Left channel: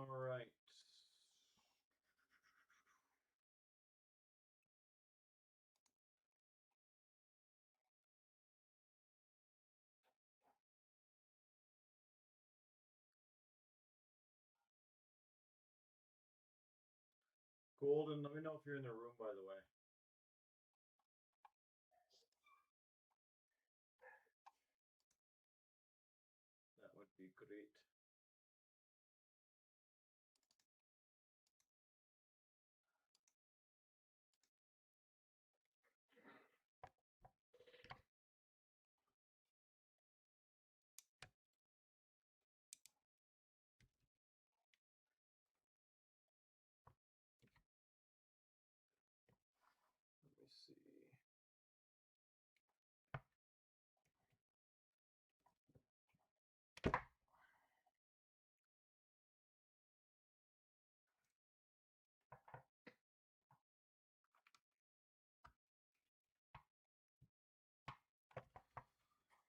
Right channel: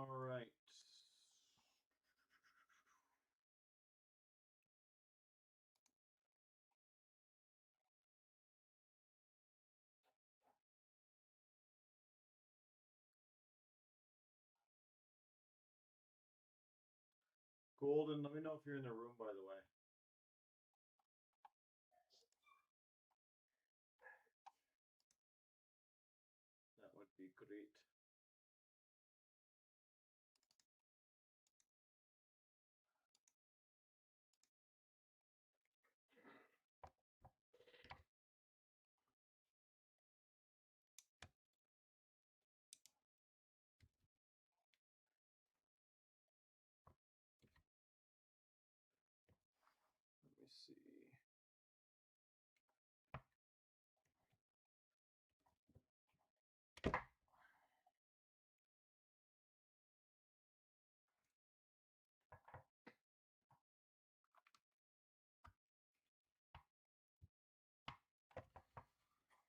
All right. Golden, let me know if you're in the room, by the way. That would be great. Let me see.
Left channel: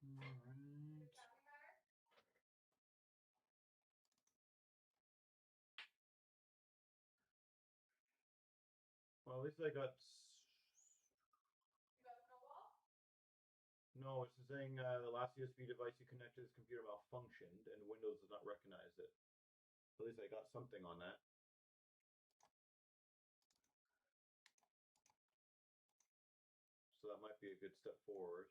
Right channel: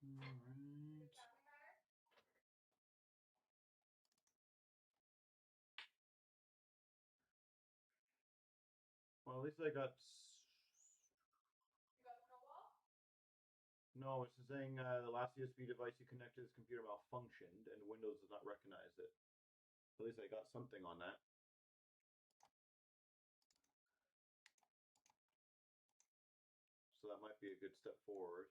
All right. Well, at least I got. No, it's saying the last USB device you connected to this computer malfunctioned and Windows does not recognize it. So at least I got something on that. So that might be a good step forward.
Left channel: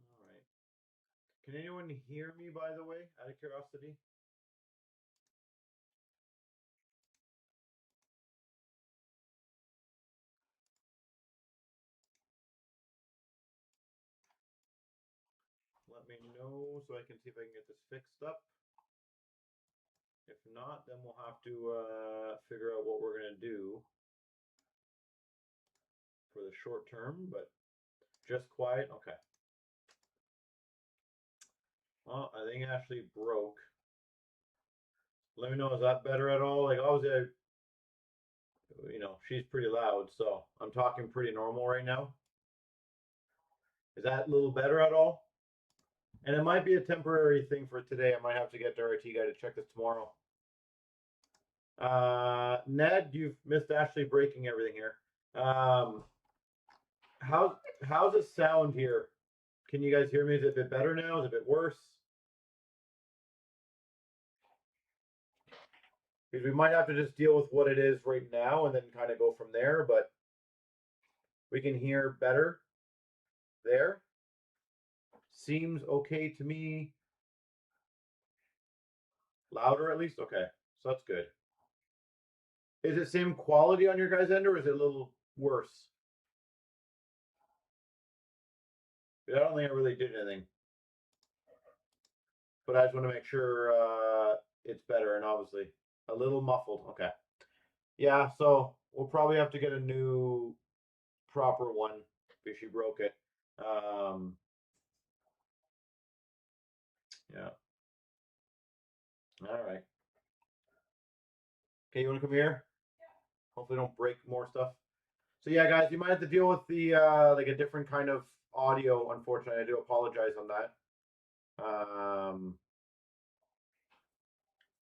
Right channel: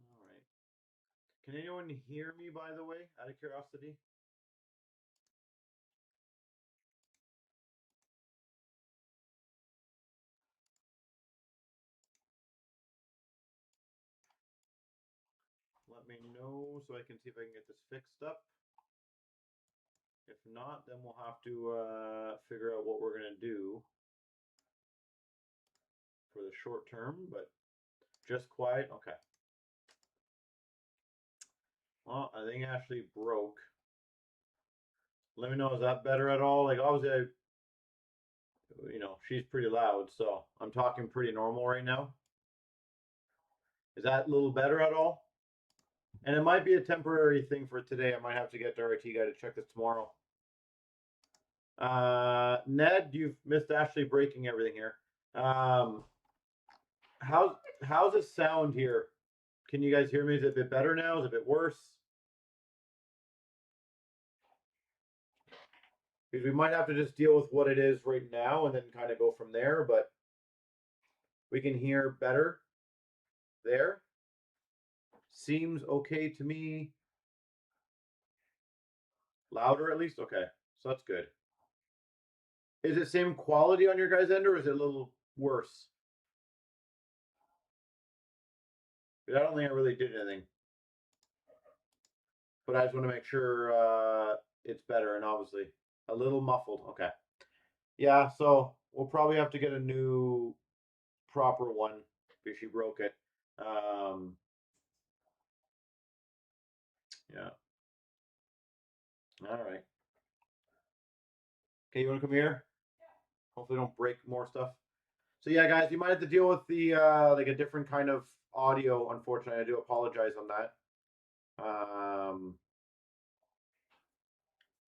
All right. Can anyone hear me, by the way, out of curiosity? Let me know so I can see if I can get this fixed up. If not, then we'll have to figure out what we're going to do for the short term, but just quiet. Okay. Well, I think Ashley broke. Let me know, is that better at all? Like, obviously, you know, she's pretty loud, so I'm talking pretty normal right now. Is that a little better at all? And it might be a temporary thing for today. I might have to get the RT guy to check this tomorrow. Ned, you've missed Ashley breaking everything here. How's it sound here? Can you guys hear me? Is it a bit better now? Is it a bit worse? Because we might have to just deal with what it is right now and then kind of go from there, but we can hear better there. Seems okay to me. Louder at least? Okay, so that's good. Is it same quality on your guys' end or is it a little worse? I don't think I really did anything. But I just want to make sure it's better, and obviously a little muffled. Okay. Yeah, so we'll probably have to get a new proper one because she broke it. Yeah. All right. Okay, you want to come here? Yeah. Hopefully don't break more stuff. So yeah, guys, you might have to deal with the like a different kind of audio. Unfortunately, I do apologize on that.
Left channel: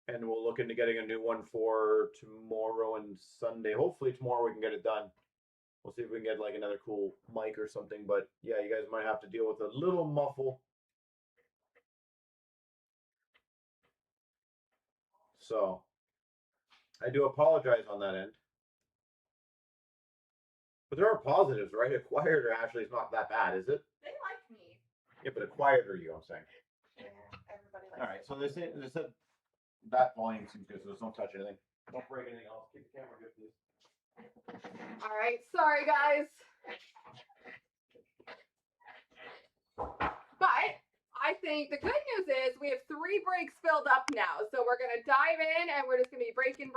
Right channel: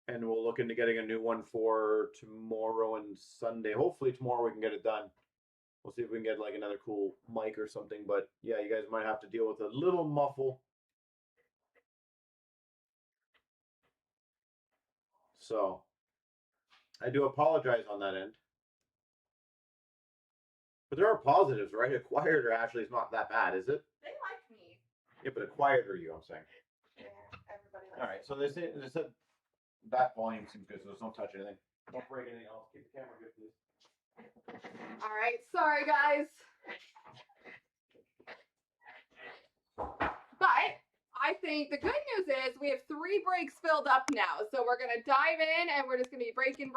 And we'll look into getting a new one for tomorrow and Sunday. Hopefully tomorrow we can get it done. We'll see if we can get like another cool mic or something. But yeah, you guys might have to deal with a little muffle. So I do apologize on that end. But there are positives, right? A quieter Ashley is not that bad, is it? They like me. Yeah, but a quieter you, I'm saying. Yeah, everybody likes me. All right, so they said that volume seems good, so don't touch anything. Don't break anything else. Keep the camera good, please. All right, sorry guys. But I think the good news is we have 3 breaks filled up now. So we're going to dive in and we're just going to be breaking.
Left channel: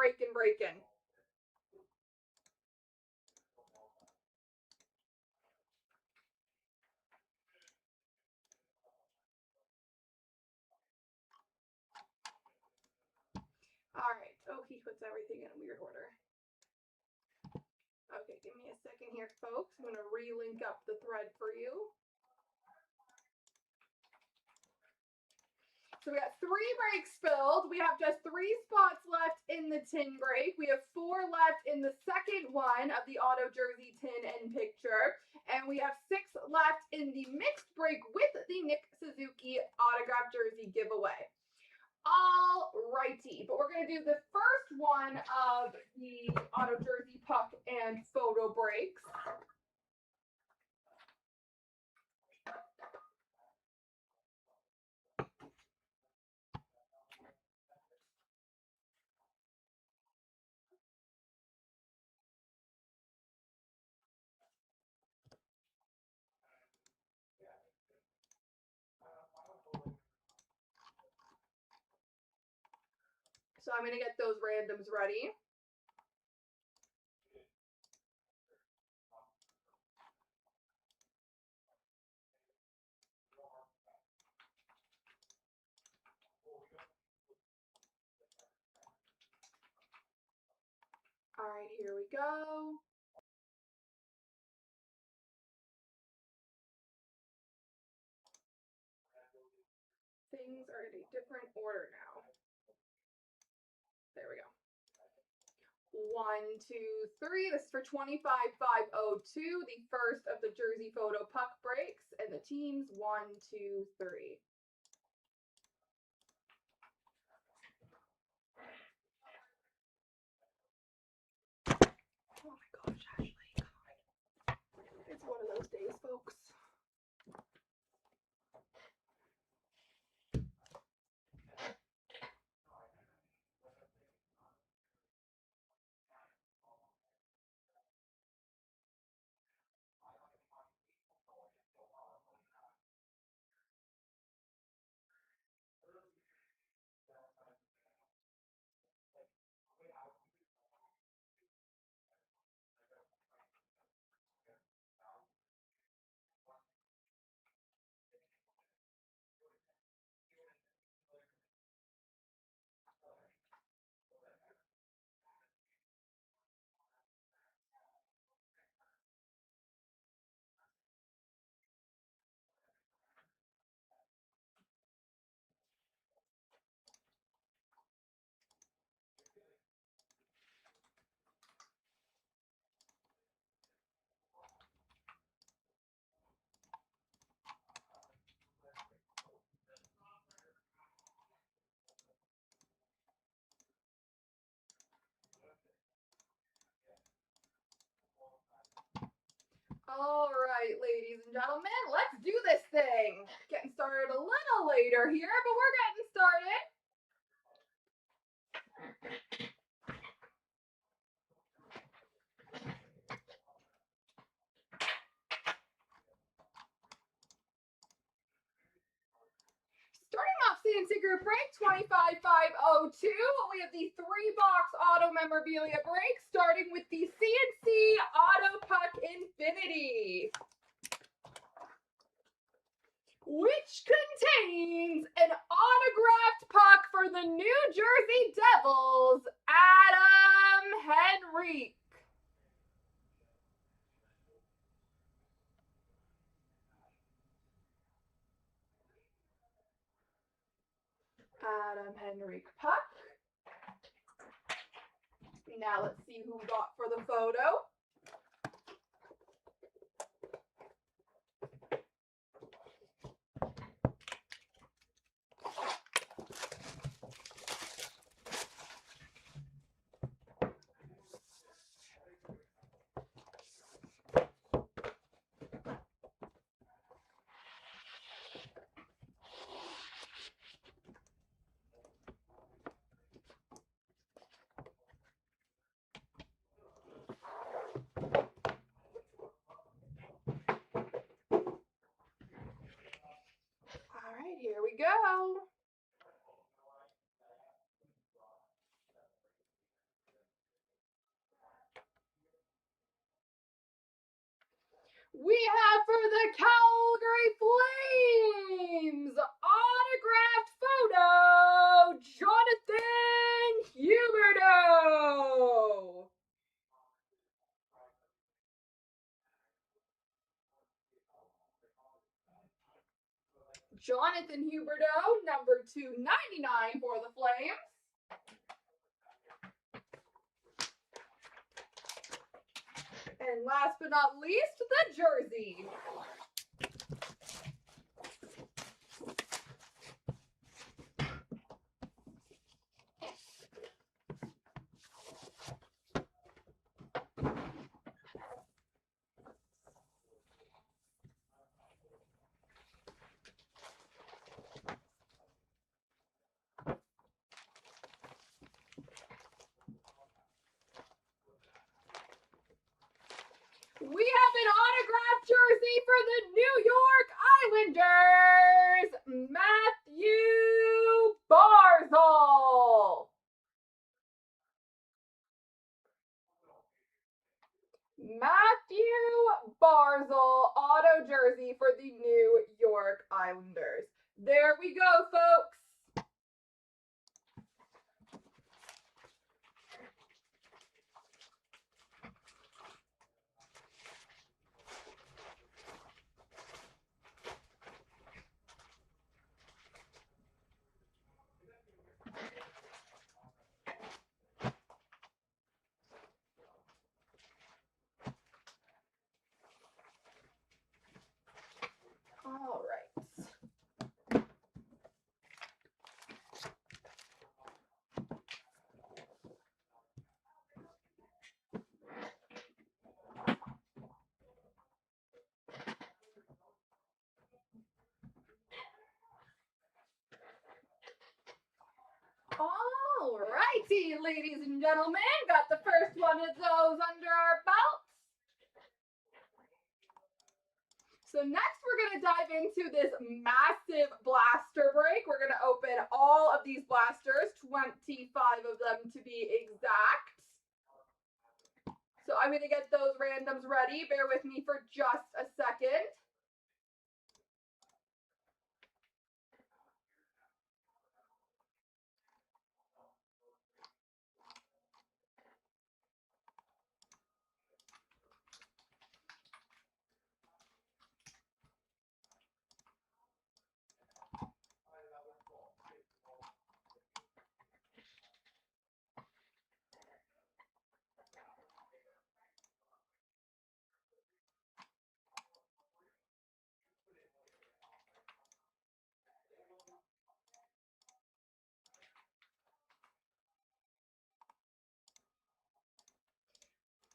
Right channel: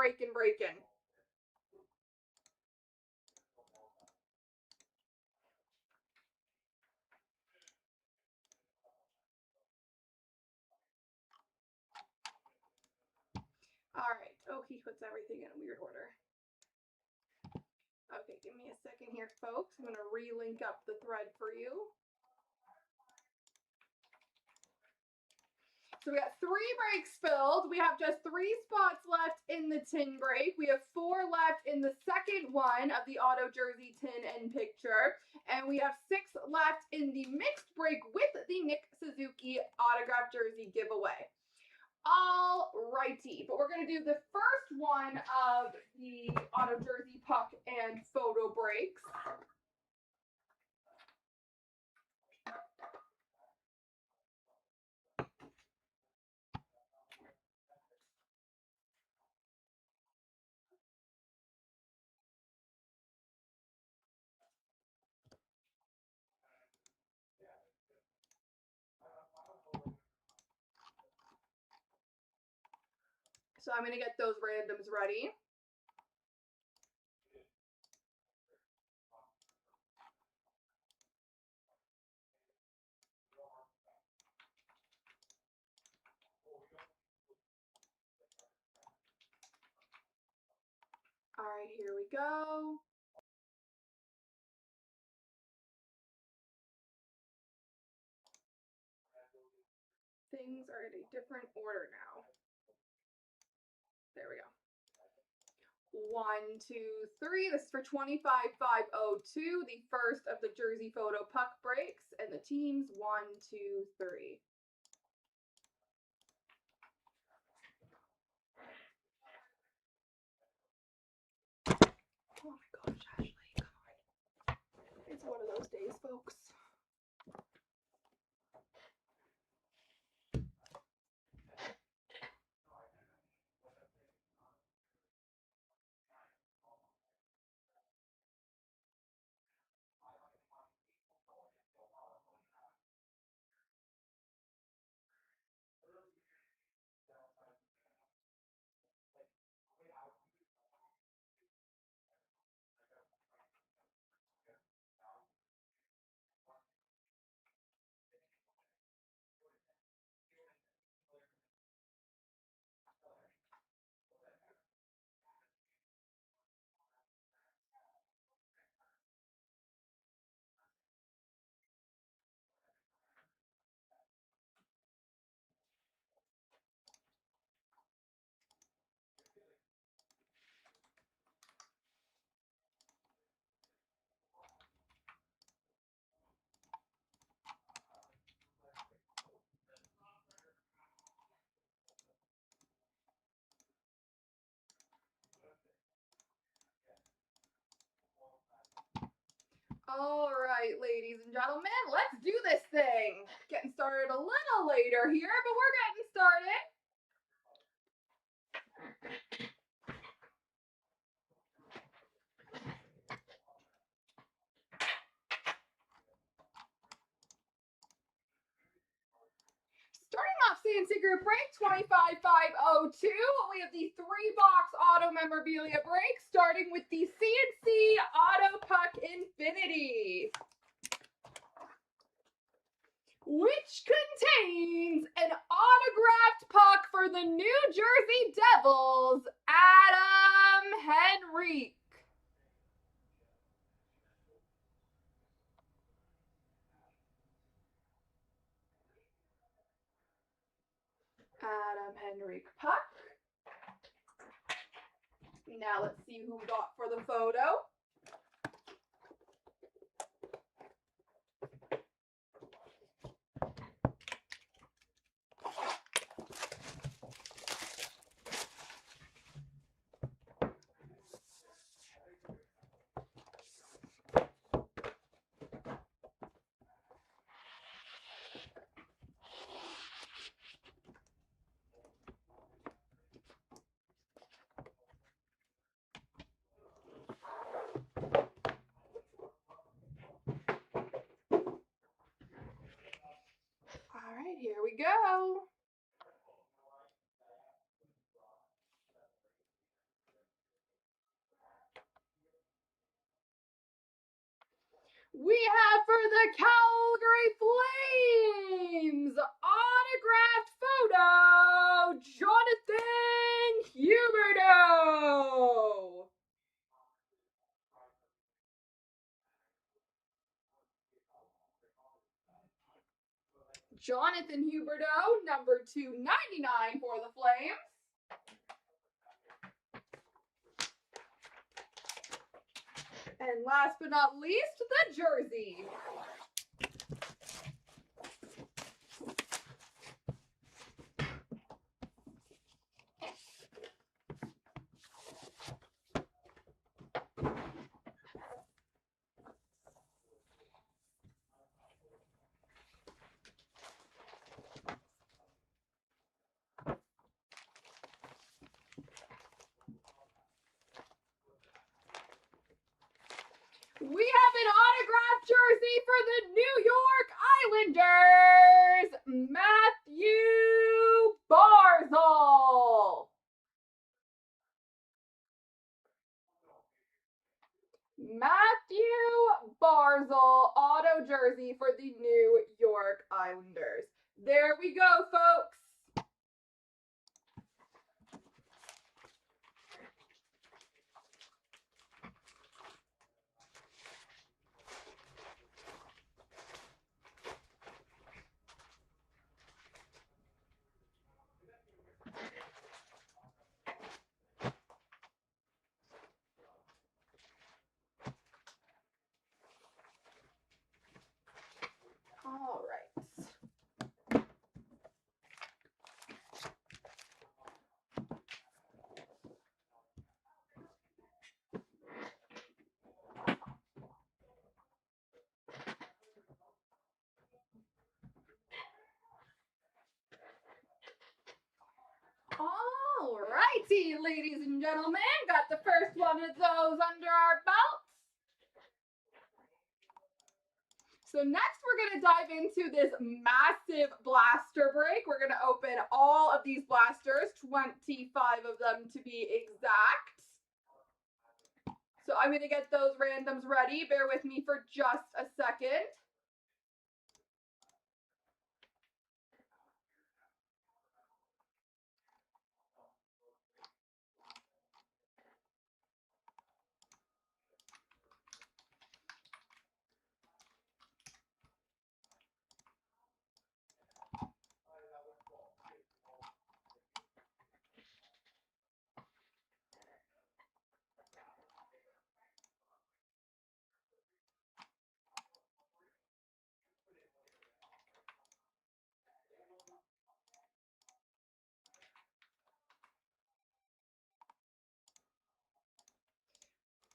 All right. Oh, he puts everything in a weird order. Okay, give me a second here, folks. I'm going to re-link up the thread for you. So we got 3 breaks filled. We have just 3 spots left in the tin break. We have 4 left in the second one of the auto jersey tin and picture. And we have 6 left in the mixed break with the Nick Suzuki autographed jersey giveaway. All righty, but we're going to do the first one of the auto jersey puck and photo breaks. So I'm going to get those randoms ready. All right, here we go. Things are in a different order now. There we go. 1, 2, 3. This is for 25,502, the first of the jersey photo puck breaks, and the teams 1, 2, 3. Oh my gosh, Ashley, God. It's one of those days, folks. All right, ladies and gentlemen, let's do this thing. Getting started a little later here, but we're getting started. Starting off CNC Group Break 25,502, we have the 3-box auto memorabilia break, starting with the CNC Auto Puck Infinity, which contains an autographed puck for the New Jersey Devils, Adam Henrique. Adam Henrique puck. Now let's see who we got for the photo. All right, here we go. We have for the Calgary Flames, autographed photo, Jonathan Huberdeau. Jonathan Huberdeau, number 299 for the Flames. And last but not least, the jersey. We have an autographed jersey for the New York Islanders, Matthew Barzal. Matthew Barzal auto jersey for the New York Islanders. There we go, folks. All right. All righty, ladies and gentlemen, got the first one of those under our belts. So next we're going to dive into this massive blaster break. We're going to open all of these blasters, 25 of them to be exact. So I'm going to get those randoms ready. Bear with me for just a second.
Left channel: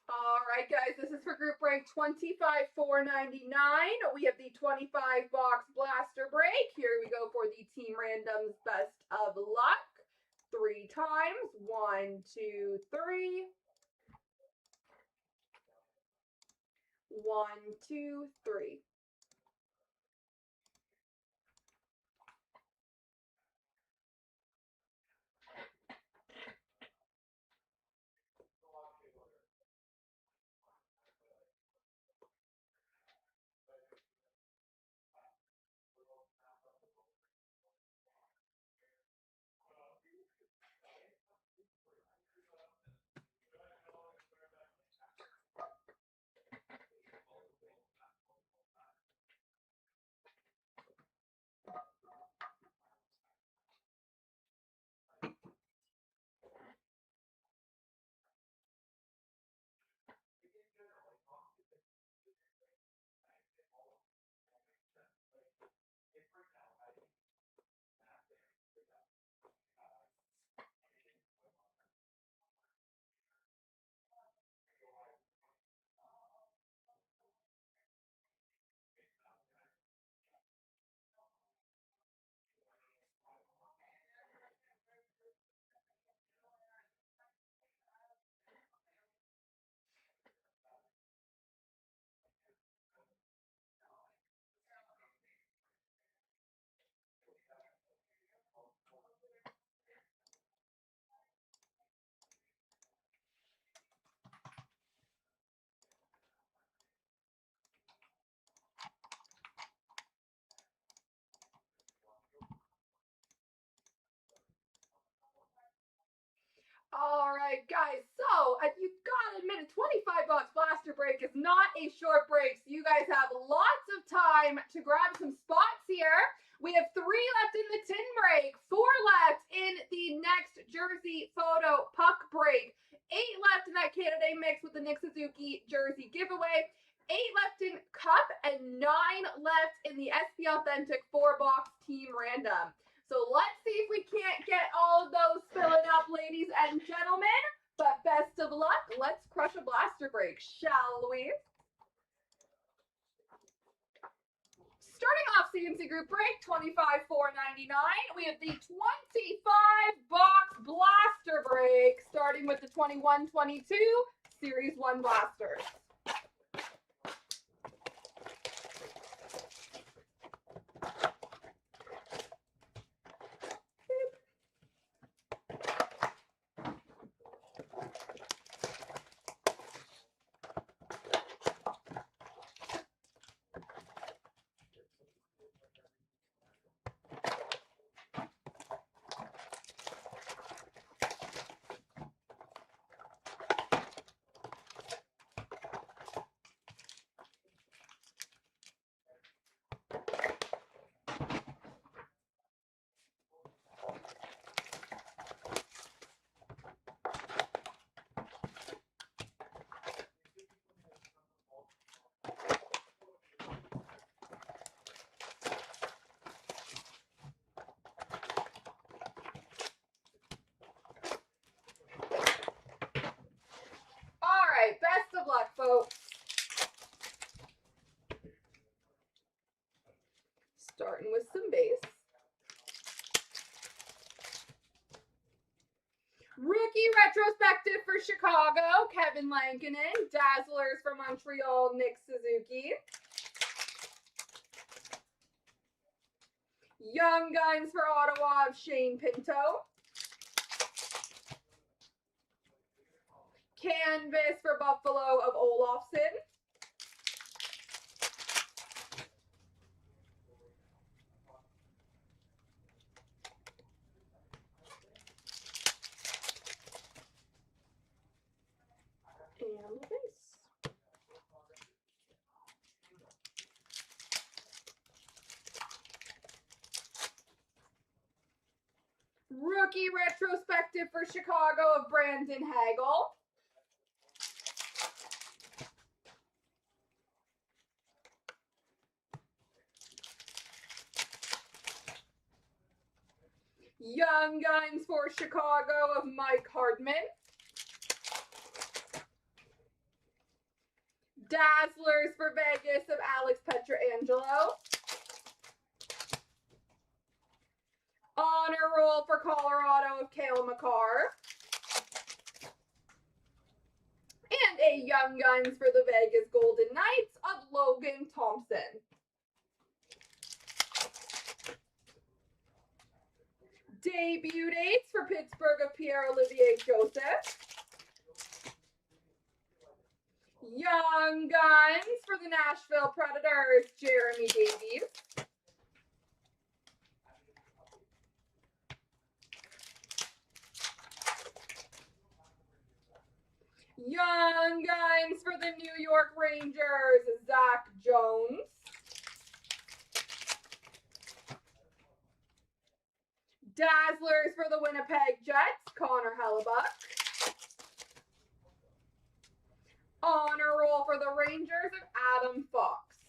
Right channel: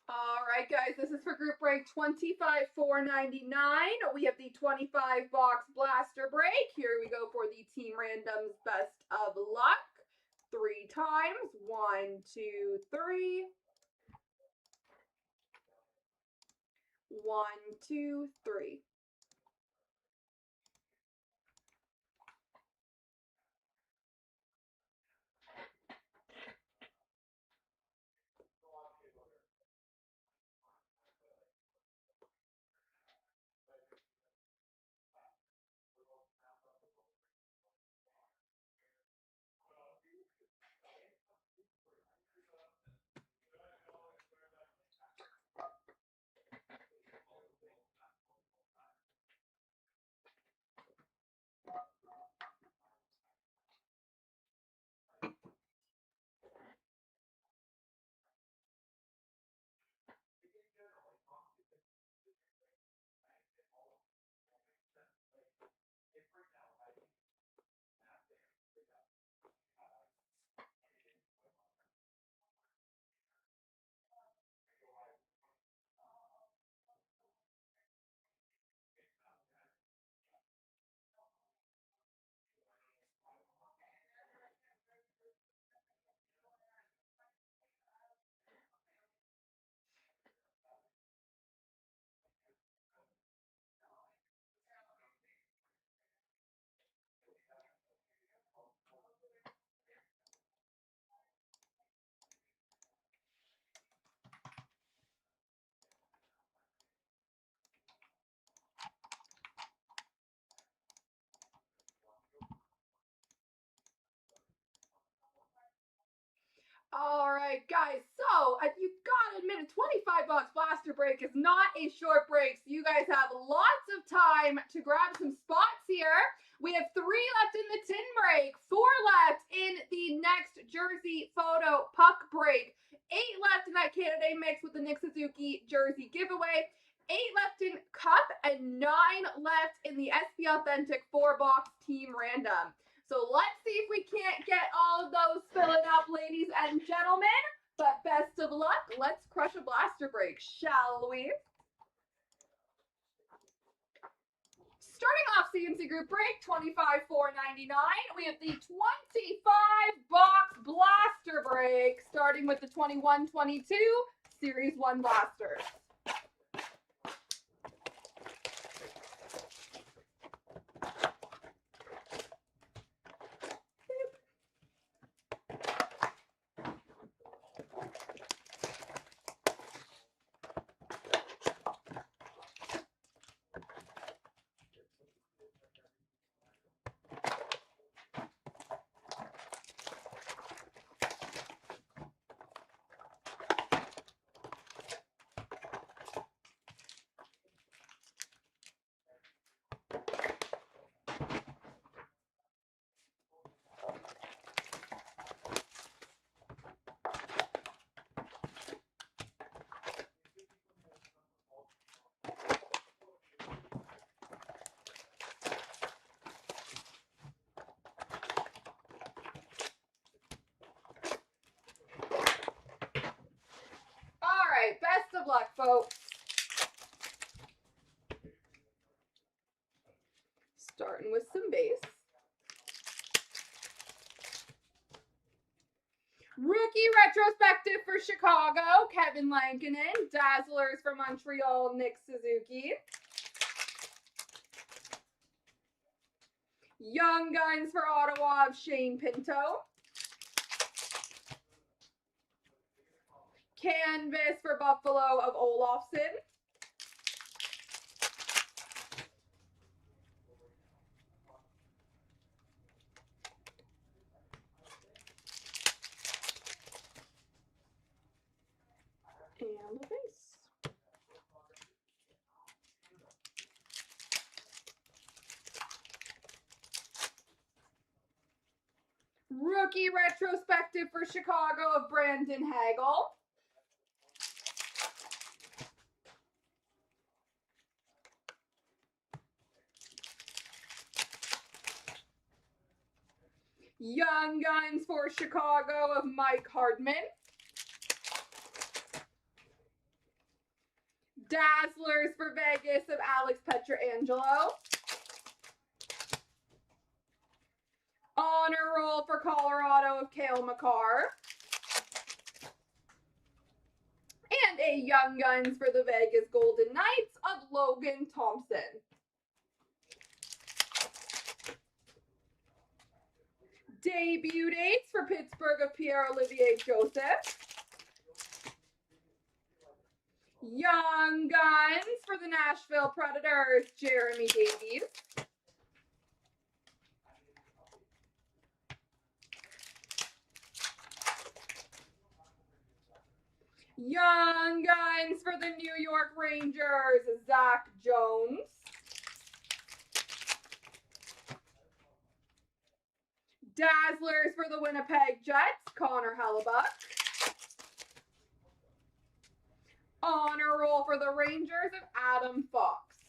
All right, guys, this is for group break 25,499. We have the 25 box blaster break. Here we go for the team randoms best of luck. 3 times. 1, 2, 3. 1, 2, 3. All right, guys. So you gotta admit, a 25 box blaster break is not a short break. So you guys have lots of time to grab some spots here. We have left in the tin break. 4 left in the next jersey photo puck break. 8 left in that Canada mix with the Nick Suzuki jersey giveaway. 8 left in cup and 9 left in the SB Authentic 4-box team random. So let's see if we can't get all of those filling up, ladies and gentlemen. But best of luck. Let's crush a blaster break, shall we? Starting off CNC Group Break, $25,499. We have the 25-box blaster break, starting with the 21-22 Series 1 blasters. Best of luck, folks. Starting with some base. Rookie retrospective for Chicago, Kevin Lankinen. Dazzlers for Montreal, Nick Suzuki. Young Guns for Ottawa, Shane Pinto. Canvas for Buffalo of Olofsson. And the base. Rookie retrospective for Chicago of Brandon Hagel. Young Guns for Chicago of Mike Hardman. Dazzlers for Vegas of Alex Pietrangelo. Honor Roll for Colorado of Cale Makar. And a Young Guns for the Vegas Golden Knights of Logan Thompson. Debut dates for Pittsburgh of Pierre-Olivier Joseph. Young Guns for the Nashville Predators, Jeremy Davies. Young Guns for the New York Rangers, Zach Jones. Dazzlers for the Winnipeg Jets, Connor Hellebuck. Honor Roll for the Rangers of Adam Fox.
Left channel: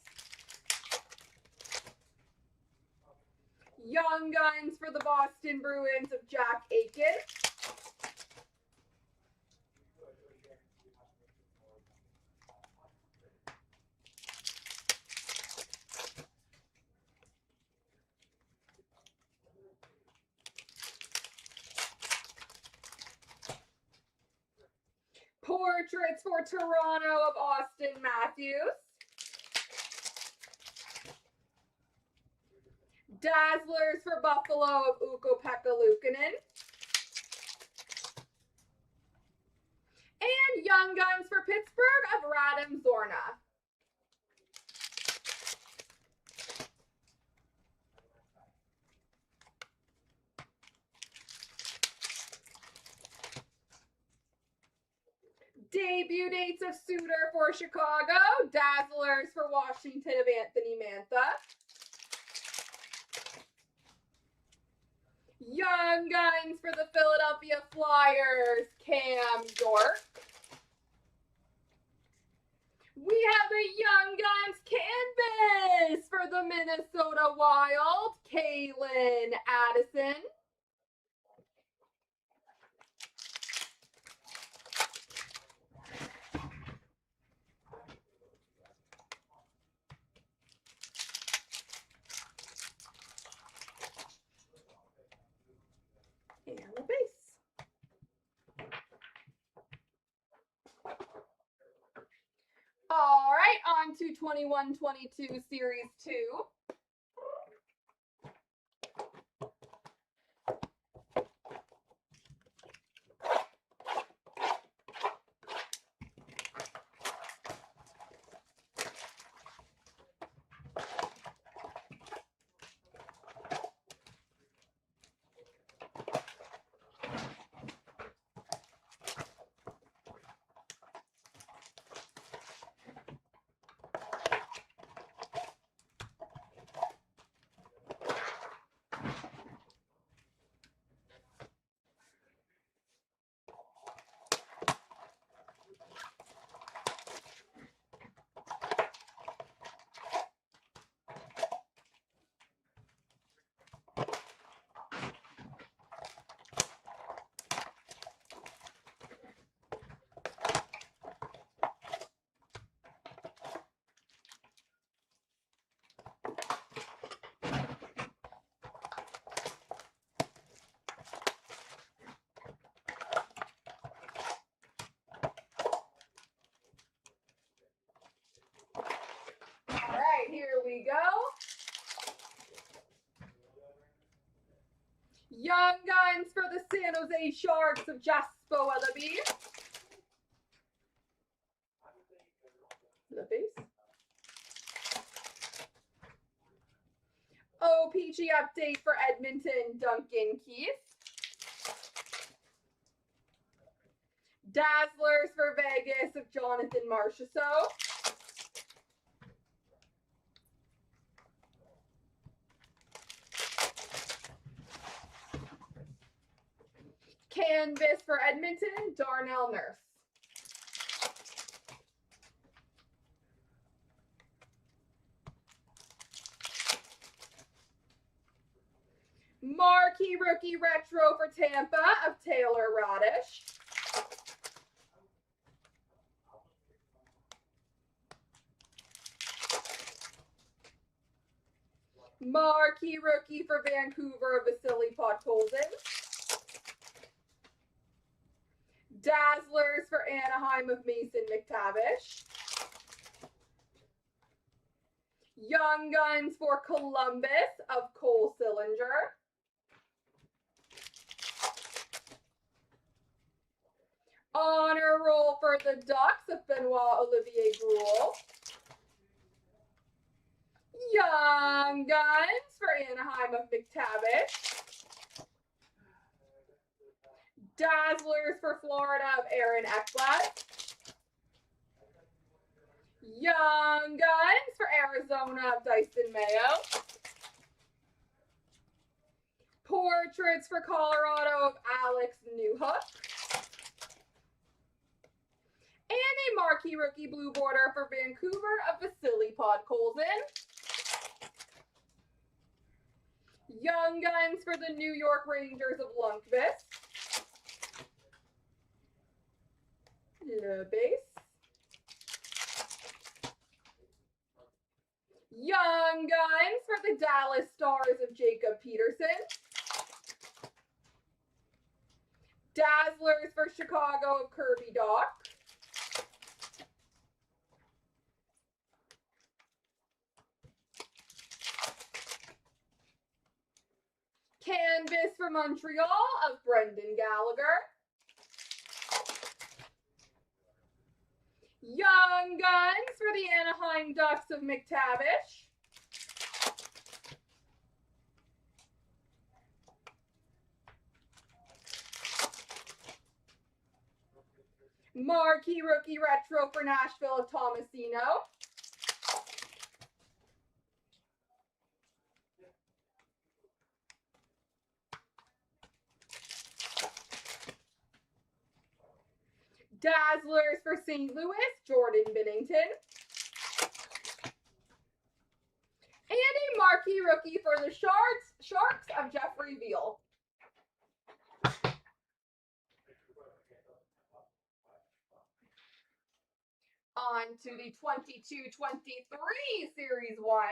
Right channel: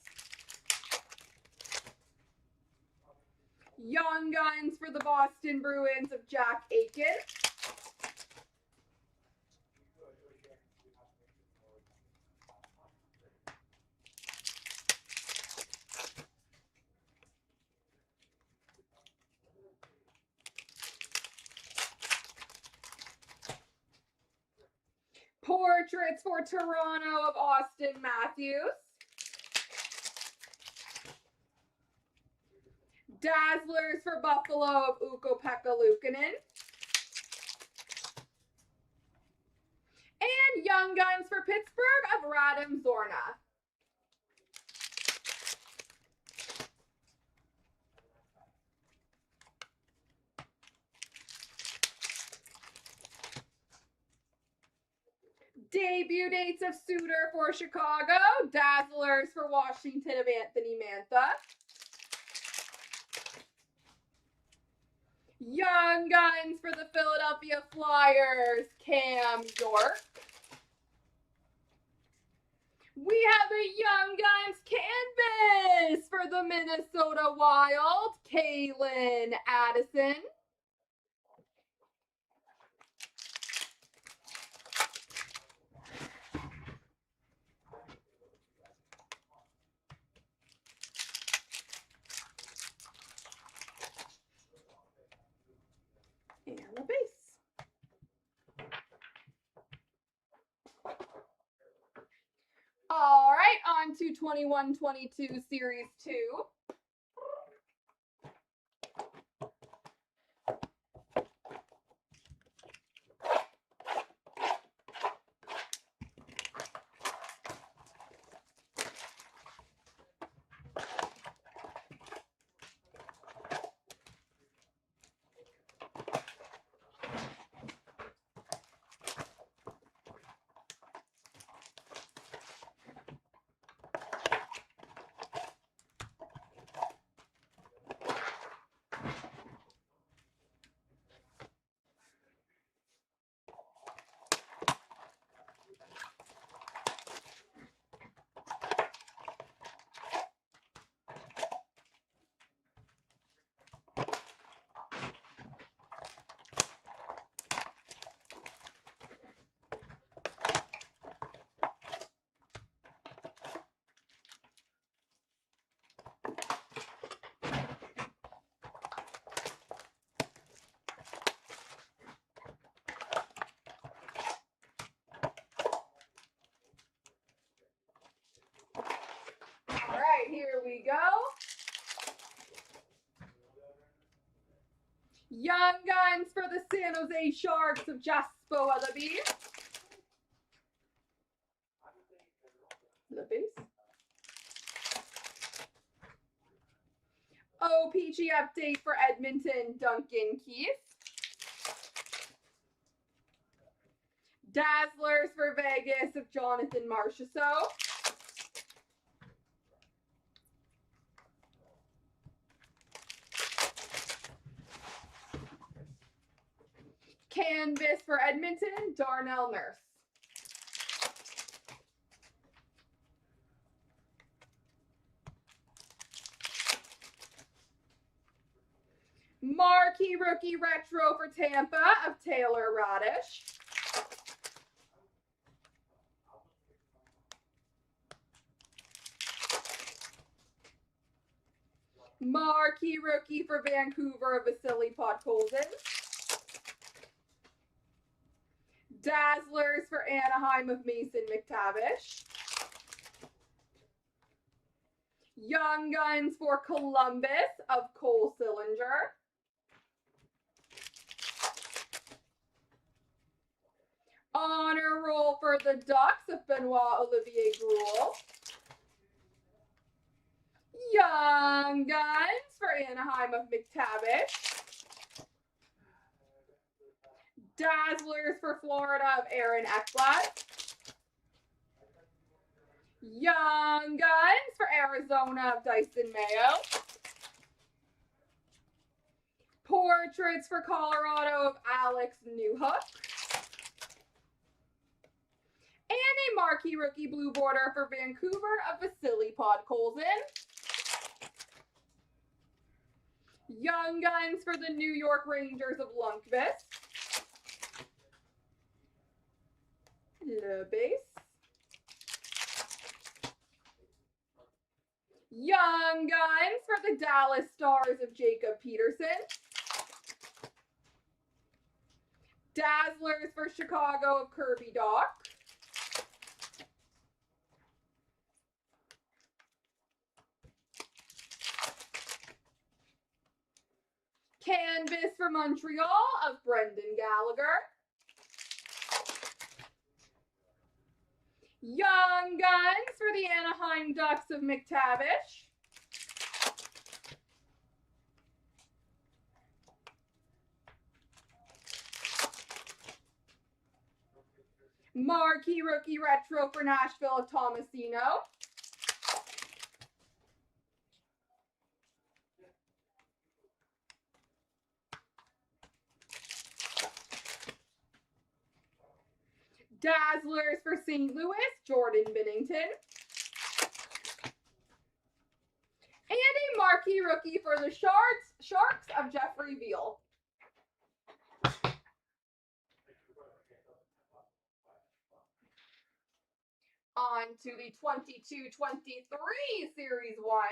Young Guns for the Boston Bruins of Jack Aiken. Portraits for Toronto of Austin Matthews. Dazzlers for Buffalo of Ukko-Pekka Luukkonen. And Young Guns for Pittsburgh of Radim Zorna. Debut dates of Suter for Chicago. Dazzlers for Washington of Anthony Mantha. Young Guns for the Philadelphia Flyers, Cam York. We have a Young Guns canvas for the Minnesota Wild, Kaylin Addison. And the base. All right, on to 21-22 Series 2. All right, here we go. Young Guns for the San Jose Sharks of Jasper Weatherby. The base. OPG update for Edmonton, Duncan Keith. Dazzlers for Vegas of Jonathan Marchessault. Canvas for Edmonton, Darnell Nurse. Marquee Rookie Retro for Tampa of Taylor Radish. Marquee Rookie for Vancouver of Vasily Podkolzin. Dazzlers for Anaheim of Mason McTavish. Young Guns for Columbus of Cole Sillinger. Honor Roll for the Ducks of Benoit Olivier Brule. Young Guns for Anaheim of McTavish. Dazzlers for Florida of Aaron Ekblad. Young Guns for Arizona of Dyson Mayo. Portraits for Colorado of Alex Newhook. And a Marquee Rookie Blue Border for Vancouver of Vasily Podkolzin. Young Guns for the New York Rangers of Lundqvist. Le base. Young Guns for the Dallas Stars of Jacob Peterson. Dazzlers for Chicago of Kirby Dach. Canvas for Montreal of Brendan Gallagher. Young Guns for the Anaheim Ducks of McTavish. Marquee Rookie Retro for Nashville of Tomasino. Dazzlers for St. Louis, Jordan Binnington. And a marquee rookie for the Sharks of Jeffrey Veal. On to the 22-23 Series 1.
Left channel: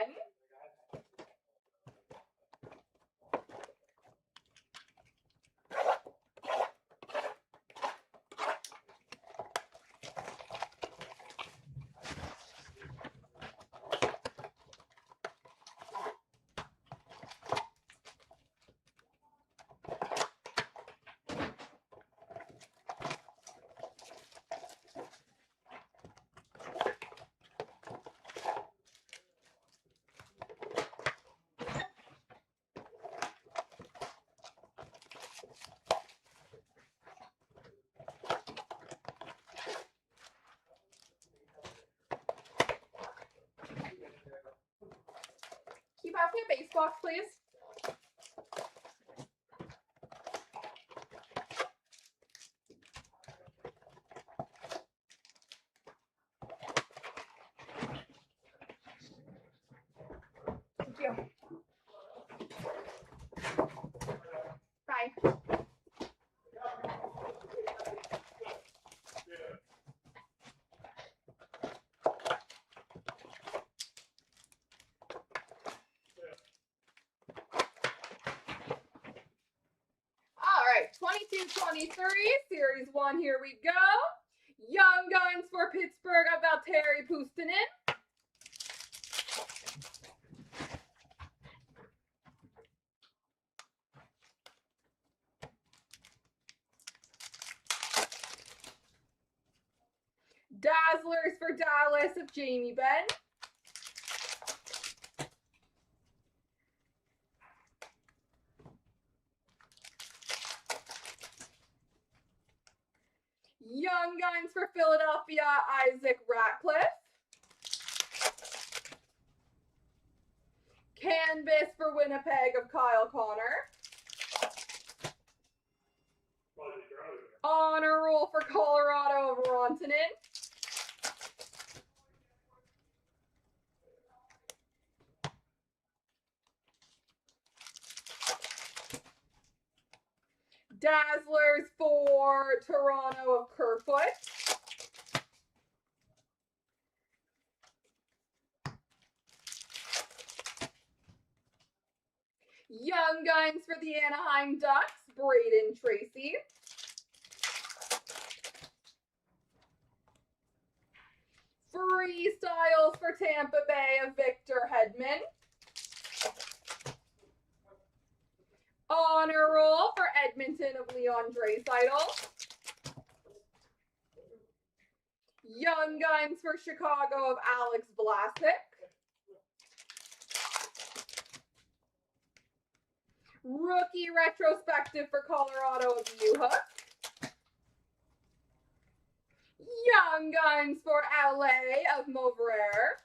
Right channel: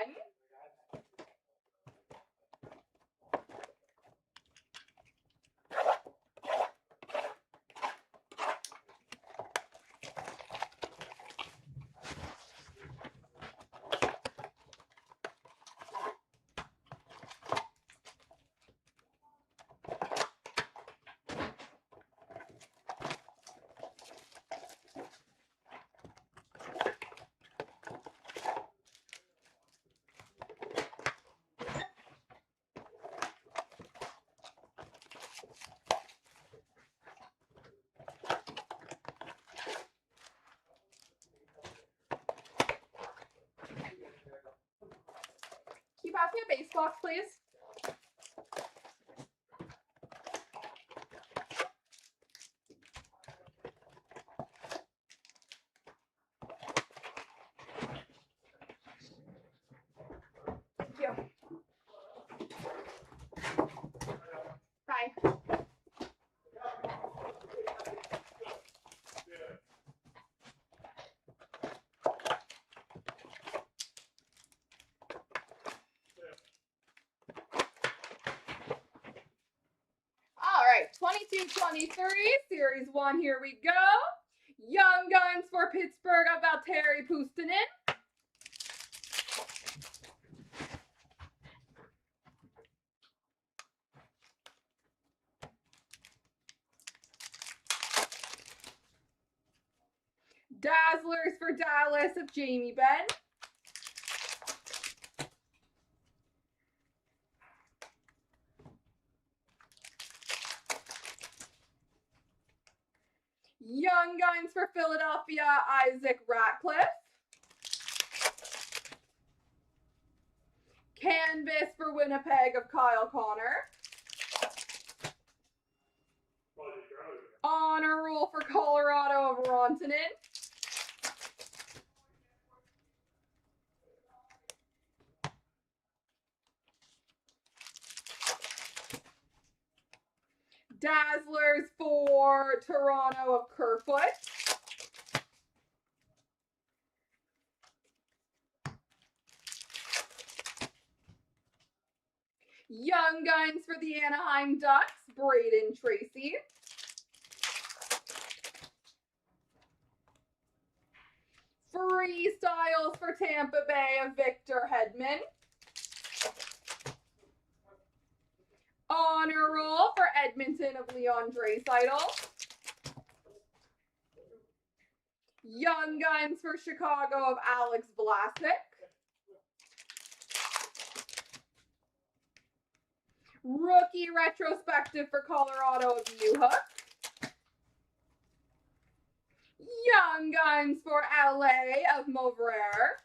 Can you pass me a base box, please? Thank you. Bye. All right, 22-23, Series 1, here we go. Young Guns for Pittsburgh of Valtteri Puustinen. Dazzlers for Dallas of Jamie Benn. Young Guns for Philadelphia, Isaac Ratcliffe. Canvas for Winnipeg of Kyle Connor. Honor Roll for Colorado of Rantanen. Dazzlers for Toronto of Kerfoot. Young Guns for the Anaheim Ducks, Braden Tracy. Freestyles for Tampa Bay of Victor Hedman. Honor Roll for Edmonton of Leon Draisaitl. Young Guns for Chicago of Alex Vlasic. Rookie Retrospective for Colorado of Newhook. Young Guns for LA of Mauvrier.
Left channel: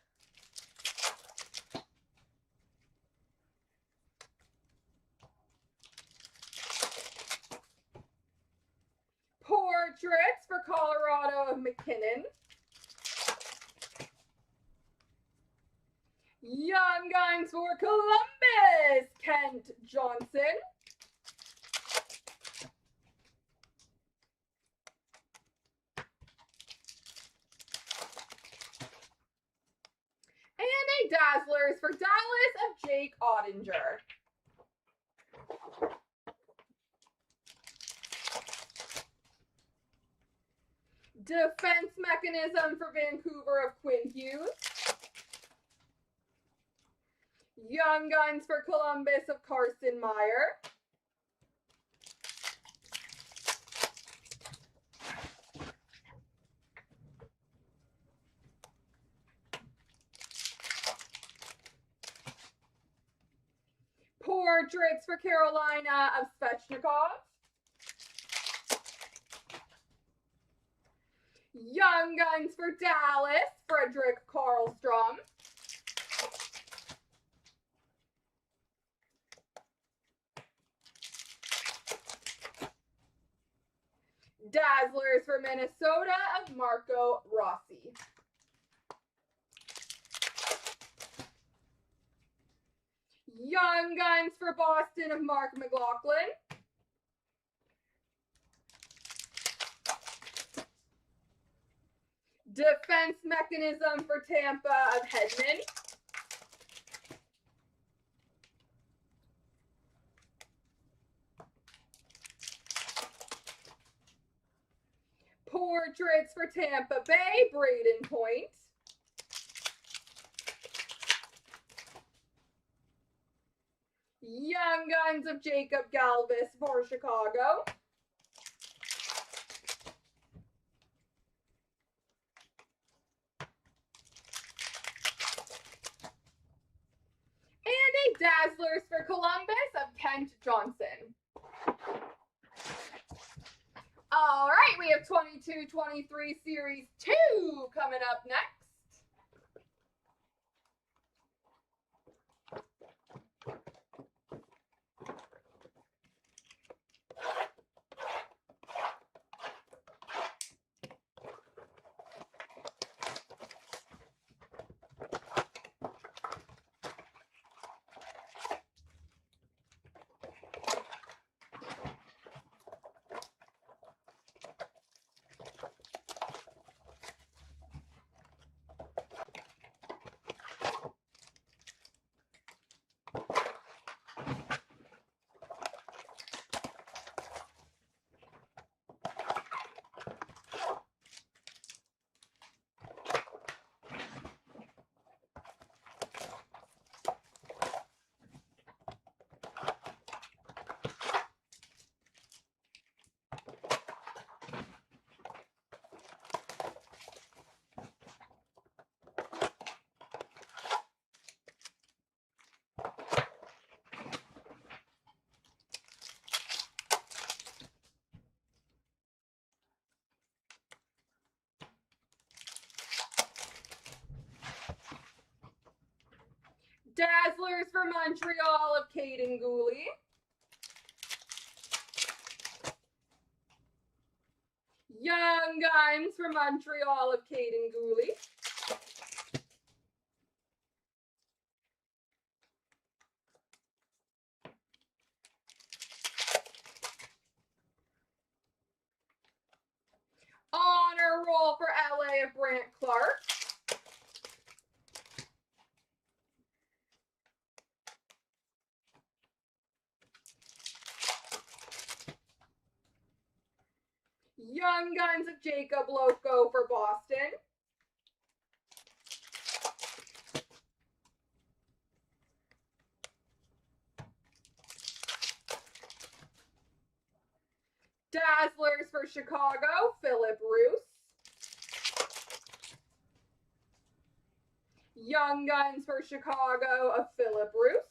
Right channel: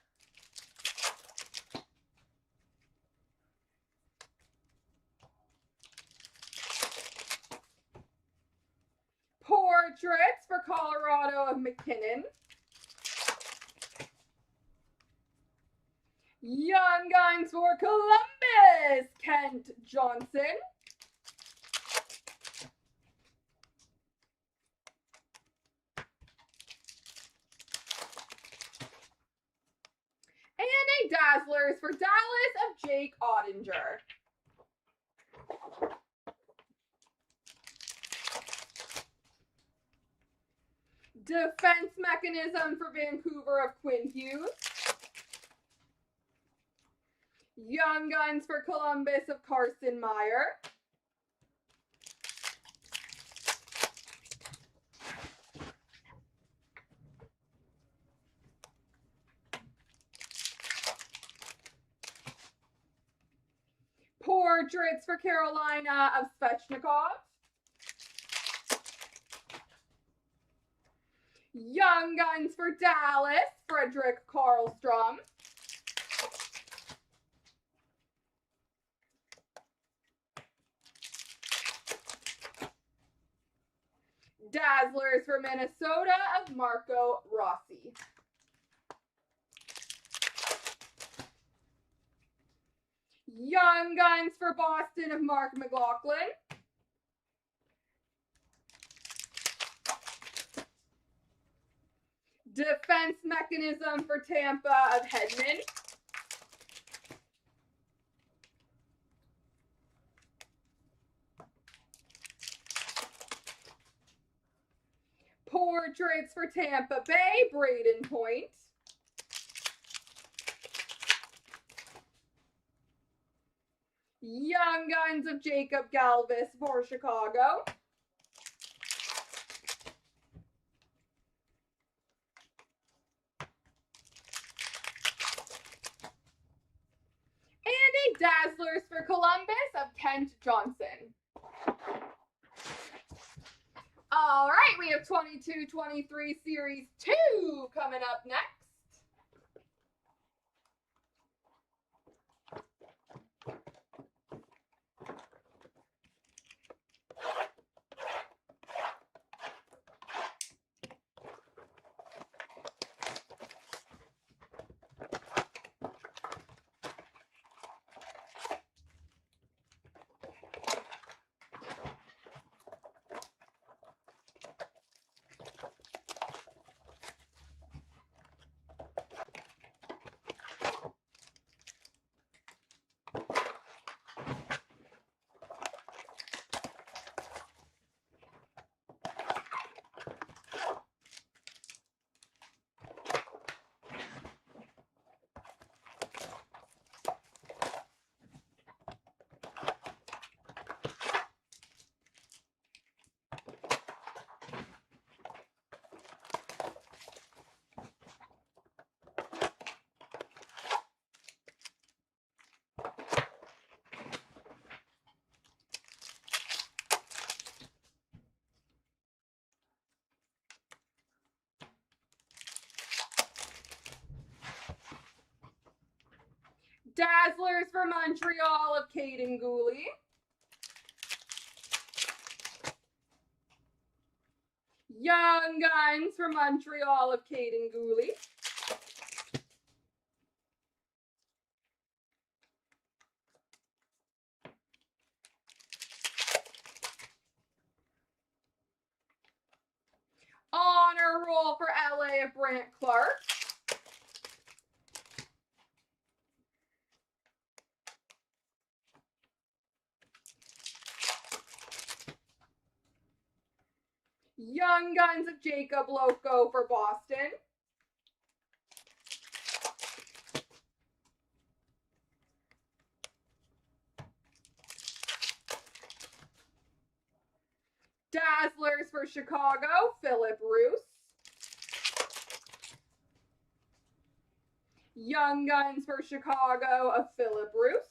Portraits for Colorado of McKinnon. Young Guns for Columbus, Kent Johnson. And a Dazzlers for Dallas of Jake Ottinger. Defense Mechanism for Vancouver of Quinn Hughes. Young Guns for Columbus of Carson Meyer. Portraits for Carolina of Svechnikov. Young Guns for Dallas, Frederick Karlstrom. Dazzlers for Minnesota of Marco Rossi. Young Guns for Boston of Mark McLaughlin. Defense Mechanism for Tampa of Hedman. Portraits for Tampa Bay, Braden Point. Young Guns of Jacob Galvis for Chicago. And a Dazzlers for Columbus of Kent Johnson. All right, we have 22-23 Series 2 coming up next. Dazzlers for Montreal of Caden Gooley. Young Guns for Montreal of Caden Gooley. Honor Roll for LA of Brant Clark. Young Guns of Jacob Loco for Boston. Dazzlers for Chicago, Philip Roos. Young Guns for Chicago of Philip Roos.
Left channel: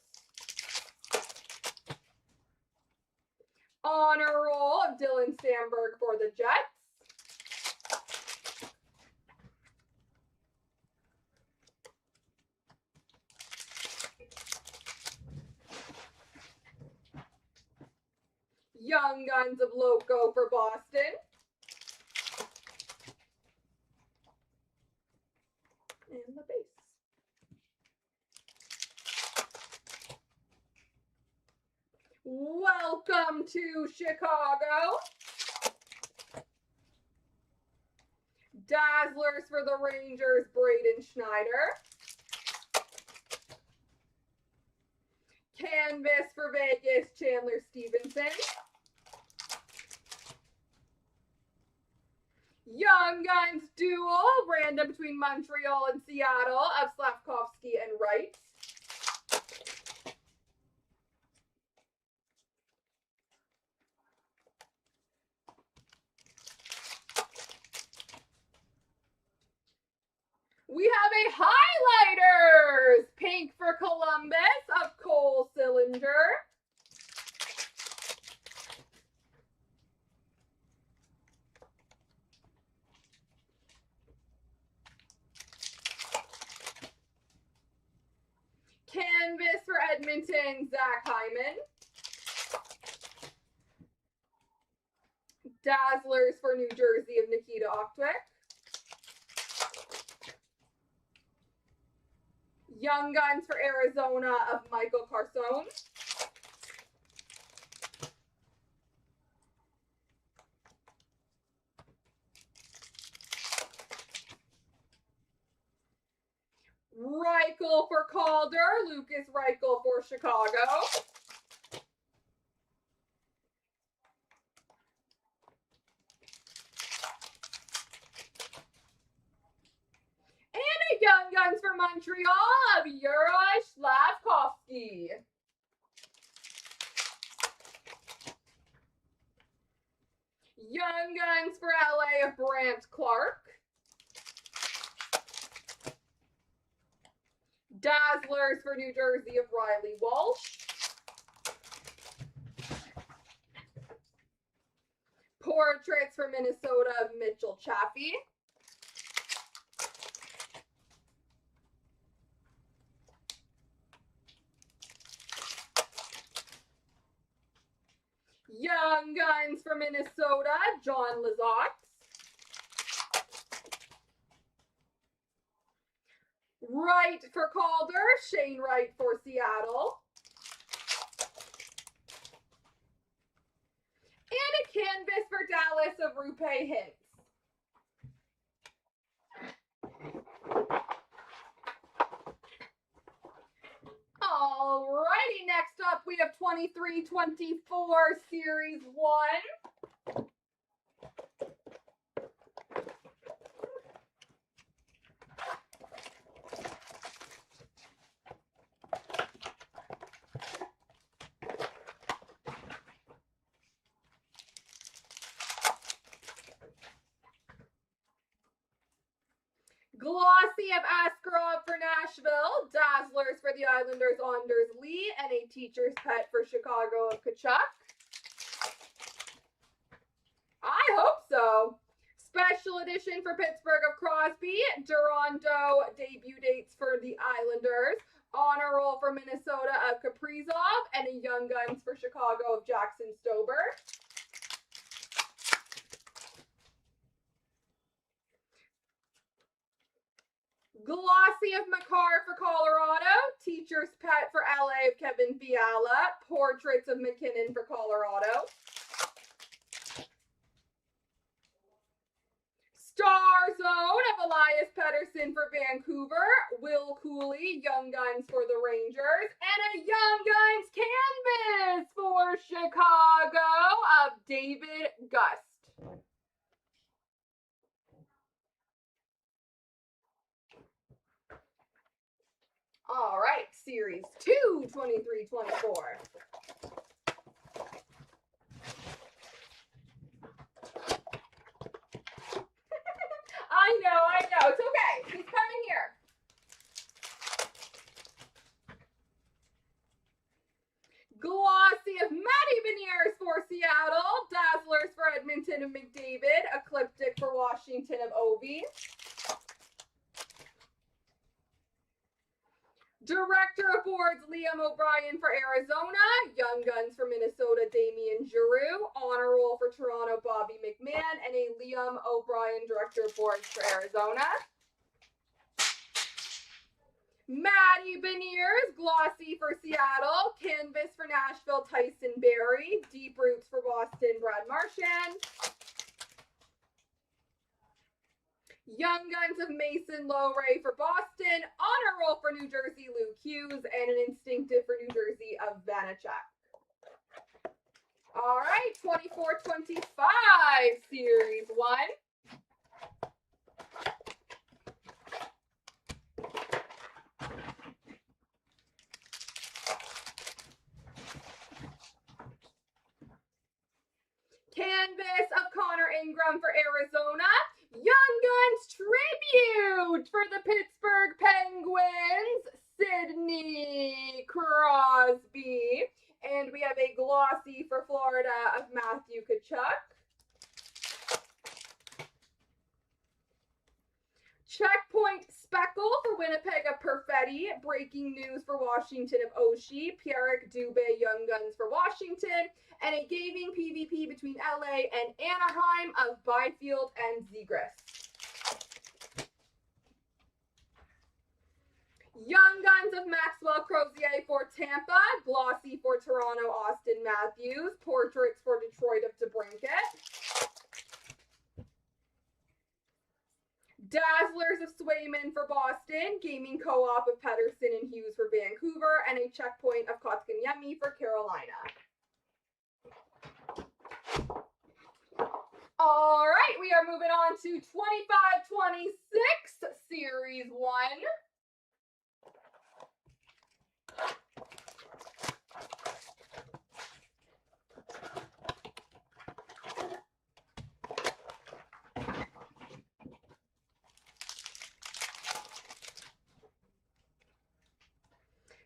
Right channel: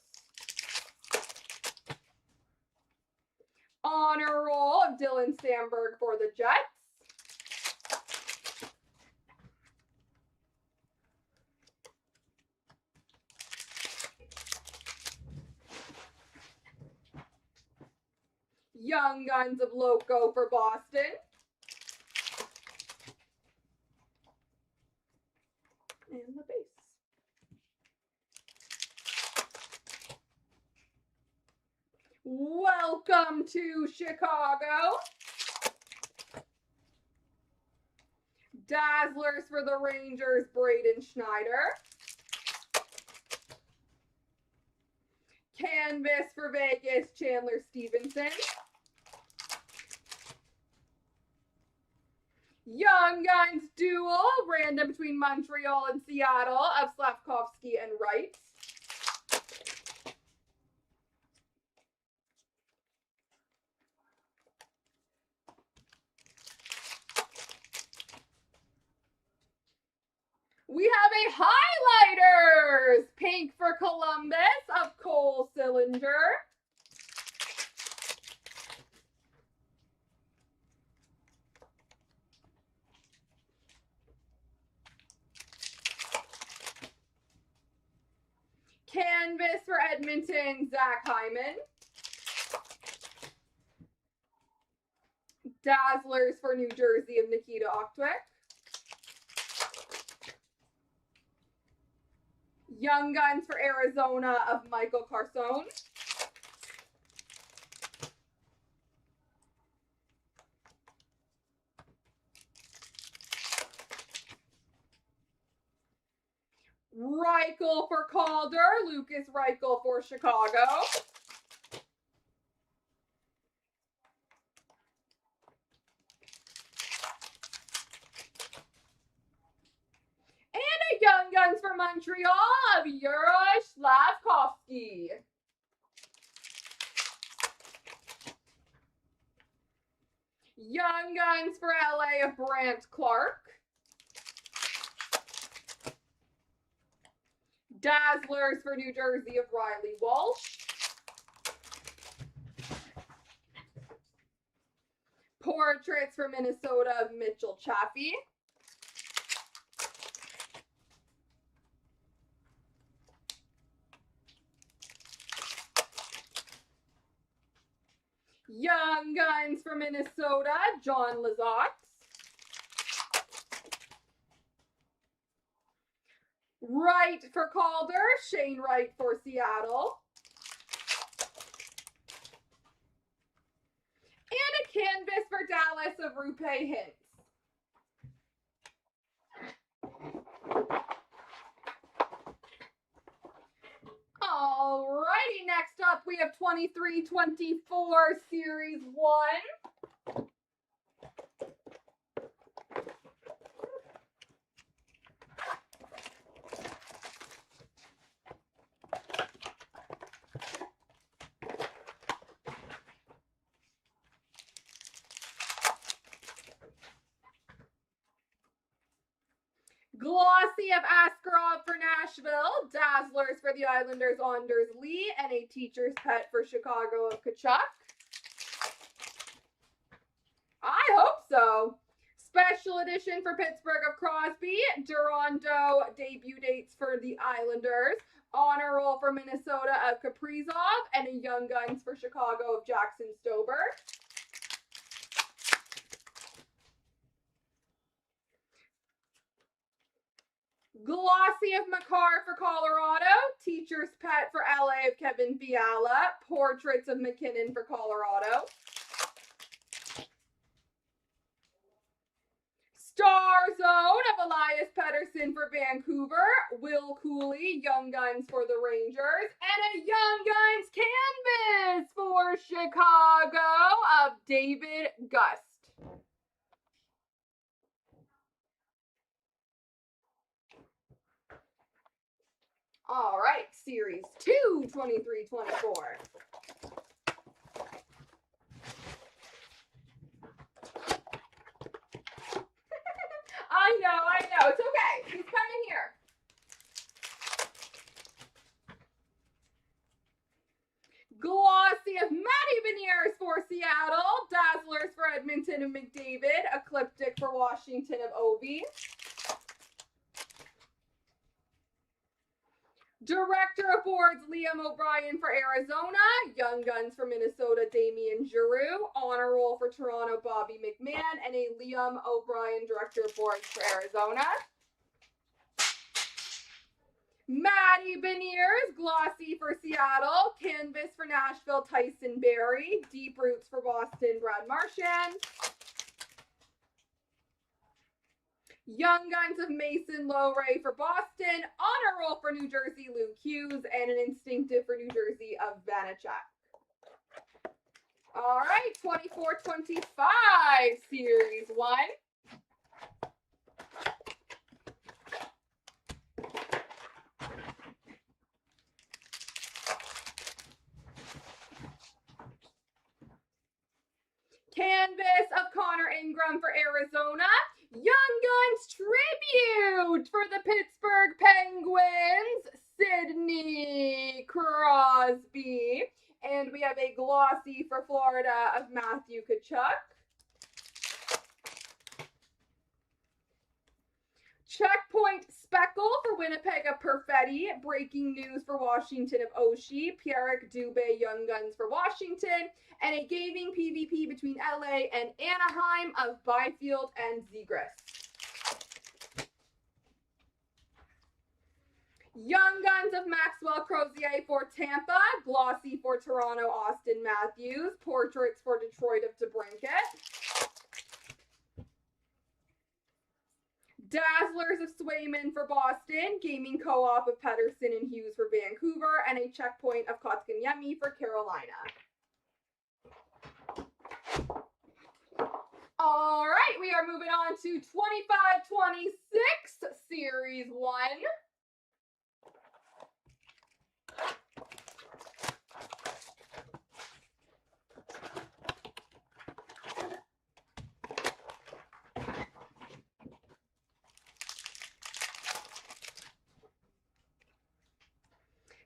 Honor Roll of Dylan Sandberg for the Jets. Young Guns of Loco for Boston. And the base. Welcome to Chicago. Dazzlers for the Rangers, Braden Schneider. Canvas for Vegas, Chandler Stevenson. Young Guns Duel, random between Montreal and Seattle of Slavkovsky and Wright. We have a Highlighters, pink for Columbus of Cole Sillinger. Canvas for Edmonton, Zach Hyman. Dazzlers for New Jersey of Nikita Oktwick. Young Guns for Arizona of Michael Carson. Reichel for Calder, Lucas Reichel for Chicago. And a Young Guns for Montreal of Yuri Slavkovsky. Young Guns for LA of Brant Clark. Dazzlers for New Jersey of Riley Walsh. Portraits for Minnesota of Mitchell Chaffee. Young Guns for Minnesota, John Lizotte. Wright for Calder, Shane Wright for Seattle. And a canvas for Dallas of Rupe Hintz. Alrighty, next up we have 23-24 Series 1. Glossy of Askarov for Nashville, Dazzlers for the Islanders, Anders Lee, and a Teacher's Pet for Chicago of Kachuk. I hope so. Special edition for Pittsburgh of Crosby, Durando debut dates for the Islanders, honor roll for Minnesota of Kaprizov, and a Young Guns for Chicago of Jackson Stober. Glossy of Makar for Colorado, Teacher's Pet for LA of Kevin Fiala, Portraits of McKinnon for Colorado. Star Zone of Elias Pettersson for Vancouver, Will Cooley, Young Guns for the Rangers, and a Young Guns canvas for Chicago of David Gust. All right, Series 2, 23-24. I know. It's okay. He's coming here. Glossy of Matty Beniers for Seattle. Dazzlers for Edmonton of McDavid. Ecliptic for Washington of Ovi. Director of Boards, Liam O'Brien for Arizona. Young Guns for Minnesota, Damian Giroux. Honor Roll for Toronto, Bobby McMahon. And a Liam O'Brien Director of Boards for Arizona. Matty Beniers, Glossy for Seattle. Canvas for Nashville, Tyson Barrie. Deep Roots for Boston, Brad Marchand. Young Guns of Mason Lowray for Boston, honor roll for New Jersey, Luke Hughes, and an instinctive for New Jersey of Vanacek. All right, 24-25, Series 1. Canvas of Connor Ingram for Arizona. Young Guns tribute for the Pittsburgh Penguins, Sidney Crosby. And we have a glossy for Florida of Matthew Tkachuk. Checkpoint Speckle for Winnipeg of Perfetti. Breaking news for Washington of Oshie. Pierrick Dubé, Young Guns for Washington. and a gaming PvP between LA and Anaheim of Byfield and Zegras. Young Guns of Maxwell Crozier for Tampa, Glossy for Toronto, Austin Matthews, Portraits for Detroit of DeBrincat, Dazzlers of Swayman for Boston, Gaming Co-op of Pedersen and Hughes for Vancouver, and a Checkpoint of Kotkaniemi for Carolina. All right, we are moving on to 25-26, Series 1.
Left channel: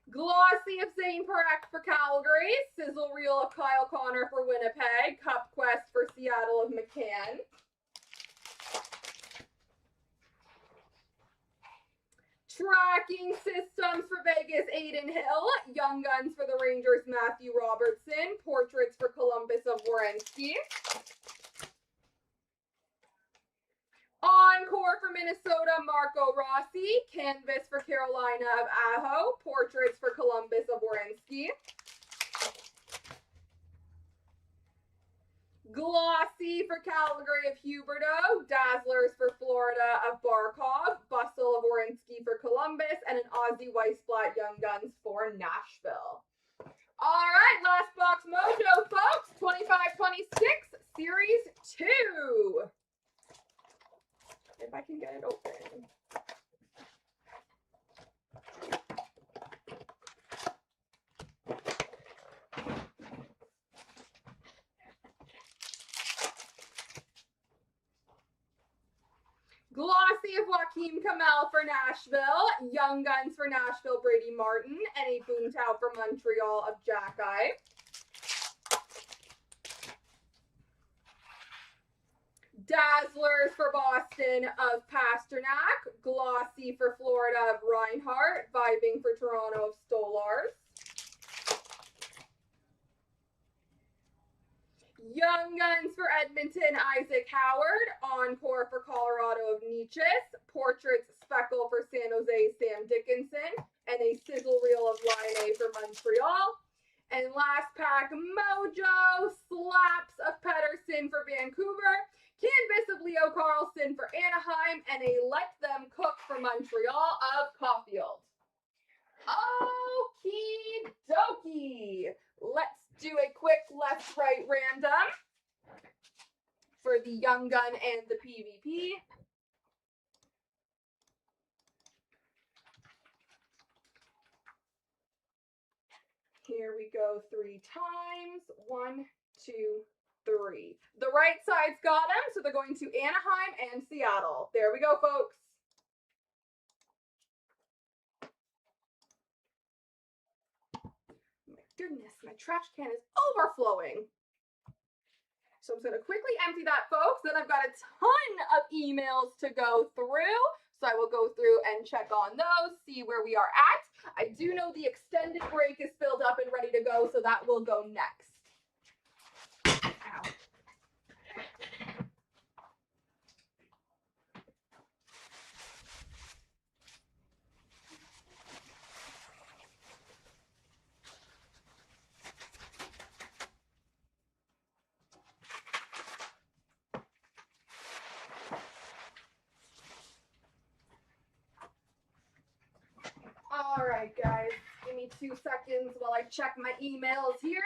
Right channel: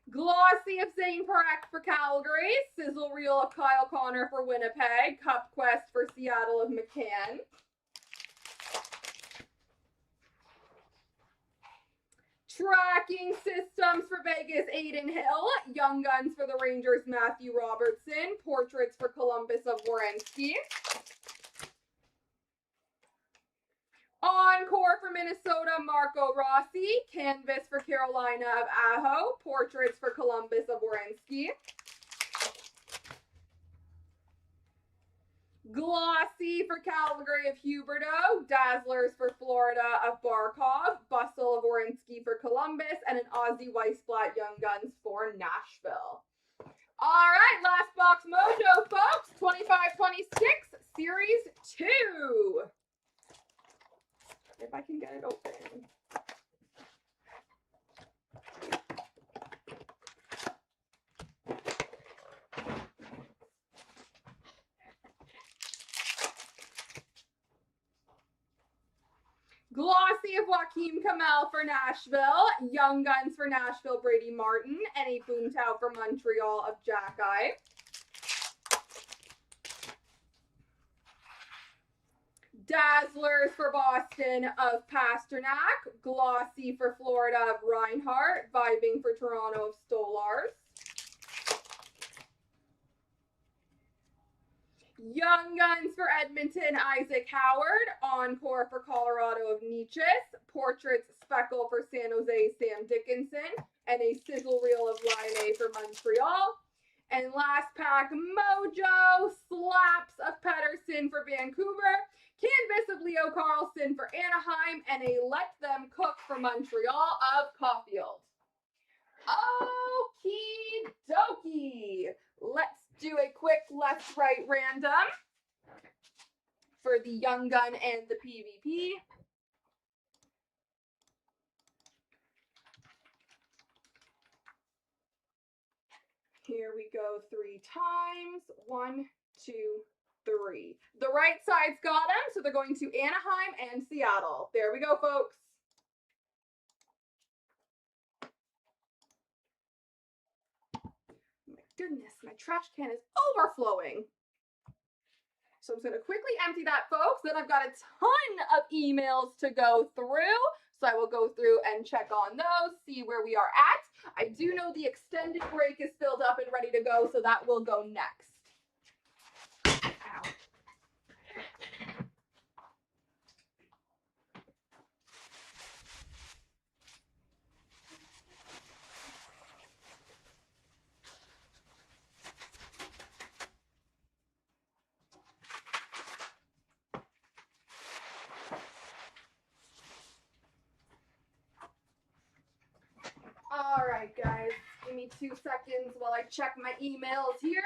Glossy of Zane Parekh for Calgary, Sizzle Reel of Kyle Connor for Winnipeg, Cup Quest for Seattle of McCann. Tracking Systems for Vegas, Aiden Hill, Young Guns for the Rangers, Matthew Robertson, Portraits for Columbus of Werenski. Encore for Minnesota, Marco Rossi. Canvas for Carolina of Aho. Portraits for Columbus of Werenski. Glossy for Calgary of Huberto. Dazzlers for Florida of Barkov. Bustle of Werenski for Columbus. And an Aussie Weissblatt Young Guns for Nashville. All right, last box mojo, folks. 25-26, Series 2. If I can get it open. Glossy of Joaquin Kamel for Nashville, Young Guns for Nashville, Brady Martin, and a Boomtown for Montreal of Jack Eye. Dazzlers for Boston of Pasternak, Glossy for Florida of Reinhardt, Vibing for Toronto of Stolars. Young Guns for Edmonton, Isaac Howard, Encore for Colorado of Nietzsche's, Portraits Speckle for San Jose, Sam Dickinson, and a Sizzle Reel of Line A for Montreal. And last pack, Mojo, Slaps of Pedersen for Vancouver, Canvas of Leo Carlson for Anaheim, and a Let Them Cook for Montreal of Caulfield. Okie dokie. Let's do a quick left-right random for the Young Gun and the PvP. Here we go 3 times. 1, 2, 3. The right side's got them, so they're going to Anaheim and Seattle. There we go, folks. My goodness, my trash can is overflowing. So I'm just going to quickly empty that, folks. Then I've got a ton of emails to go through. So I will go through and check on those, see where we are at. I do know the extended break is filled up and ready to go, so that will go next. Ow. All right, guys, give me 2 seconds while I check my emails here.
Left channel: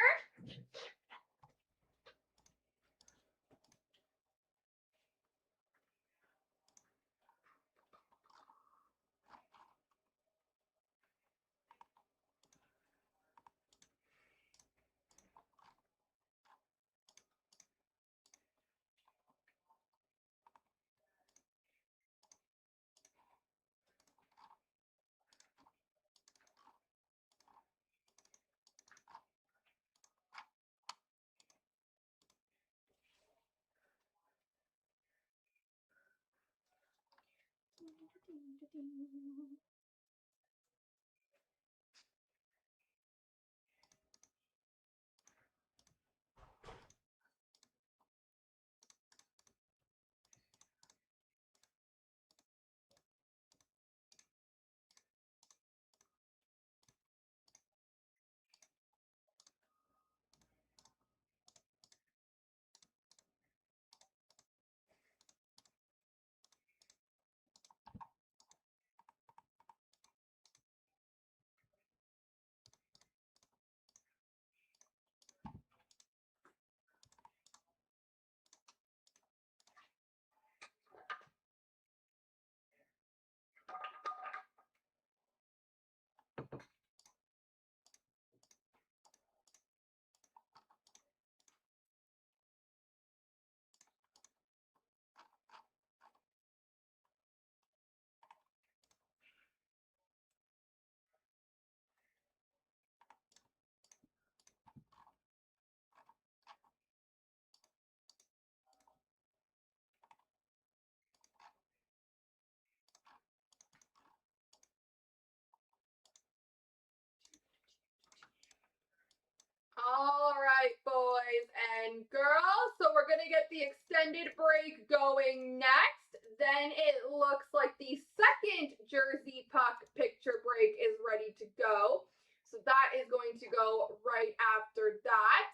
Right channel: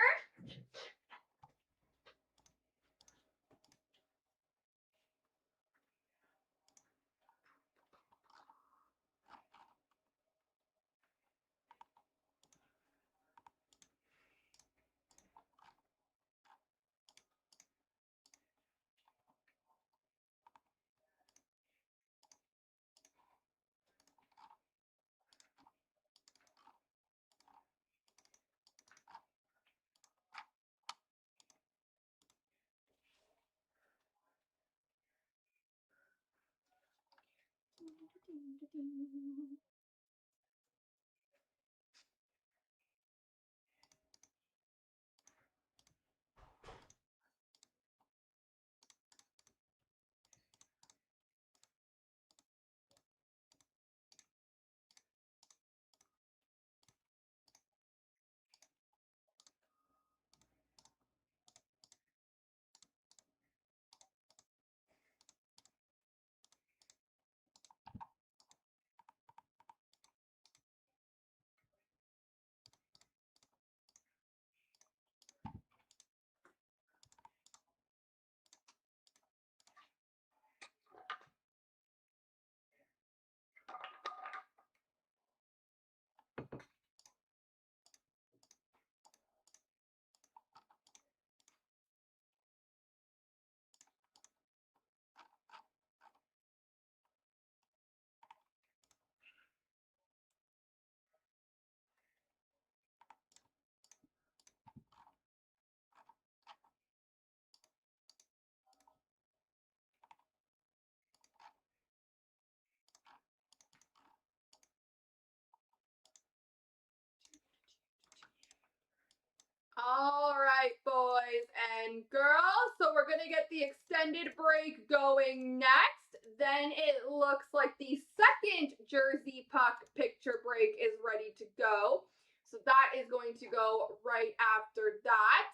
All right, boys and girls. So we're going to get the extended break going next. Then it looks like the second jersey puck picture break is ready to go. So that is going to go right after that.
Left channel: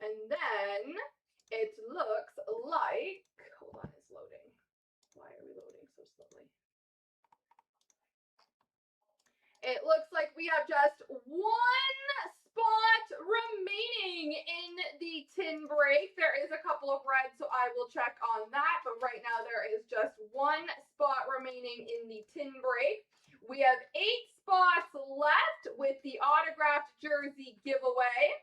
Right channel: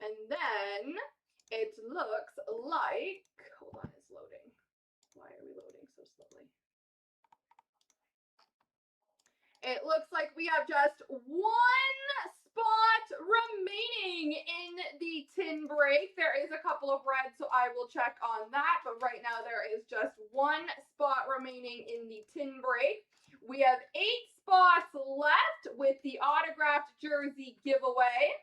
And then it looks like, hold on, it's loading. Why are we loading so slowly? It looks like we have just one spot remaining in the tin break. There is a couple of reds, so I will check on that. But right now there is just one spot remaining in the tin break. We have 8 spots left with the autographed jersey giveaway.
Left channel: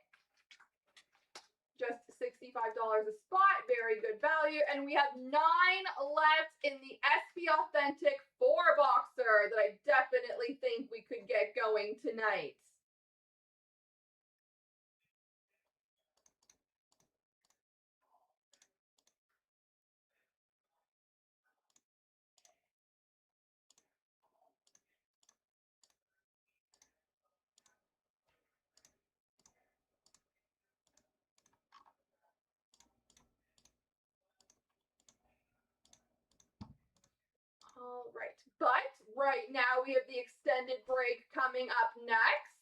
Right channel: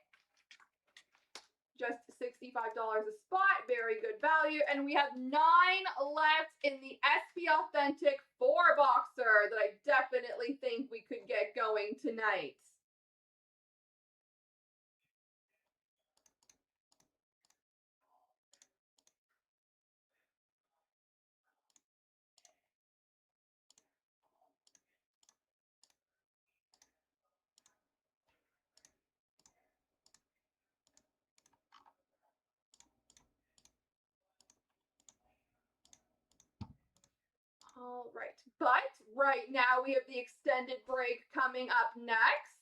Just $65 a spot, very good value. And we have 9 left in the SB Authentic 4-boxer that I definitely think we could get going tonight. All right, but right now we have the extended break coming up next.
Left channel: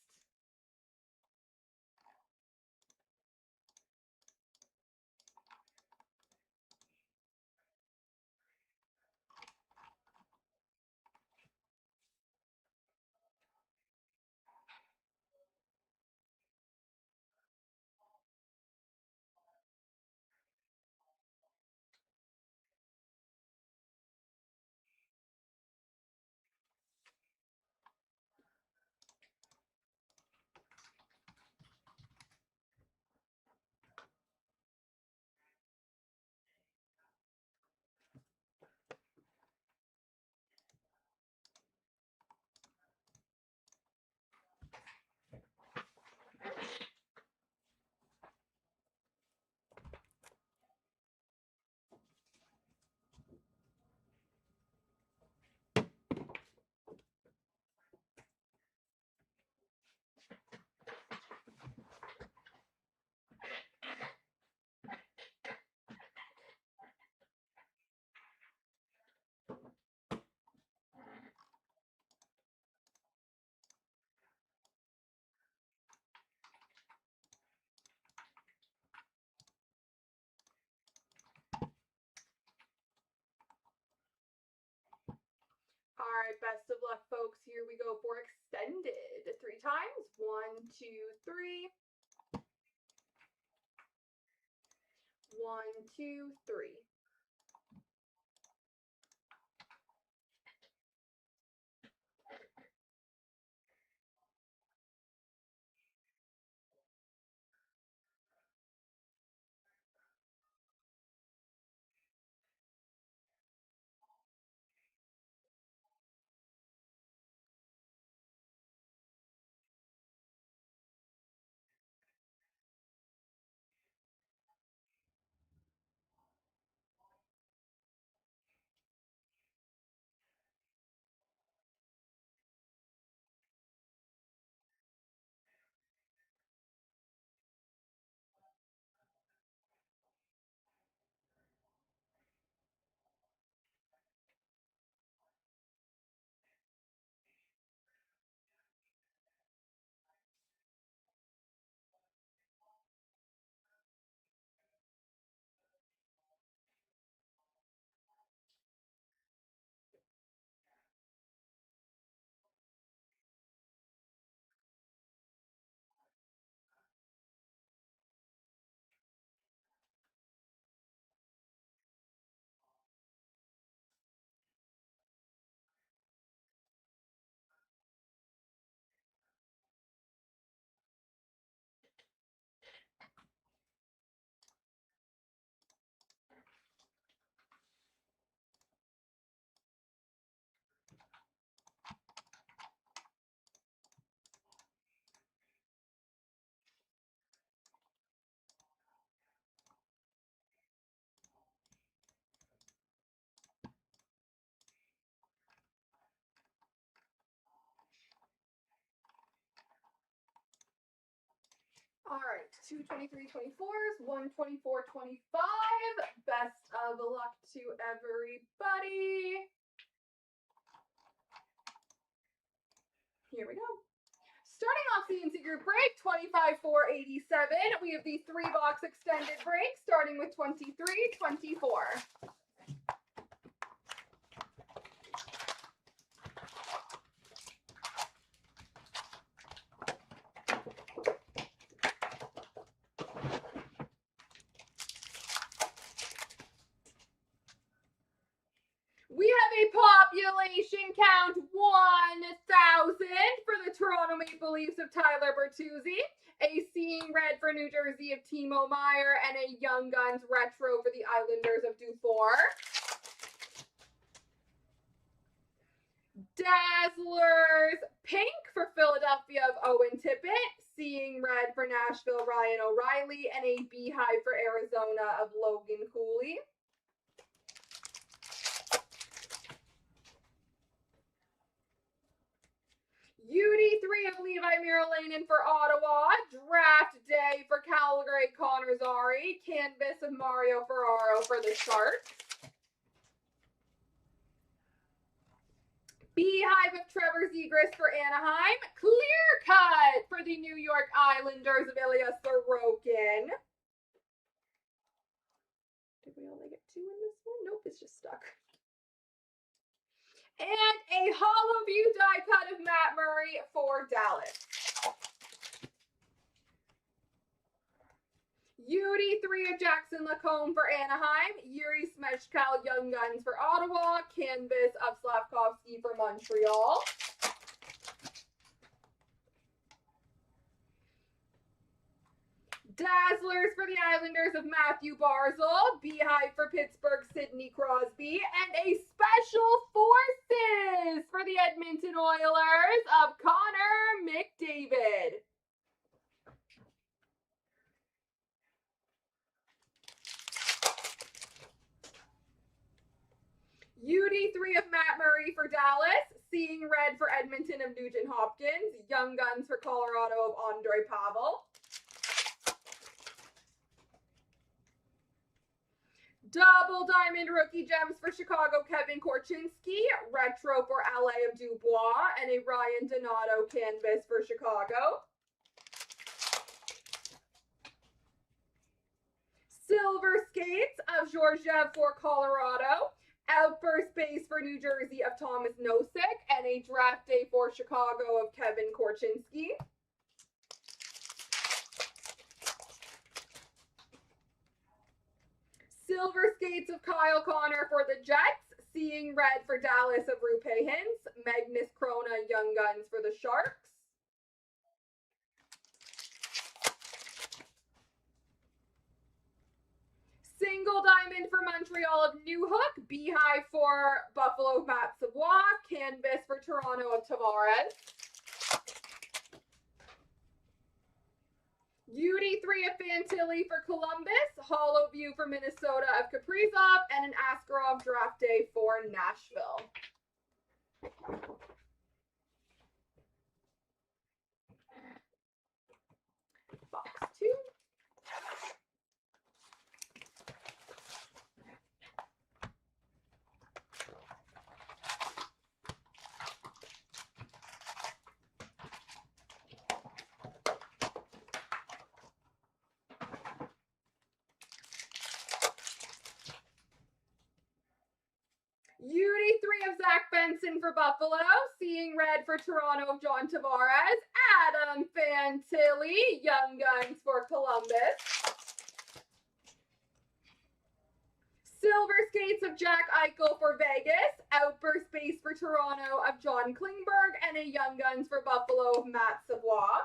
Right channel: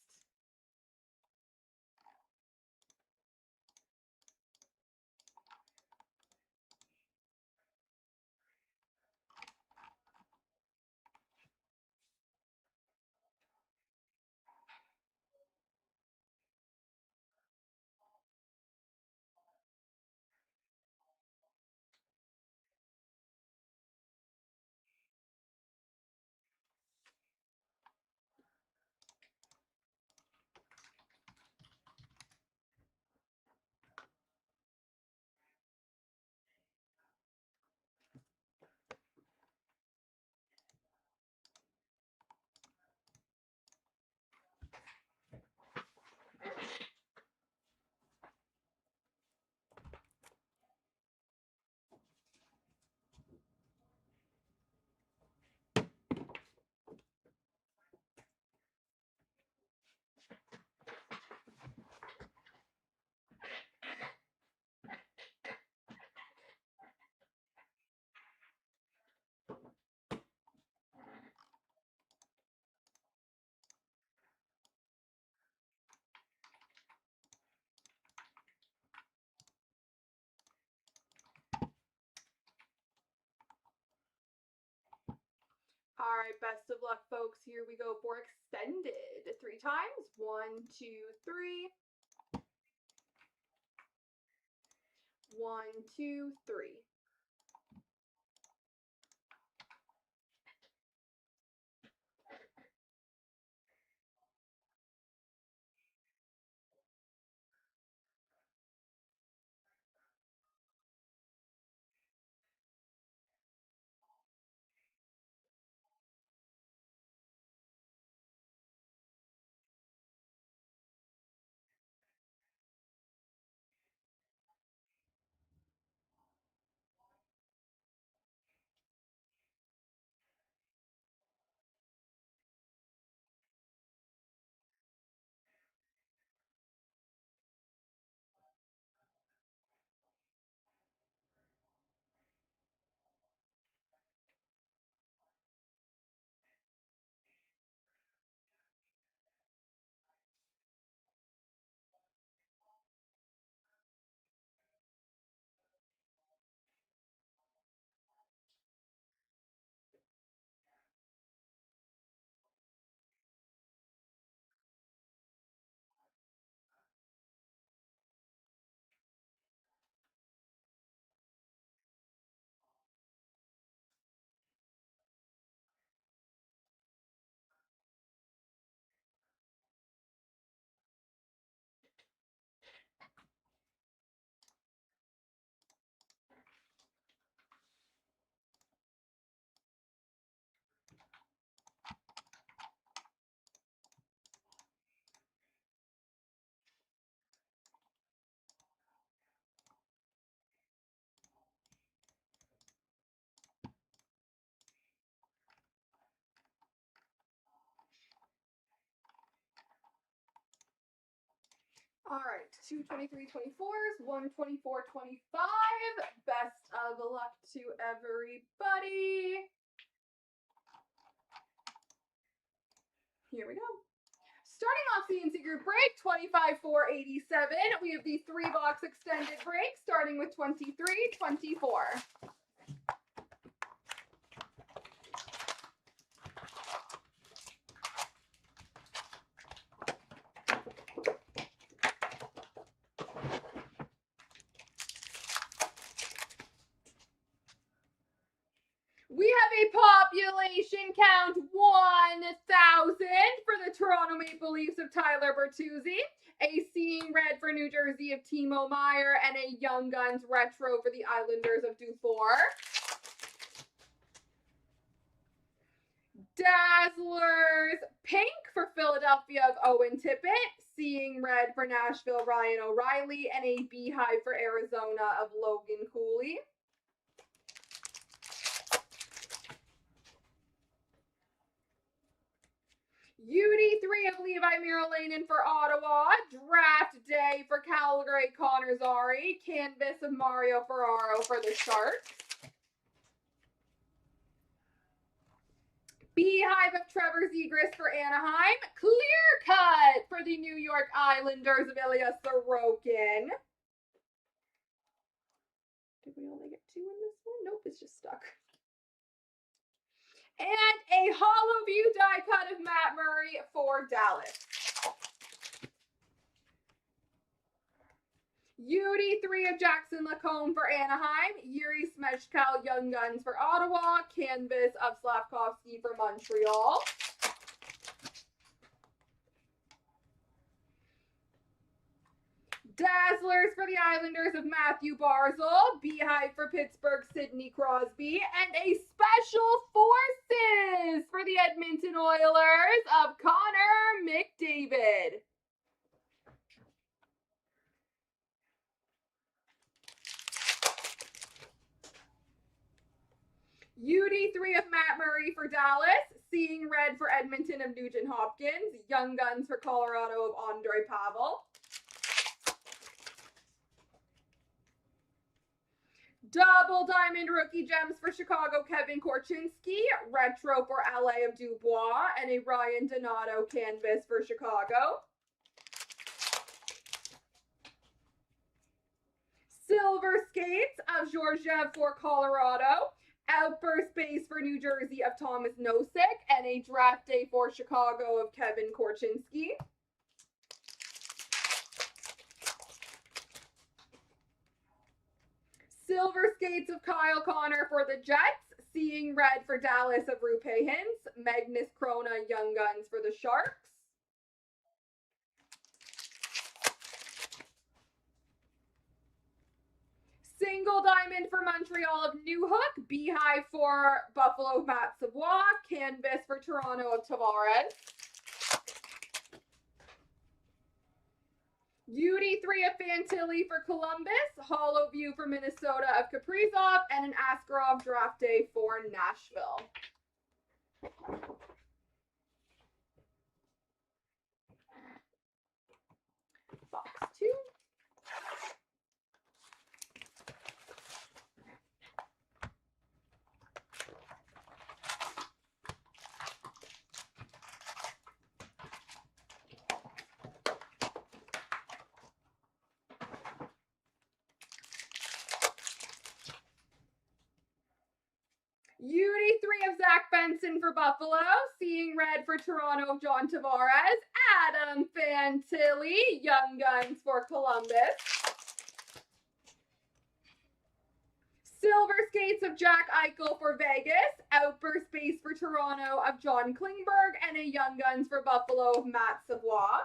All right, best of luck, folks. Here we go for extended. 3 times. 1, 2, 3. 1, 2, 3. 2 23 24s, 1 24 25. Best of luck to everybody. Here we go. Starting off CNC Group Break, 25,487. We have the 3-box extended break, starting with 23-24. We have a population count 1,000 for the Toronto Maple Leafs of Tyler Bertuzzi, a Seeing Red for New Jersey of Timo Meier, and a Young Guns retro for the Islanders of Dufour. Dazzlers pink for Philadelphia of Owen Tippett, Seeing Red for Nashville Ryan O'Reilly, and a Beehive for Arizona of Logan Cooley. UD3 of Levi Miralainen for Ottawa, Draft Day for Calgary Connor Zary, Canvas of Mario Ferraro for the Sharks. Beehive of Trevor Zegras for Anaheim, Clear Cut for the New York Islanders of Ilya Sorokin. Did we only get 2 in this one? Nope, it's just stuck. And a hollow view die cut of Matt Murray for Dallas. UD3 of Jackson Lacombe for Anaheim, Yuri Smechkal Young Guns for Ottawa, Canvas of Slavkovsky for Montreal. Dazzlers for the Islanders of Matthew Barzal, Beehive for Pittsburgh, Sidney Crosby, and a Special Forces for the Edmonton Oilers of Connor McDavid. UD3 of Matt Murray for Dallas, Seeing Red for Edmonton of Nugent Hopkins, Young Guns for Colorado of Andre Pavel. Double Diamond Rookie Gems for Chicago, Kevin Korchinski, Retro for LA of Dubois, and a Ryan Donato Canvas for Chicago. Silver Skates of Georgiev for Colorado, Outburst Base for New Jersey of Thomas Nosek, and a Draft Day for Chicago of Kevin Korchinski. Silver Skates of Kyle Connor for the Jets, Seeing Red for Dallas of Rupe Hintz, Magnus Krona Young Guns for the Sharks. Single Diamond for Montreal of Newhook, Beehive for Buffalo of Matt Savoie, Canvas for Toronto of Tavares. UD3 of Fantilli for Columbus, Hollow View for Minnesota of Kaprizov, and an Askarov Draft Day for Nashville. Box 2. UD3 of Zach Benson for Buffalo, Seeing Red for Toronto of John Tavares, Adam Fantilli, Young Guns for Columbus. Silver Skates of Jack Eichel for Vegas, Outburst Base for Toronto of John Klingberg, and a Young Guns for Buffalo of Matt Savoie.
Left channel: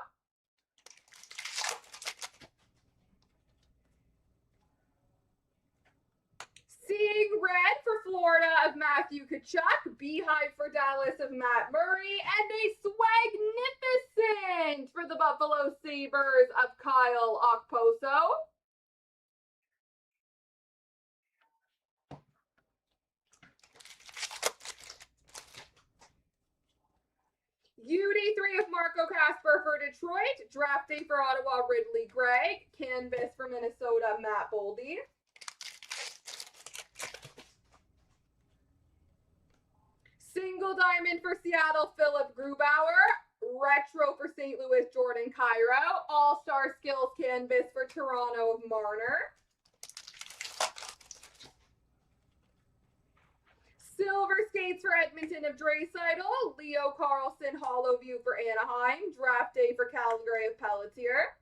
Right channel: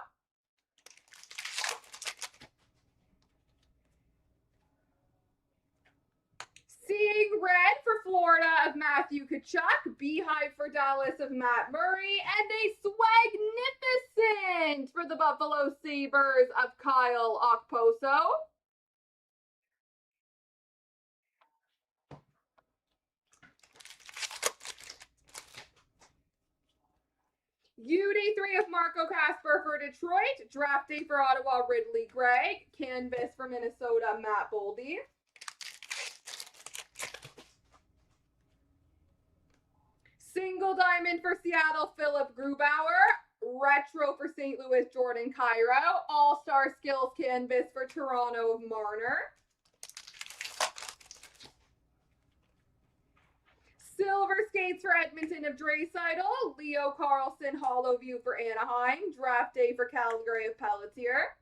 Seeing Red for Florida of Matthew Tkachuk, Beehive for Dallas of Matt Murray, and a Swagnificent for the Buffalo Sabres of Kyle Okposo. UD3 3 of Marco Casper for Detroit. Draft day for Ottawa, Ridley Gray. Canvas for Minnesota, Matt Boldy. Single diamond for Seattle, Philip Grubauer. Retro for St. Louis, Jordan Cairo. All-Star Skills canvas for Toronto of Marner. Silver skates for Edmonton of Draisaitl. Leo Carlson hollow view for Anaheim. Draft day for Calgary of Pelletier.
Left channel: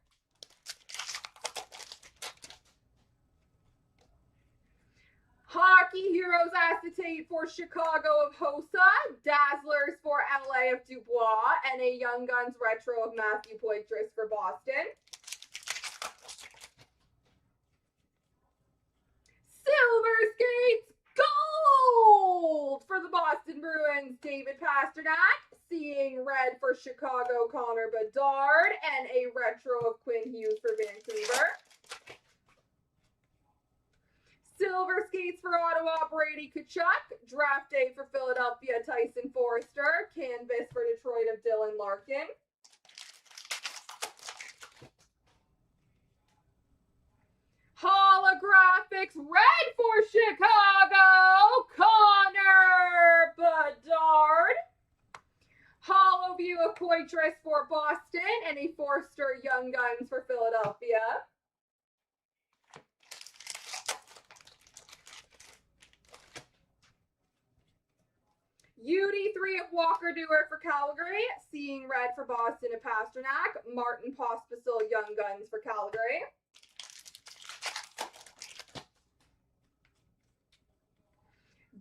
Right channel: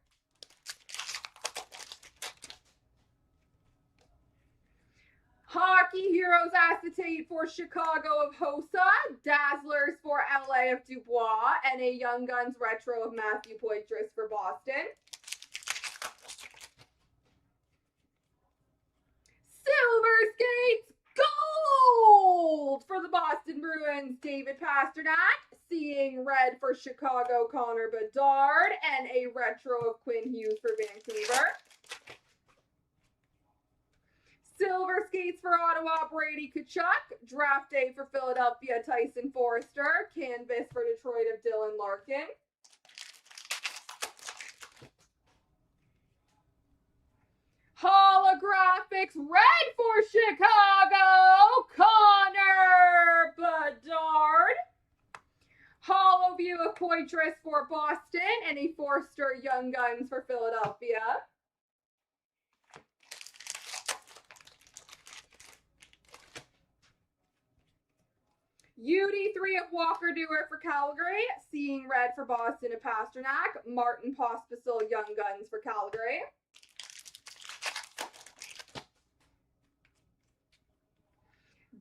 Hockey Heroes acetate for Chicago of Hossa. Dazzlers for LA of Dubois. And a Young Guns retro of Matthew Poitras for Boston. Silver skates gold for the Boston Bruins, David Pasternak. Seeing red for Chicago, Connor Bedard. And a retro of Quinn Hughes for Vancouver. Silver skates for Ottawa, Brady Tkachuk. Draft day for Philadelphia, Tyson Forrester. Canvas for Detroit of Dylan Larkin. Holographics red for Chicago, Connor Bedard. Hollow view of Poitras for Boston and a Forster Young Guns for Philadelphia. UD3 of Walker Dewar for Calgary. Seeing red for Boston of Pasternak. Martin Pospisil Young Guns for Calgary.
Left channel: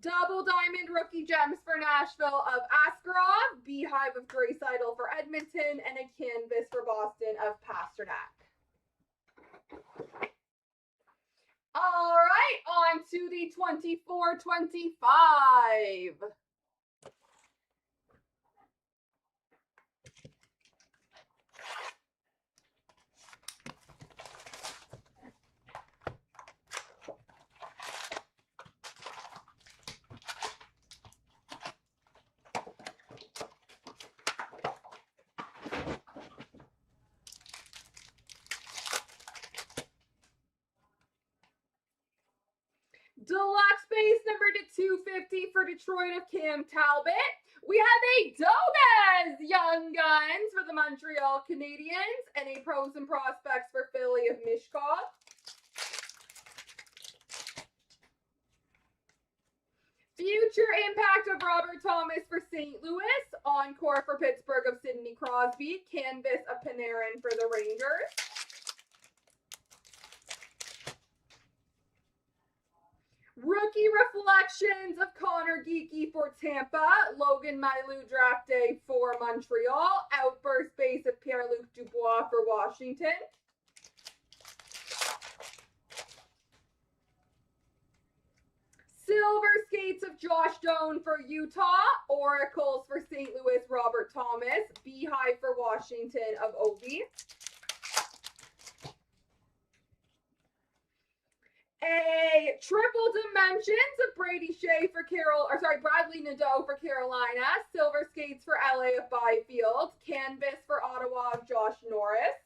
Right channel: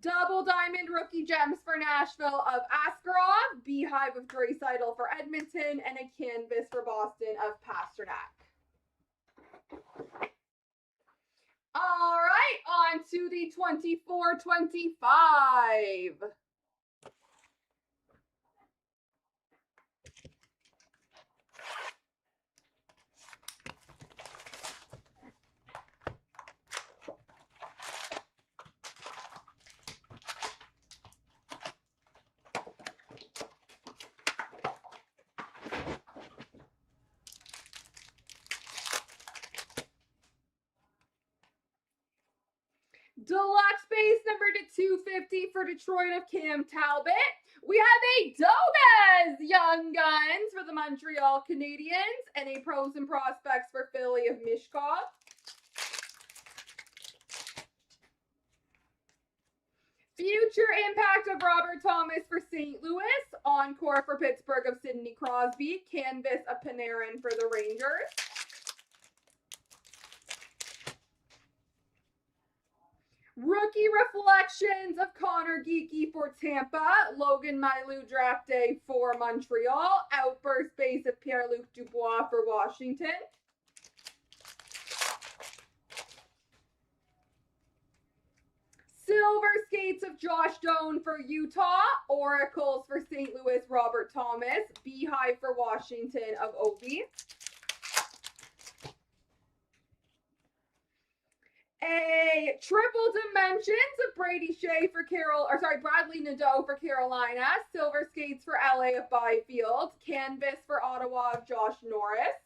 Double diamond rookie gems for Nashville of Askarov. Beehive of Draisaitl for Edmonton. And a canvas for Boston of Pasternak. All right, on to the 24-25. Deluxe base number to 250 for Detroit of Cam Talbot. We have a Dobez Young Guns for the Montreal Canadiens and a Pros and Prospects for Philly of Mishkov. Future impact of Robert Thomas for St. Louis. Encore for Pittsburgh of Sidney Crosby. Canvas of Panarin for the Rangers. Rookie Reflections of Connor Geeky for Tampa. Logan Mailloux draft day for Montreal. Outburst base of Pierre-Luc Dubois for Washington. Silver skates of Josh Doan for Utah. Oracles for St. Louis, Robert Thomas. Beehive for Washington of Ovi. A triple dimensions of Brady Shea for Bradley Nadeau for Carolina. Silver skates for LA of Byfield. Canvas for Ottawa of Josh Norris.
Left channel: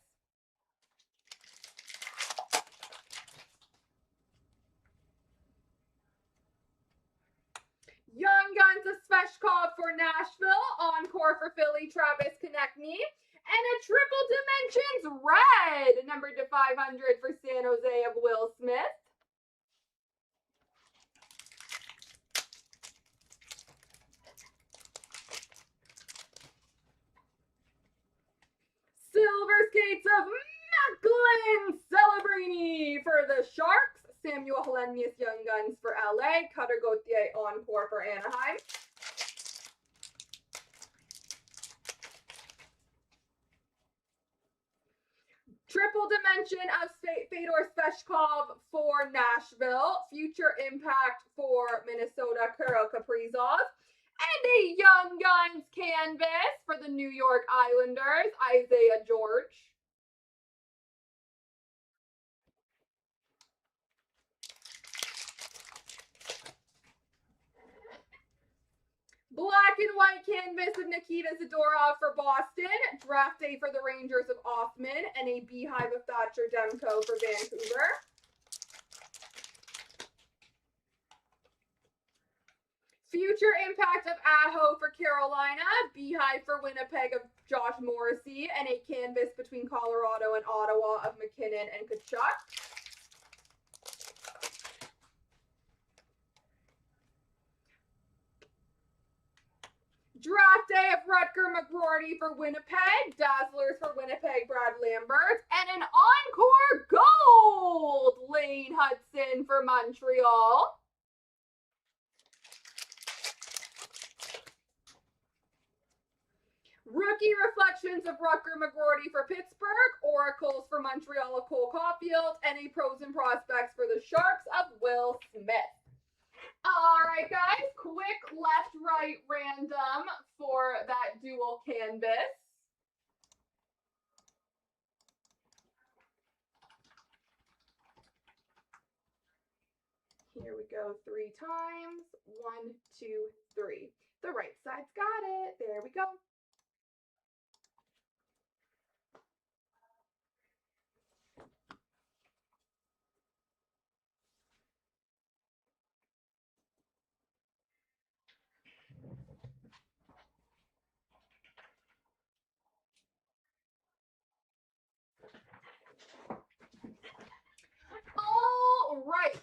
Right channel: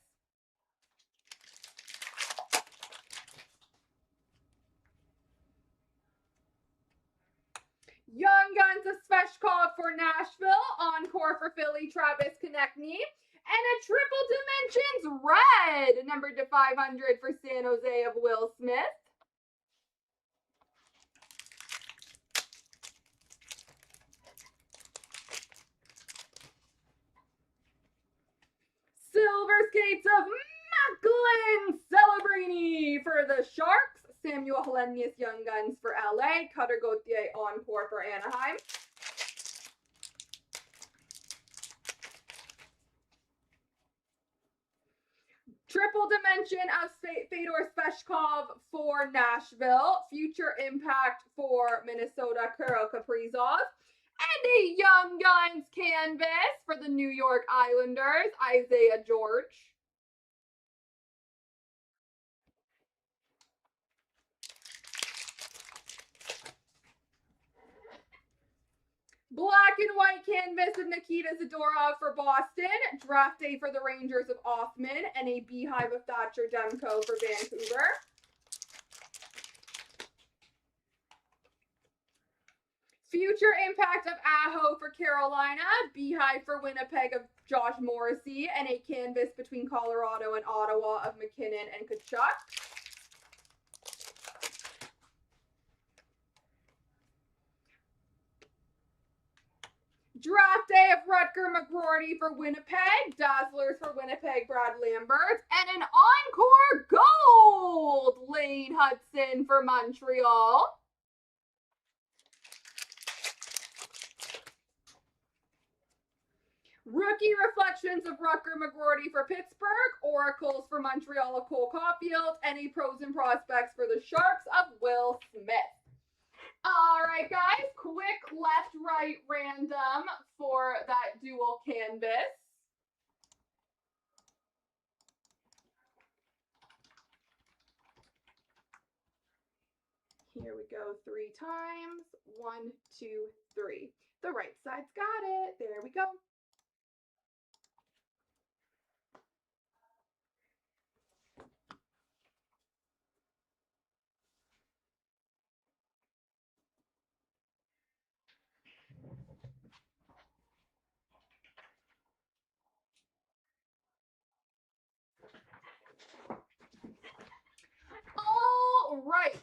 Young Guns of Sveshkov for Nashville. Encore for Philly, Travis Konechny. And a triple dimensions red, numbered to 500 for San Jose of Will Smith. Silver skates of Macklin Celebrini for the Sharks. Samuel Helenius Young Guns for LA. Cutter Gauthier Encore for Anaheim. Triple dimension of Fedor Sveshkov for Nashville. Future impact for Minnesota, Kirill Kaprizov. And a Young Guns canvas for the New York Islanders, Isaiah George. Black and white canvas of Nikita Zadorov for Boston, Draft Day for the Rangers of Othman, and a Beehive of Thatcher Demko for Vancouver. Future Impact of Aho for Carolina, Beehive for Winnipeg of Josh Morrissey, and a canvas between Colorado and Ottawa of McKinnon and Kachuk. Draft Day of Rutger McGroarty for Winnipeg, Dazzlers for Winnipeg, Brad Lambert, and an Encore Gold, Lane Hudson for Montreal. Rookie Reflections of Rutger McGroarty for Pittsburgh, Oracles for Montreal of Cole Caulfield, and a Pros and Prospects for the Sharks of Will Smith. All right, guys, quick left-right random for that dual canvas. Here we go 3 times. 1, 2, 3. The right side's got it. There we go. All right,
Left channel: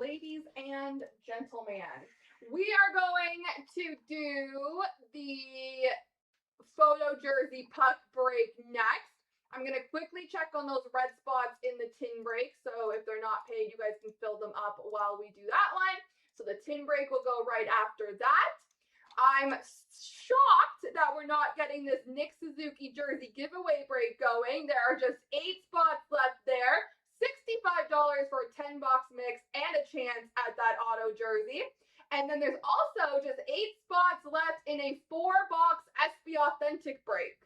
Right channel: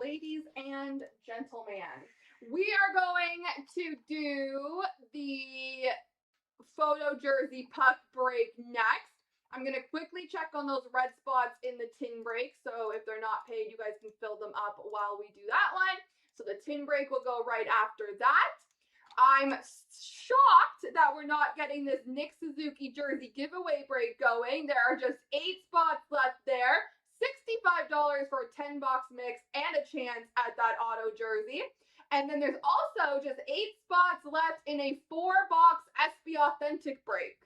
ladies and gentlemen, we are going to do the photo jersey puck break next. I'm going to quickly check on those red spots in the tin break. So if they're not paid, you guys can fill them up while we do that one. So the tin break will go right after that. I'm shocked that we're not getting this Nick Suzuki jersey giveaway break going. There are just 8 spots left there. $65 for a 10-box mix and a chance at that auto jersey. And then there's also just 8 spots left in a 4-box SB Authentic break.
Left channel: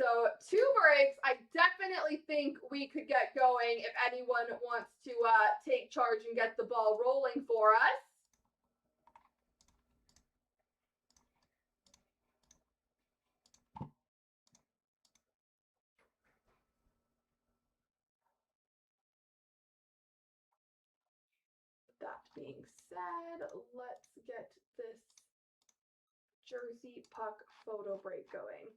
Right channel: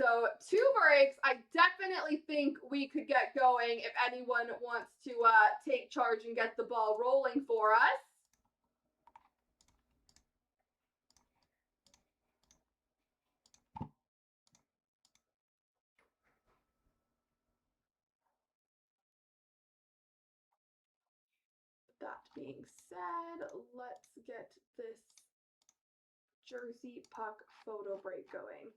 So 2 breaks, I definitely think we could get going if anyone wants to take charge and get the ball rolling for us. That being said, let's get this jersey puck photo break going.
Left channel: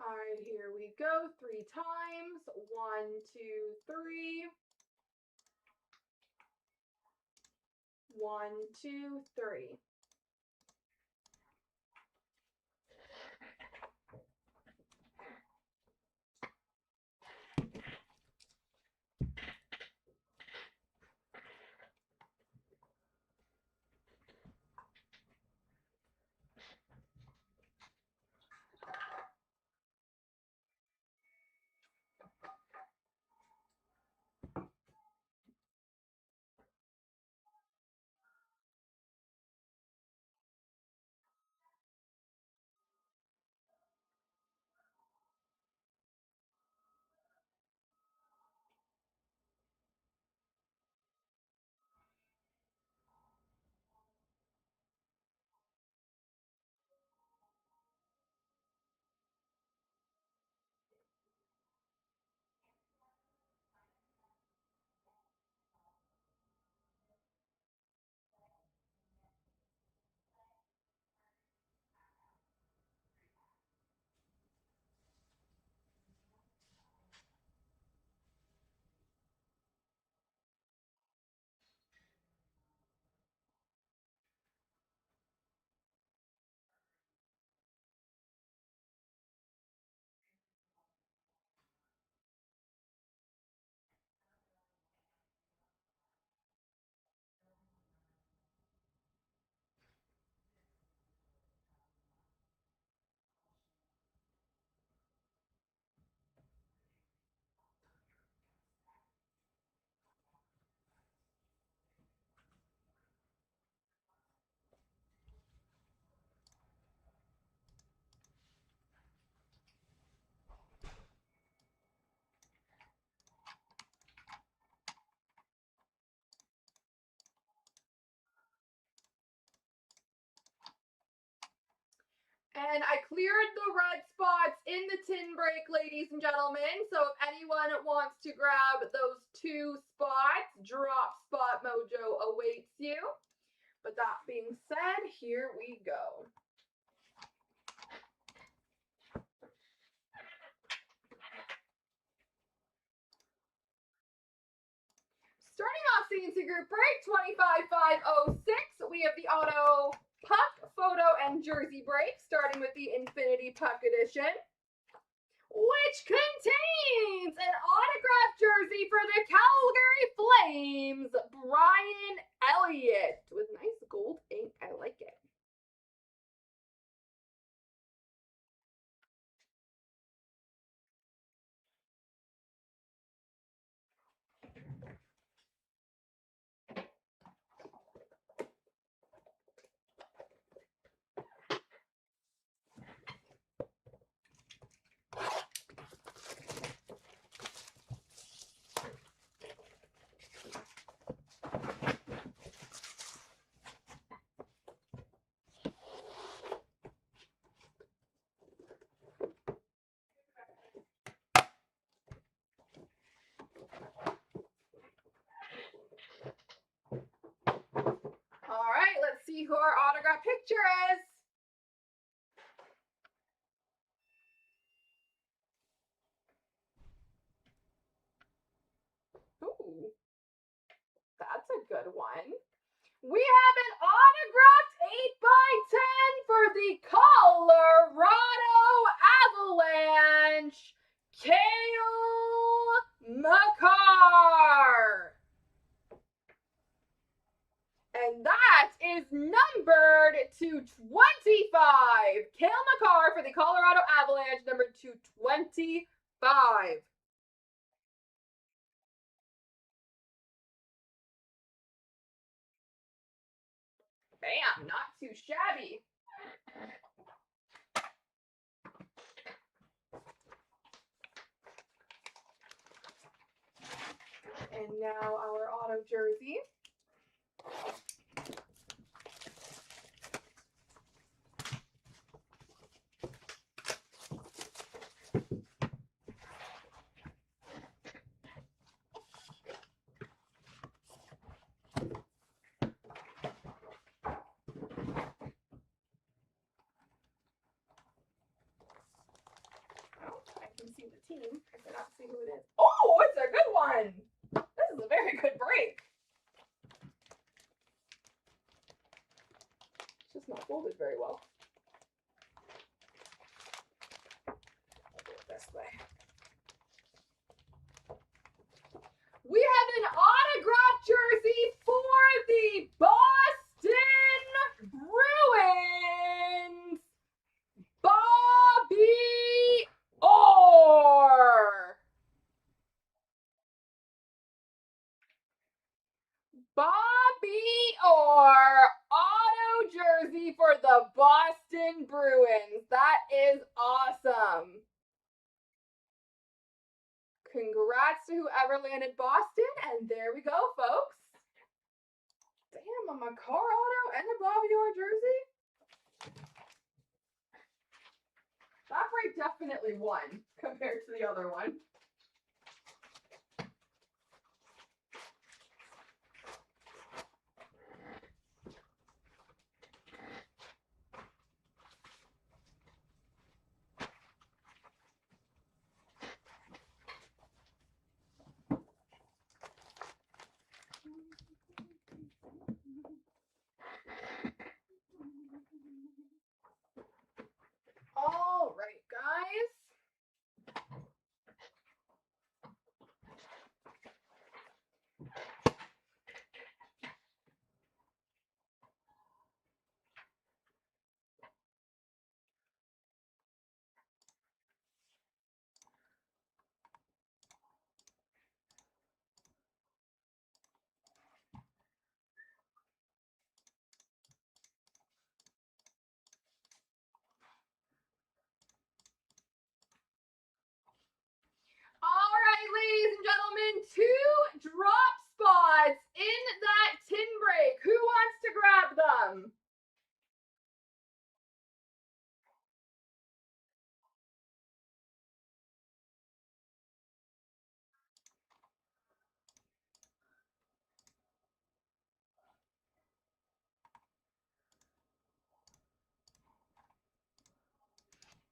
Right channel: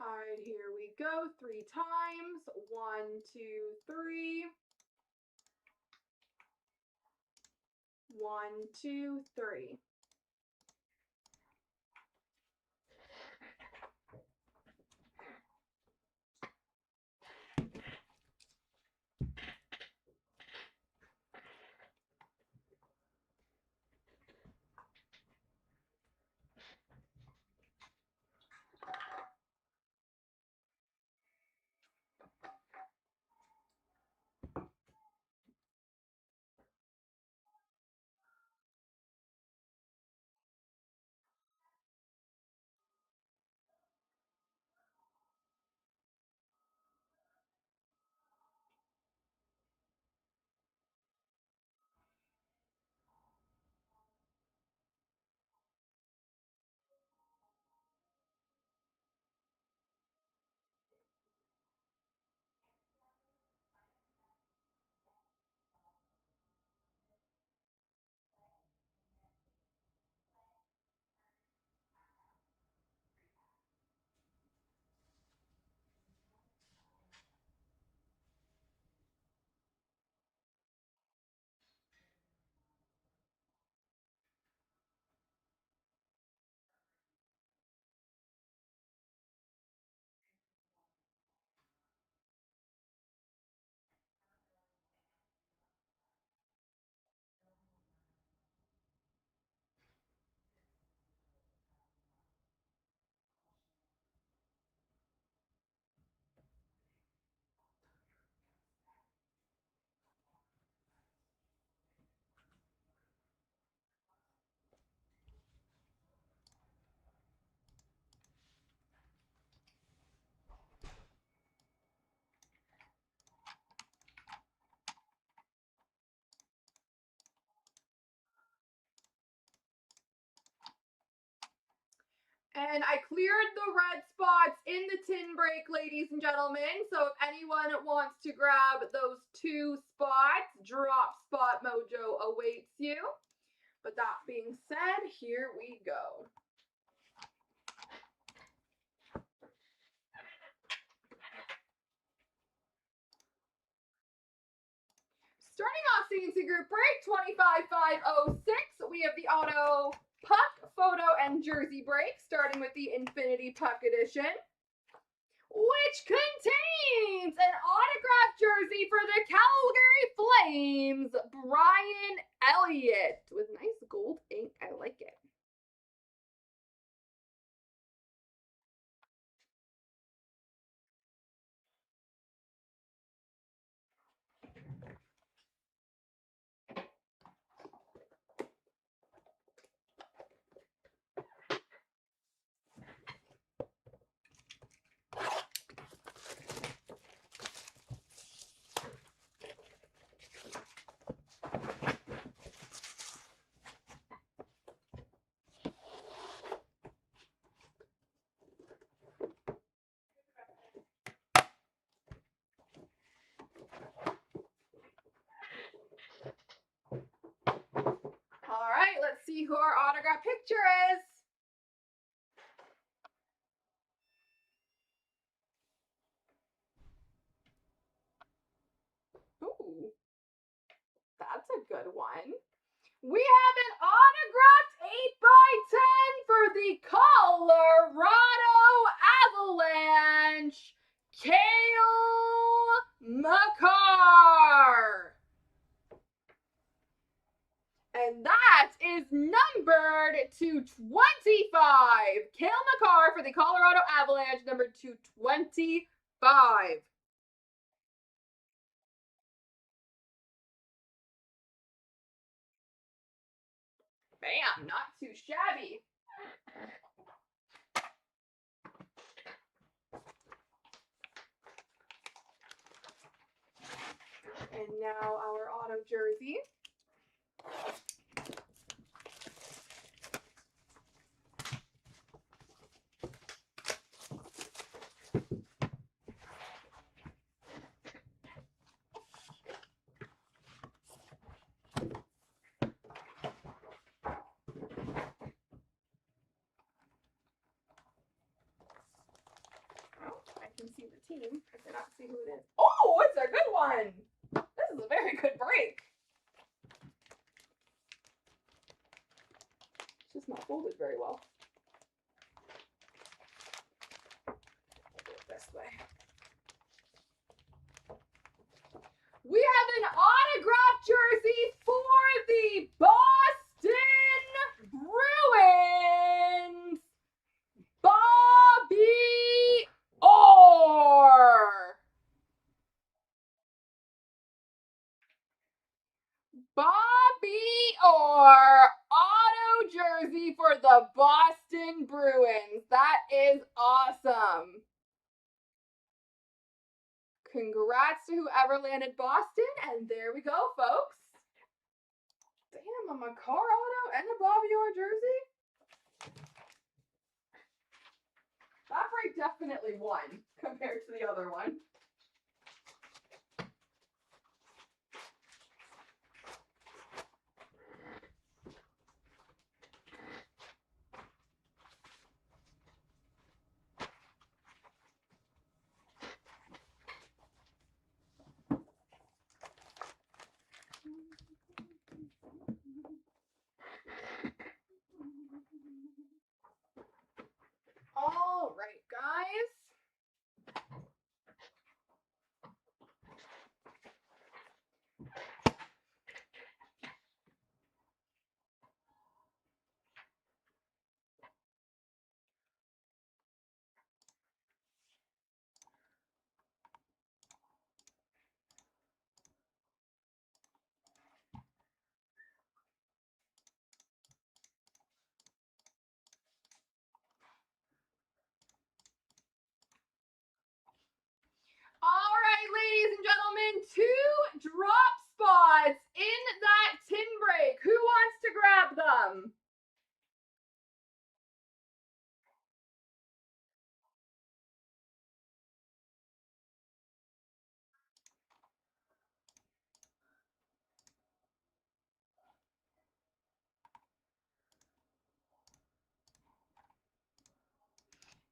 All right, here we go. 3 times. 1, 2, 3. 1, 2, 3. And I cleared the red spots in the tin break, ladies and gentlemen. So if anyone wants to grab those 2 spots, drop spot mojo awaits you. But that being said, here we go. Starting off CNC Group Break 25506, we have the auto puck, photo, and jersey break, starting with the Infinity Puck Edition, which contains an autographed jersey for the Calgary Flames, Brian Elliott, with nice gold ink. I like it. All right, let's see who our autograph picture is. Ooh, that's a good one. We have an autographed 8x10 for the Colorado Avalanche, Cale Makar. And that is numbered to 25. Cale Makar for the Colorado Avalanche, number 225. Bam, not too shabby. And now our auto jersey. I can see the team. I cannot see who it is. Oh, it's a good one. This is a very good break. It's just not folded very well. I'll do it this way. We have an autographed jersey for the Boston Bruins, Bobby Orr. Bobby Orr, auto jersey for the Boston Bruins. That is awesome. Congrats to whoever landed Boston, and there we go, folks. Damn, a Makar auto and a Bobby Orr jersey. That break definitely won compared to the other one. All right, guys.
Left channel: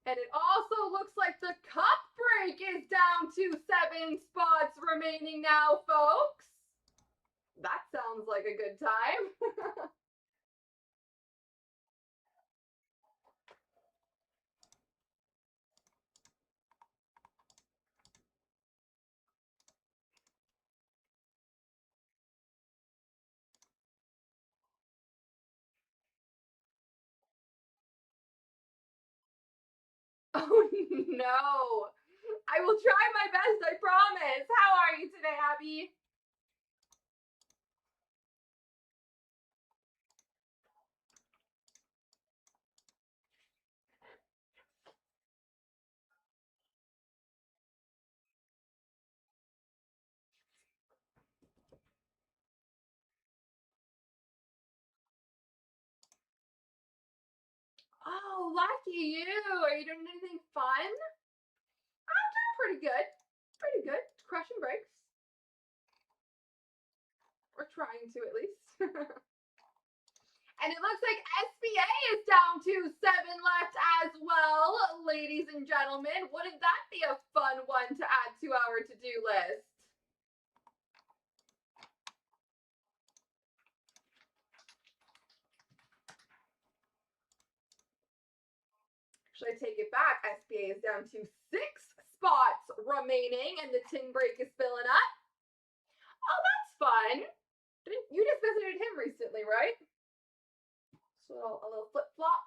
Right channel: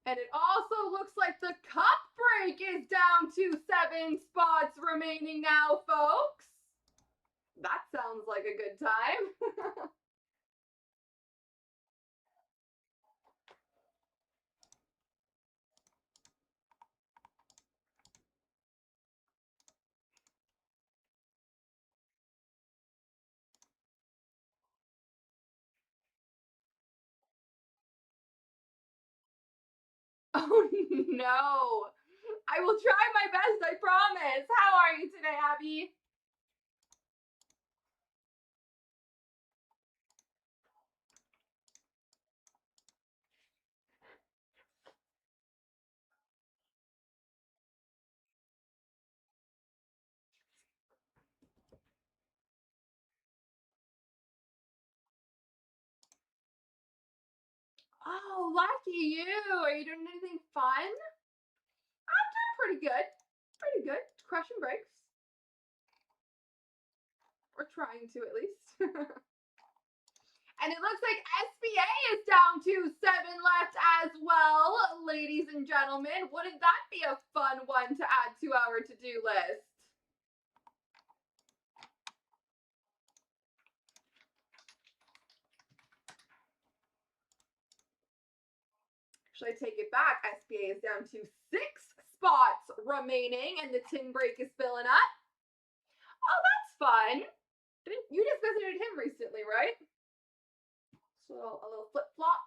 And it also looks like the cup break is down to 7 spots remaining now, folks. That sounds like a good time. Oh no. I will try my best, I promise. How are you today, Abby? Oh, lucky you. Are you doing anything fun? I'm doing pretty good. Pretty good. Crushing breaks. We're trying to, at least. And it looks like SBA is down to 7 left as well, ladies and gentlemen. Wouldn't that be a fun one to add to our to-do list? Should I take it back? SBA is down to 6 spots remaining, and the tin break is filling up. Oh, that's fun. You just visited him recently, right? So a little flip-flop.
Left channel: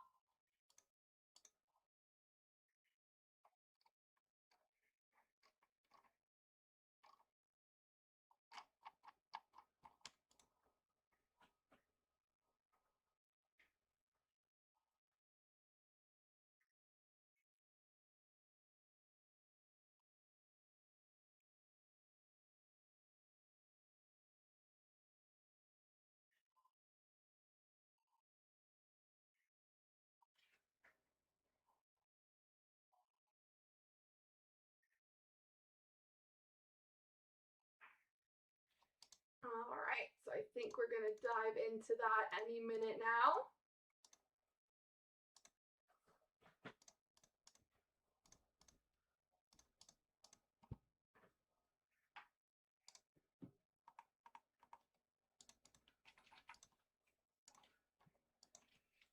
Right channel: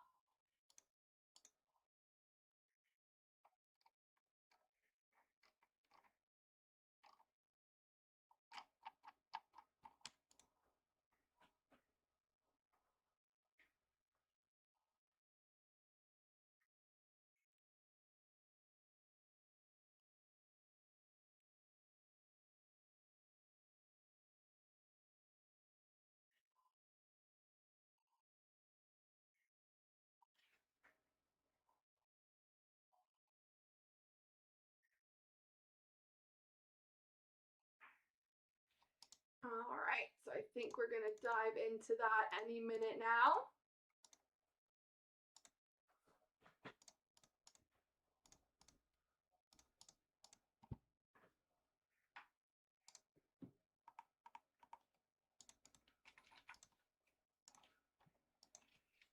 All right, so I think we're going to dive into that any minute now.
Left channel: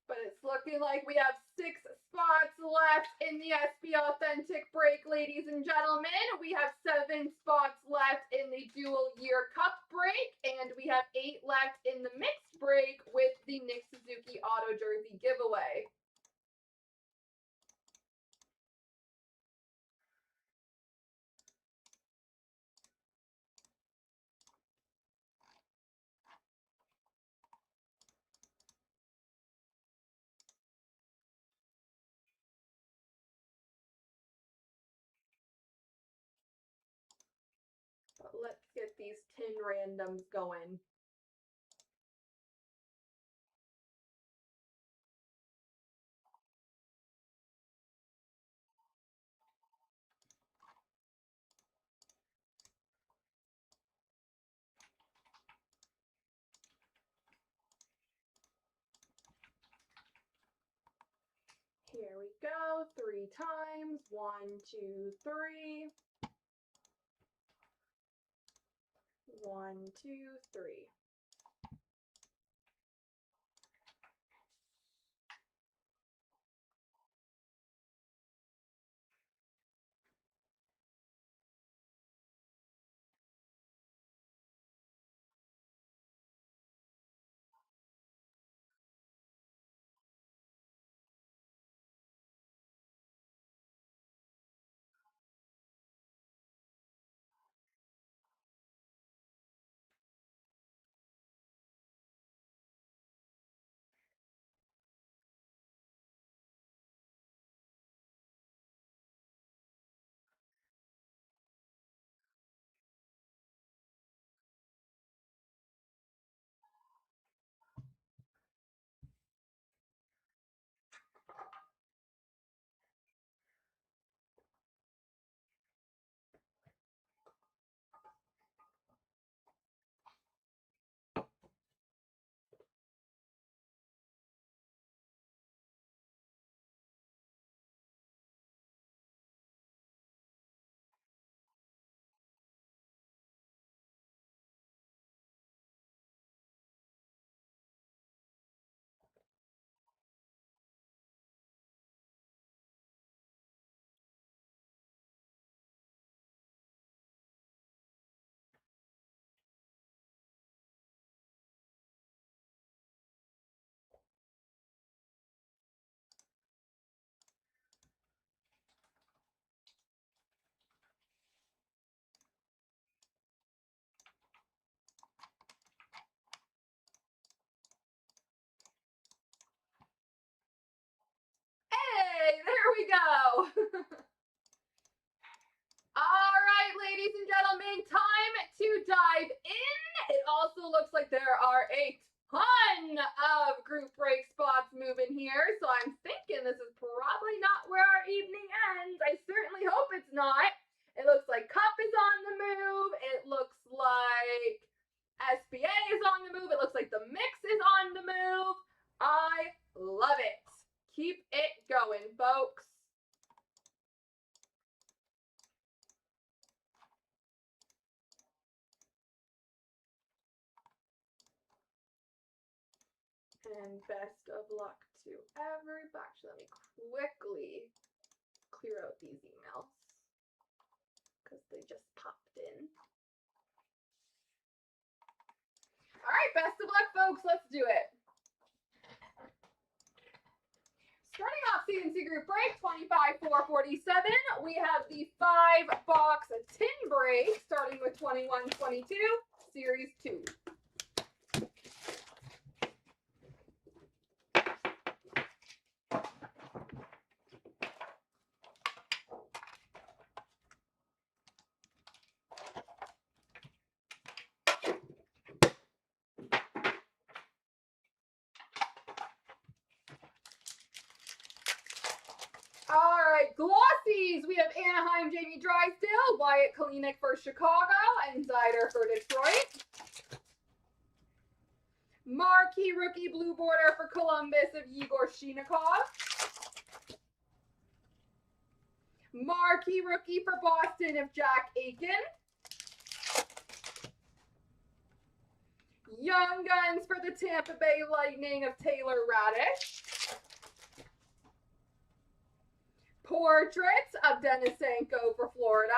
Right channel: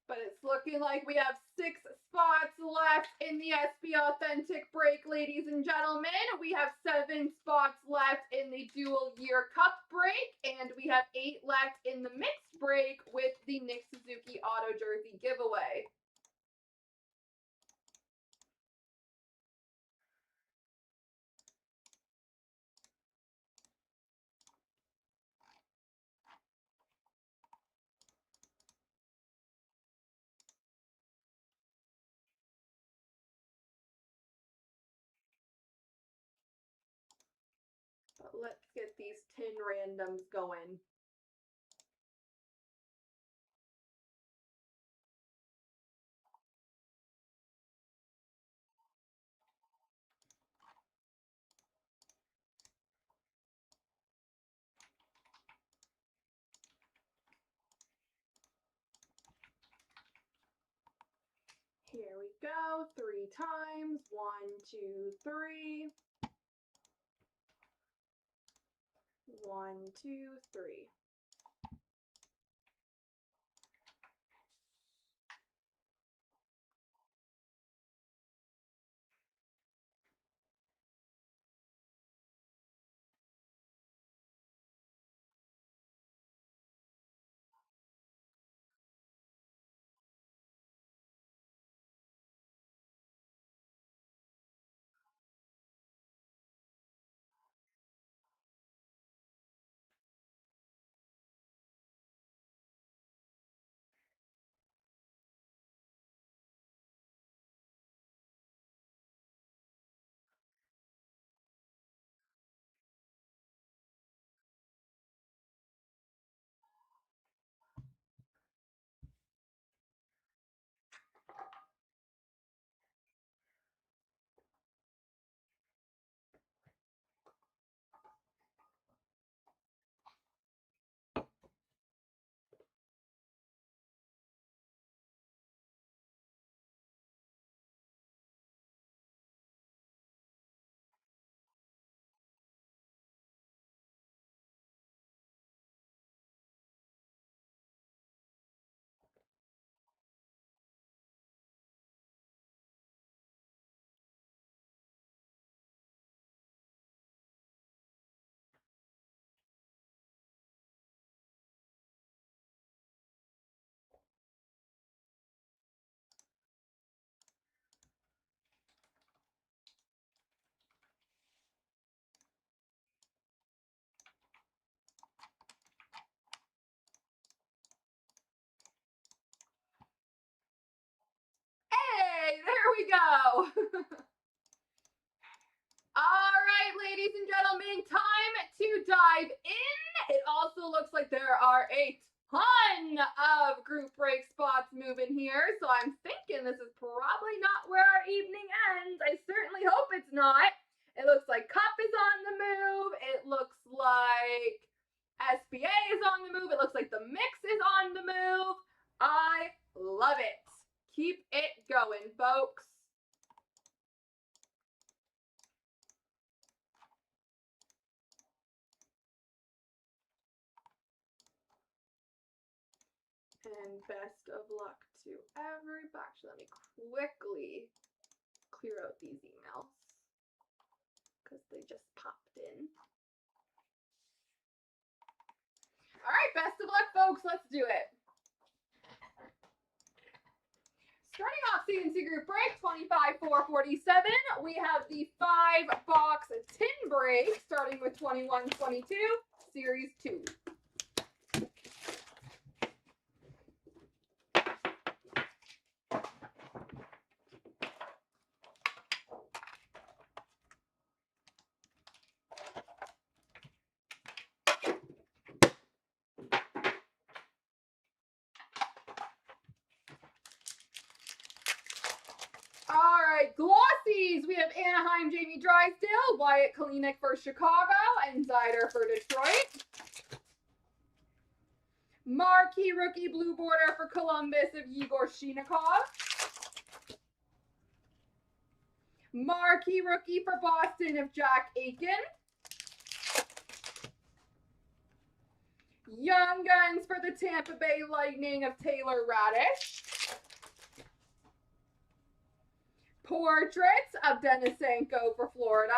But it's looking like we have 6 spots left in the SB Authentic break, ladies and gentlemen. We have 7 spots left in the dual year cup break, and we have 8 left in the mixed break with the Nick Suzuki auto jersey giveaway. But let's get these tin randoms going. Here we go, 3 times. 1, 2, 3. 1, 2, 3. There we go. All right, ladies and gentlemen, time to dive in. It also looks like there are a ton of group break spots moving here, so I'm thinking this is probably not where our evening ends. I certainly hope it's not. It looks like Cup is on the move. It looks like SBA is on the move. It looks like the mix is on the move. I love it. Keep it going, folks. And best of luck to everybody. Actually, let me quickly clear out these emails because they just popped in. All right, best of luck, folks. Let's do it. Starting off CNC Group Break 25,447, we have the 5-box tin break starting with 2122, Series 2. All right, glossies. We have Anaheim, Jamie Drysdale, Wyatt Kalinick for Chicago, and Zider for Detroit. Marquee rookie blue border for Columbus of Yegor Shinikov. Marquee rookie for Boston of Jack Aiken. Young Guns for the Tampa Bay Lightning of Taylor Radish. Portraits of Denisenko for Florida.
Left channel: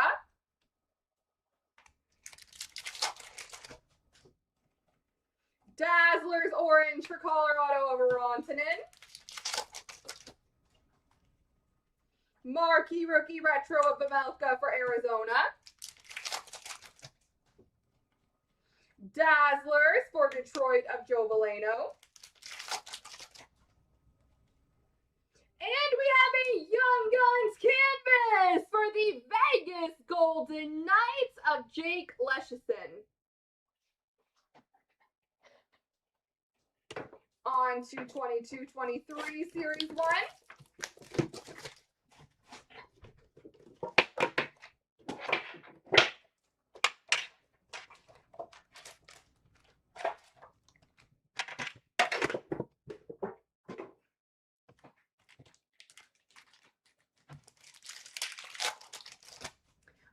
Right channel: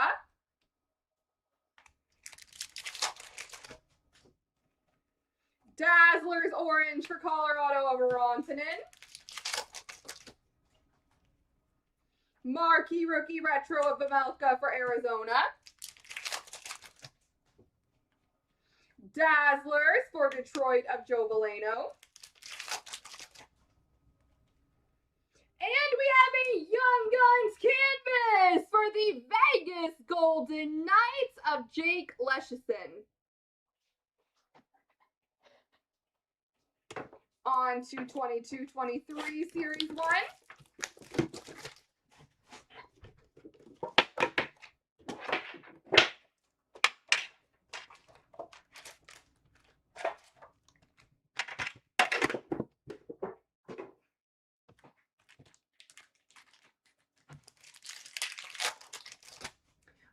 Dazzlers orange for Colorado of Rantanen. Marquee rookie retro of Pavelka for Arizona. Dazzlers for Detroit of Joe Veleno. And we have a Young Guns canvas for the Vegas Golden Knights of Jake Leschyshyn. On to 22-23 Series 1.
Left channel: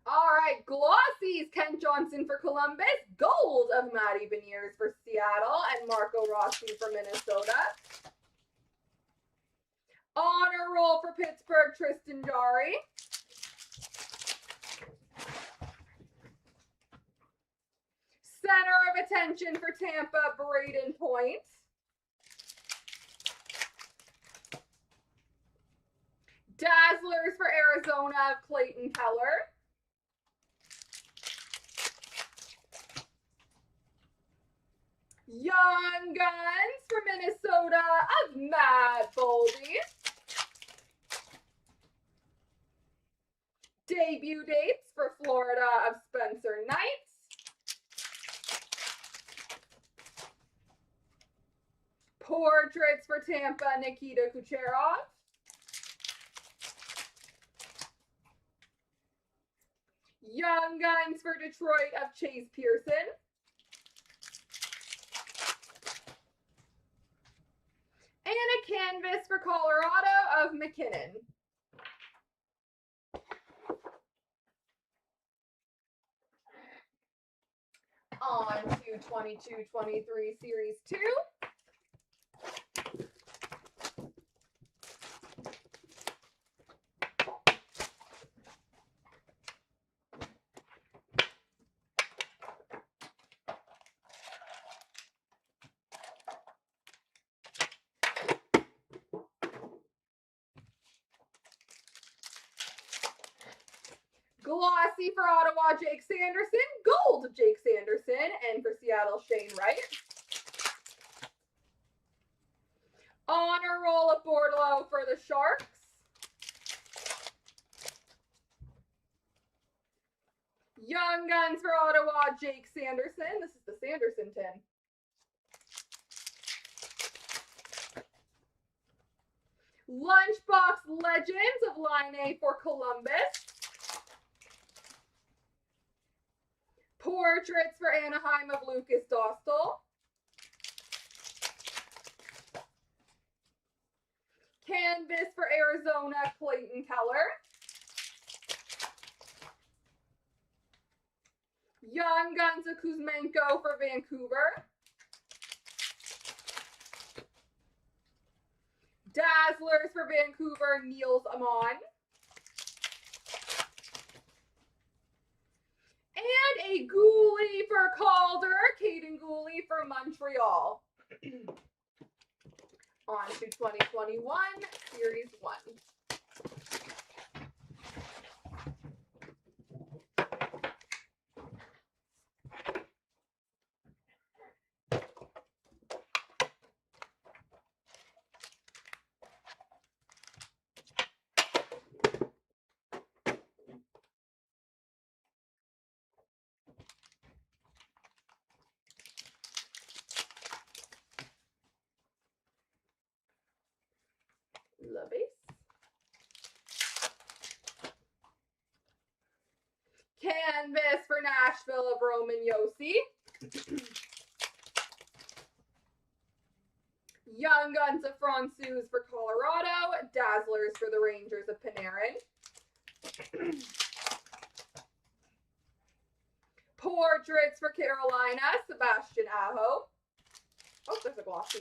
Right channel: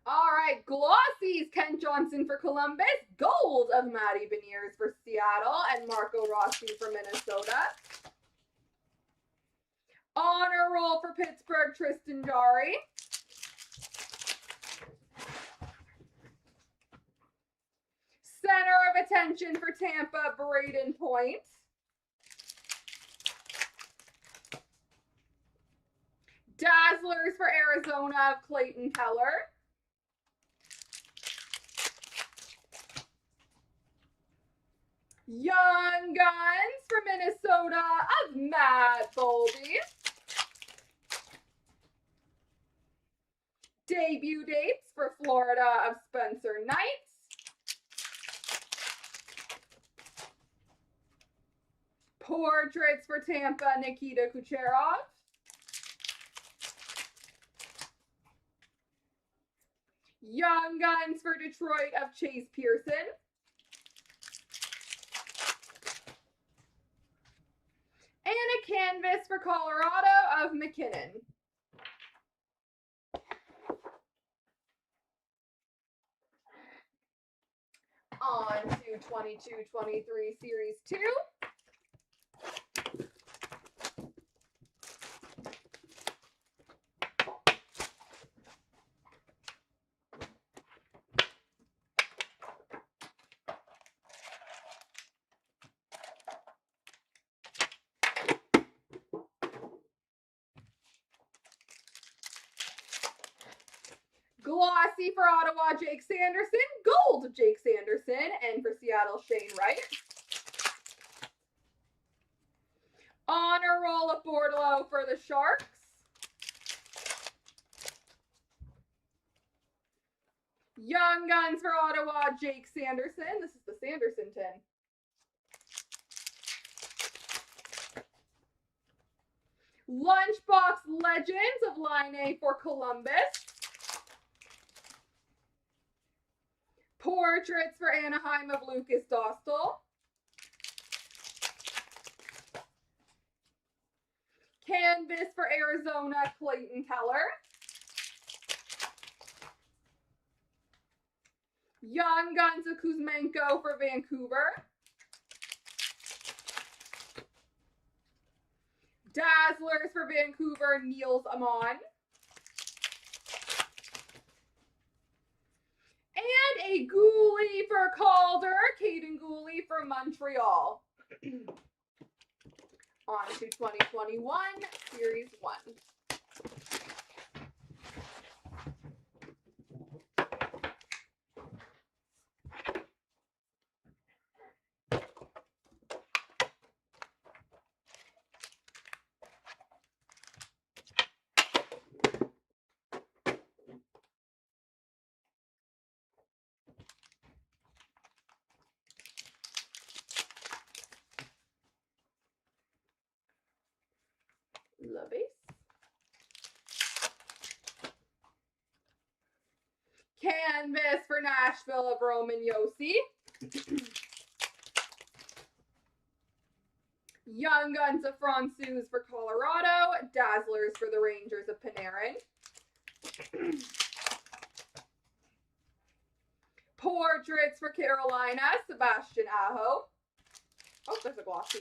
All right, glossies, Kent Johnson for Columbus, gold of Matty Beniers for Seattle, and Marco Rossi for Minnesota. Honor roll for Pittsburgh, Tristan Jarry. Center of attention for Tampa, Braden Point. Dazzlers for Arizona of Clayton Keller. Young Guns for Minnesota of Matt Boldy. Debut dates for Florida of Spencer Knight. Portraits for Tampa, Nikita Kucherov. Young Guns for Detroit of Chase Pearson. And a canvas for Colorado of McKinnon. On to 22-23 Series 2. Glossy for Ottawa, Jake Sanderson. Gold of Jake Sanderson. And for Seattle, Shane Wright. Honor roll of Bordeaux for the Sharks. Young Guns for Ottawa, Jake Sanderson. This is the Sanderson tin. Lunchbox Legends of Line A for Columbus. Portraits for Anaheim of Lucas Dostal. Canvas for Arizona, Clayton Keller. Young Guns of Kuzmenko for Vancouver. Dazzlers for Vancouver, Niels Amon. And a Gooley for Calder, Caden Gooley for Montreal. On to 2021, Series 1. La base. Canvas for Nashville of Roman Yossi. Young Guns of Francouz for Colorado. Dazzlers for the Rangers of Panarin. Portraits for Carolina, Sebastian Aho. Oh, there's a glossy.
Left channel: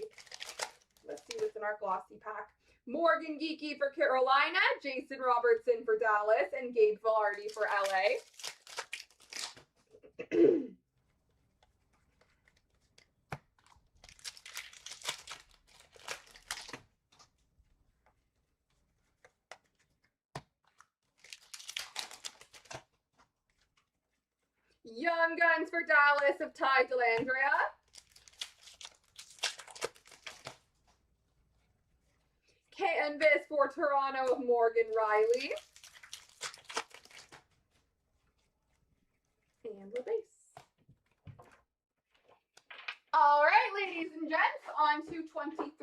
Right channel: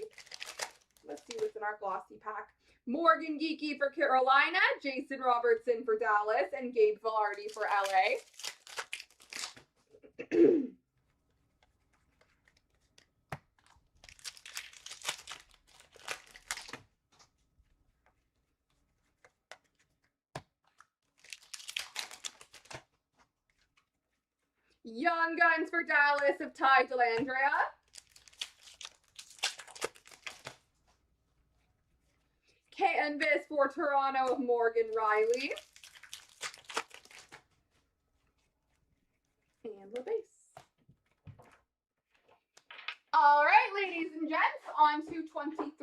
Let's see what's in our glossy pack. Morgan Geekie for Carolina, Jason Robertson for Dallas, and Gabe Velarde for LA. Young Guns for Dallas of Ty Dellandrea. Canvas for Toronto of Morgan Riley. And the base. All right, ladies and gents, on to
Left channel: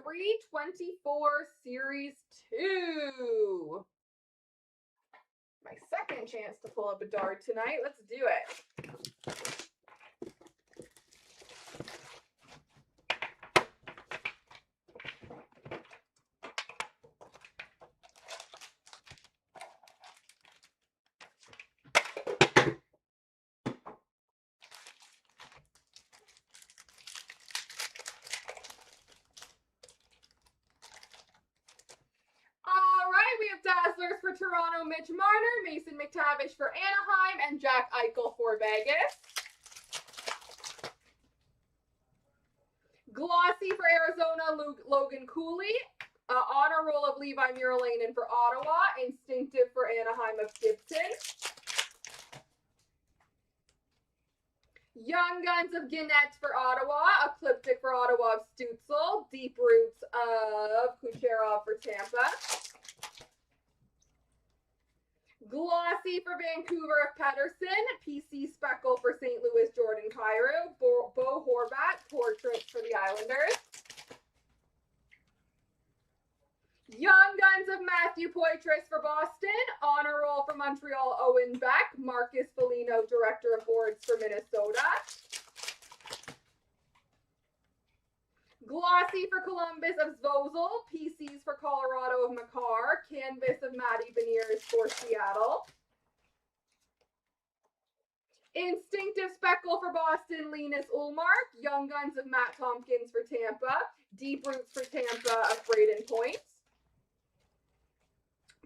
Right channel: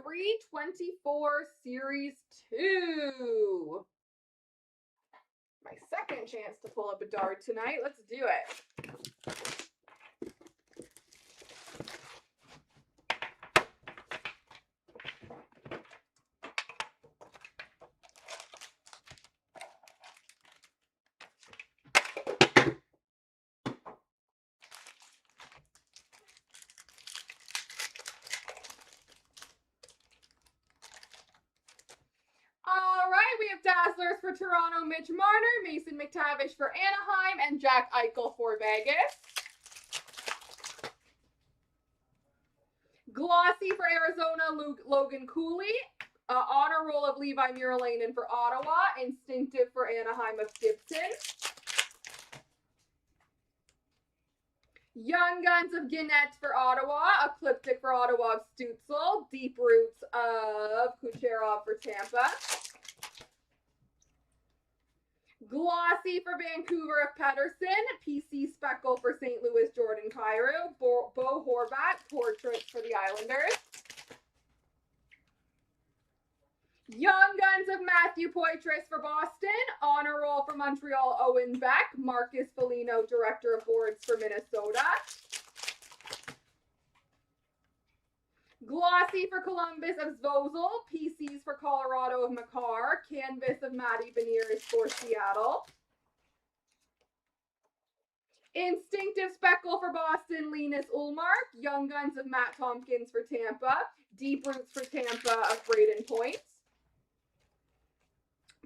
23-24 Series 2. My second chance to pull up a dart tonight. Let's do it. Dazzlers for Toronto, Mitch Marner, Mason McTavish for Anaheim, and Jack Eichel for Vegas. Glossy for Arizona, Logan Cooley. Honor roll of Levi Muralainen for Ottawa. Instinctive for Anaheim of Gibson. Young Guns of Guinnett for Ottawa. Ecliptic for Ottawa of Stutzel. Deep Roots of Kucherov for Tampa. Glossy for Vancouver of Pettersson. PC Speckle for St. Louis, Jordan Kyrou. Bo Horvat, Portraits for the Islanders. Young Guns of Matthew Poitras for Boston. Honor roll for Montreal, Owen Beck. Marcus Foligno, Director of Boards for Minnesota. Glossy for Columbus of Zvozel. PCs for Colorado of Makar. Canvas of Matty Beniers for Seattle. Instinctive Speckle for Boston, Linus Ullmark. Young Guns of Matt Tompkins for Tampa. Deep Roots for Tampa of Braden Point.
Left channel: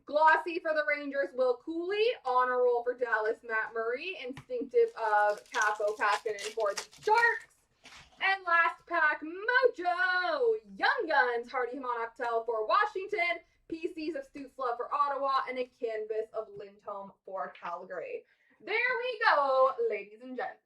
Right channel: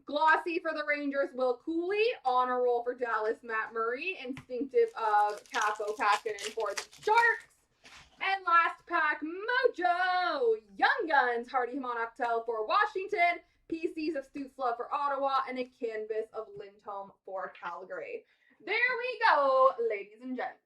Glossy for the Rangers, Will Cooley. Honor roll for Dallas, Matt Murray. Instinctive of Capo Kakinen for the Sharks. And last pack, Mojo, Young Guns, Hardy Hamanaktel for Washington, PCs of Stützle for Ottawa, and a canvas of Lindholm for Calgary. There we go, ladies and gents.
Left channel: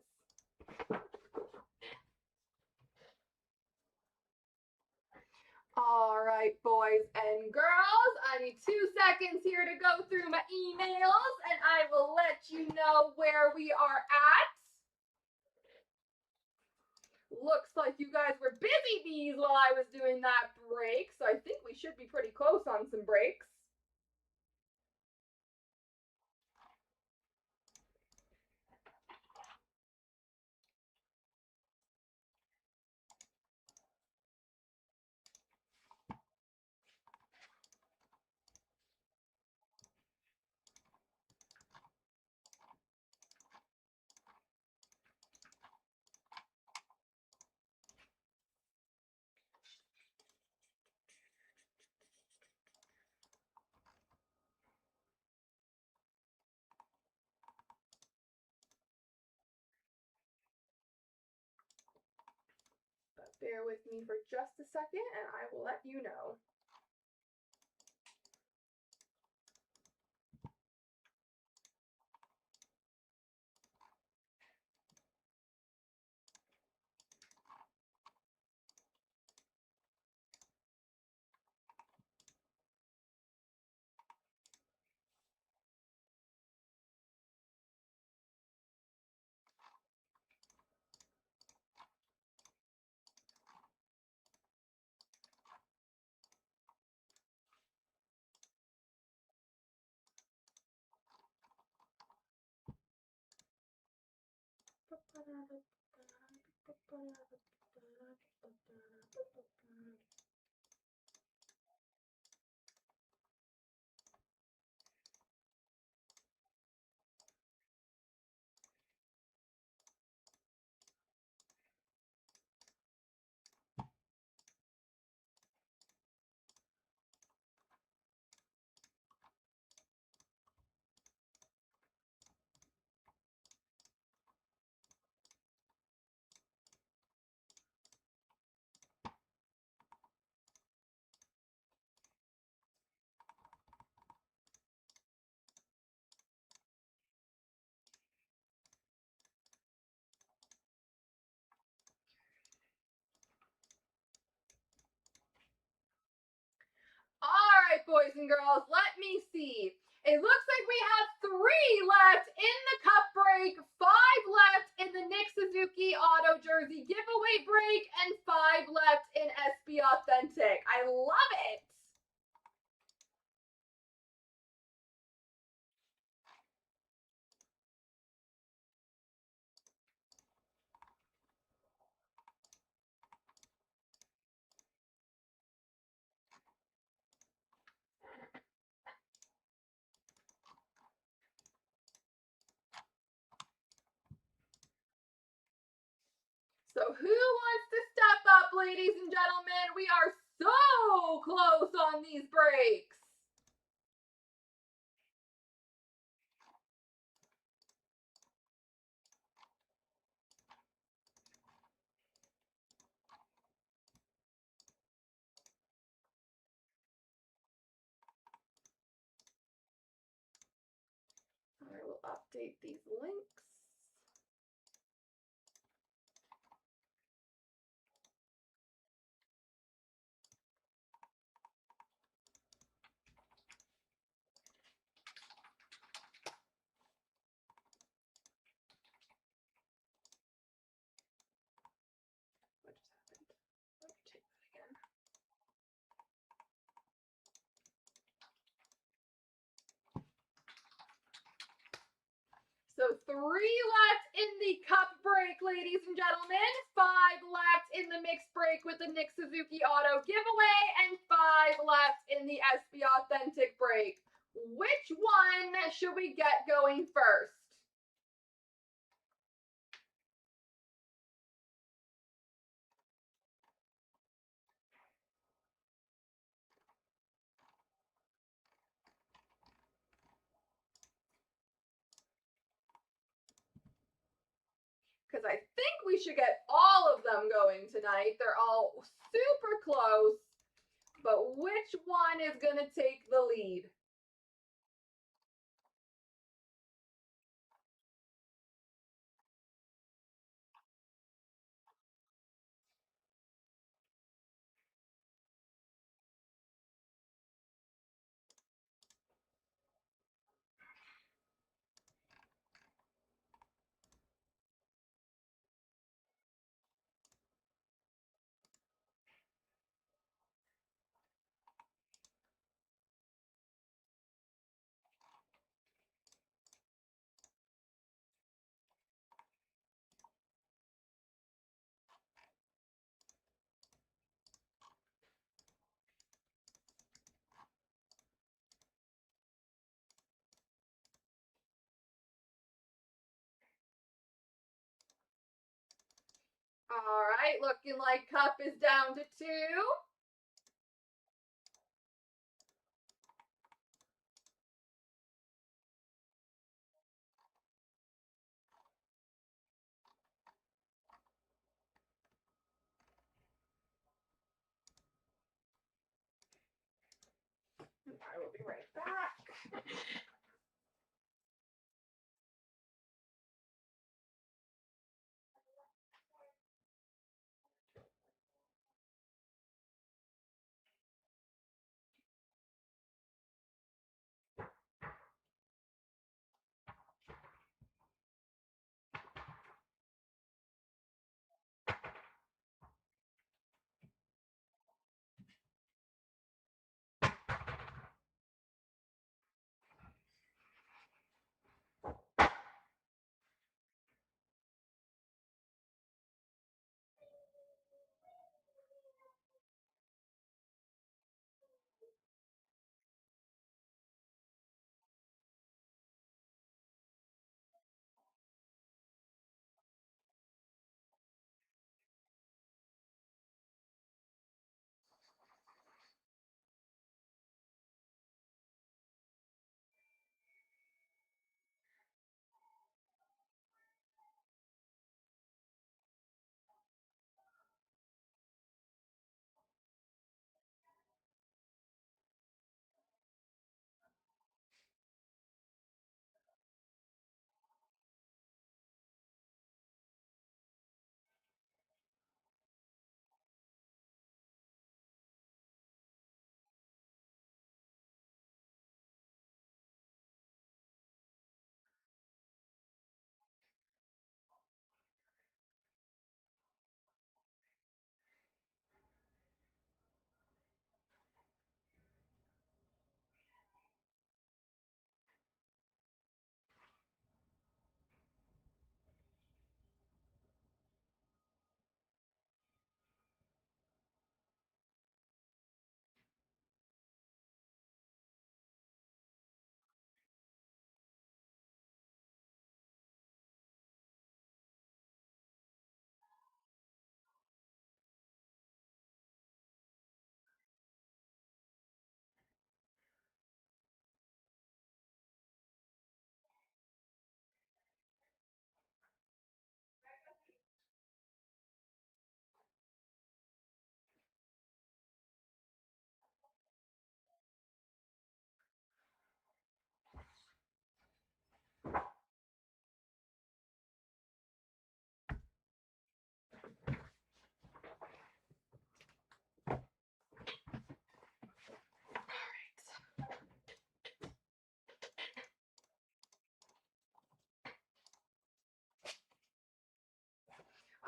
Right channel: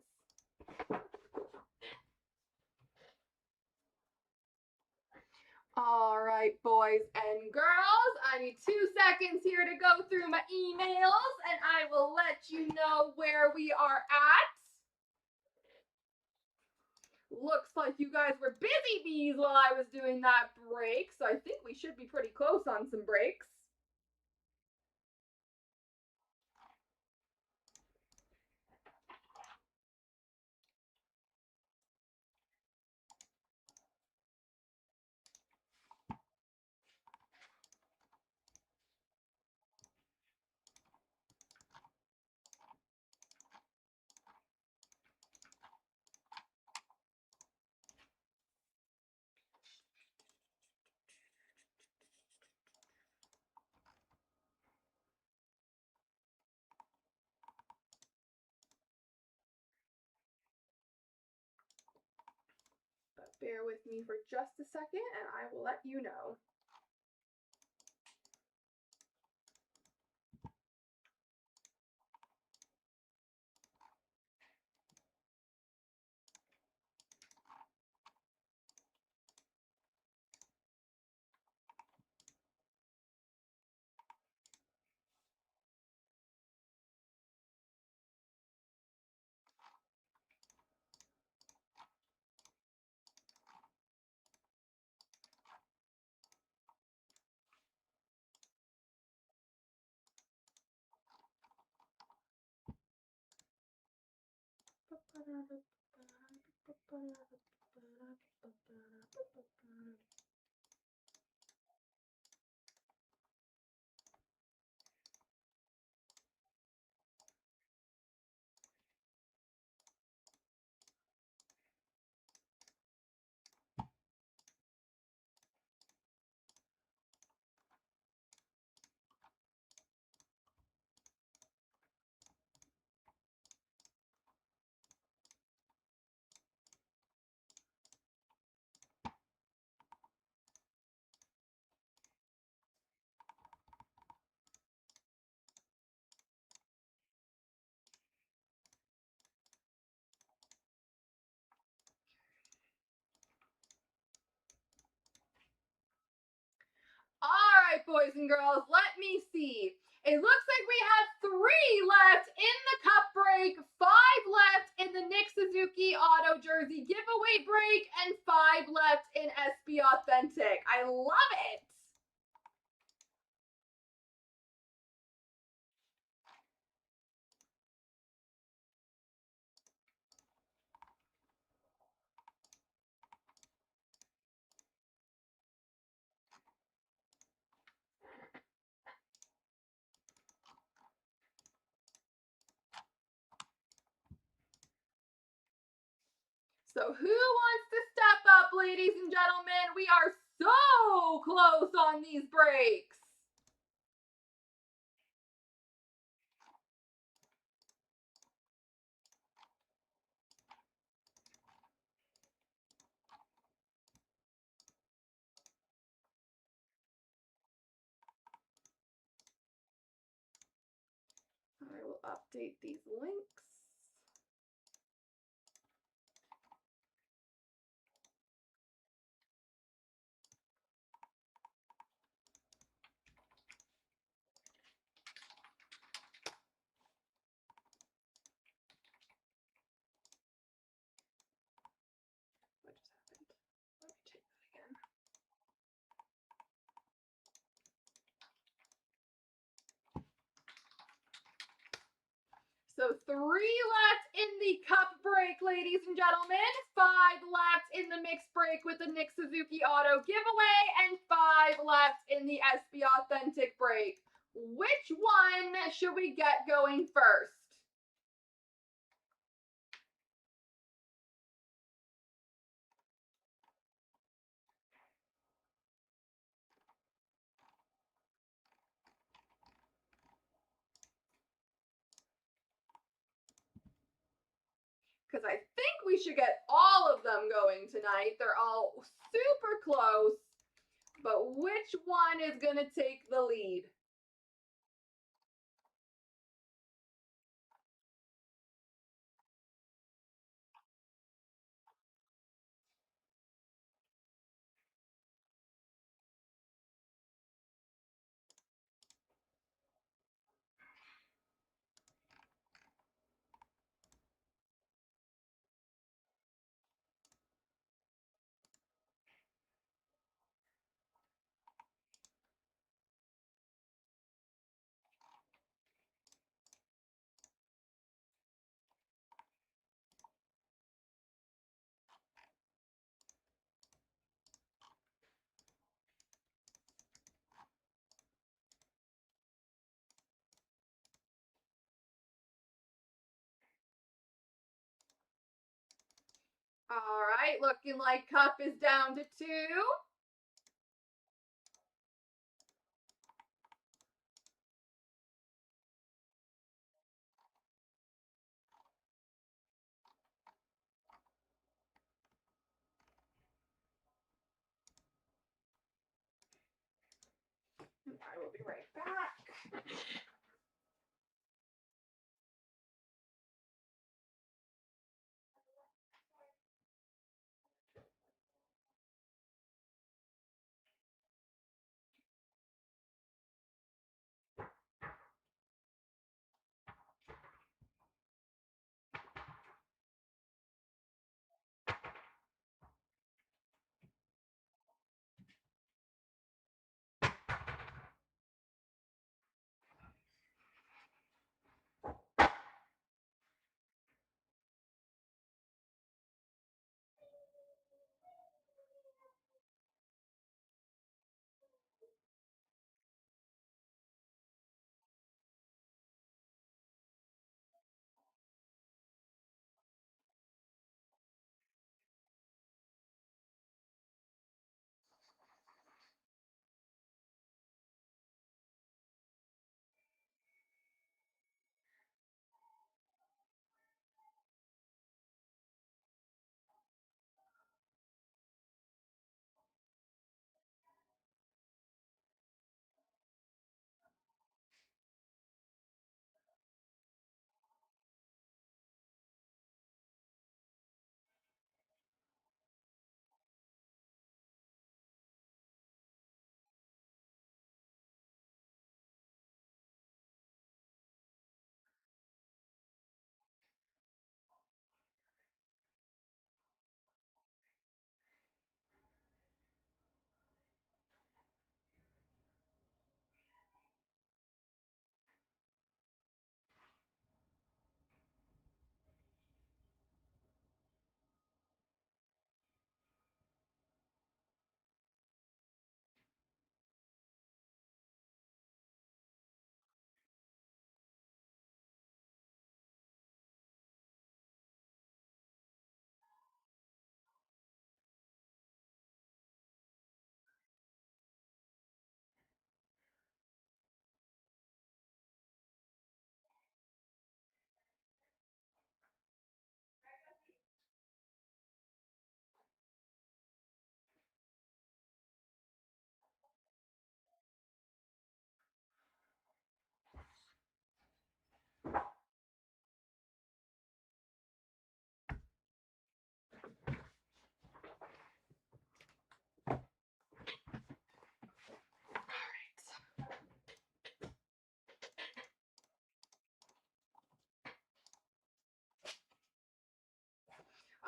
All right. right, boys and girls, I need 2 seconds here to go through my emails and I will let you know where we are at. Looks like you guys were busy bees while I was doing that break, so I think we should be pretty close on some breaks. Bear with me for just a second and I will let you know. All right, boys and girls, let me see. It looks like we have 3 left in the cup break, 5 left in the Nick Suzuki Auto Jersey giveaway break, and 5 left in SB Authentic. I love it. So who wants to step up, ladies and gentlemen? We are so close on these breaks. I will update these links. What just happened? Let me take that again. So 3 left in the cup break, ladies and gentlemen. 5 left in the mixed break with the Nick Suzuki Auto giveaway, and 5 left in the SB Authentic break. Which one should we get going first? Because I think we should get all of them going tonight. They're all super close, but which one is going to take the lead? All right, looking like cup is down to 2. I will be right back.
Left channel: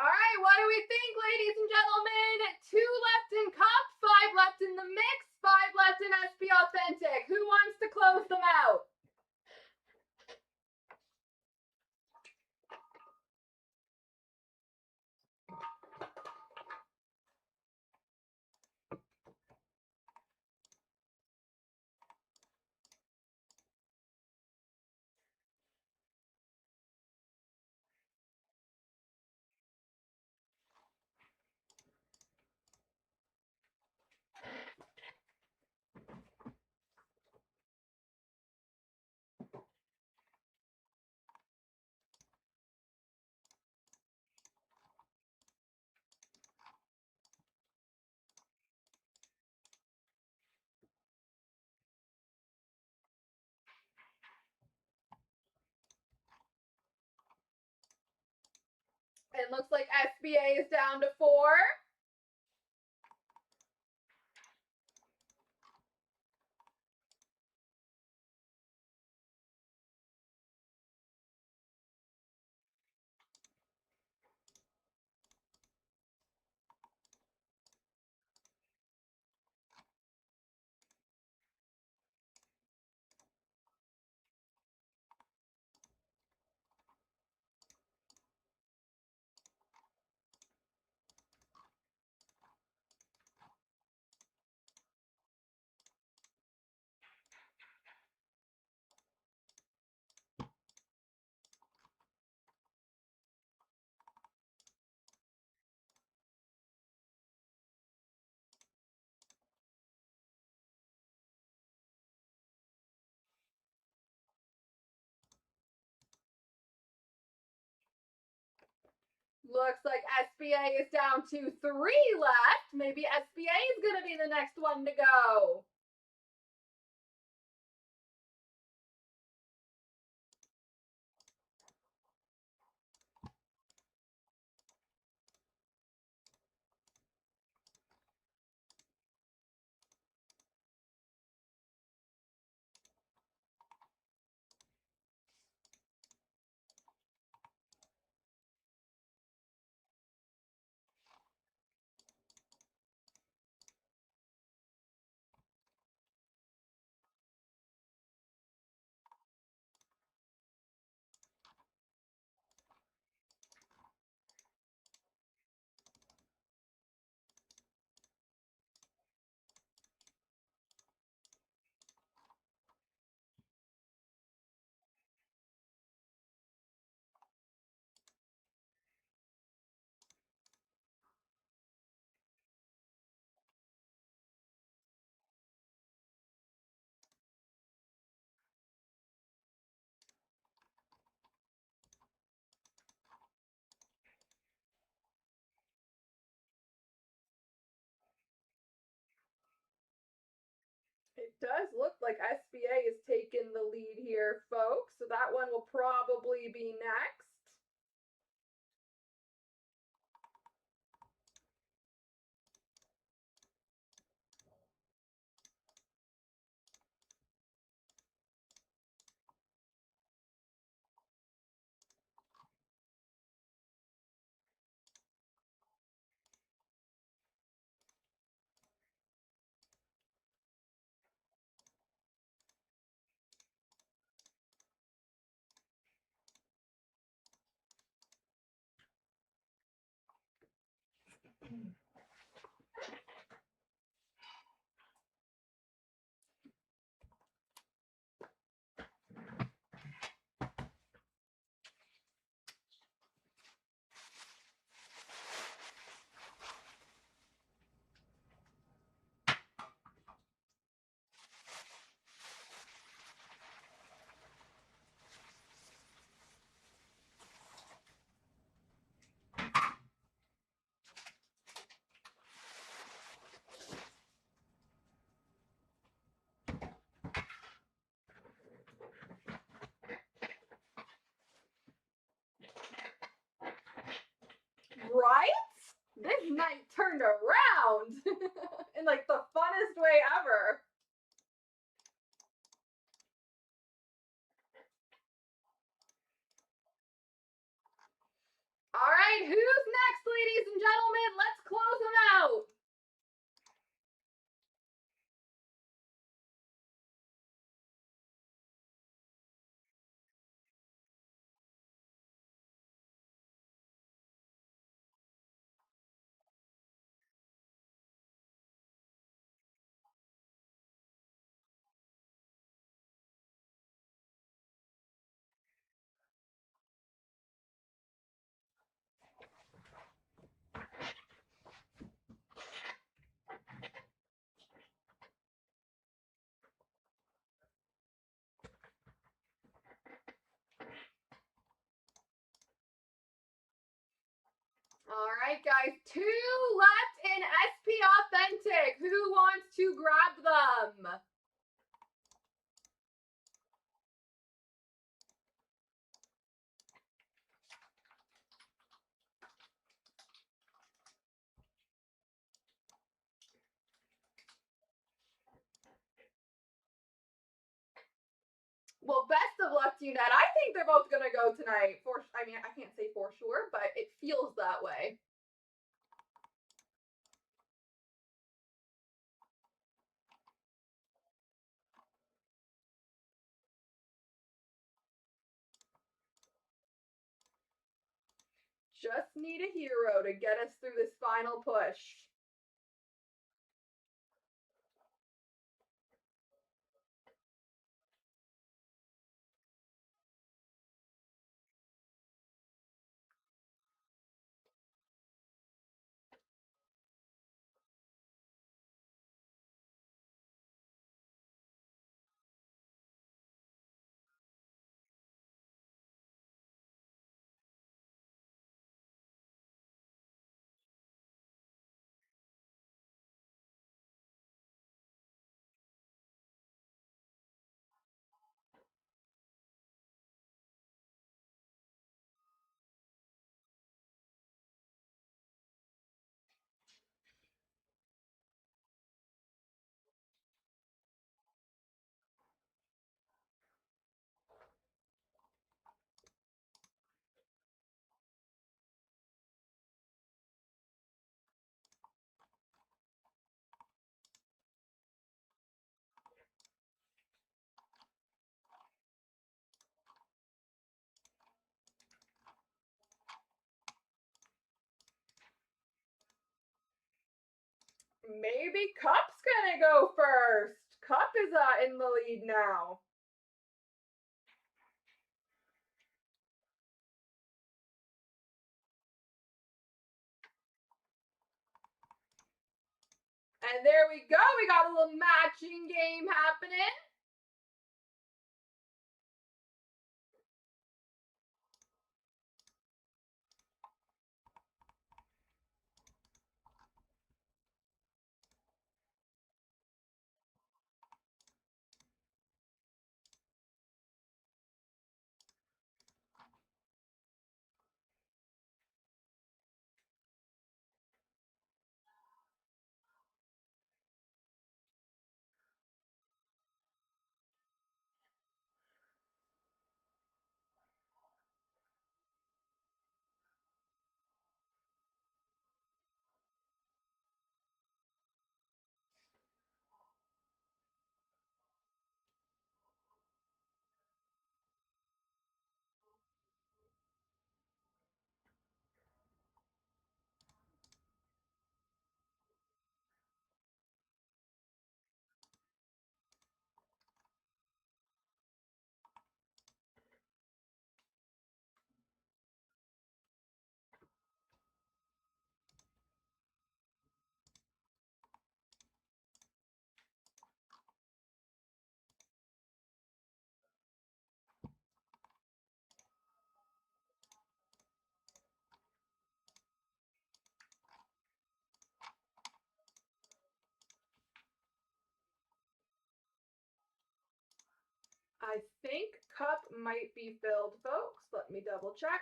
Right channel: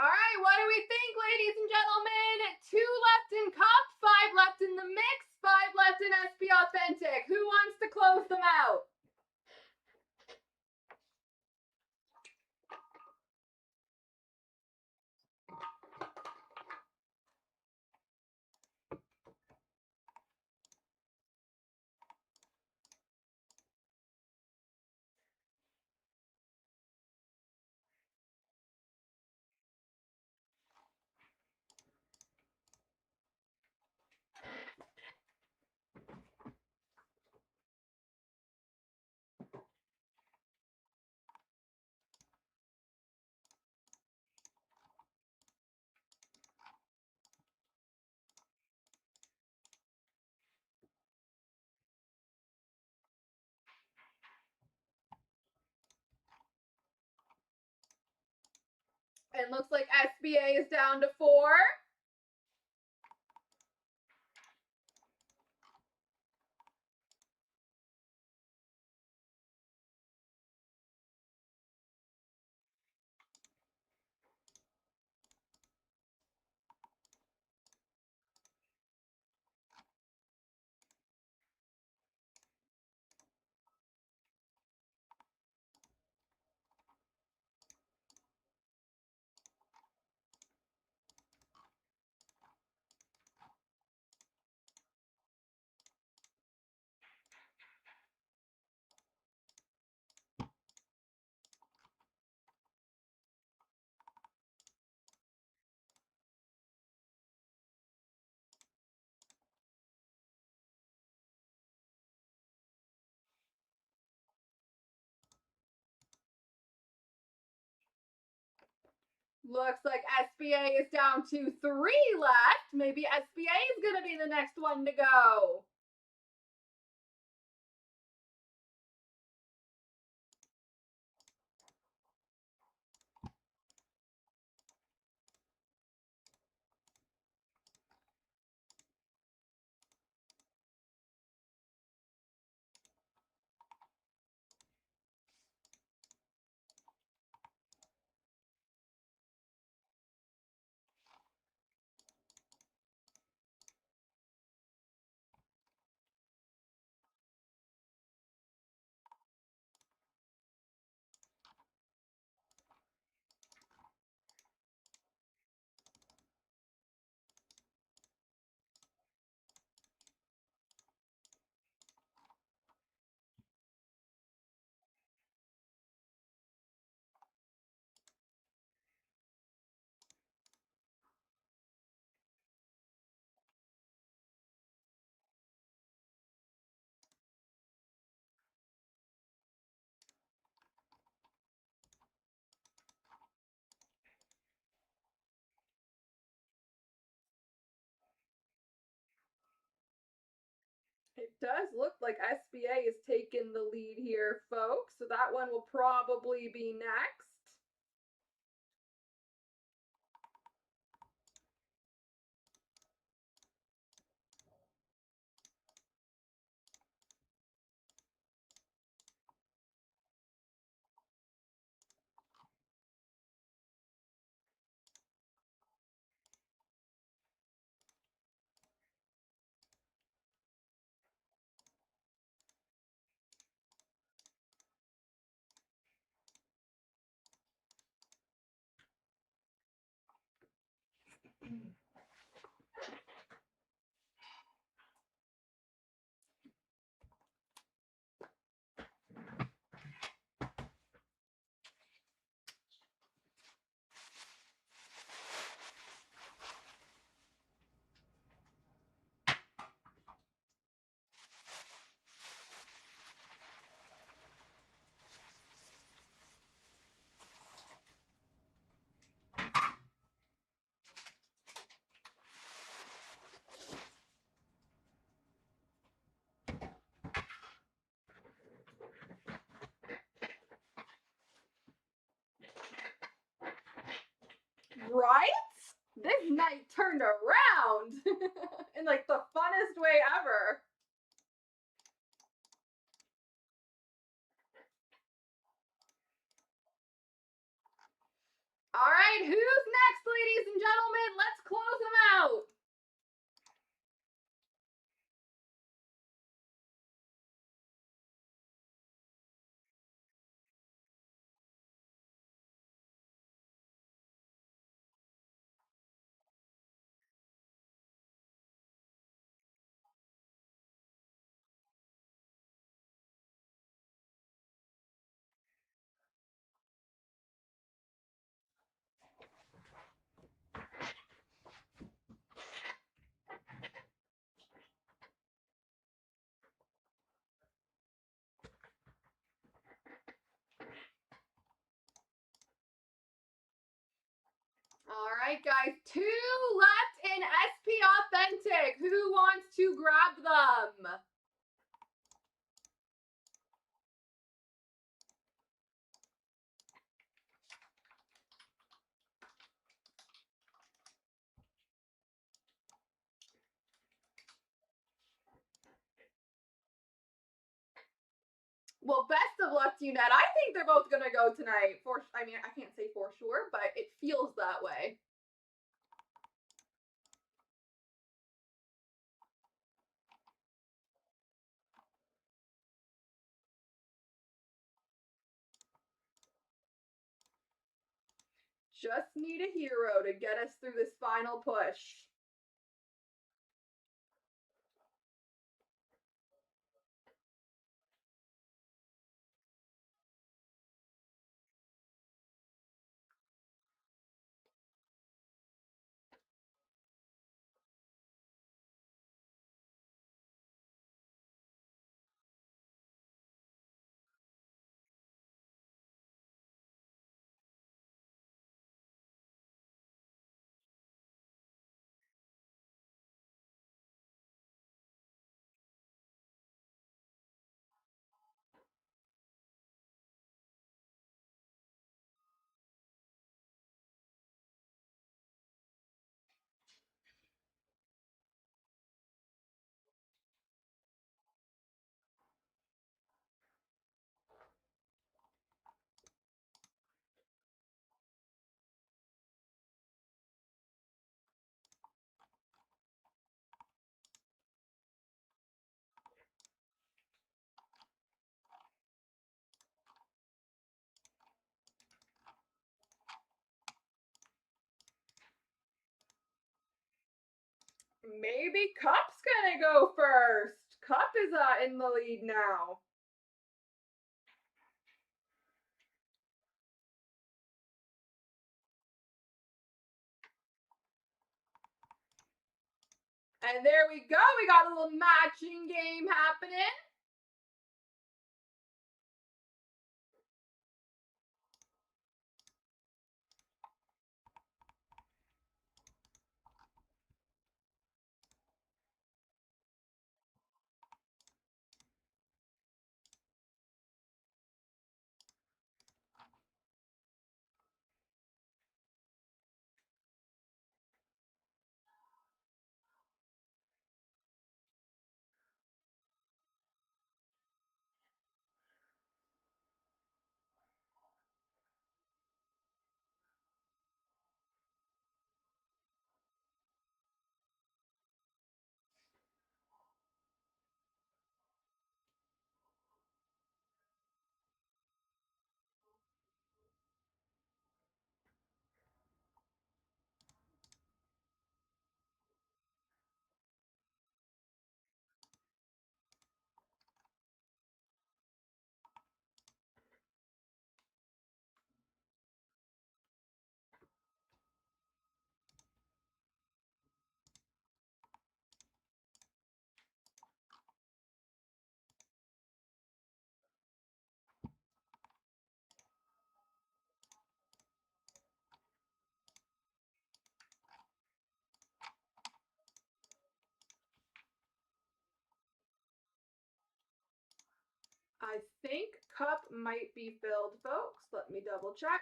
All right, what do we think, ladies and gentlemen? 2 left in cup, 5 left in the mix, 5 left in SP Authentic. Who wants to close them out? It looks like SBA is down to 4. Looks like SBA is down to 3 left. Maybe SBA is going to be the next one to go. It does look like SBA is taking the lead here, folks. So that one will probably be next. Right? This night turned around in like the funnest way ever. All right, who's next, ladies and gentlemen? Let's close them out. All right, guys, 2 left in SP Authentic. Who wants to grab them? Well, best of luck to you, Ned. I think they're both going to go tonight. I mean, I can't say for sure, but it feels that way. Just need a hero to get us through this final push. Maybe Cup's gonna go first. Cup is in the lead now. And there we go. We got a little matching game happening. I think Cup might be filled, folks. Let me double check.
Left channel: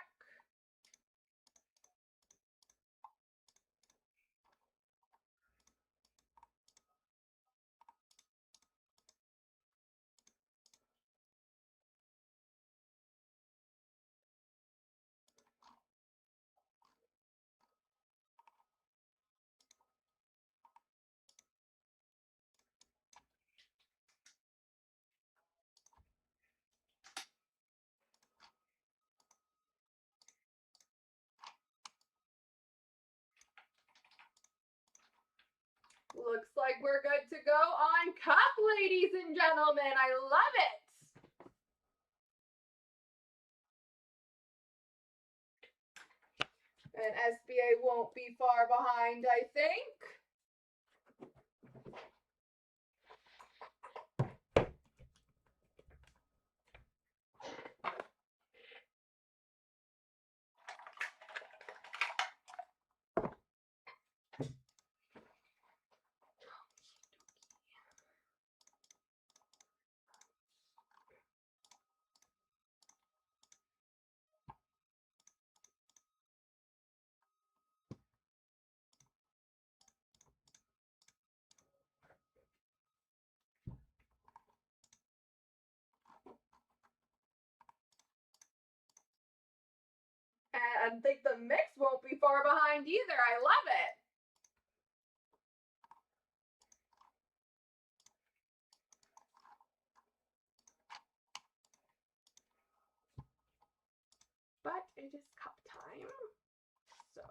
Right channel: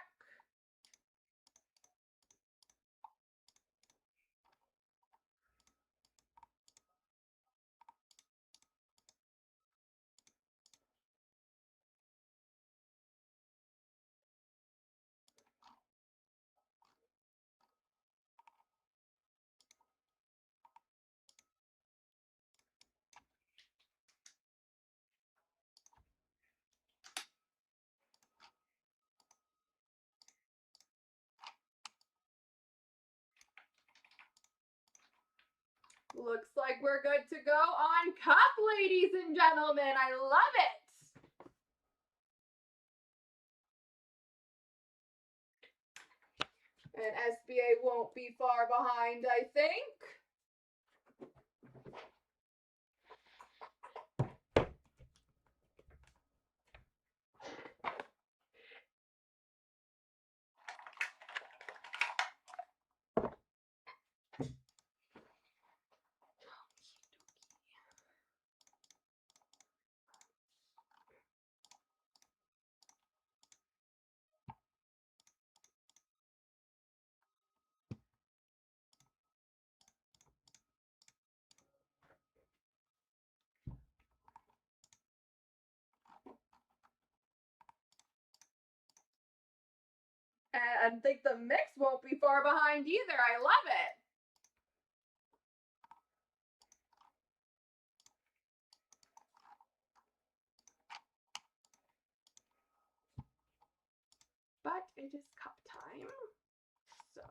Looks like we're good to go on Cup, ladies and gentlemen. I love it. And SBA won't be far behind, I think. And I think the mix won't be far behind either. I love it. But it is Cup time. So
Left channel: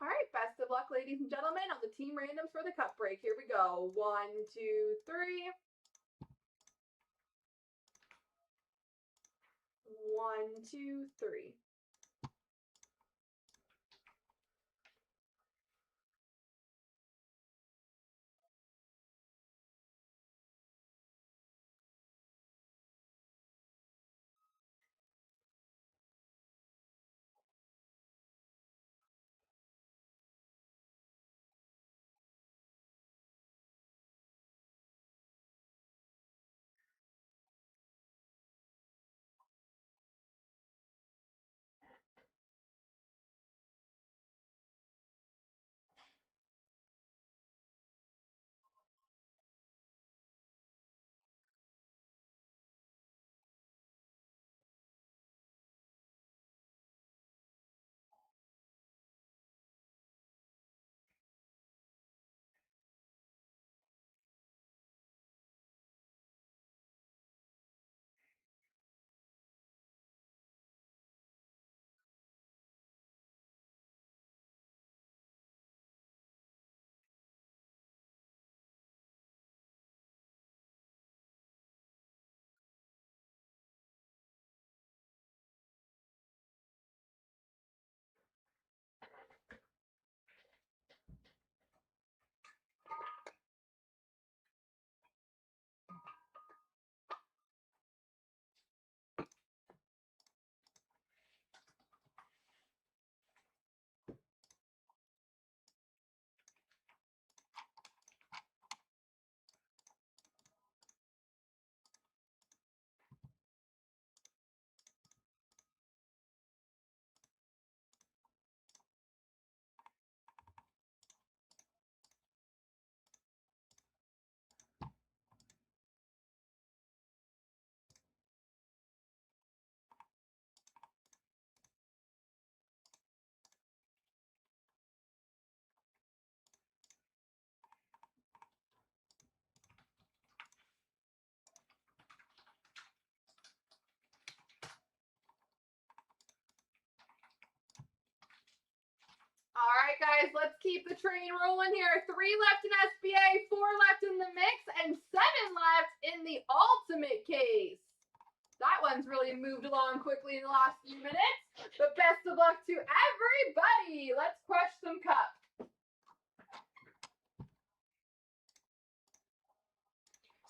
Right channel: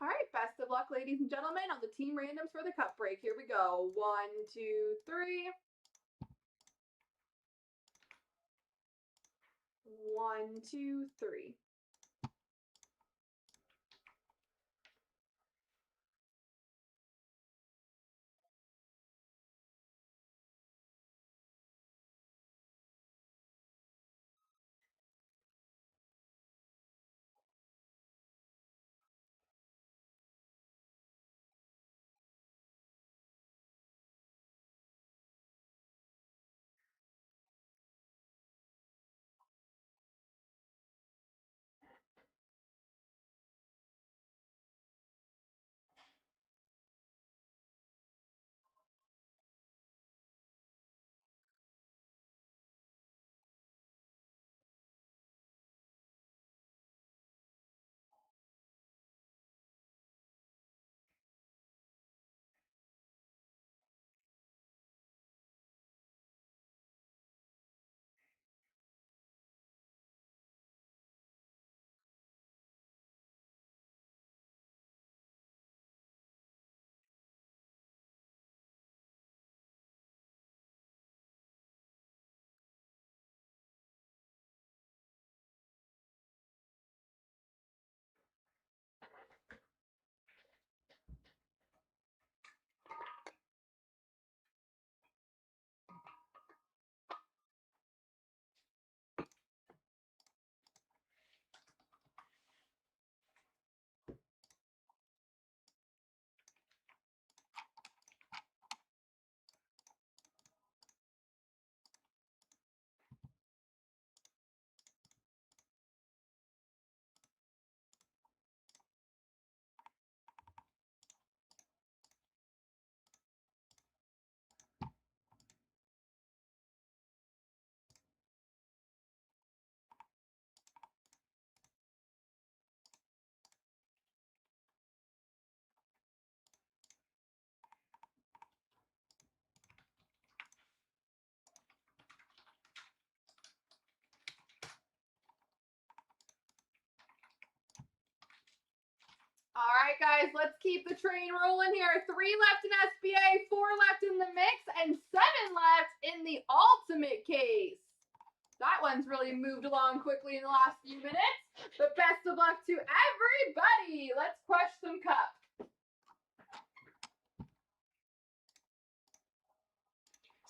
all right, best of luck, ladies and gentlemen, on the team randoms for the Cup break. Here we go. 1, 2, 3. 1, 2, 3. guys. Let's keep the train rolling here. 3 left in SBA, 4 left in the mix, and 7 left in the ultimate case. That one's really moved along quickly in the last few minutes. But best of luck to everybody. Let's crush some cup.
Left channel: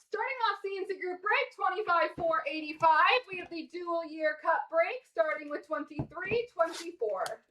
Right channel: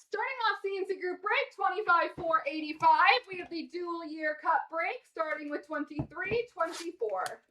Starting off CNC Group Break, 25,485. We have the dual year cup break, starting with 23,24.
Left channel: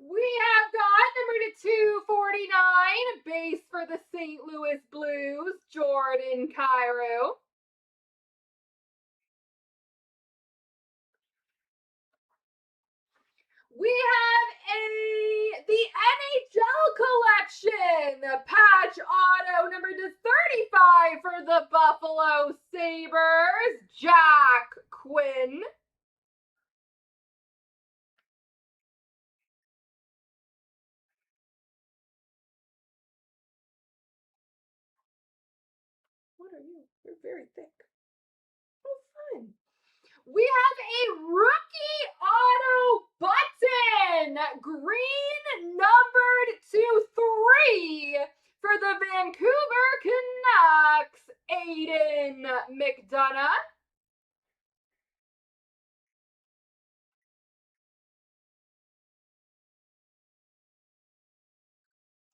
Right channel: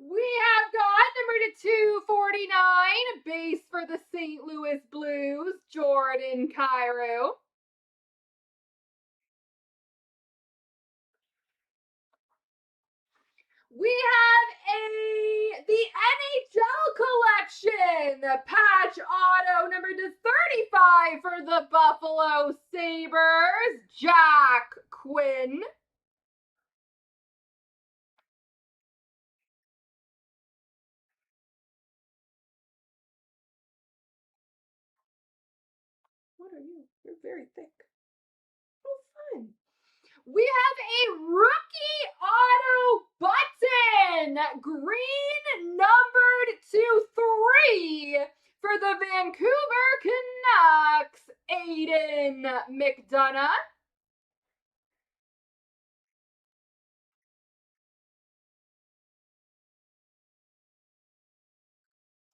We have got number to 249, base for the St. Louis Blues, Jordan Cairo. We have the NHL collection, patch auto number to 35 for the Buffalo Sabres, Jack Quinn. What are you? You're very thick. Oh, fun. We have a rookie auto button, green numbered to 3 for the Vancouver Canucks, Aiden McDonough.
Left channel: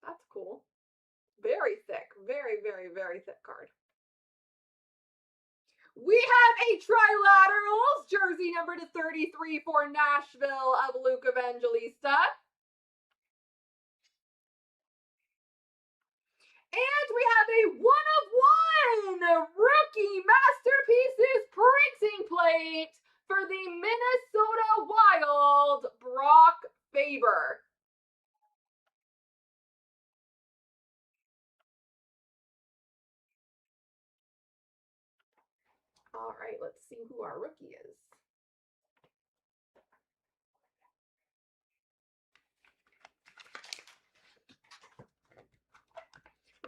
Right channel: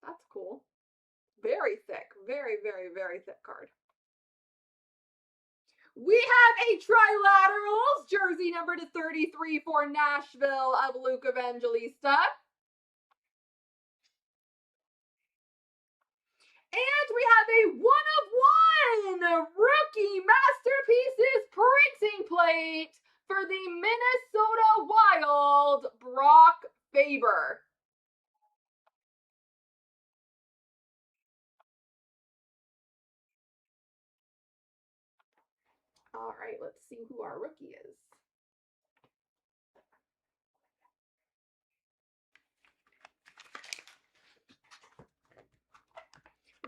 That's cool. Very thick. Very, very, very thick card. We have a trilaterals, jersey number to 33 for Nashville of Luke Evangelista. And we have a 1-of-1 rookie masterpieces printing plate for the Minnesota Wild, Brock Faber. All right, let's see who our rookie is.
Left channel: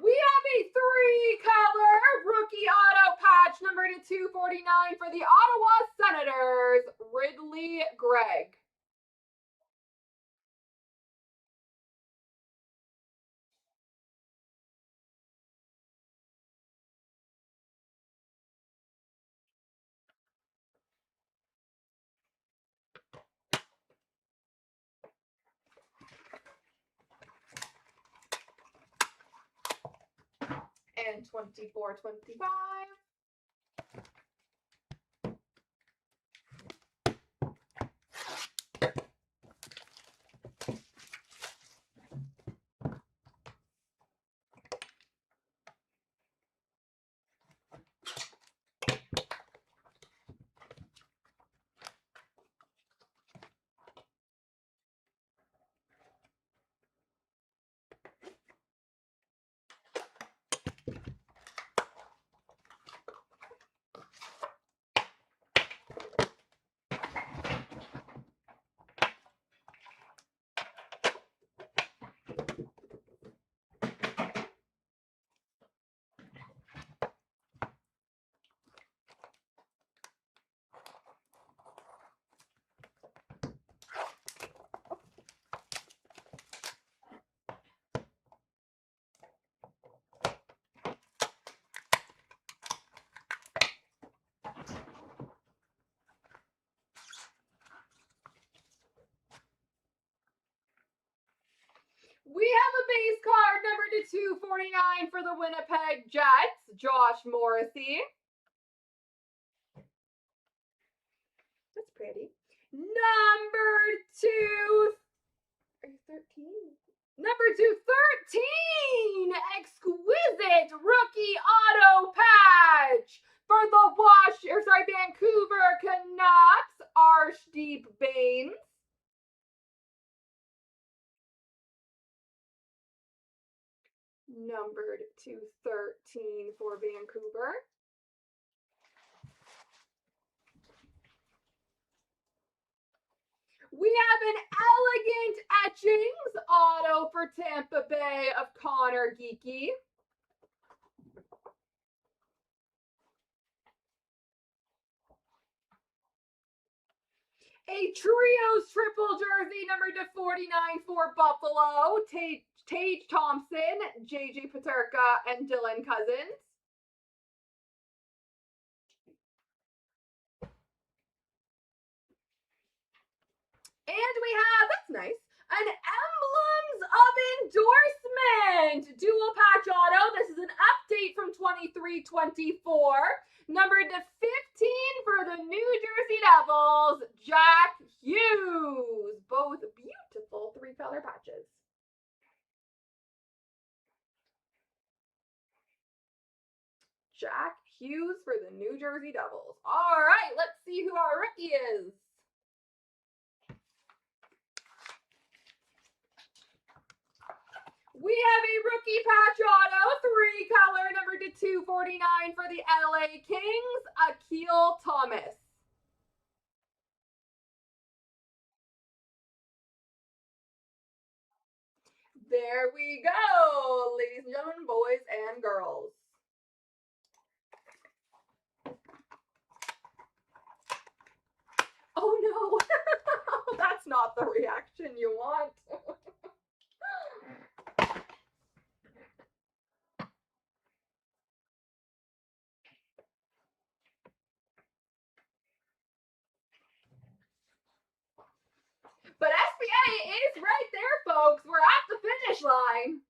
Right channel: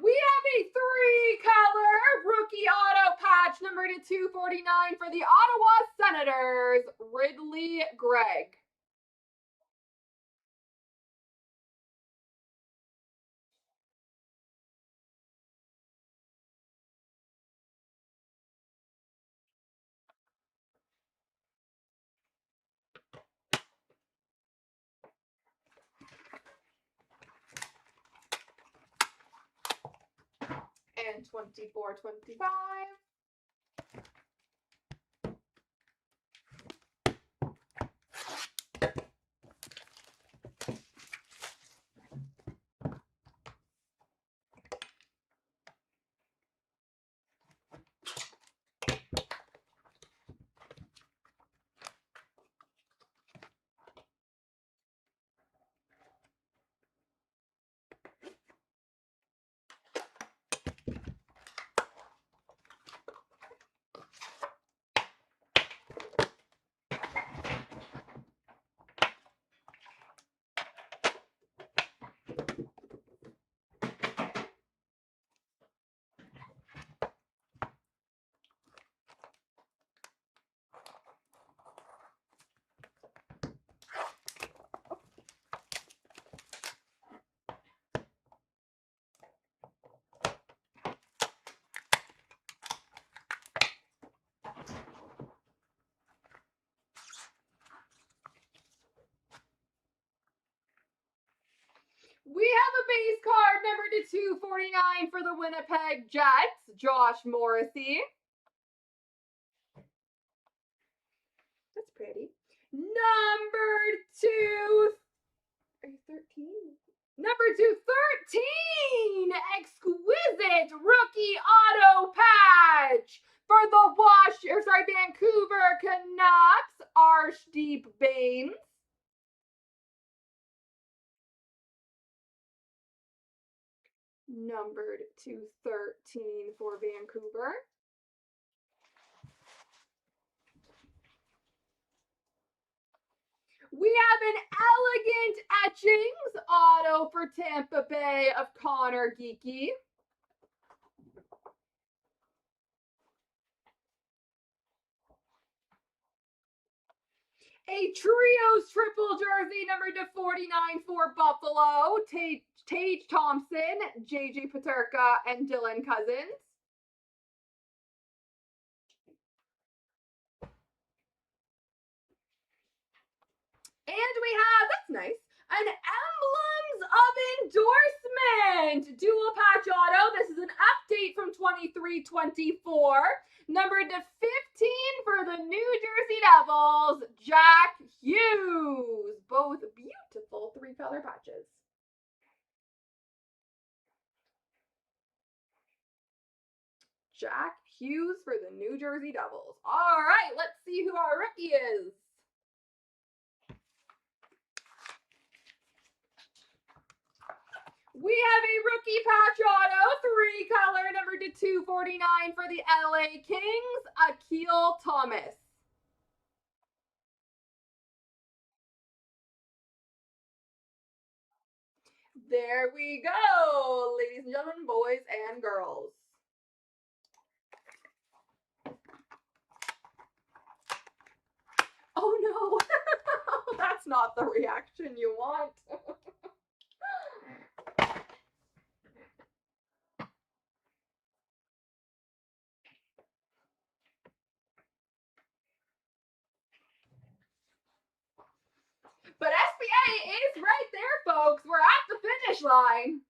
We have a 3-color rookie auto patch number to 249 for the Ottawa Senators, Ridley Gregg. And 24-25. 249 for the Winnipeg Jets, Josh Morrissey. That's pretty. Number 213. Number 213, exquisite rookie auto patch for the Vancouver Canucks, Arshdeep Bains. Numbered 213 for Vancouver. We have an elegant etchings auto for Tampa Bay of Connor Geekie. A trios triple jersey number 249 for Buffalo, Tage Thompson, JJ Peterka, and Dylan Cousins. And we have, that's nice, an Emblems of Endorsement dual patch auto. This is an update from 23-24. Number 15 for the New Jersey Devils, Jack Hughes. Both beautiful 3-color patches. Jack Hughes for the New Jersey Devils. All right, let's see who our rookie is. We have a rookie patch auto, 3-color, number 249 for the LA Kings, Akil Thomas. There we go, ladies and gentlemen, boys and girls. Oh no, that's not the reaction you want. But SBA is right there, folks. We're at the finish line.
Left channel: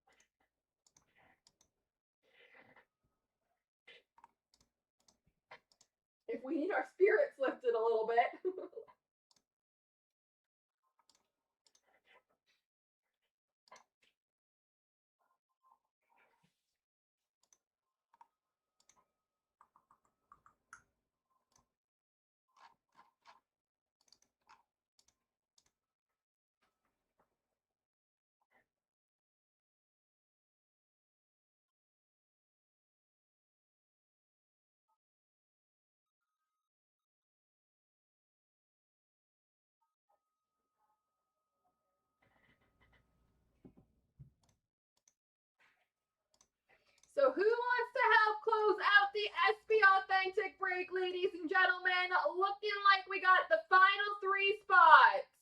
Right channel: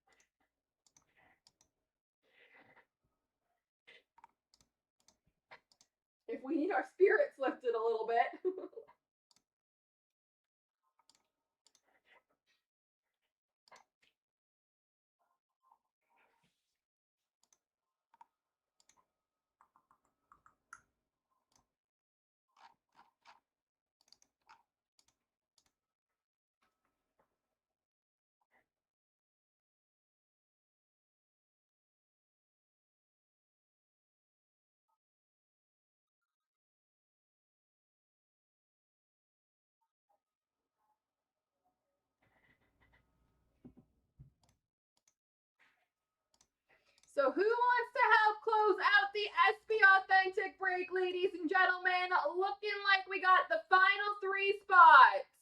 If we need our spirits lifted a little bit. So who wants to help close out the SB Authentic break, ladies and gentlemen? Looking like we got the final 3 spots.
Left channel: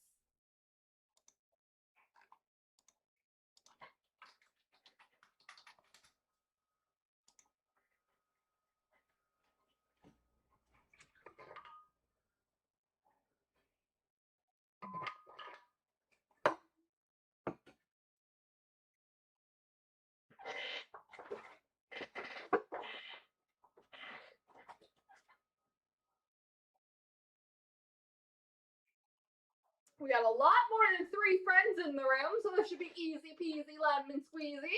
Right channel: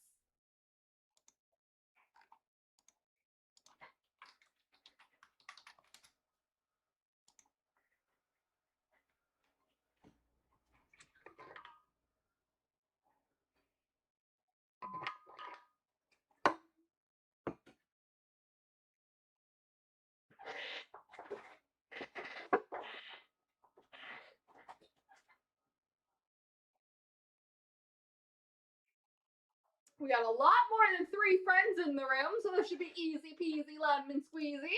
We got a lot more than 3 friends in the room, so this should be easy peasy lemon squeezy.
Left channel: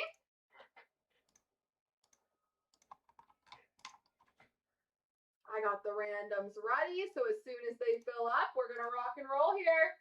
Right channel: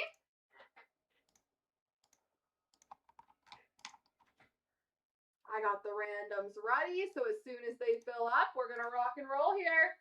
I got the randoms ready, so as soon as they fill up, we're gonna rock and roll here.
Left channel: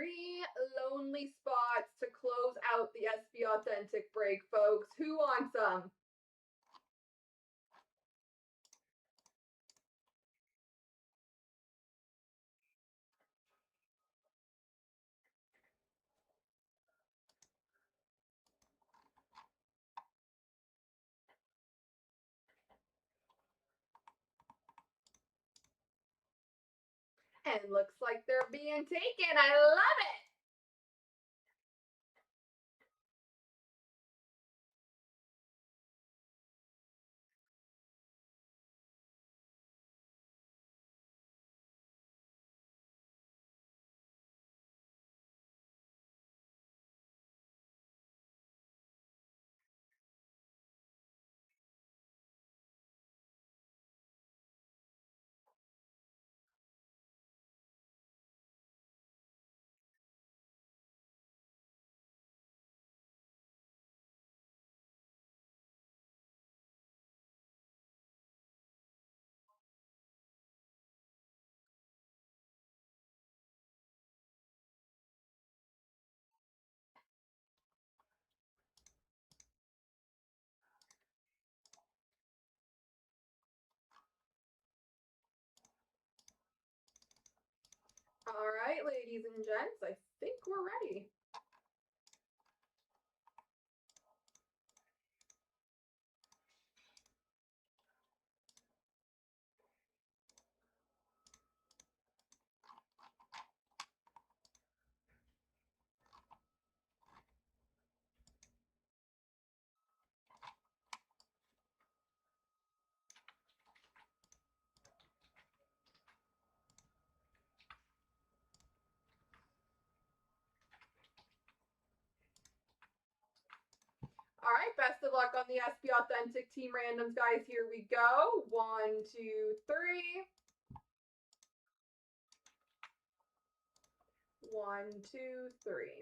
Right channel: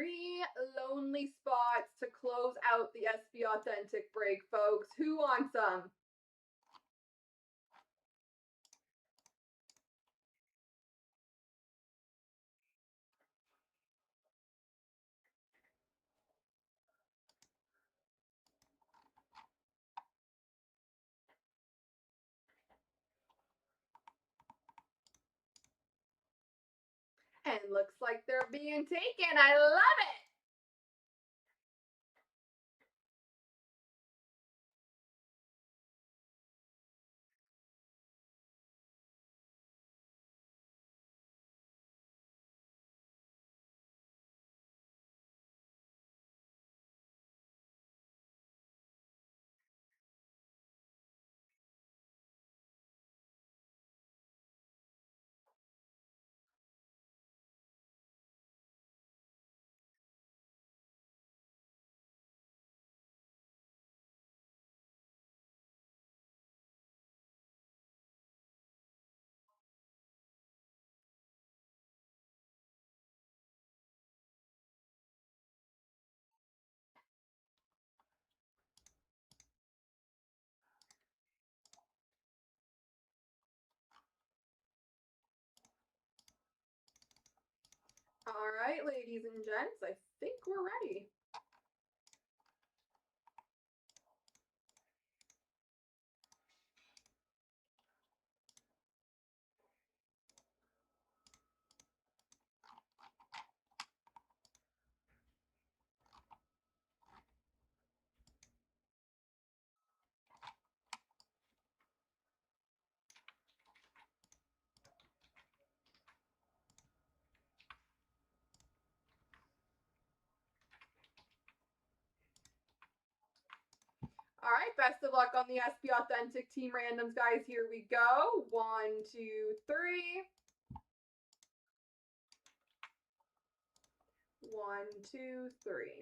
3 lonely spots to close out the SB Authentic break, folks. Who wants them? And looks like they're being taken. I love it. All right, ladies and gents, I think we're ready. All right, best of luck on the SB Authentic Team Randoms, guys. Here we go. 1, 2, 3. 1, 2, 3.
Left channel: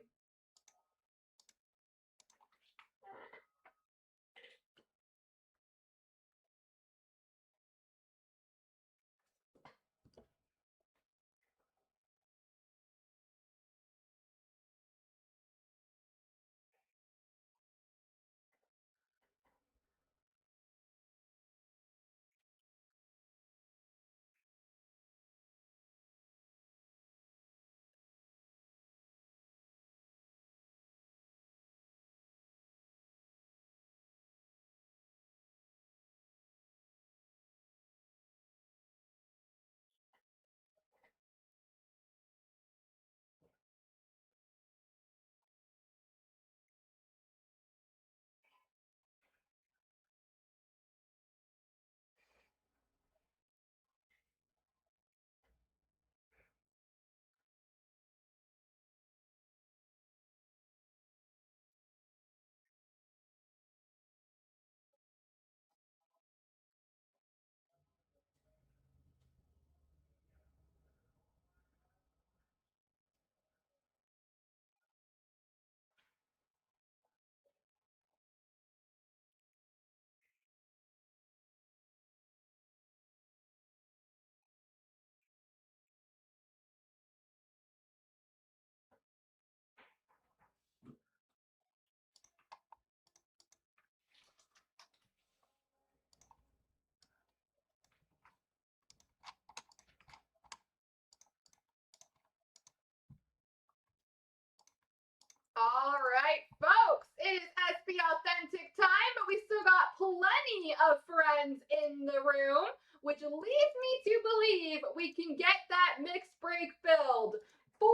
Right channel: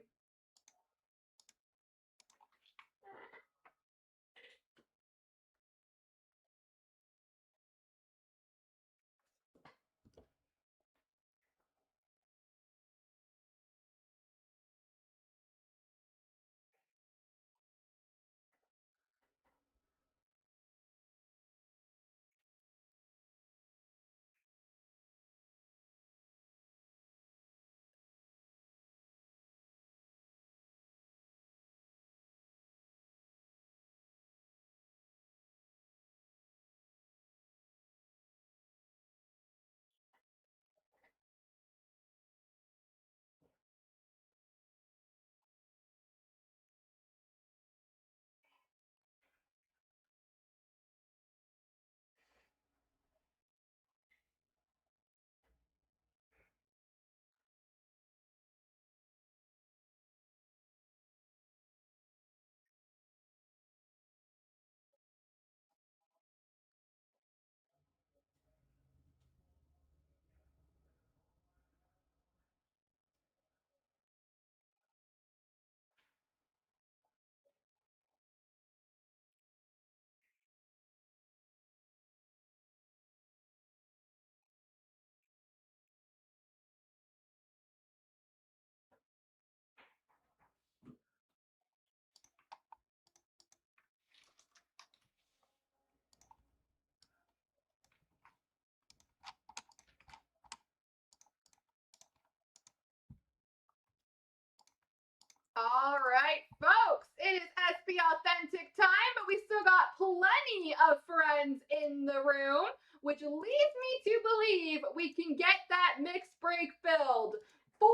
All right, folks, it is SB Authentic time, but we still got plenty of friends in the room, which leads me to believe we can get that mixed break filled. 4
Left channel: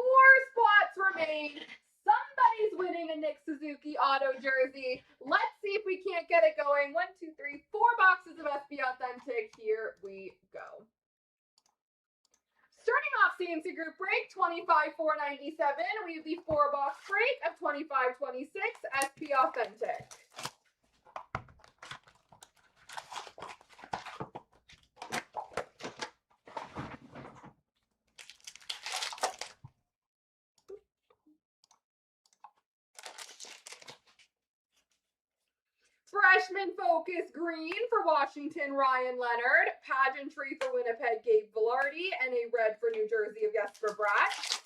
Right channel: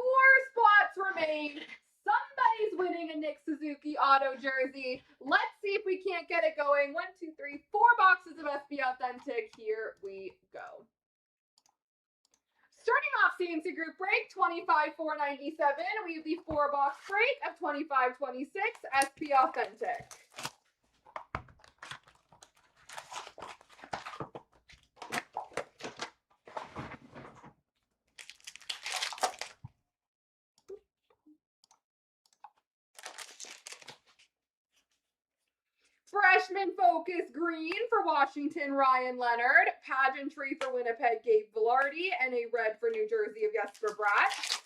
spots remain. Somebody's winning a Nick Suzuki auto jersey. Let's see if we can't get it going. 1, 2, 3, 4 boxes of SB Authentic. Here we go. Starting off CNC Group Break, 25,497. We have the 4-box break of 2526 SP Authentic. Freshman Focus Green for Washington, Ryan Leonard. Pageantry for Winnipeg, Gabe Velarde. And a red for New Jersey of Jesper Bratt.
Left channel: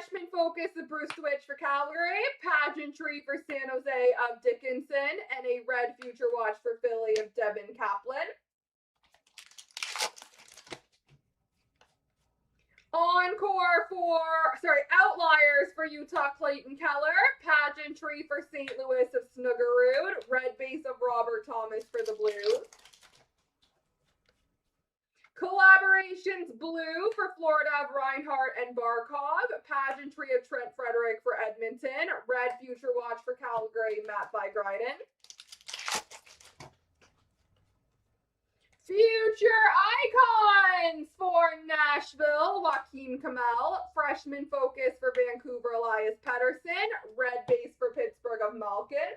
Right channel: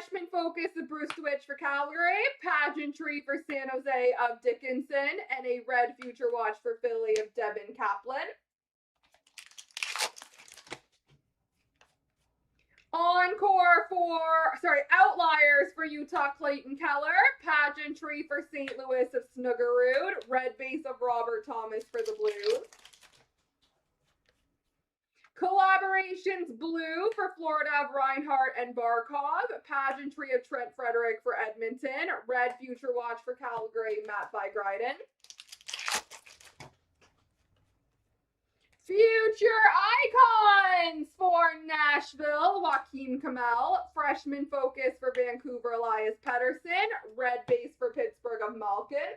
Freshman focus of Bruce Switch for Calgary, pageantry for San Jose of Dickinson, and a red future watch for Philly of Devin Kaplan. Outliers for Utah Clayton Keller, pageantry for St. Louis of Snuggerud, red base of Robert Thomas for the Blues. Collaborations blue for Florida of Reinhardt and Barkov, pageantry of Trent Frederick for Edmonton, red future watch for Calgary, Matt Vigryden. Future icons for Nashville, Joaquin Kamel, freshman focus for Vancouver, Elias Pettersson, red base for Pittsburgh of Malkin.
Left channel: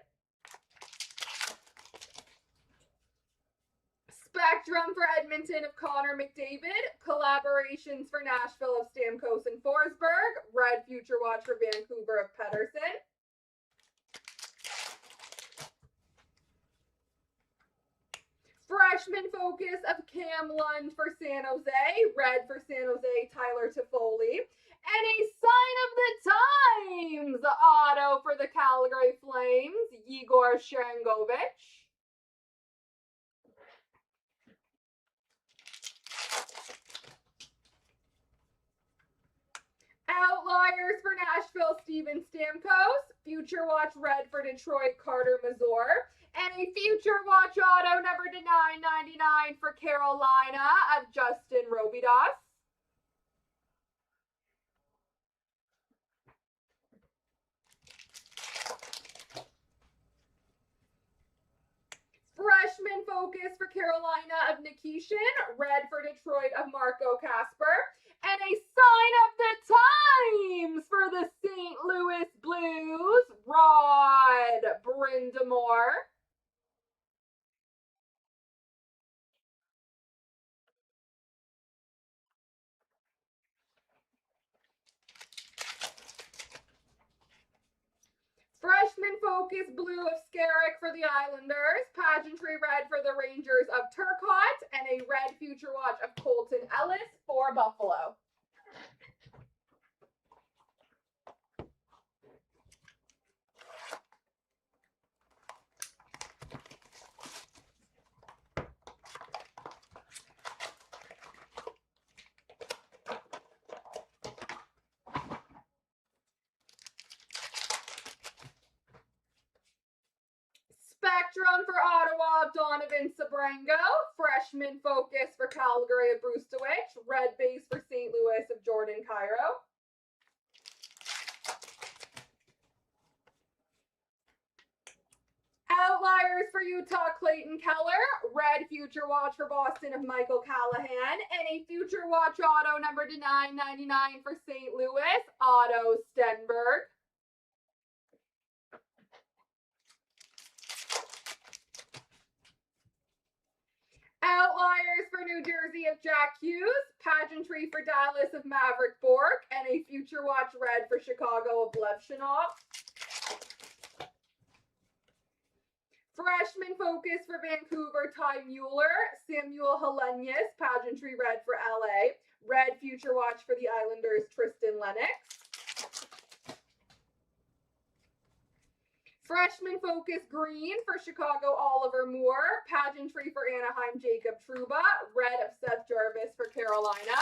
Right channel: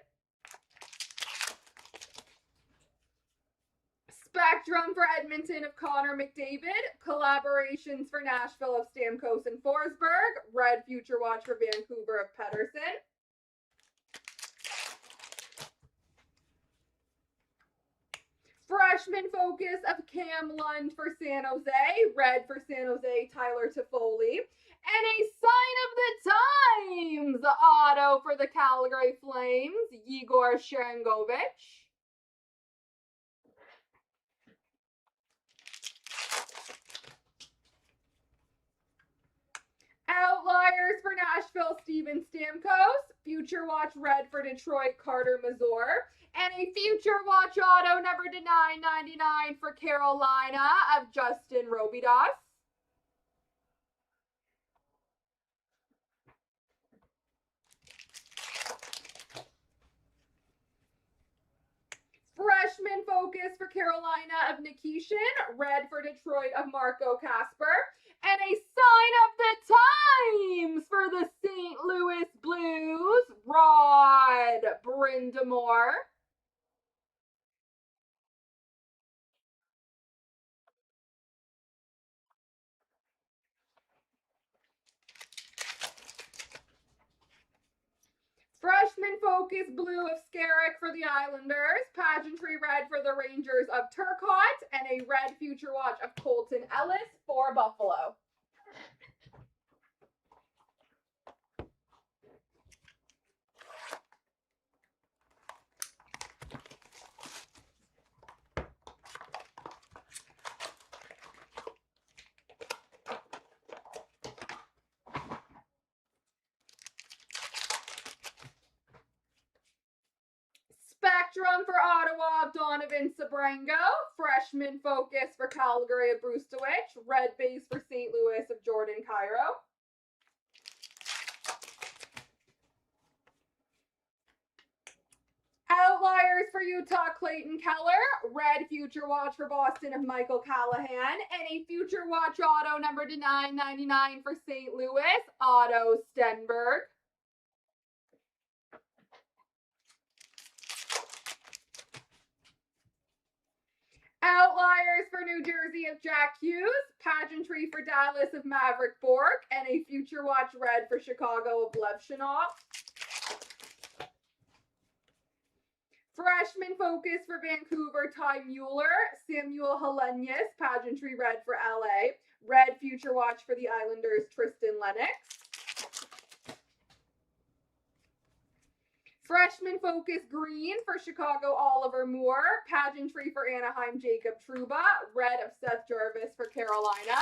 Spectrum for Edmonton of Connor McDavid, collaborations for Nashville of Stamkos and Forsberg, red future watch for Vancouver of Pettersson. Freshman focus of Cam Lund for San Jose, red for San Jose, Tyler Toffoli. And a sign of the times auto for the Calgary Flames, Igor Sharangovich. Outliers for Nashville, Steven Stamkos. Future watch red for Detroit, Carter Mazur. And a future watch auto number to 999 for Carolina of Justin Robidas. Freshman focus for Carolina of Nikishin, red for Detroit of Marco Casper. And a sign of the times for the St. Louis Blues, Rod Brind'Amour. Freshman focus blue of Skarek for the Islanders, pageantry red for the Rangers of Turcotte, and a red future watch of Colton Ellis for Buffalo. Spectrum for Ottawa of Donovan Sabrango, freshman focus for Calgary of Bruce Switch, red base for St. Louis of Jordan Cairo. Outliers for Utah Clayton Keller, red future watch for Boston of Michael Callahan, and a future watch auto number to 999 for St. Louis, Otto Stenberg. Outliers for New Jersey of Jack Hughes, pageantry for Dallas of Maverick Bork, and a future watch red for Chicago of Levshinov. Freshman focus for Vancouver, Ty Mueller, Samuel Helenyus, pageantry red for LA, red future watch for the Islanders, Tristan Lennox. Freshman focus green for Chicago, Oliver Moore. Pageantry for Anaheim, Jacob Trouba. Red of Seth Jarvis for Carolina.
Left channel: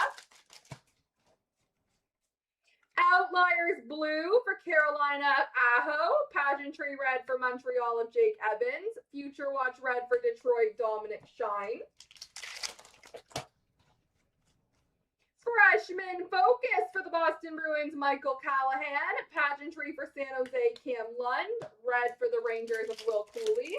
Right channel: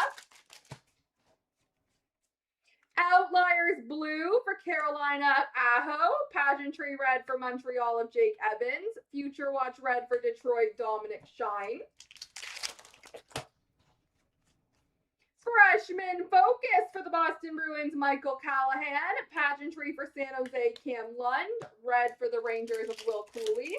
Outliers blue for Carolina of Aho. Pageantry red for Montreal of Jake Evans. Future watch red for Detroit, Dominic Shine. Freshman focus for the Boston Bruins, Michael Callahan. Pageantry for San Jose, Cam Lund. Red for the Rangers of Will Cooley.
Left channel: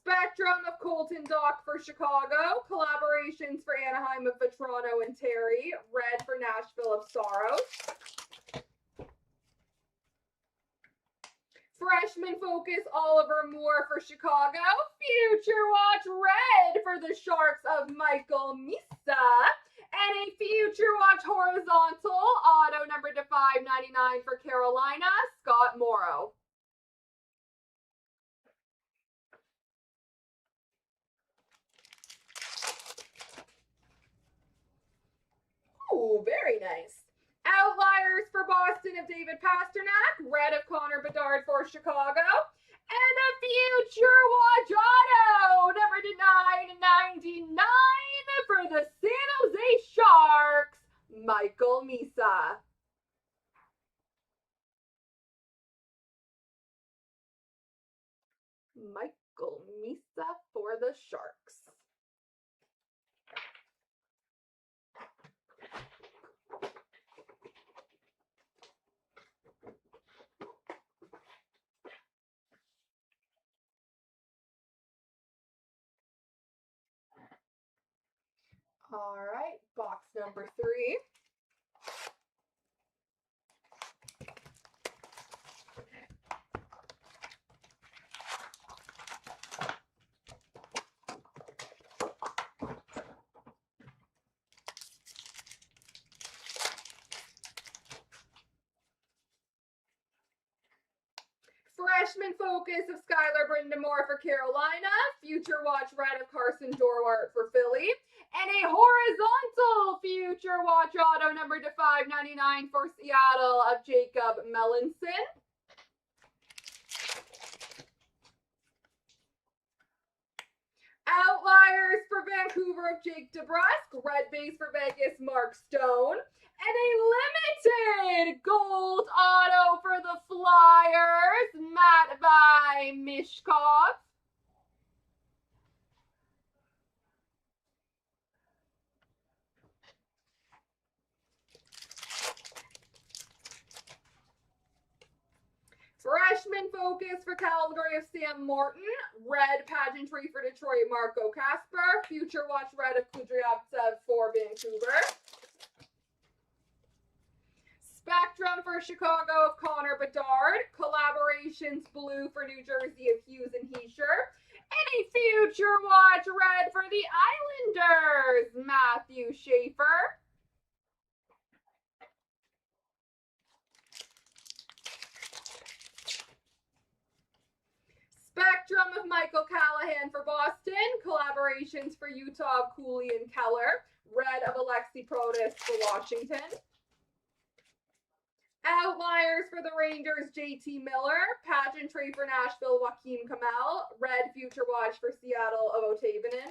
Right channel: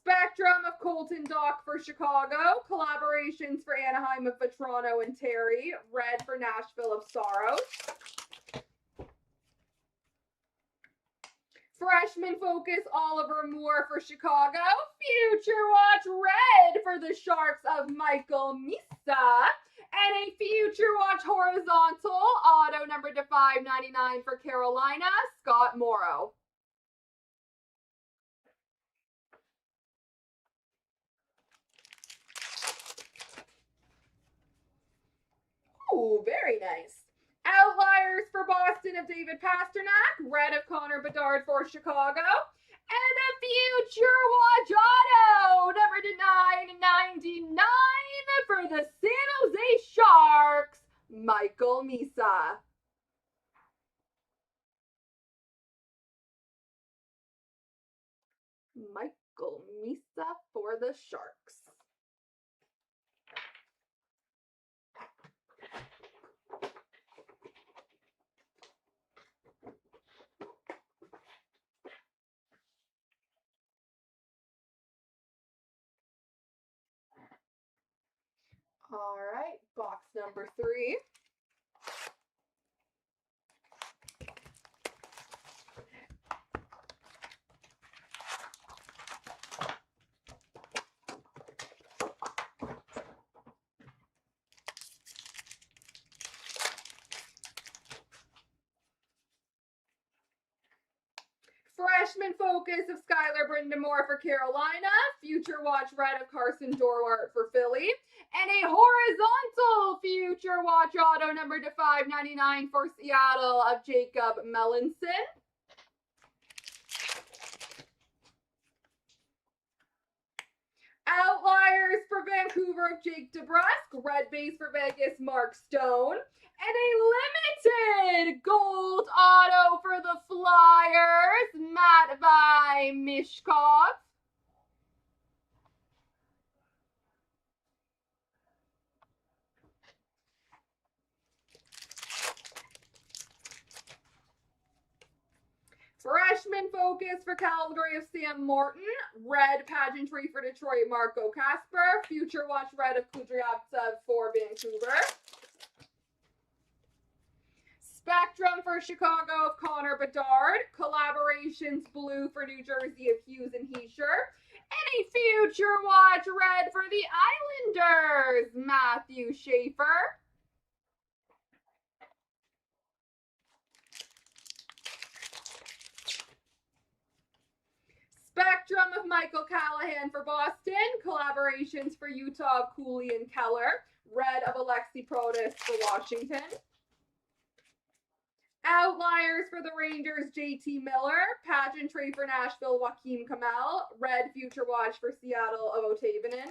Spectrum of Colton Dock for Chicago. Collaborations for Anaheim of Vetrano and Terry. Red for Nashville of Saros. Freshman focus Oliver Moore for Chicago. Future watch red for the Sharks of Michael Misa. And a future watch horizontal auto number to 599 for Carolina, Scott Morrow. Ooh, very nice. Outliers for Boston of David Pasternak. Red of Connor Bedard for Chicago. And a future watch auto, number to 999 for the San Jose Sharks, Michael Misa. Michael Misa for the Sharks. All right, box number 3. Freshman focus of Skylar Brindamore for Carolina. Future watch red of Carson Dorwart for Philly. And a horizontal future watch auto number to 599 for Seattle of Jacob Melanson. Outliers for Vancouver of Jake DeBrusk. Red base for Vegas, Mark Stone. And a limited gold auto for the Flyers, Matvei Michkov. Freshman focus for Calgary of Sam Morton. Red pageantry for Detroit, Marco Kasper. Future watch red of Kudryavtsev for Vancouver. Spectrum for Chicago of Connor Bedard. Collaborations blue for New Jersey of Hughes and Heischer. And a future watch red for the Islanders, Matthew Schaefer. Spectrum of Michael Callahan for Boston. Collaborations for Utah of Cooley and Keller. Red of Alexi Protas for Washington. Outliers for the Rangers, JT Miller. Pageantry for Nashville, Joaquin Kamel. Red future watch for Seattle of Otavainen.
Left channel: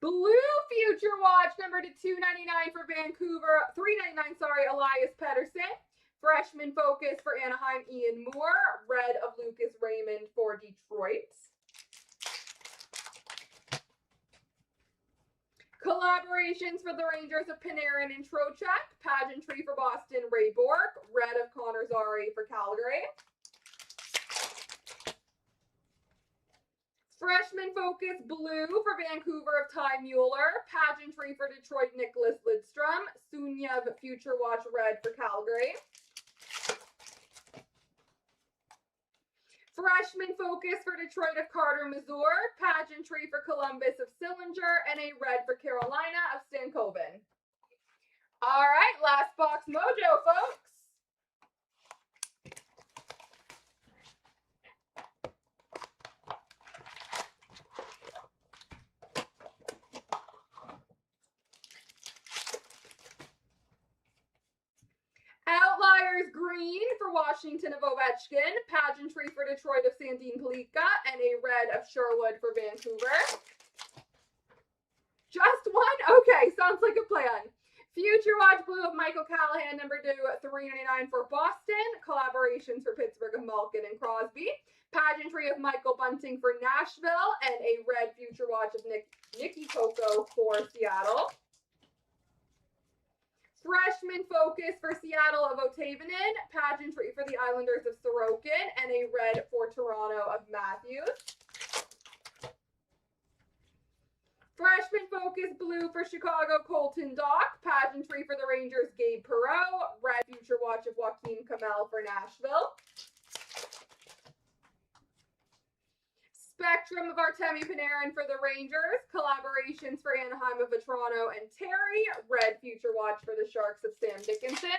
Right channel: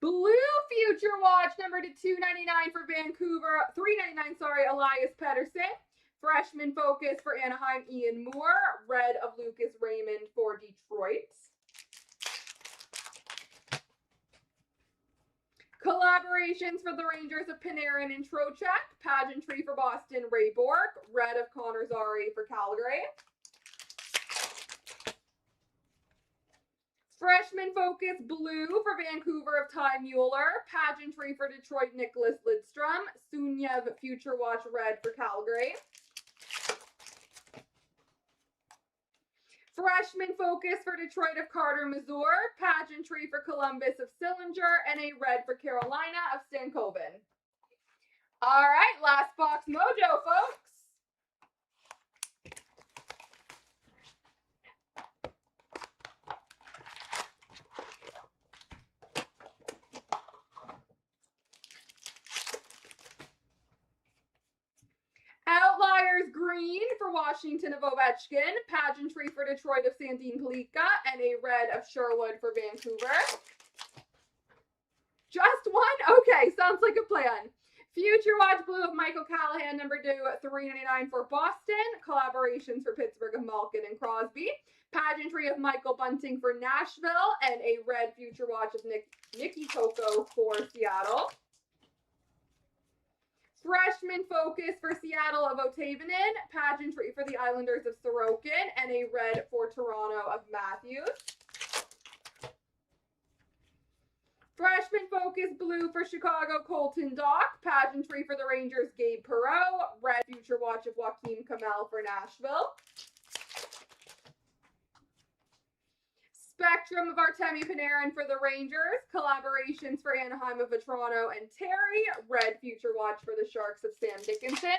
Blue future watch number to 299 for Vancouver. 399, sorry, Elias Pettersson. Freshman focus for Anaheim, Ian Moore. Red of Lucas Raymond for Detroit. Collaborations for the Rangers of Panarin and Trocheck. Pageantry for Boston, Ray Bourque. Red of Connor Zary for Calgary. Freshman focus blue for Vancouver of Ty Mueller. Pageantry for Detroit, Nicholas Lidstrom. Sunyev future watch red for Calgary. Freshman focus for Detroit of Carter Mazur. Pageantry for Columbus of Sillinger. And a red for Carolina of Stankoven. All right, last box mojo, folks. Outliers green for Washington of Ovechkin. Pageantry for Detroit of Sandin Pelika. And a red of Sherwood for Vancouver. Just one? Okay, sounds like a plan. Future watch blue of Michael Callahan, number 2, $3.99 for Boston. Collaborations for Pittsburgh of Malkin and Crosby. Pageantry of Michael Bunting for Nashville. And a red future watch of Nikki Coco for Seattle. Freshman focus for Seattle of Otavainen. Pageantry for the Islanders of Sorokin. And a red for Toronto of Matthews. Freshman focus blue for Chicago, Colton Dach. Pageantry for the Rangers, Gabe Perreault. Red future watch of Joaquin Kamel for Nashville. Spectrum of Artemi Panarin for the Rangers. Collaborations for Anaheim of Vetrano and Terry. Red future watch for the Sharks of Sam Dickinson.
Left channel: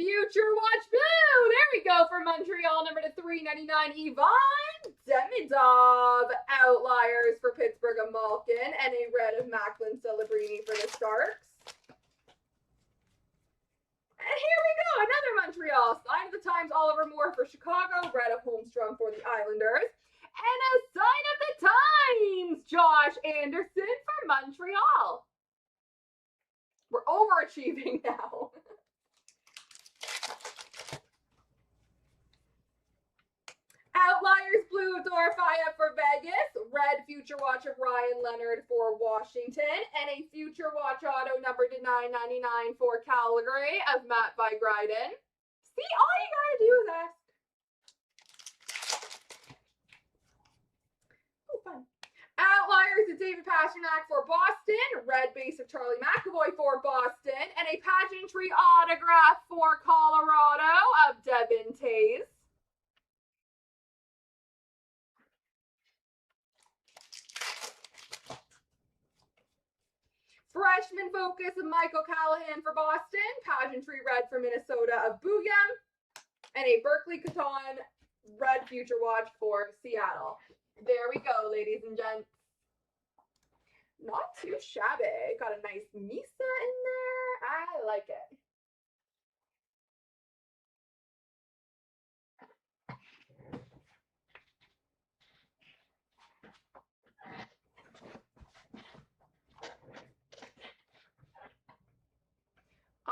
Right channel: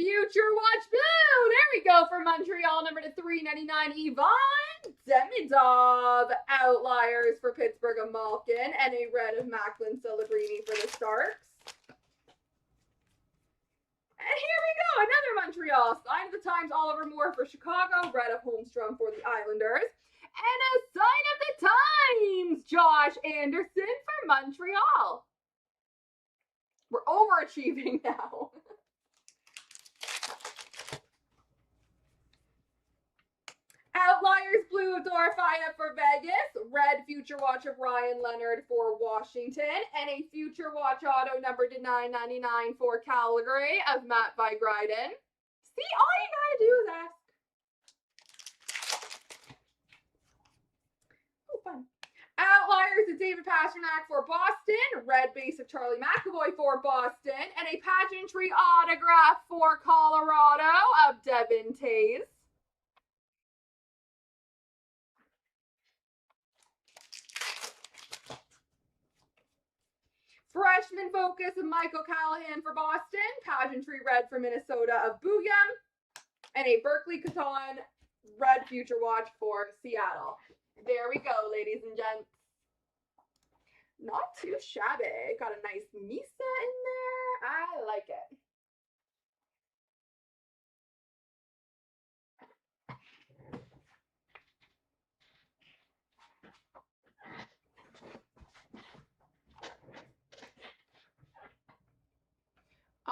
Future Watch Blue. There we go for Montreal, number to 399, Yvonne Demidov. Outliers for Pittsburgh of Malkin, and a red of Macklin Celebrini for the Sharks. And here we go, another Montreal. Sign of the Times, Oliver Moore for Chicago, red of Holmstrom for the Islanders. And a Sign of the Times, Josh Anderson for Montreal. We're overachieving now. Outliers blue of Dorofeyev for Vegas, red Future Watch of Ryan Leonard for Washington, and a Future Watch auto number to 999 for Calgary of Matt Vigryden. See, all you gotta do is ask. Oh, fun. Outliers of David Pastrnak for Boston, red base of Charlie McAvoy for Boston, and a pageantry autograph for Colorado of Devin Tays. Freshman focus of Michael Callahan for Boston, pageantry red for Minnesota of Booyam, and a Berkeley Catan red Future Watch for Seattle. There we go, ladies and gents. Not too shabby. Got a nice Misa in there. I like it.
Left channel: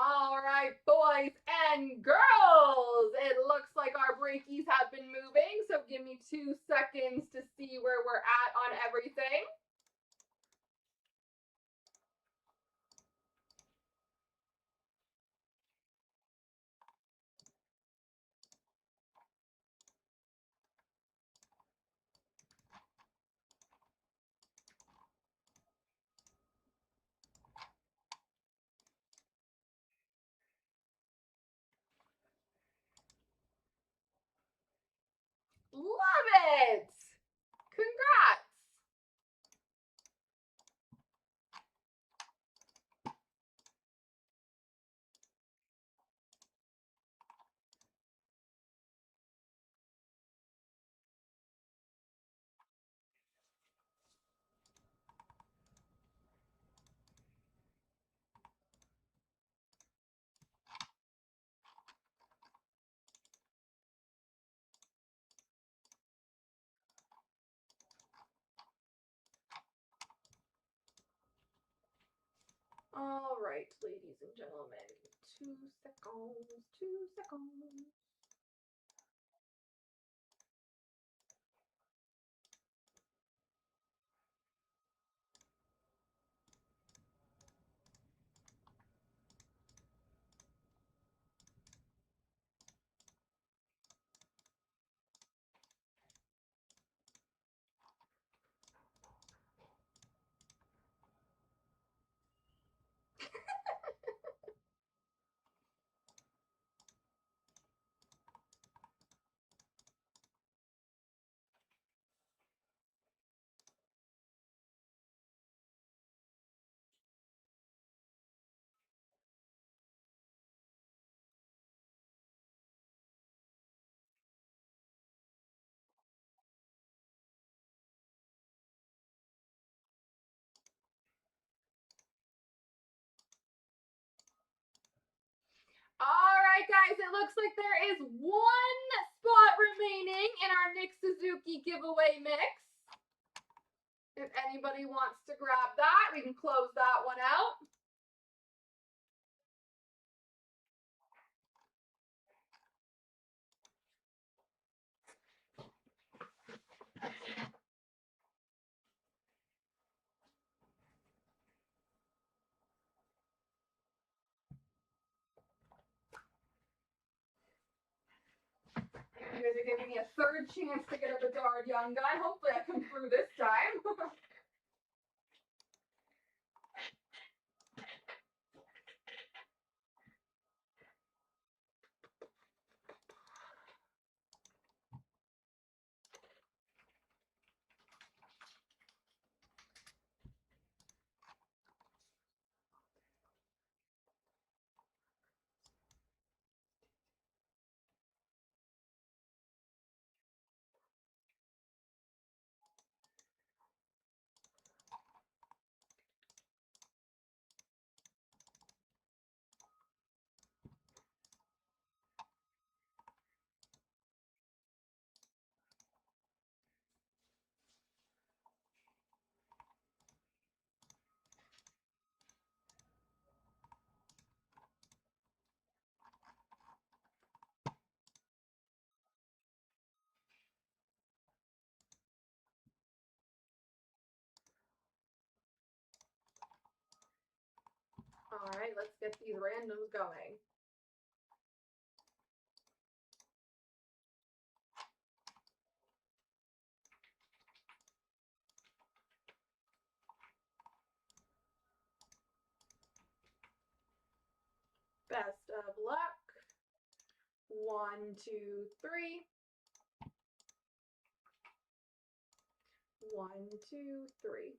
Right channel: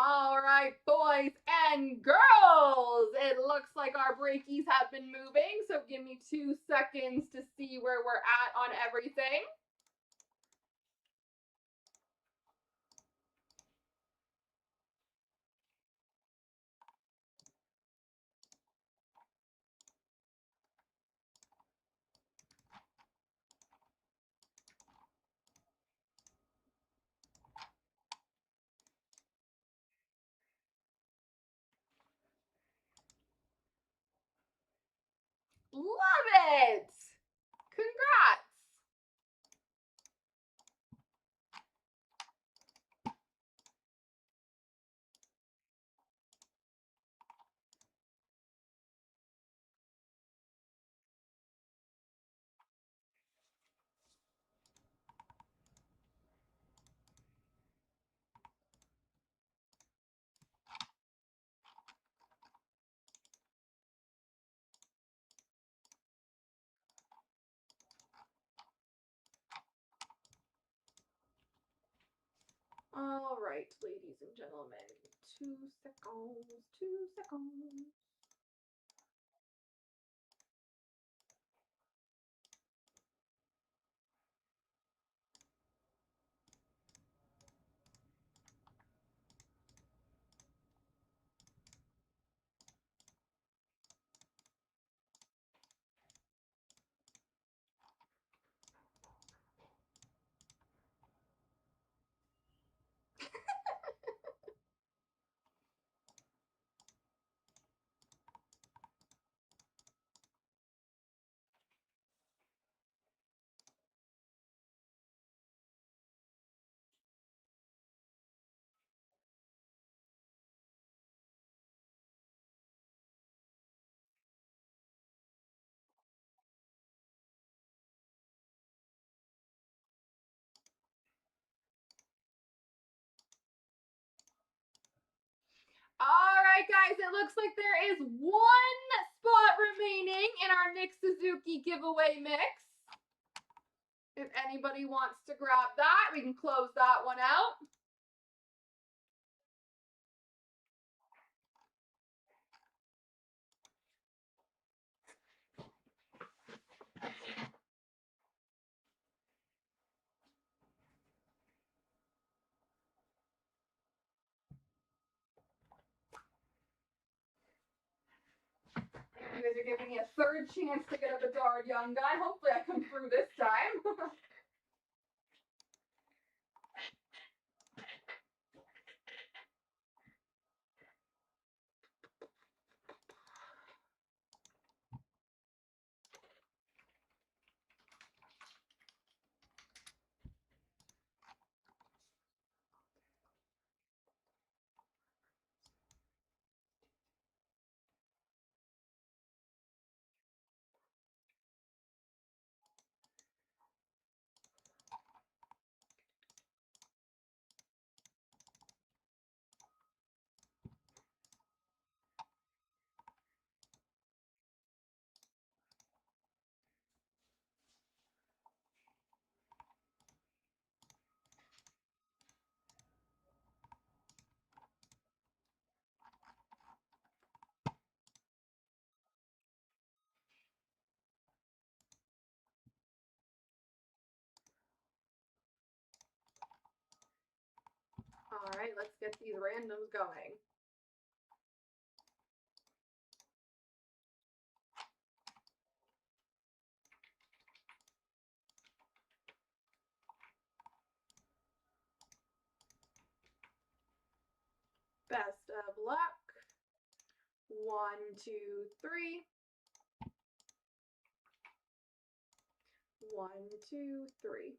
All right, boys and girls, it looks like our breakies have been moving, so give me 2 seconds to see where we're at on everything. Love it! Congrats! All right, ladies and gentlemen, 2 seconds, 2 seconds. All right, guys, it looks like there is 1 spot remaining in our Nick Suzuki giveaway mix. If anybody wants to grab that, we can close that one out. You guys are giving me a 3rd chance to get a Bedard Young Gun. Hopefully I come through this time. right, let's get these randoms going. Best of luck. 1, 2, 3. 1, 2, 3.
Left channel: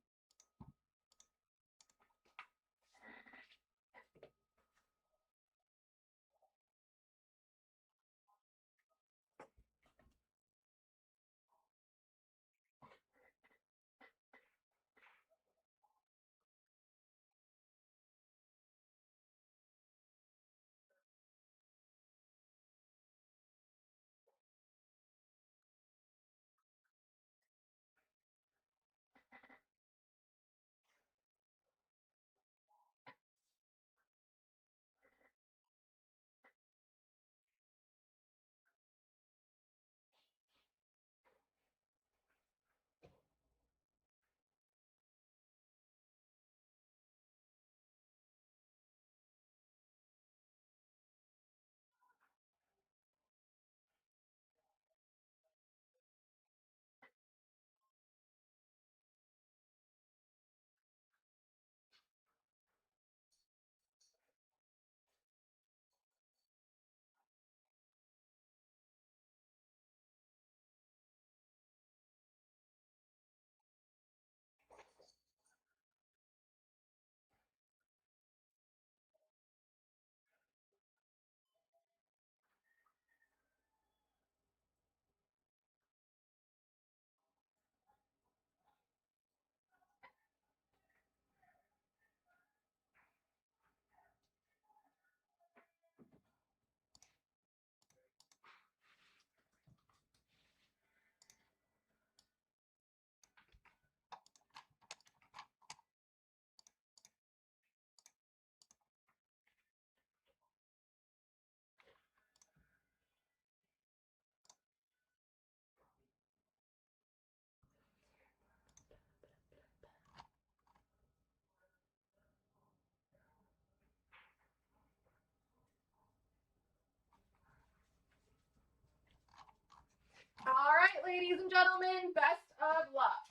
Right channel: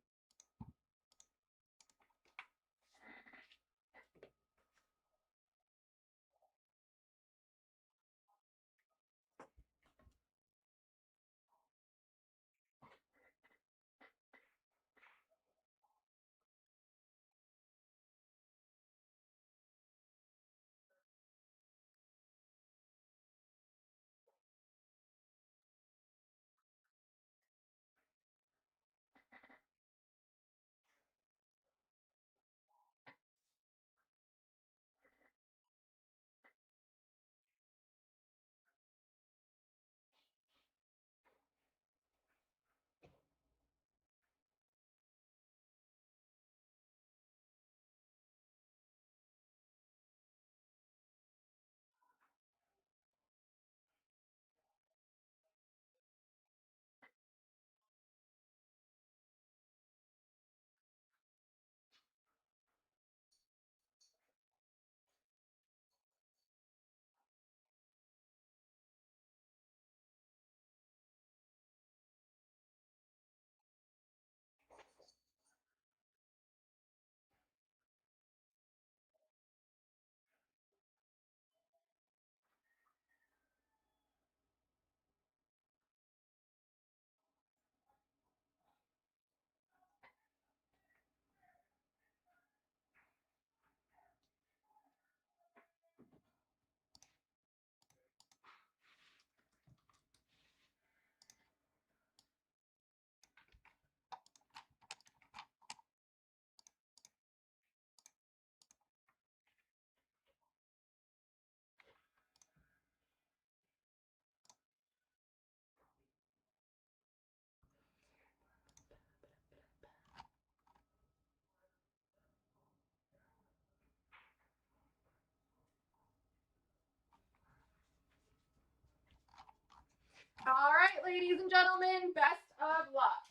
All right, ladies and gentlemen, best of luck.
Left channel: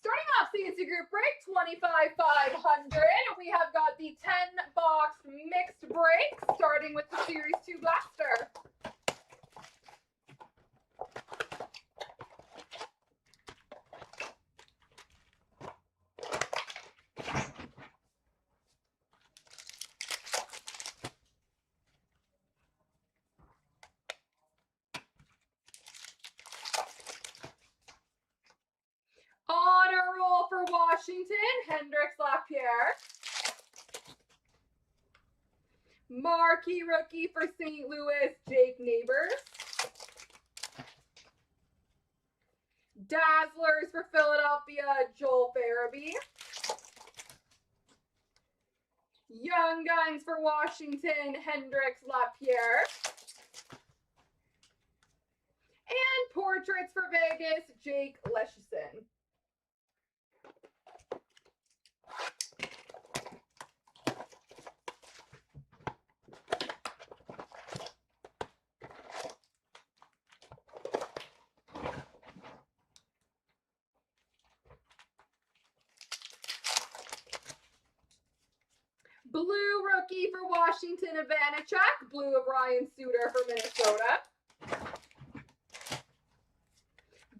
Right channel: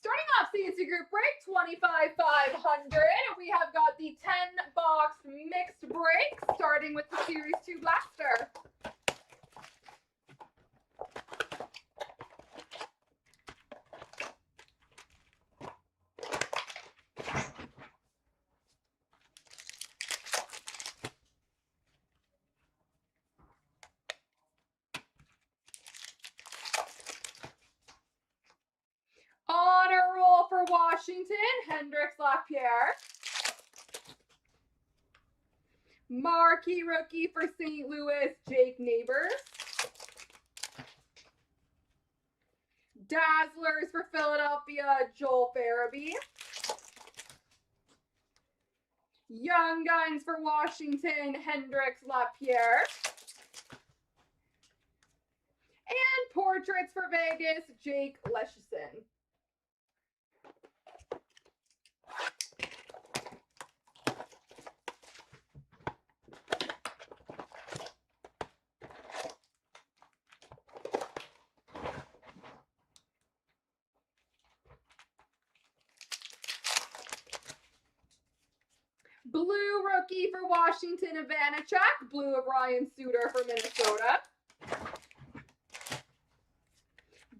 Starting off CNC Group Break 25,500, we have got the 10-box mixed break, starting with the Series 2 Blaster. Honor roll for Washington, Hendricks Lapierre. Marquee rookie for St. Louis, Jake Neighbors. Dazzlers for Philadelphia, Joel Farabee. Young Guns for Washington, Hendricks Lapierre. And Portraits for Vegas, Jake Leschyshyn. Blue rookie for Washington, Ivanacek. Blue of Ryan Suter for Minnesota.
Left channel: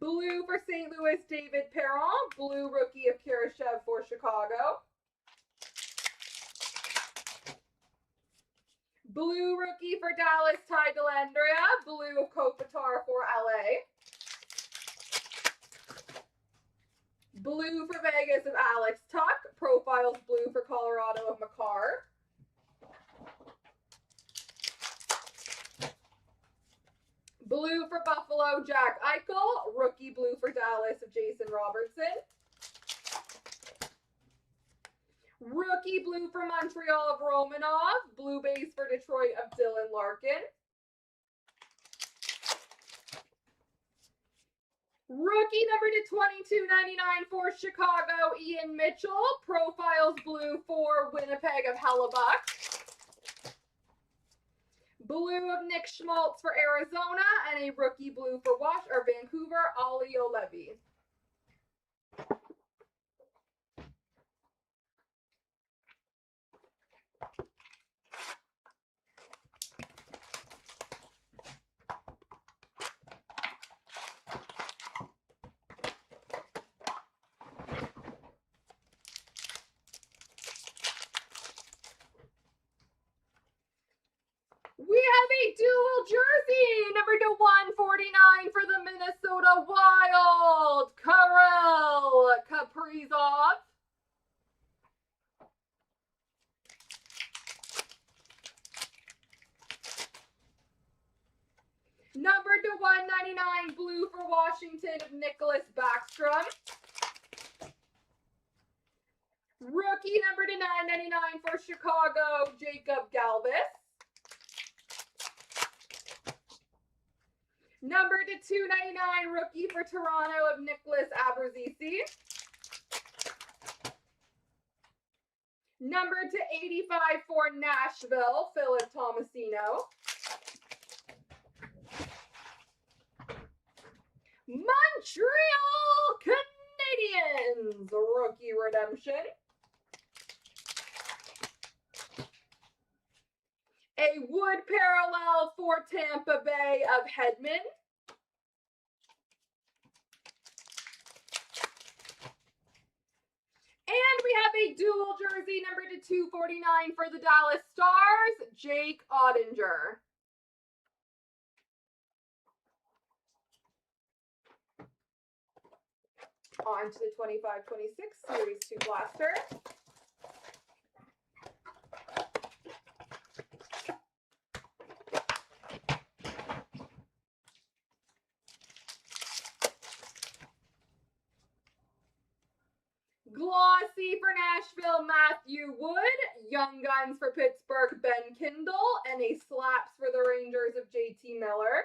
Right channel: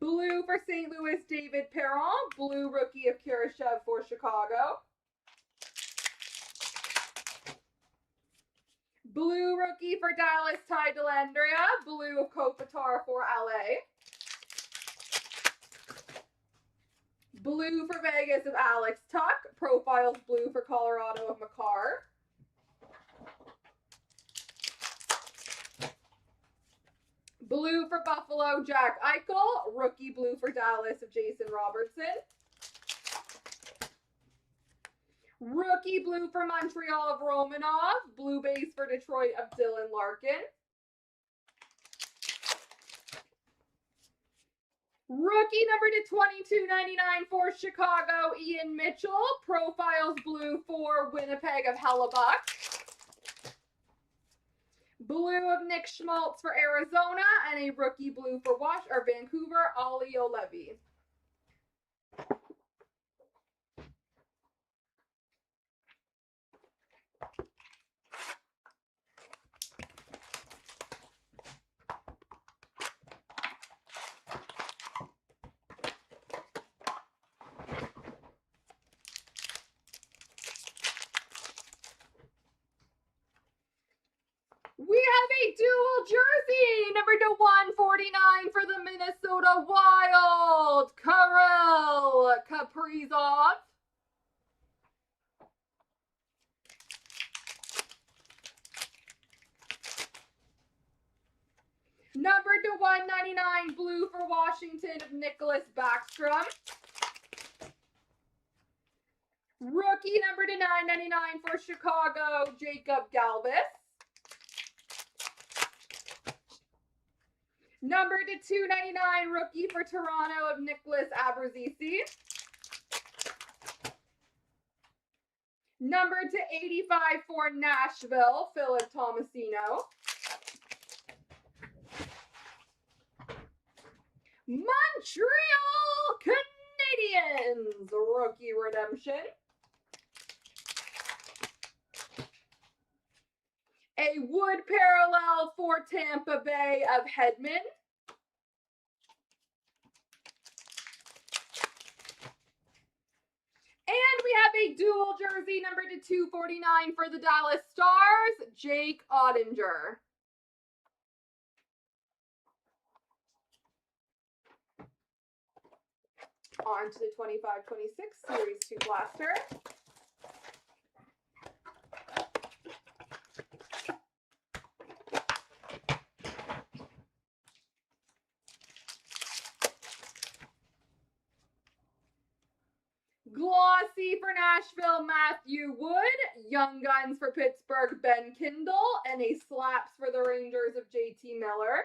Blue for St. Louis, David Perron. Blue rookie of Kurashev for Chicago. Blue rookie for Dallas, Ty Dellandrea. Blue of Kopitar for LA. Blue for Vegas of Alex Tuck. Profiles blue for Colorado of Makar. Blue for Buffalo, Jack Eichel. Rookie blue for Dallas of Jason Robertson. Rookie blue for Montreal of Romanov. Blue base for Detroit of Dylan Larkin. Rookie number to 22.99 for Chicago, Ian Mitchell. Profiles blue for Winnipeg of Hellebuck. Blue of Nick Schmaltz for Arizona, and a rookie blue for Vancouver, Ollie O'Levy. We have a dual jersey, number to 149 for the Minnesota Wild, Kirill Kaprizov. Number to 199, blue for Washington of Nicholas Backstrom. Rookie number to 999 for Chicago, Jacob Galvis. Number to 299, rookie for Toronto of Nicholas Abruzzese. Number to 85 for Nashville, Philip Tomasino. Montreal Canadiens, rookie redemption. A wood parallel for Tampa Bay of Hedman. And we have a dual jersey, number to 249 for the Dallas Stars, Jake Ottinger. On to the 25-26 Series 2 blaster. Glossy for Nashville, Matthew Wood. Young Guns for Pittsburgh, Ben Kindle. And a Slaps for the Rangers of JT Miller.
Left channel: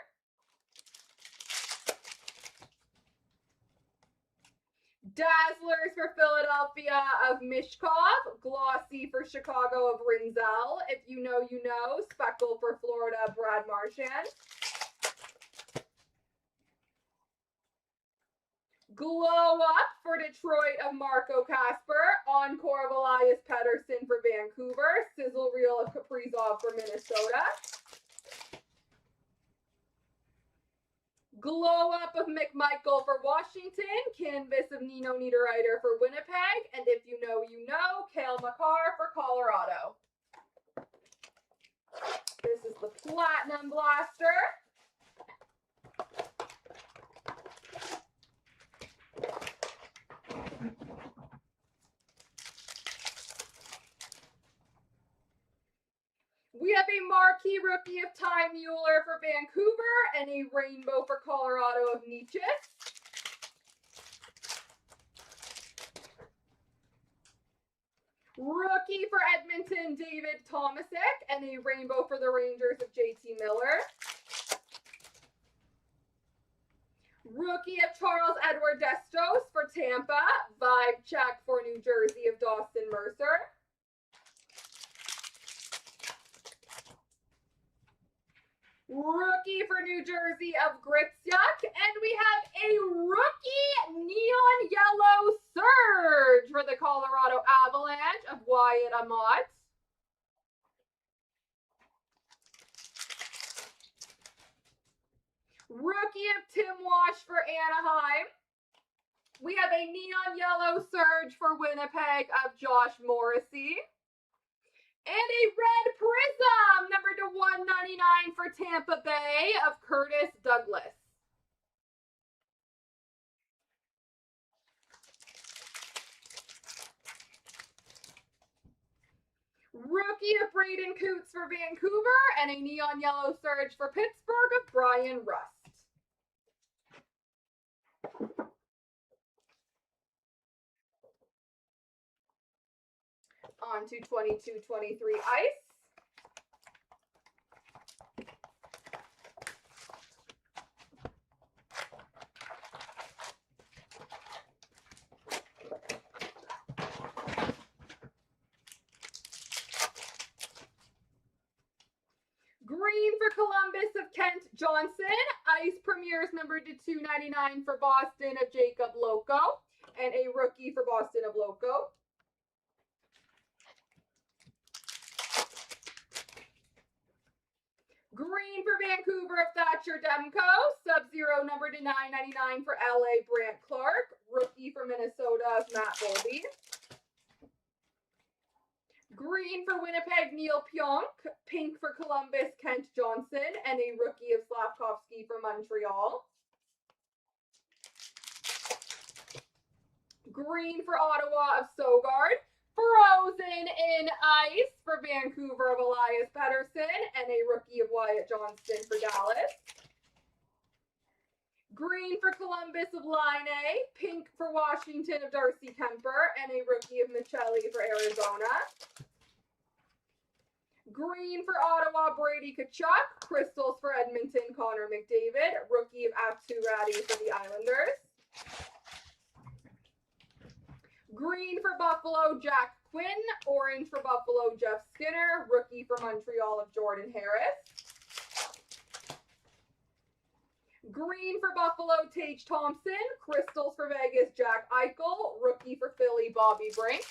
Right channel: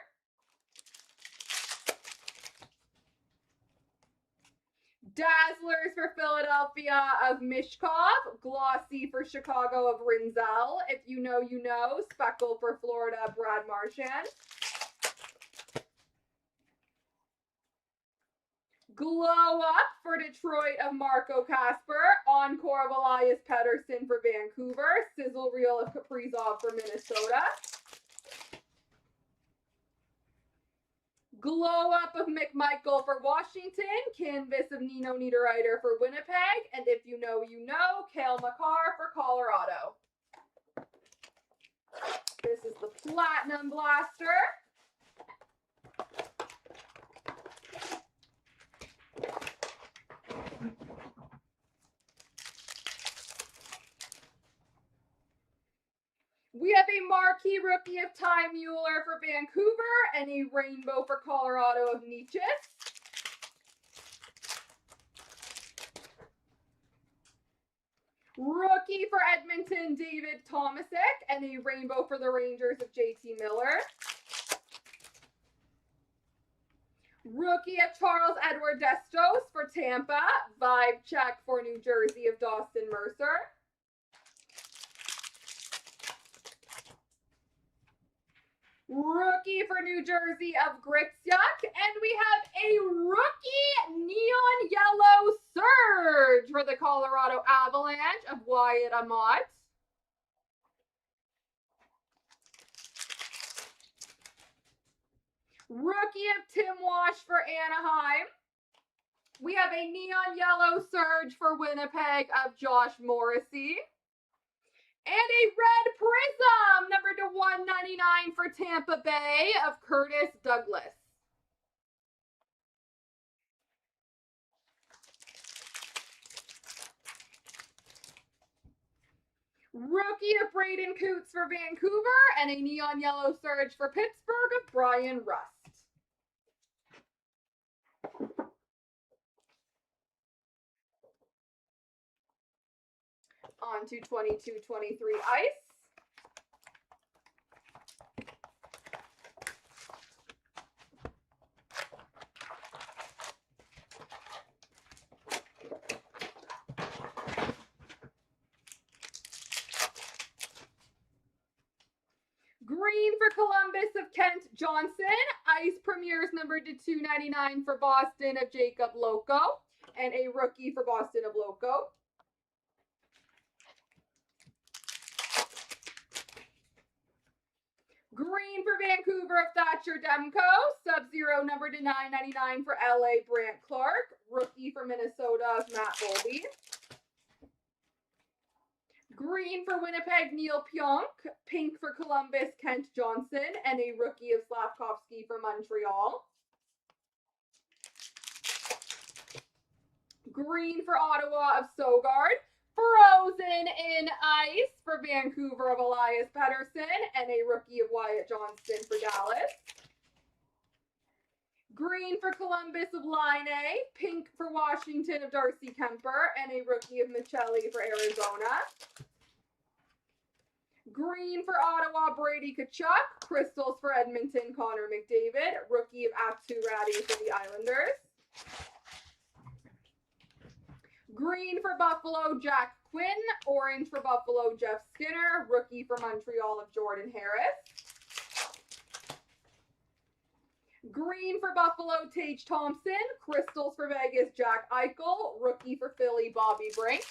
Dazzlers for Philadelphia of Mishkov. Glossy for Chicago of Rinzel. If you know, you know. Speckle for Florida, Brad Marchand. Glow Up for Detroit of Marco Casper. Encore of Elias Pettersson for Vancouver. Sizzle Reel of Kaprizov for Minnesota. Glow Up of McMichael for Washington. Canvas of Nino Niederreiter for Winnipeg. And if you know, you know. Cale Makar for Colorado. This is the Platinum Blaster. We have a marquee rookie of Ty Mueller for Vancouver and a rainbow for Colorado of Nietzsche. Rookie for Edmonton, David Tomasic, and a rainbow for the Rangers of JT Miller. Rookie of Charles Edward Destos for Tampa. Vibe check for New Jersey of Dawson Mercer. Rookie for New Jersey of Gritsuk. And we have a rookie neon yellow surge for the Colorado Avalanche of Wyatt Amott. Rookie of Tim Wash for Anaheim. We have a neon yellow surge for Winnipeg of Josh Morrissey. And a red prism, number to 199 for Tampa Bay of Curtis Douglas. Rookie of Braden Coots for Vancouver and a neon yellow surge for Pittsburgh of Brian Rust. On to 22-23 ice. Columbus of Kent Johnson. Ice Premiers numbered to 299 for Boston of Jacob Loco. And a rookie for Boston of Loco. Green for Vancouver of Thatcher Demko. Sub-Zero numbered to 999 for LA Brant Clark. Rookie for Minnesota of Matt Bolby. Green for Winnipeg, Neil Pionk. Pink for Columbus, Kent Johnson. And a rookie of Slavkovsky for Montreal. Green for Ottawa of Sogard. Frozen in ice for Vancouver of Elias Pettersson. And a rookie of Wyatt Johnston for Dallas. Green for Columbus of Line A. Pink for Washington of Darcy Kemper. And a rookie of Michelli for Arizona. Green for Ottawa, Brady Tkachuk. Crystals for Edmonton, Connor McDavid. Rookie of Aturati for the Islanders. Green for Buffalo, Jack Quinn. Orange for Buffalo, Jeff Skinner. Rookie for Montreal of Jordan Harris. Green for Buffalo, Tage Thompson. Crystals for Vegas, Jack Eichel. Rookie for Philly, Bobby Brink.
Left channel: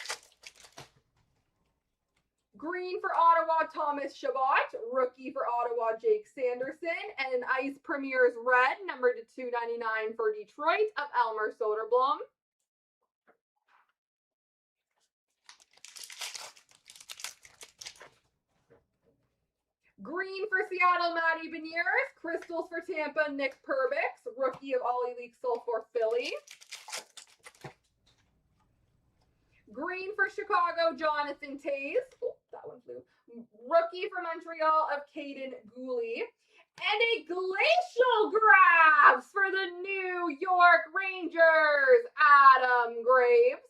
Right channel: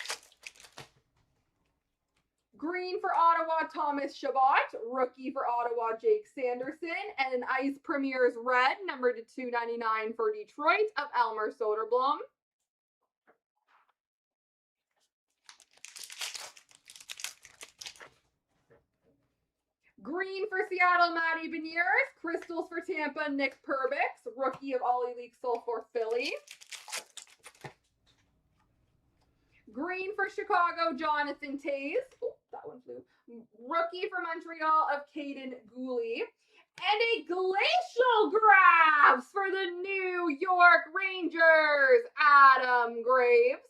Green for Ottawa, Thomas Chabot. Rookie for Ottawa, Jake Sanderson. And an Ice Premiers red, numbered to 299 for Detroit of Elmer Soderblom. Green for Seattle, Matty Beniers. Crystals for Tampa, Nick Perbix. Rookie of Ollie Leaksel for Philly. Green for Chicago, Jonathan Toews. Oh, that one flew. Rookie for Montreal of Caden Gooley. And a Glacial Grabs for the New York Rangers, Adam Graves.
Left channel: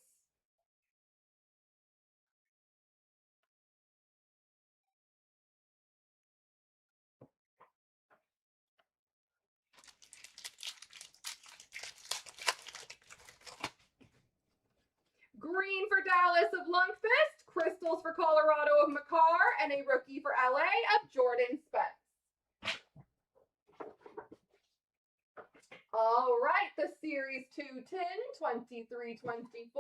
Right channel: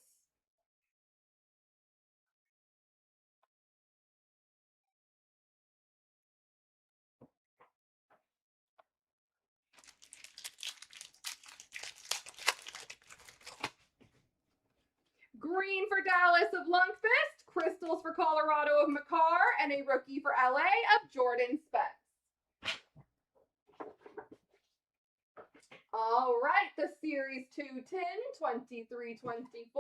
Green for Dallas of Lundqvist. Crystals for Colorado of McCarr. And a rookie for LA of Jordan Spence. All right, the Series 2 tin, 23-24.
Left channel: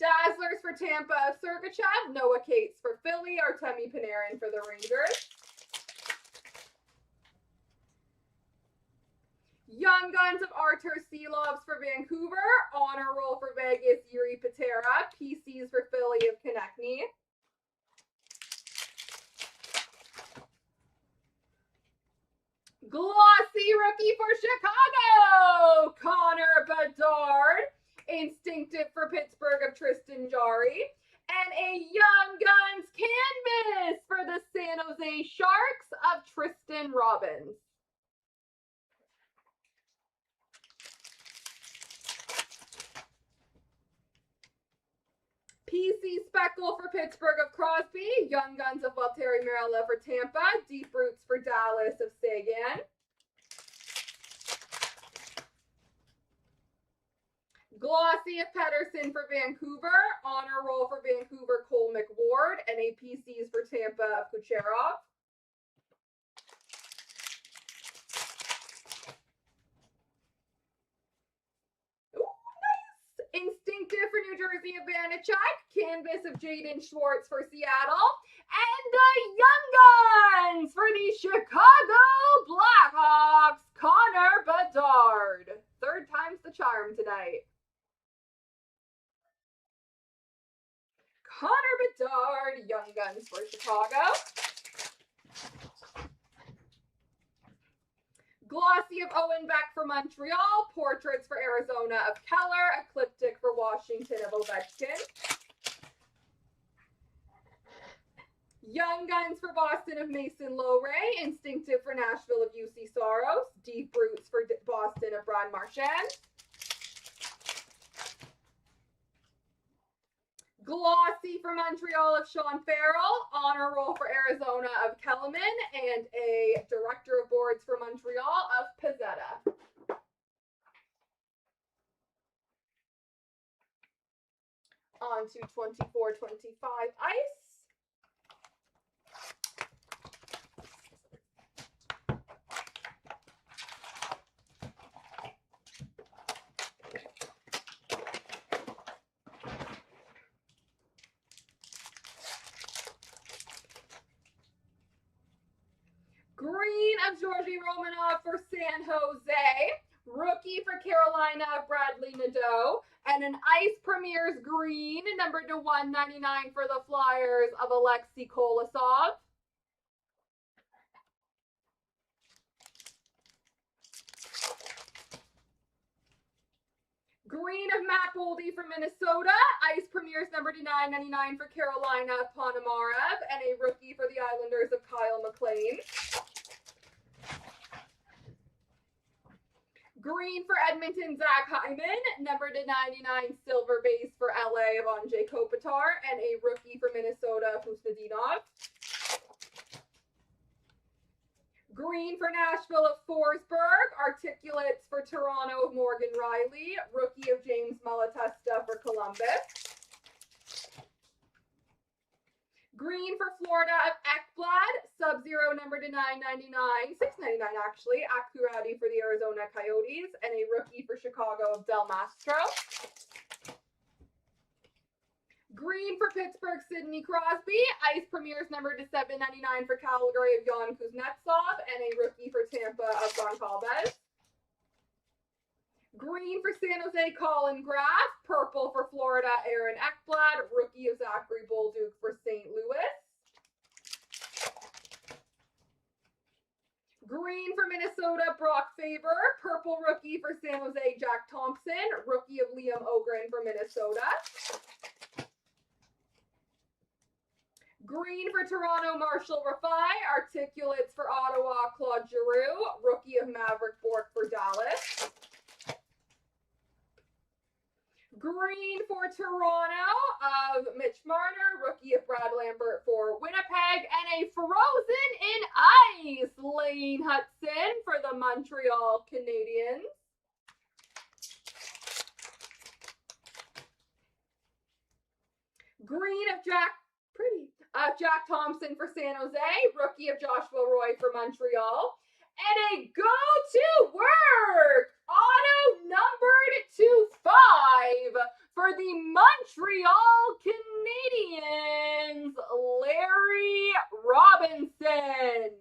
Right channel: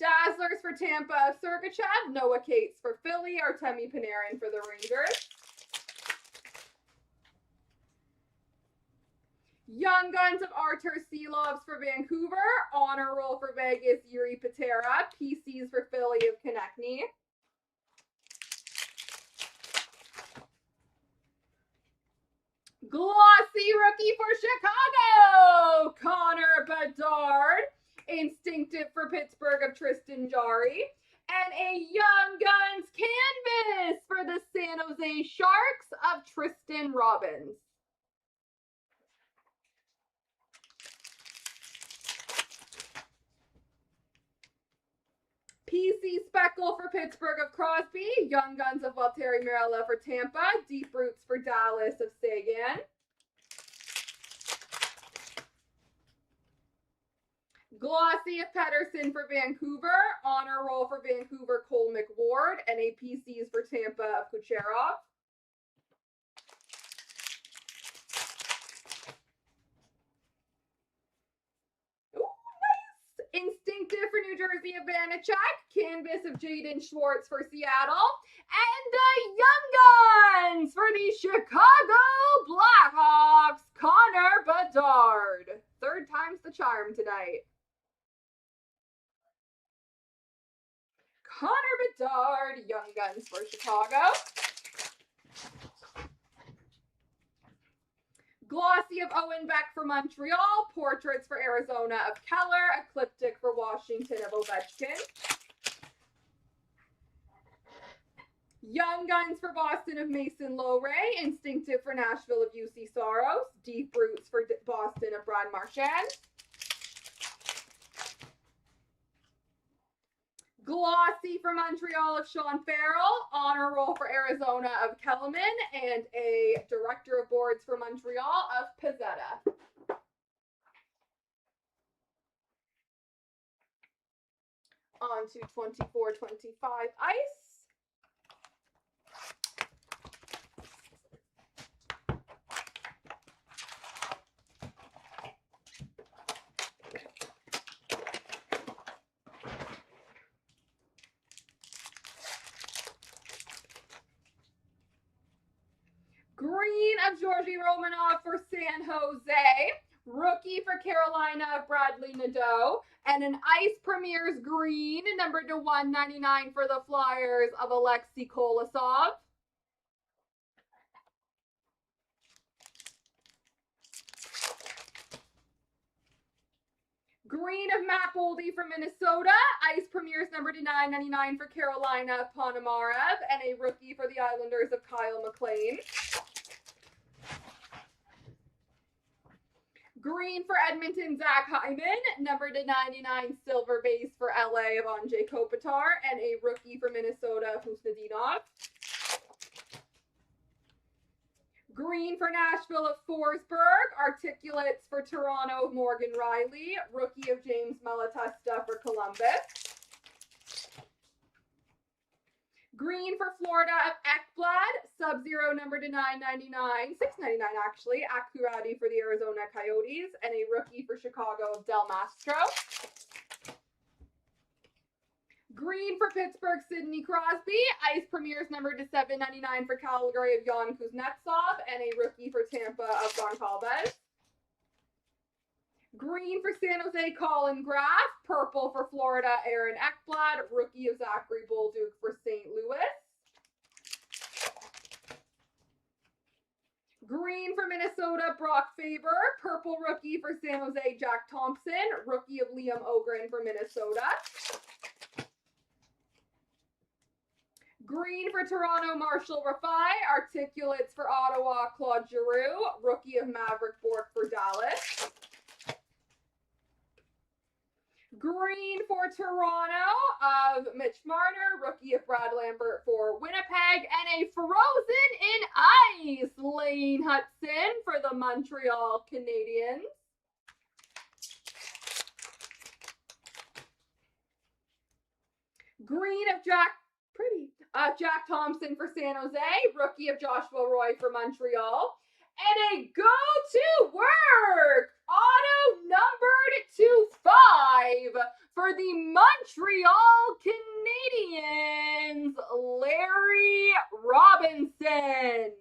Dazzlers for Tampa of Sergachev. Noah Cates for Philly. Artemi Panarin for the Rangers. Young Guns of Artur Silovs for Vancouver. Honor Roll for Vegas, Yuri Patera. PCs for Philly of Konechny. Glossy Rookie for Chicago, Connor Bedard. Instinctive for Pittsburgh of Tristan Jarry. And a Young Guns canvas for the San Jose Sharks of Tristan Robbins. PC Speckle for Pittsburgh of Crosby. Young Guns of Valtteri Mirella for Tampa. Deep Roots for Dallas of Sagan. Glossy of Pettersson for Vancouver. Honor Roll for Vancouver, Cole McWard. And a PCs for Tampa of Kucherov. Instinctive for New Jersey of Vanacek. Canvas of Jaden Schwartz for Seattle. And the Young Guns for the Chicago Blackhawks, Connor Bedard. Third time's the charm tonight. Connor Bedard, Young Guns for Chicago. Glossy of Owen Beck for Montreal. Portraits for Arizona of Keller. Ecliptic for Washington of Ovechkin. Young Guns for Boston of Mason Lowray. Instinctive for Nashville of UC Soros. Deep Roots for Boston of Brad Marchand. Glossy for Montreal of Sean Farrell, honor roll for Arizona of Kellerman, and a director of boards for Montreal of Pizzetta. On to 24-25 ice. Green of Georgi Romanov for San Jose. Rookie for Carolina, Bradley Nadeau. And an Ice Premier's green, numbered to 199 for the Flyers of Alexei Kolosov. Green of Matt Boldy for Minnesota. Ice Premier's numbered to 999 for Carolina, Ponomarev. And a rookie for the Islanders of Kyle McLean. Green for Edmonton, Zach Hyman. Numbered to 99, silver base for LA of Andrei Kopitar. And a rookie for Minnesota, Kusnedinov. Green for Nashville of Forsberg. Articulates for Toronto of Morgan Riley. Rookie of James Malatesta for Columbus. Green for Florida of Ekblad, Sub-Zero number to 999, 699 actually, Akuradi for the Arizona Coyotes, and a rookie for Chicago of Del Mastro. Green for Pittsburgh, Sidney Crosby, Ice Premier's number to 799 for Calgary of Jan Kuznetsov, and a rookie for Tampa of Goncalves. Green for San Jose, Colin Graff. Purple for Florida, Aaron Ekblad. Rookie of Zachary Bolduc for St. Louis. Green for Minnesota, Brock Faber. Purple rookie for San Jose, Jack Thompson. Rookie of Liam Ogren for Minnesota. Green for Toronto, Marshall Rafai. Articulates for Ottawa, Claude Giroux. Rookie of Maverick Bork for Dallas. Green for Toronto of Mitch Marner, rookie of Brad Lambert for Winnipeg, and a frozen in ice Lane Hudson for the Montreal Canadiens. Green of Jack Thompson for San Jose, rookie of Joshua Roy for Montreal, and a go to work auto numbered to 5 for the Montreal Canadiens, Larry Robinson.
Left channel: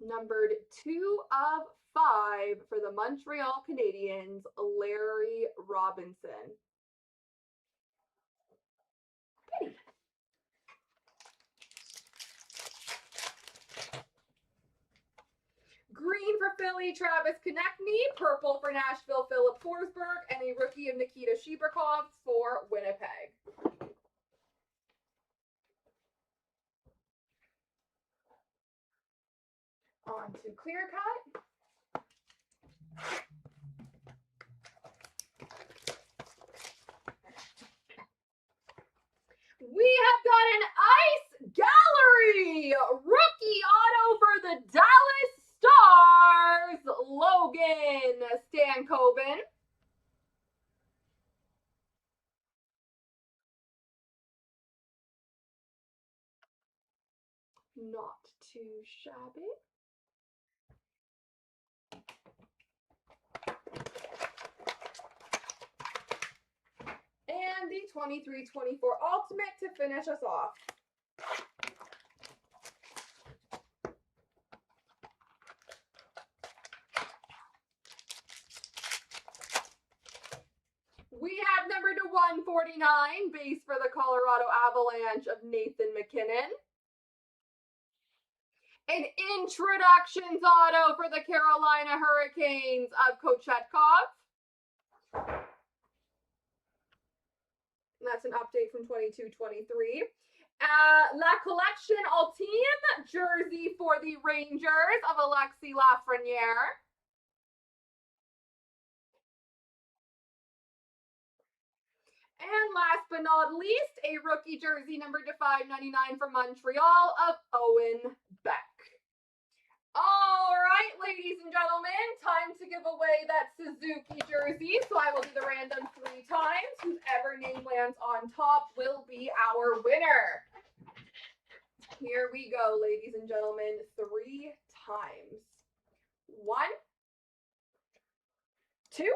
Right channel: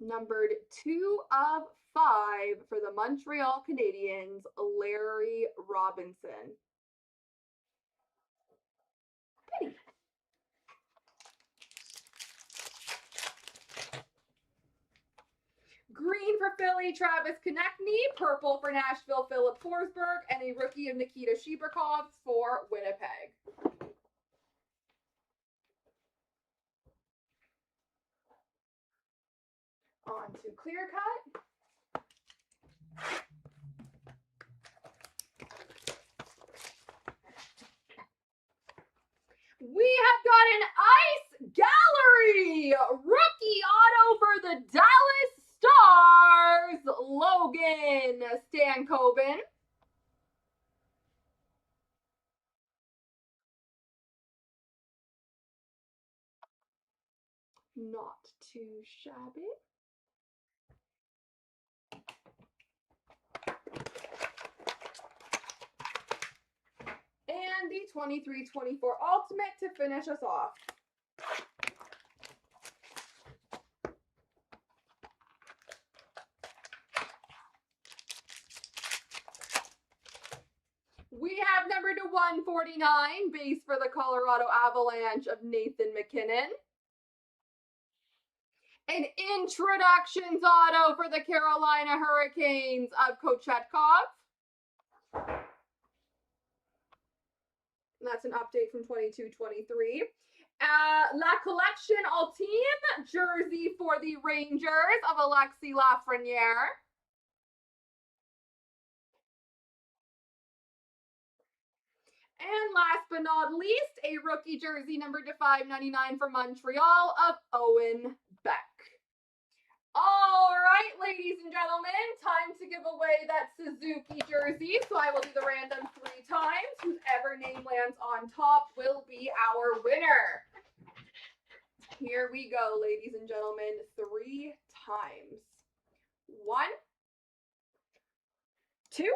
Numbered 2 of 5 for the Montreal Canadiens, Larry Robinson. Green for Philly, Travis Konechny. Purple for Nashville, Philip Forsberg. And a rookie of Nikita Shibrakov for Winnipeg. On to Clear Cut. We have got an Ice Gallery rookie auto for the Dallas Stars, Logan Stankoven. Not too shabby. And the 23-24 Ultimate to finish us off. We have number to 149, base for the Colorado Avalanche of Nathan McKinnon. An introductions auto for the Carolina Hurricanes of Kochetkov. That's an update from 22-23. La Collection Ultime jersey for the Rangers of Alexis Lafreniere. And last but not least, a rookie jersey number to 599 from Montreal of Owen Beck. All right, ladies and gentlemen, time to give away that Suzuki jersey. So I will do the random 3 times. Whoever name lands on top will be our winner. Here we go, ladies and gentlemen, 3 times. 1, 2,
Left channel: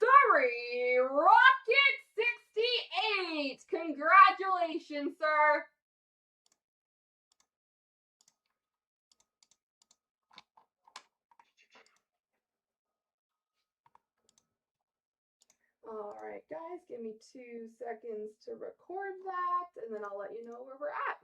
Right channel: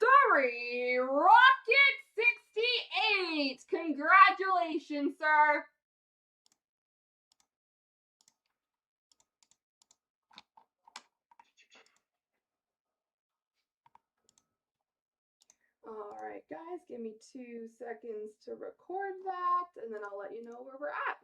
3. Rocket 68. Congratulations, sir. All right, guys, give me 2 seconds to record that, and then I'll let you know where we're at.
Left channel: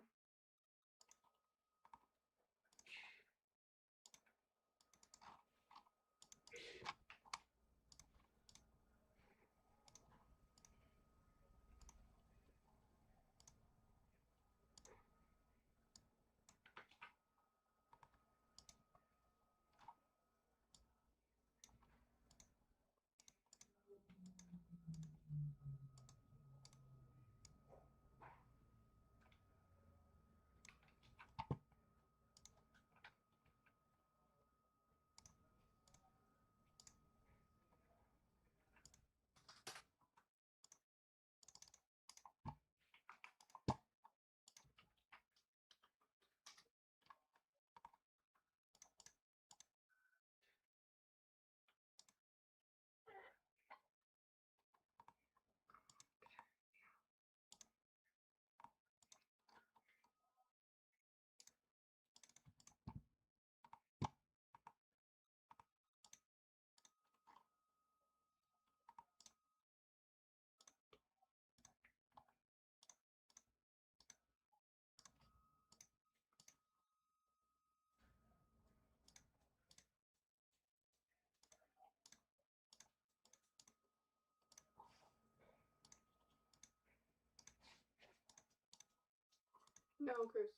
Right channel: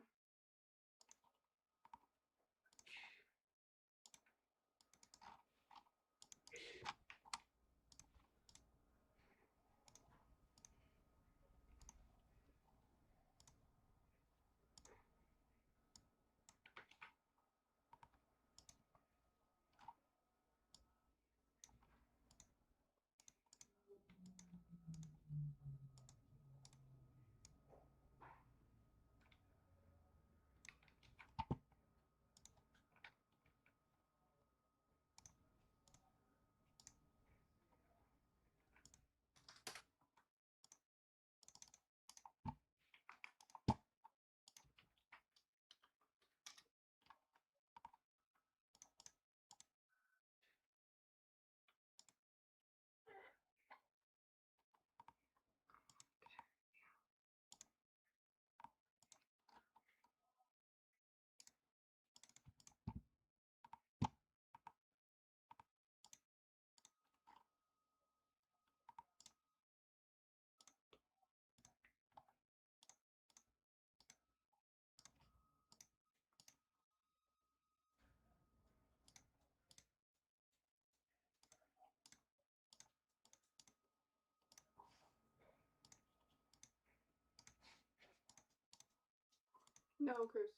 No, Cruz.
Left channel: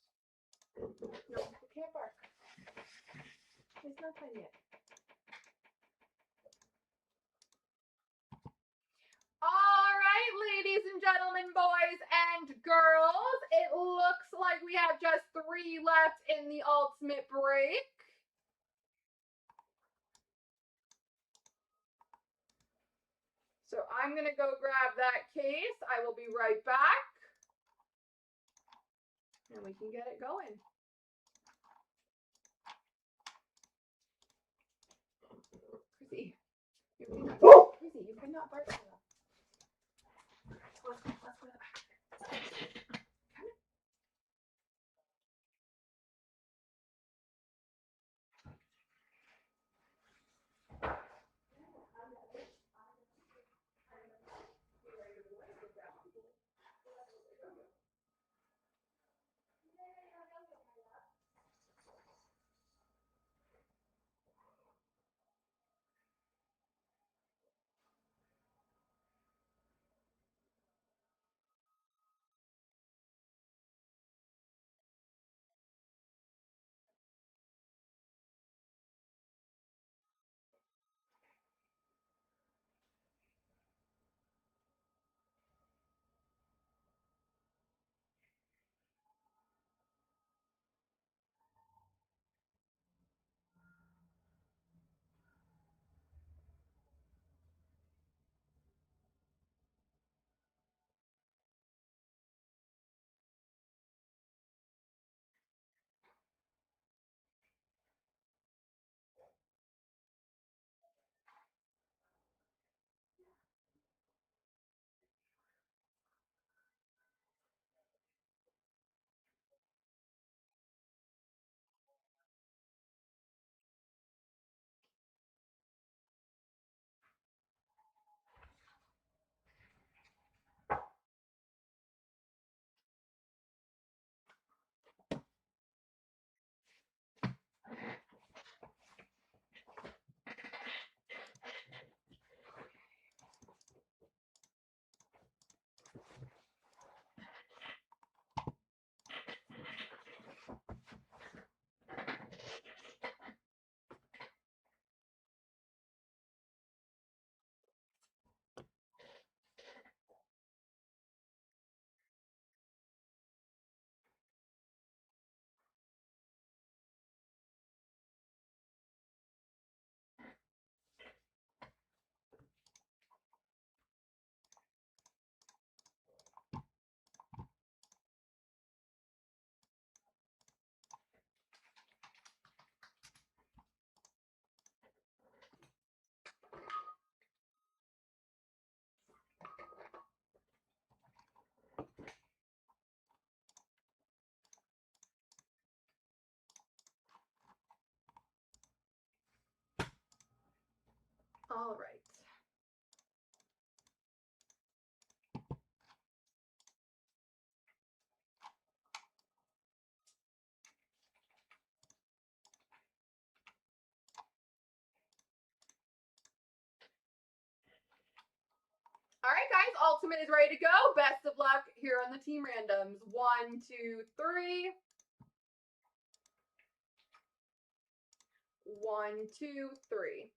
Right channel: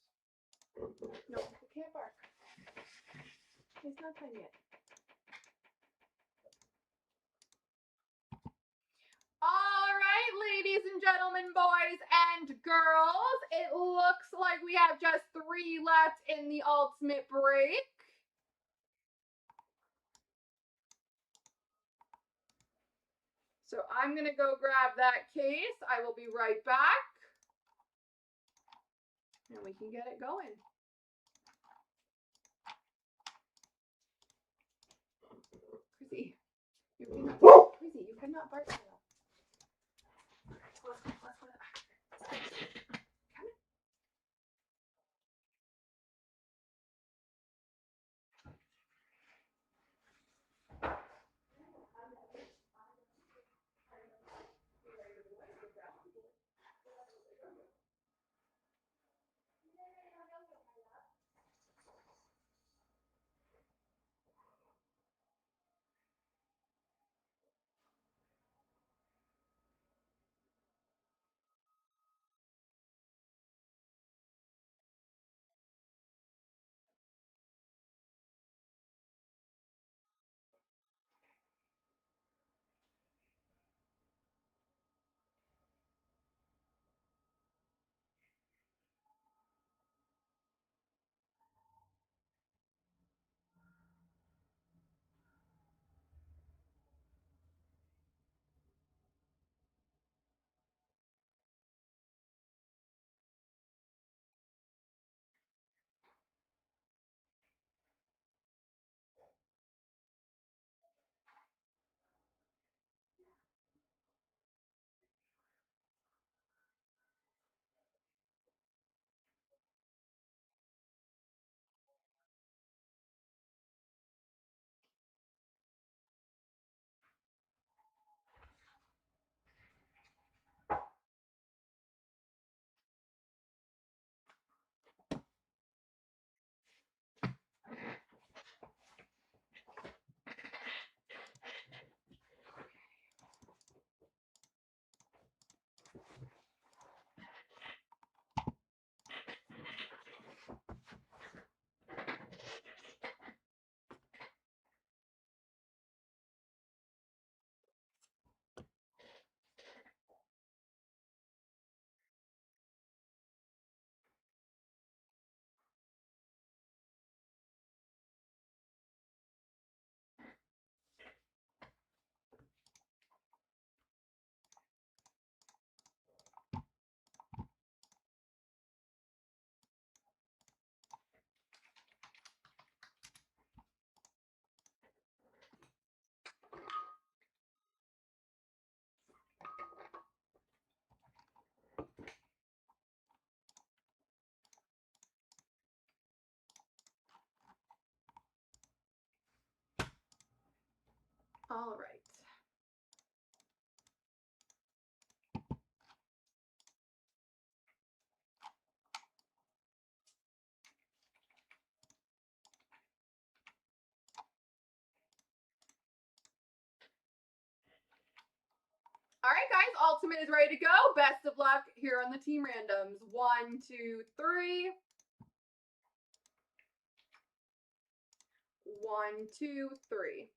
No, you can't bark. It's not time yet. All right, ladies and gentlemen, boys and girls, it looks like we have just 3 left in the ultimate break. So I'm going to go grab that case. I will be right back. And we can get it going. Chrissy, you cannot bark like that. Let's go to the back. Come on. Ultimate is ready to go. Best of luck here on the team randoms. 1, 2, 3. 1, 2, 3.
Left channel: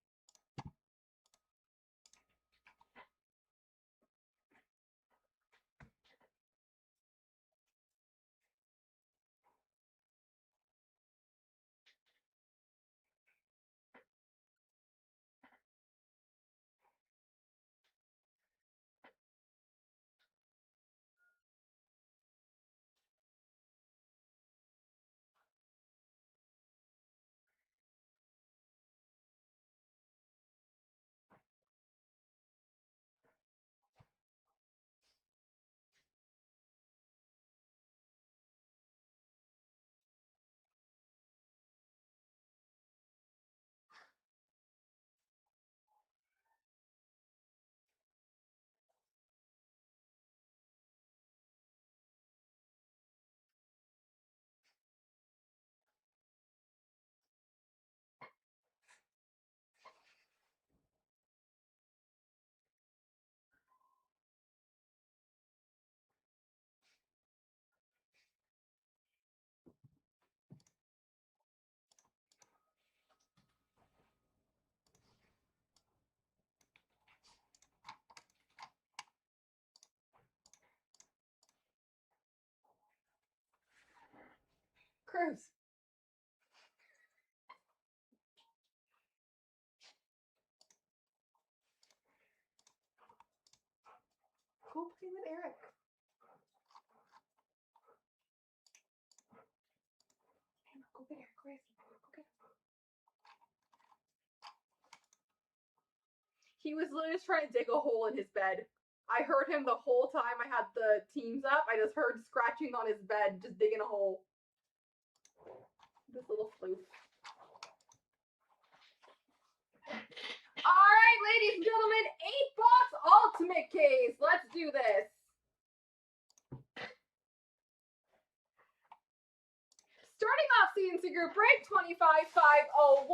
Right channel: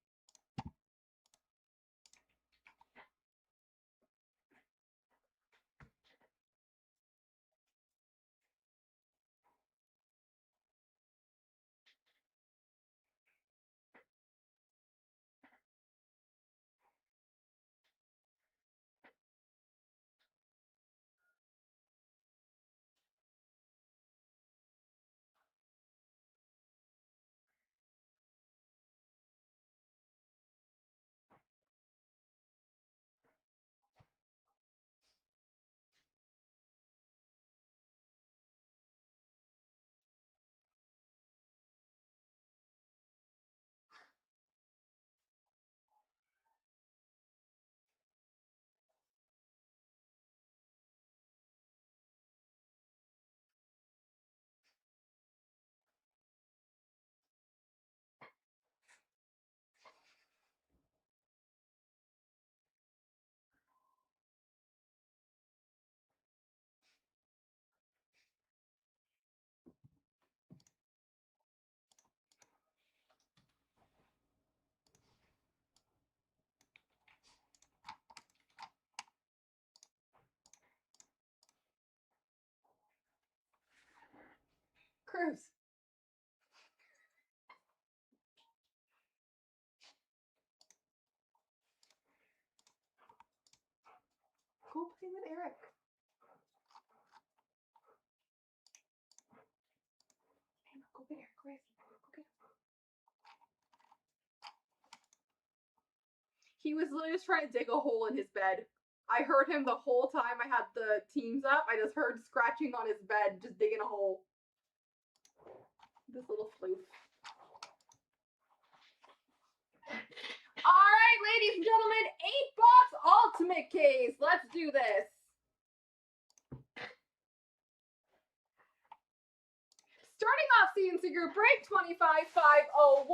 Cruz. Go play with Eric. Go get Eric, Chris. Go get him. He was literally just trying to dig a hole in his bed. I heard him the whole time I had the teams up. I just heard scratching on his bed, just digging a hole. This little floof. All right, ladies and gentlemen, 8-box ultimate case. Let's do this. Starting off CNC Group Break 25501,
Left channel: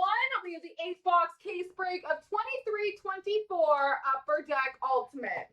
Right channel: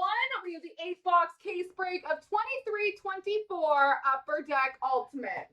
we have the 8-box case break of 2324 Upper Deck Ultimate.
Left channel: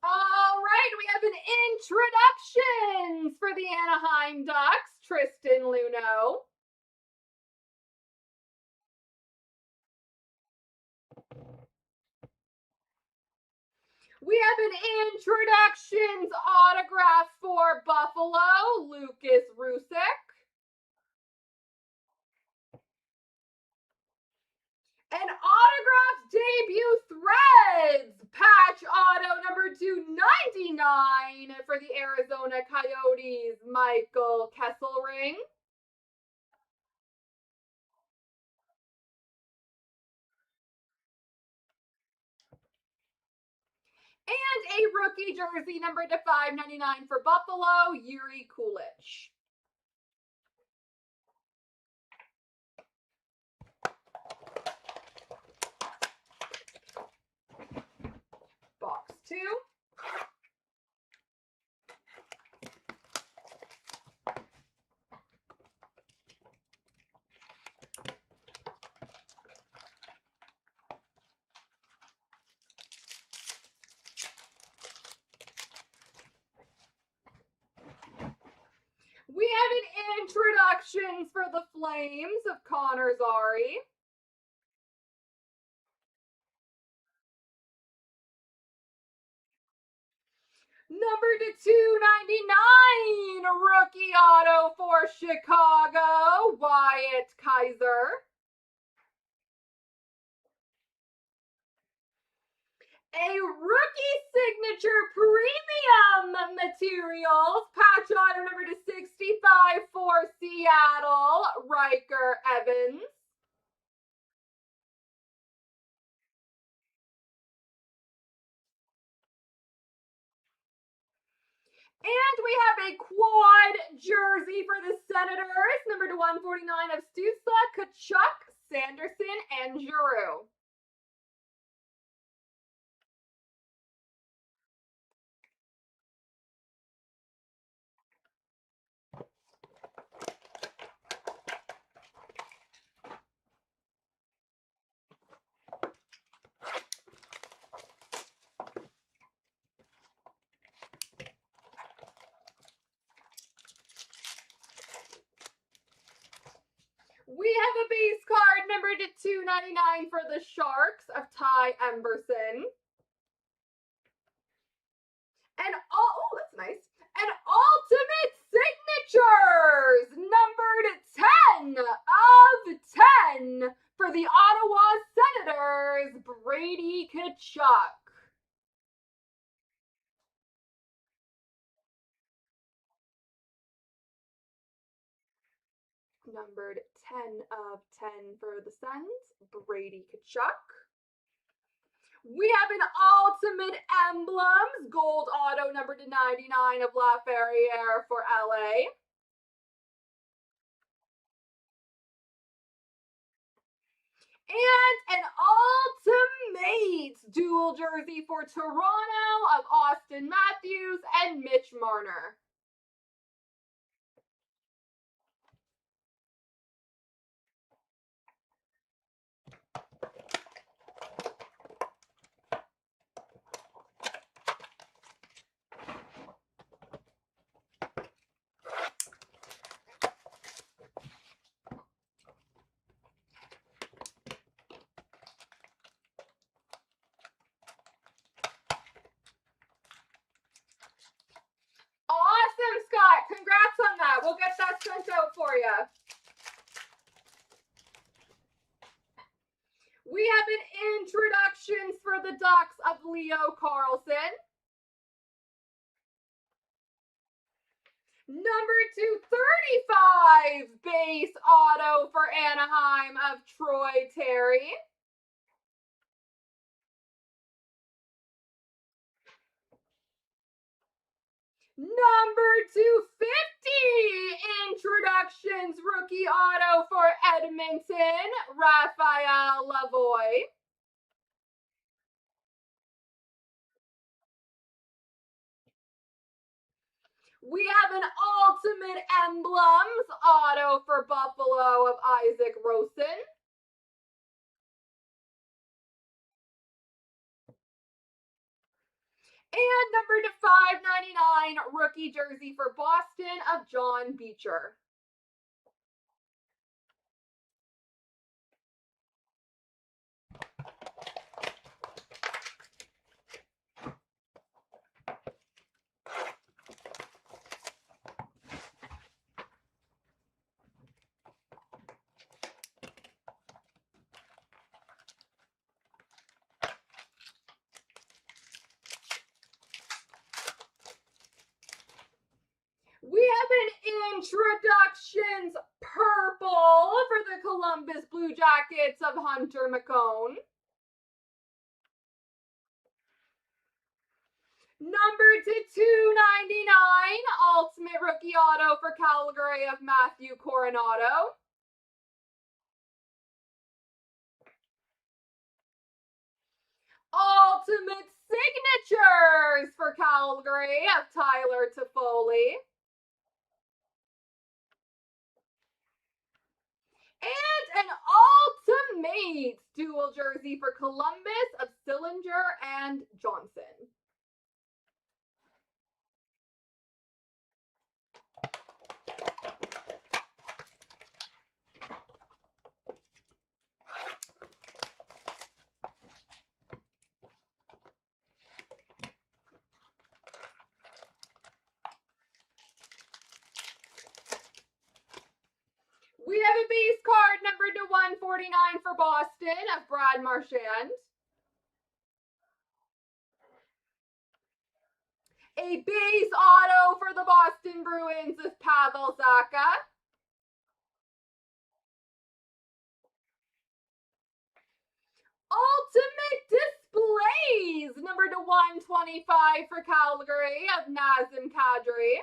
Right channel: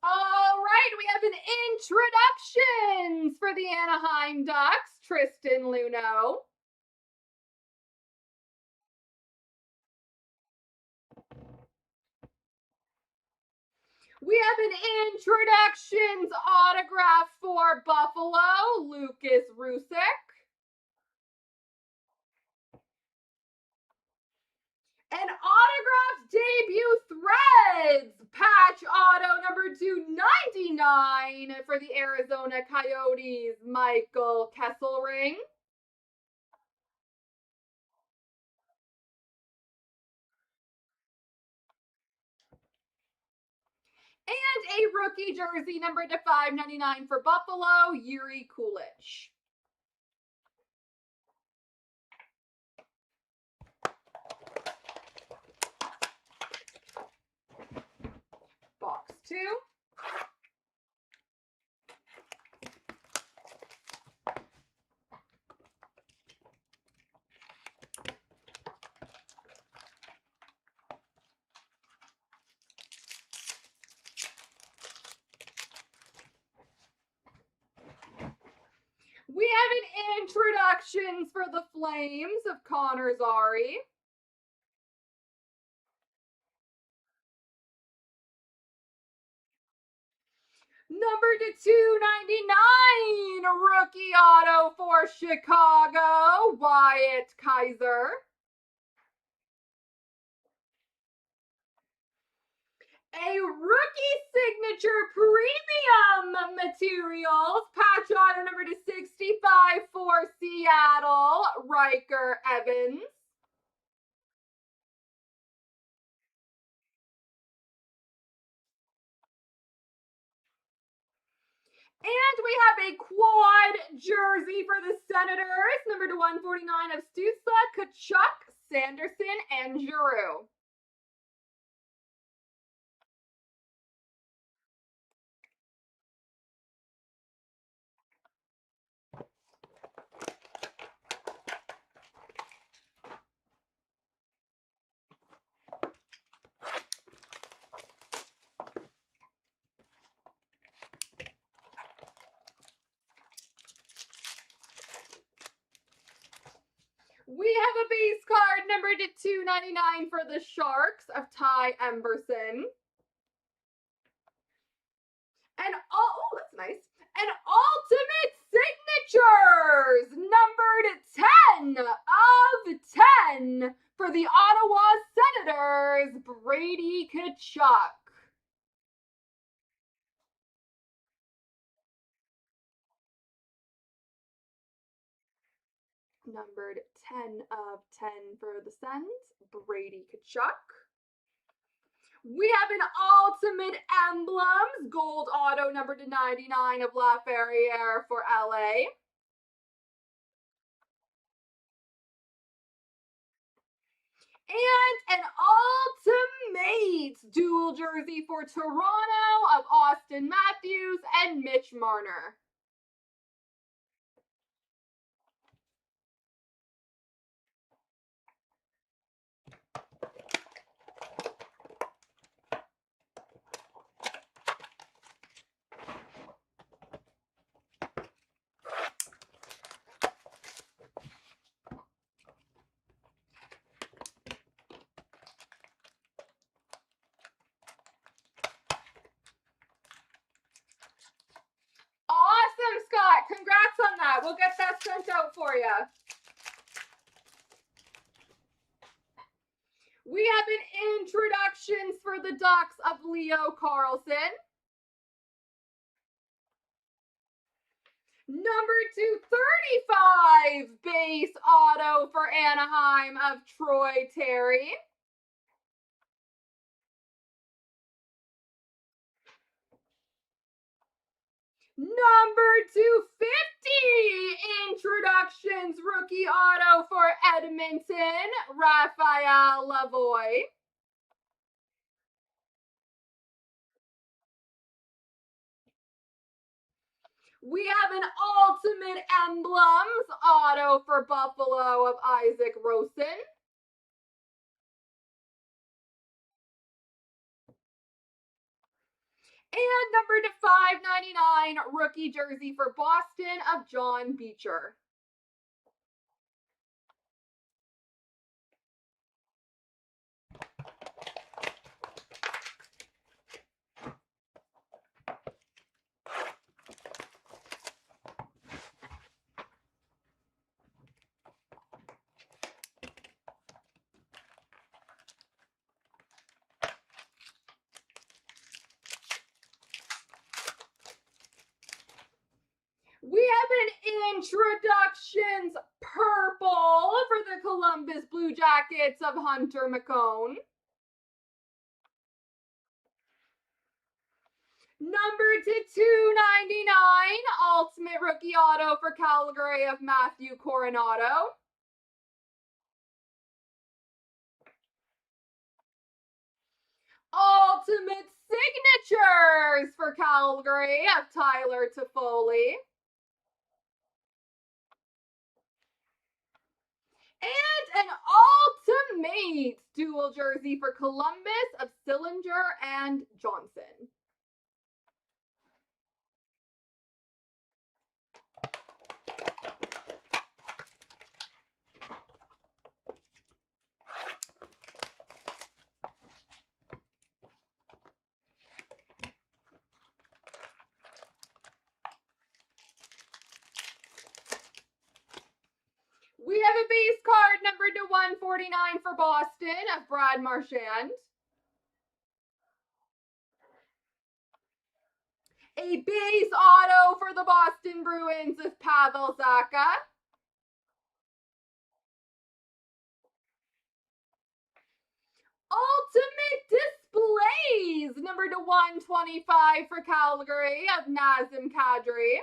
All right, we have an introductions for the Anaheim Ducks, Tristan Luneau. We have an introductions autograph for Buffalo, Lucas Rusick. An autographed debut threads patch auto number 299 for the Arizona Coyotes, Michael Kesselring. And a rookie jersey number to 599 for Buffalo, Yuri Kulich. Box 2. We have an introductions for the Flames of Connor Zary. Number to 299, rookie auto for Chicago, Wyatt Kaiser. A rookie signature premium materials patch auto number to 65 for Seattle, Riker Evans. And we have a quad jersey for the Senators, number to 149 of Stutzla, Kachuk, Sanderson, and Giroux. We have a base card number to 299 for the Sharks of Ty Emberson. And that's nice. And ultimate signatures numbered 10 of 10 for the Ottawa Senators, Brady Kachuk. Numbered 10 of 10 for the Sens, Brady Kachuk. We have an ultimate emblems, gold auto number to 99 of Laferriere for LA. And an ultimate dual jersey for Toronto of Austin Matthews and Mitch Marner. Awesome, Scott. Congrats on that. We'll get that sent out for you. We have an introductions for the Ducks of Leo Carlson. Number 235 base auto for Anaheim of Troy Terry. Number 250 introductions rookie auto for Edmonton, Raphael Lavoie. We have an ultimate emblems auto for Buffalo of Isaac Rosen. And number to 599 rookie jersey for Boston of John Beecher. We have an introductions purple for the Columbus Blue Jackets of Hunter McCone. Number to 299, ultimate rookie auto for Calgary of Matthew Coronado. Ultimate signatures for Calgary of Tyler Toffoli. And an ultimate dual jersey for Columbus of Sillinger and Johnson. We have a base card number to 149 for Boston of Brad Marchand. A base auto for the Boston Bruins of Pavel Zacha. Ultimate Blaze, number to 125 for Calgary of Nazem Kadri.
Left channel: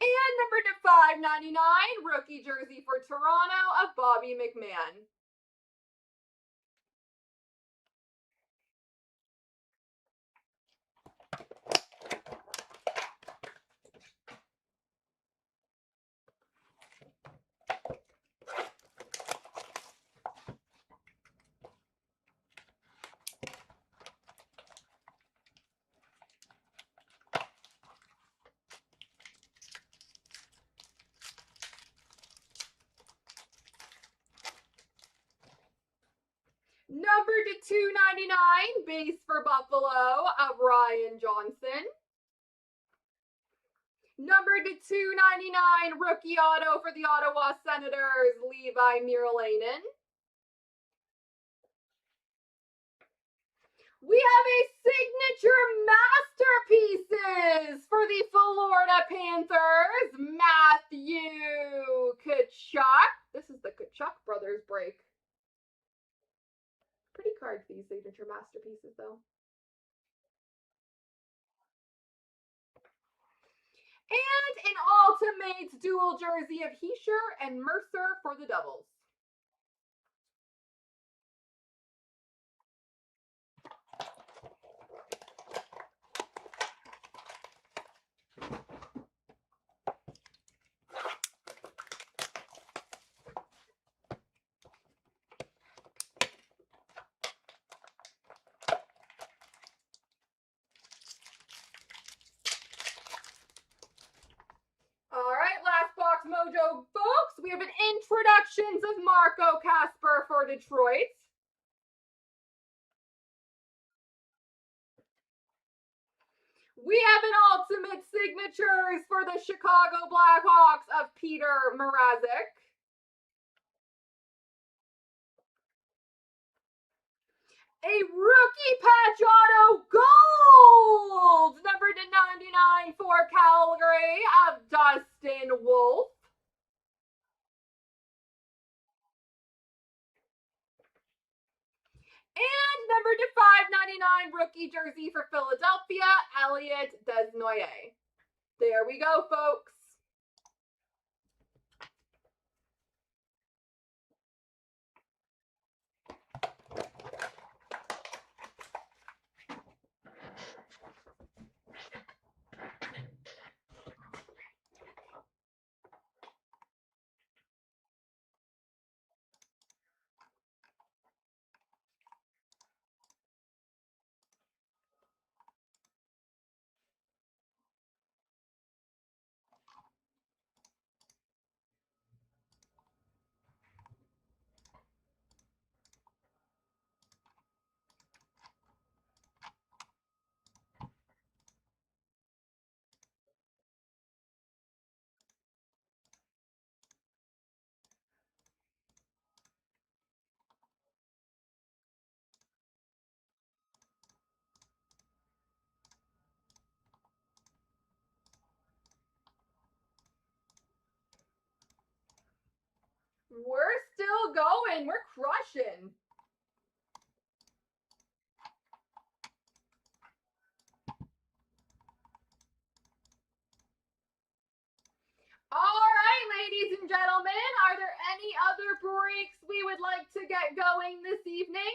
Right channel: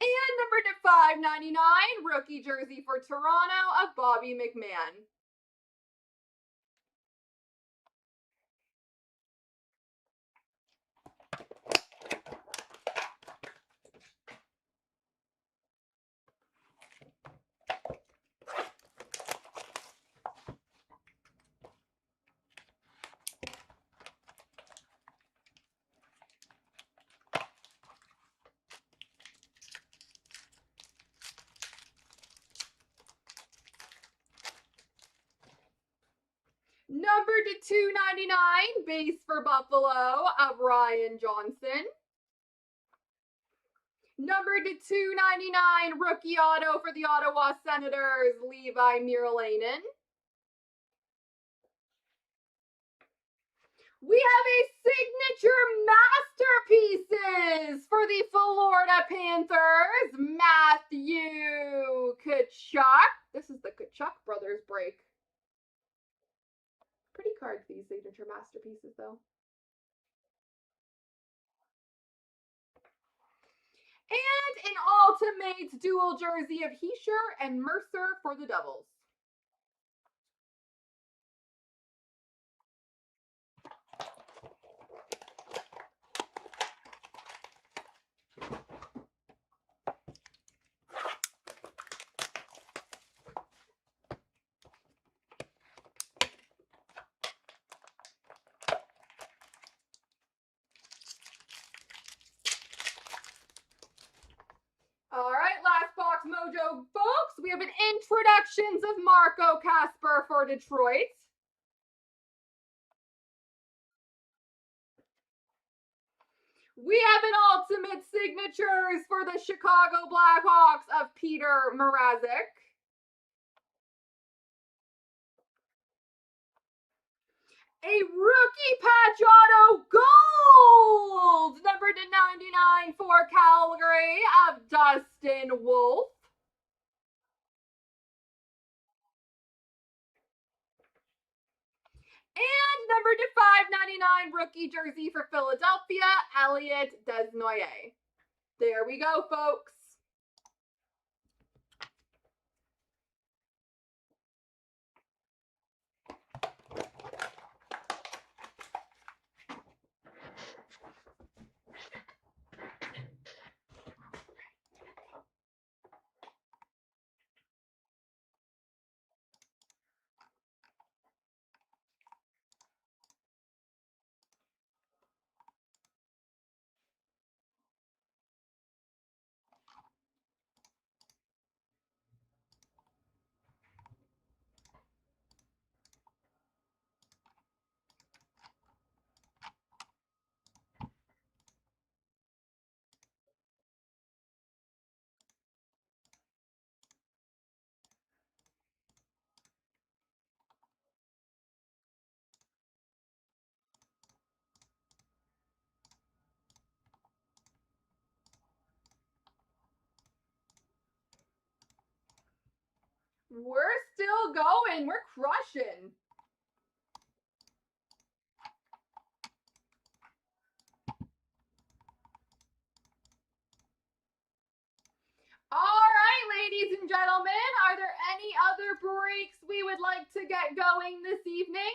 And number to 599, rookie jersey for Toronto of Bobby McMahon. Number to 299, base for Buffalo of Ryan Johnson. Number to 299, rookie auto for the Ottawa Senators, Levi Merilainen. We have a signature masterpieces for the Florida Panthers, Matthew Tkachuk. This is the Tkachuk brothers break. Pretty card for these signature masterpieces, though. And an Ultimates dual jersey of Heischer and Mercer for the Devils. All right, last box mojo, folks. We have an introductions of Marco Casper for Detroit. We have an ultimate signatures for the Chicago Blackhawks of Peter Mrazek. A rookie patch auto gold, number to 99 for Calgary of Dustin Wolf. And number to 599 rookie jersey for Philadelphia, Elliot Desnoyers. There we go, folks. We're still going. We're crushing. All right, ladies and gentlemen, are there any other breaks we would like to get going this evening?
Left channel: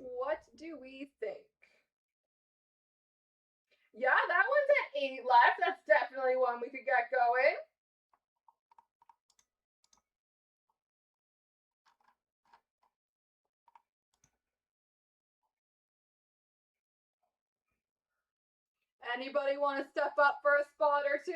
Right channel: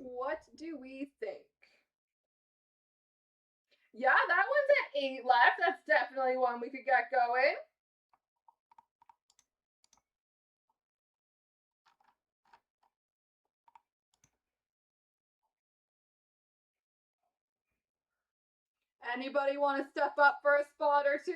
What do we think? Yeah, that one's at 8 left. That's definitely one we could get going. Anybody want to step up for a spot or two?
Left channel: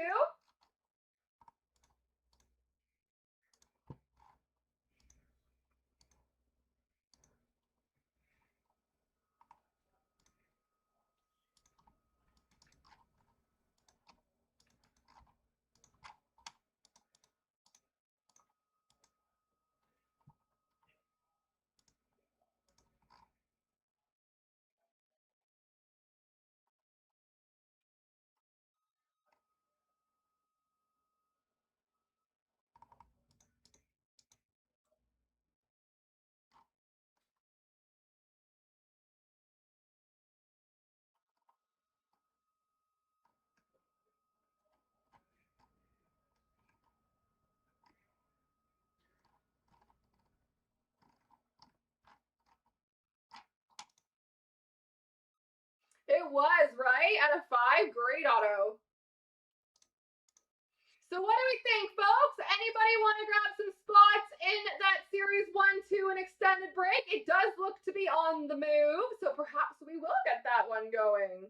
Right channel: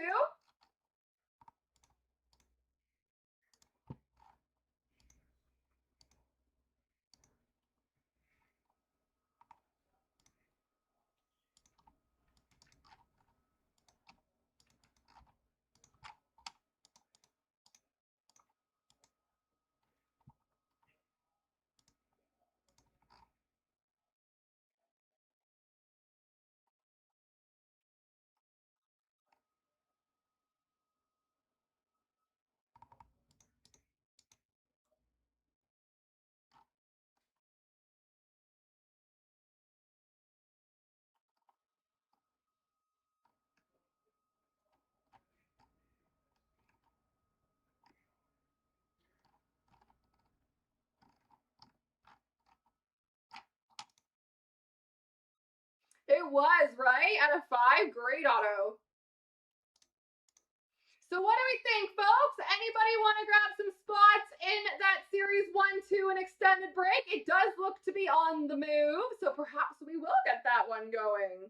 It was, right? Out of 5, great auto. So what do we think, folks? Anybody want to grab some spots in that Series 1, 2, and extended break? It does look to be on the move, so perhaps we will get that one going.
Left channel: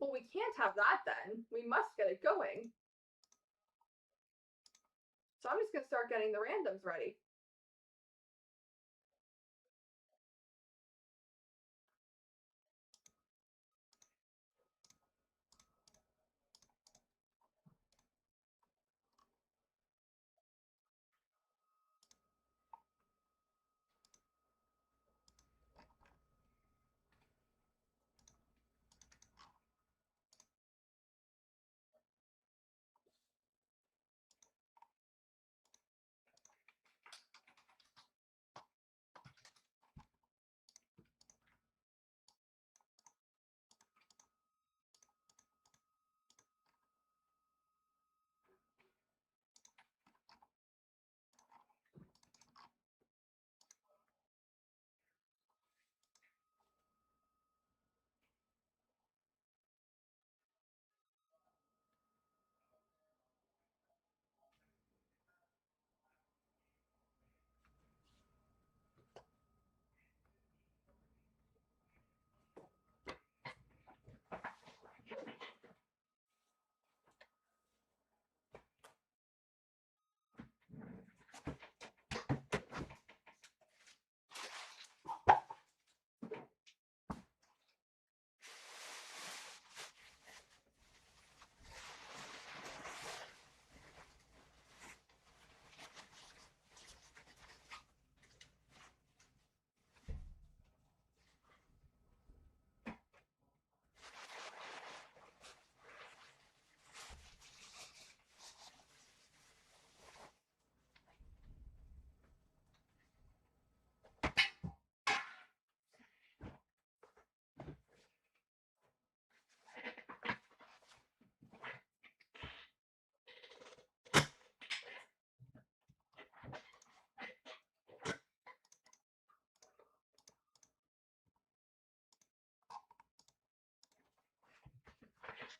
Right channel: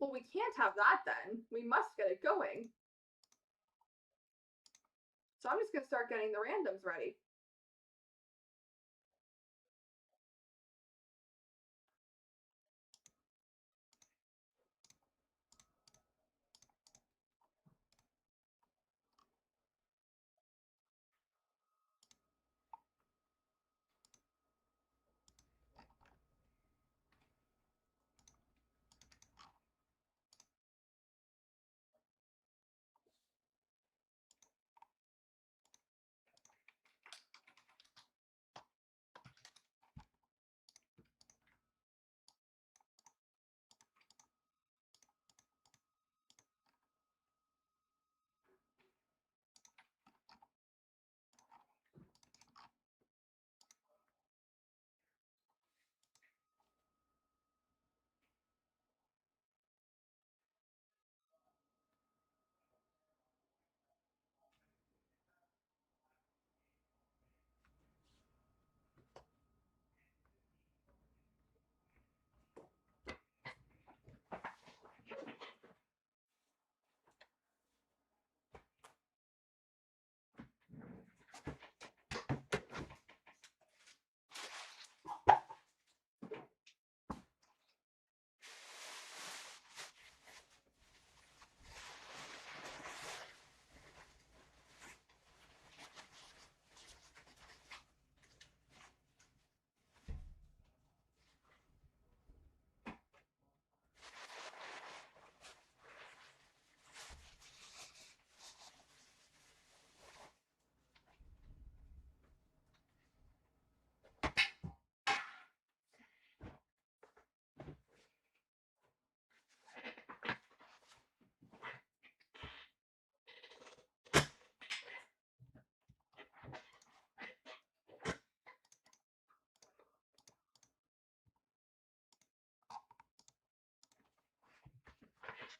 Well, we can't have that then. We must get it going. So I'm just going to start getting the randoms ready.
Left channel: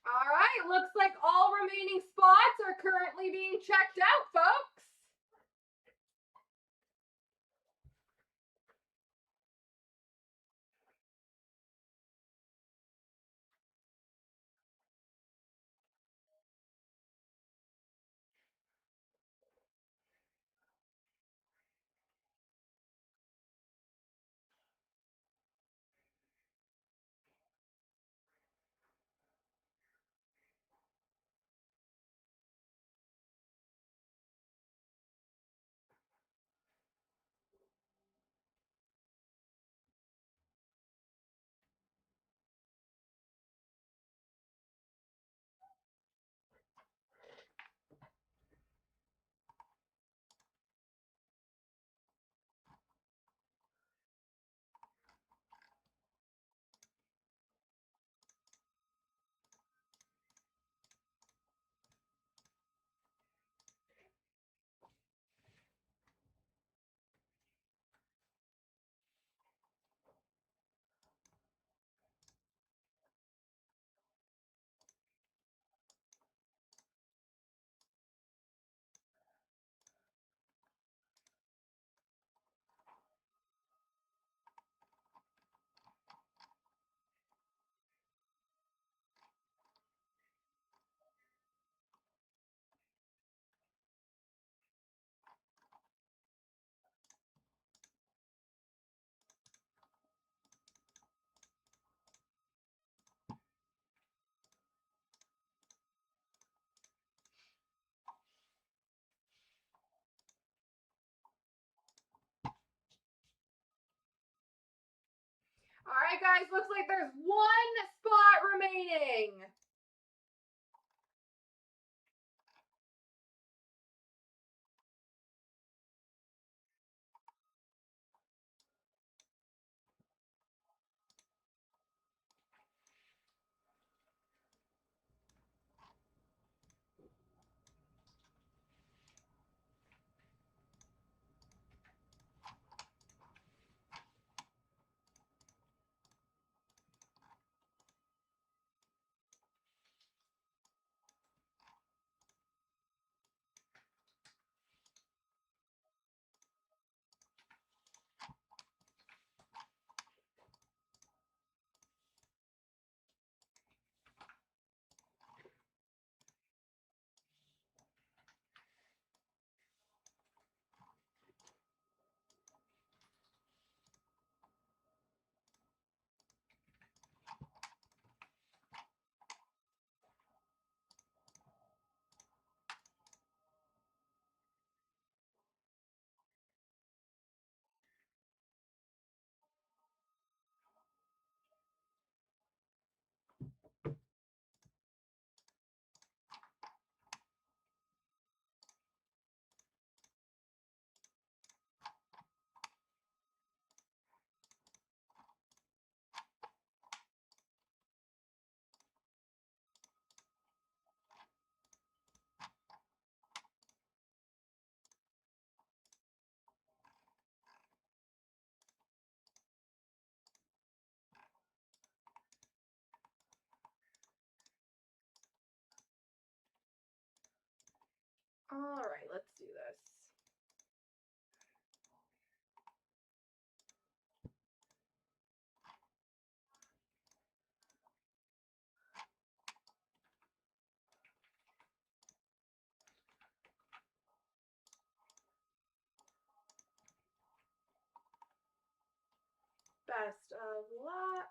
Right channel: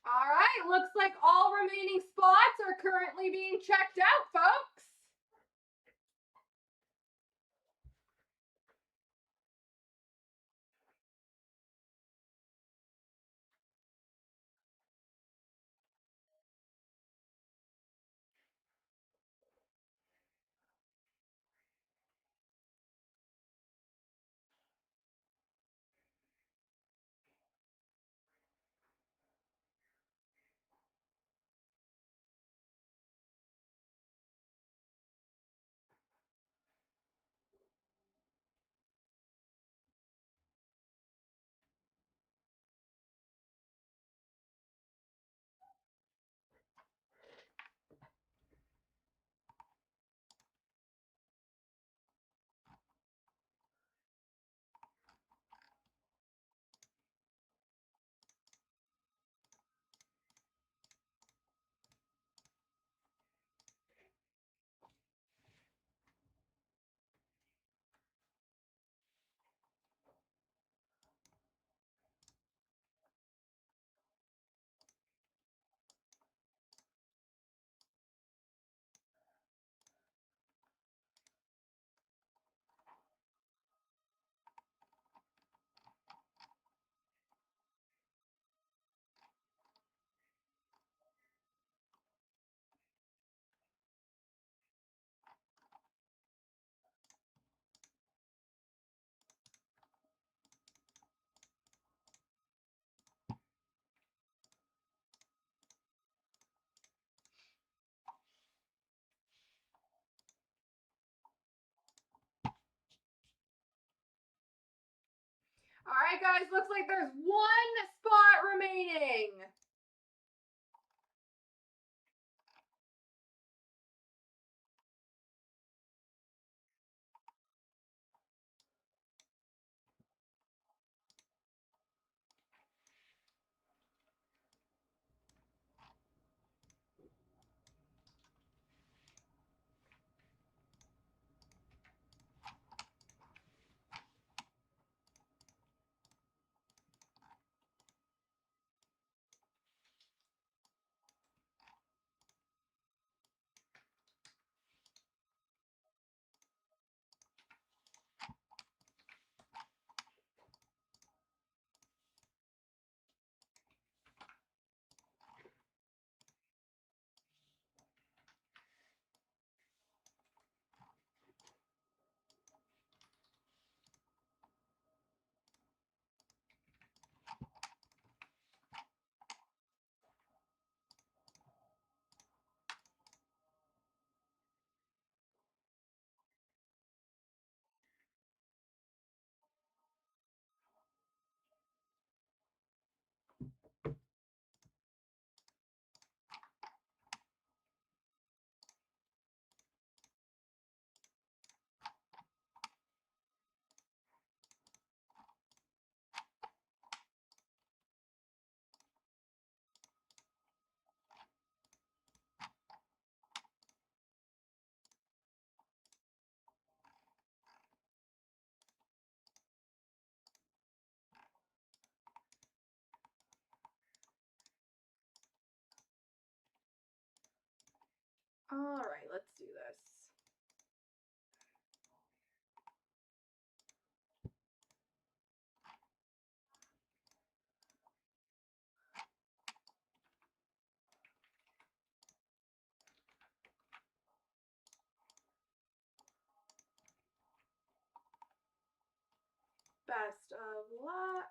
All right, looks like all remaining spots are currently being checked out, folks. guys. Looks like there's one spot remaining. All right, let's do this. Best of luck.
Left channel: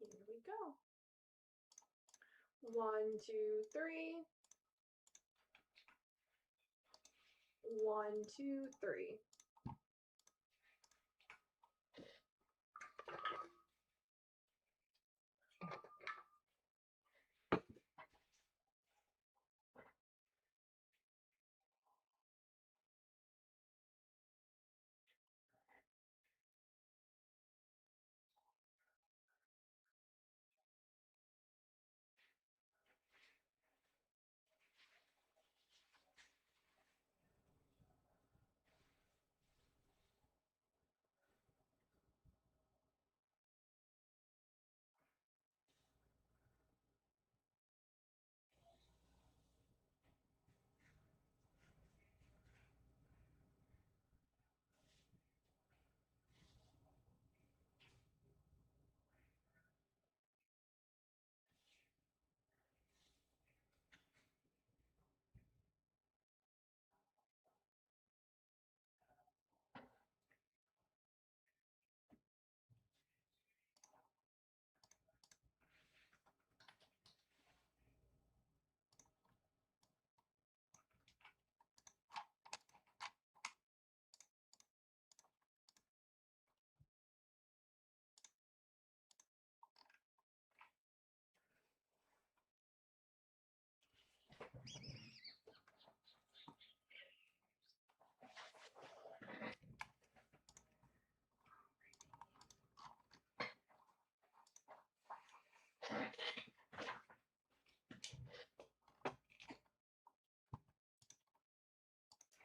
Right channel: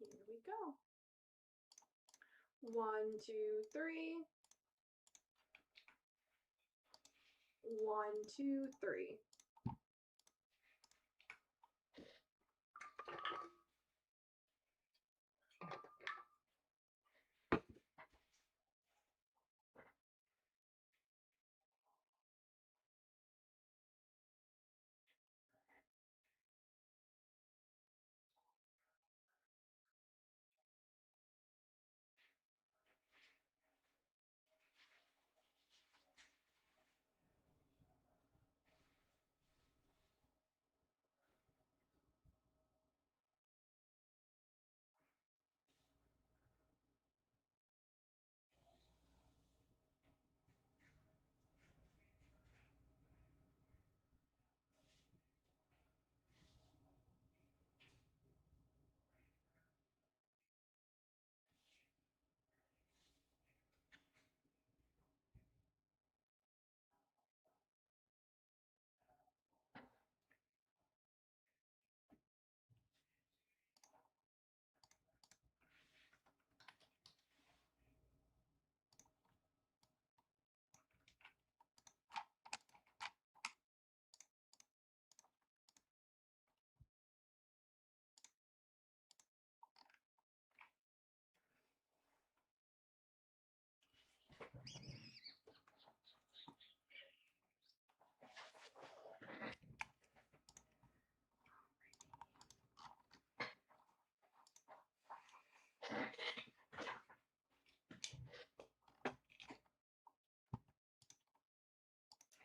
Here we go. 1, 2, 3. 1, 2, 3.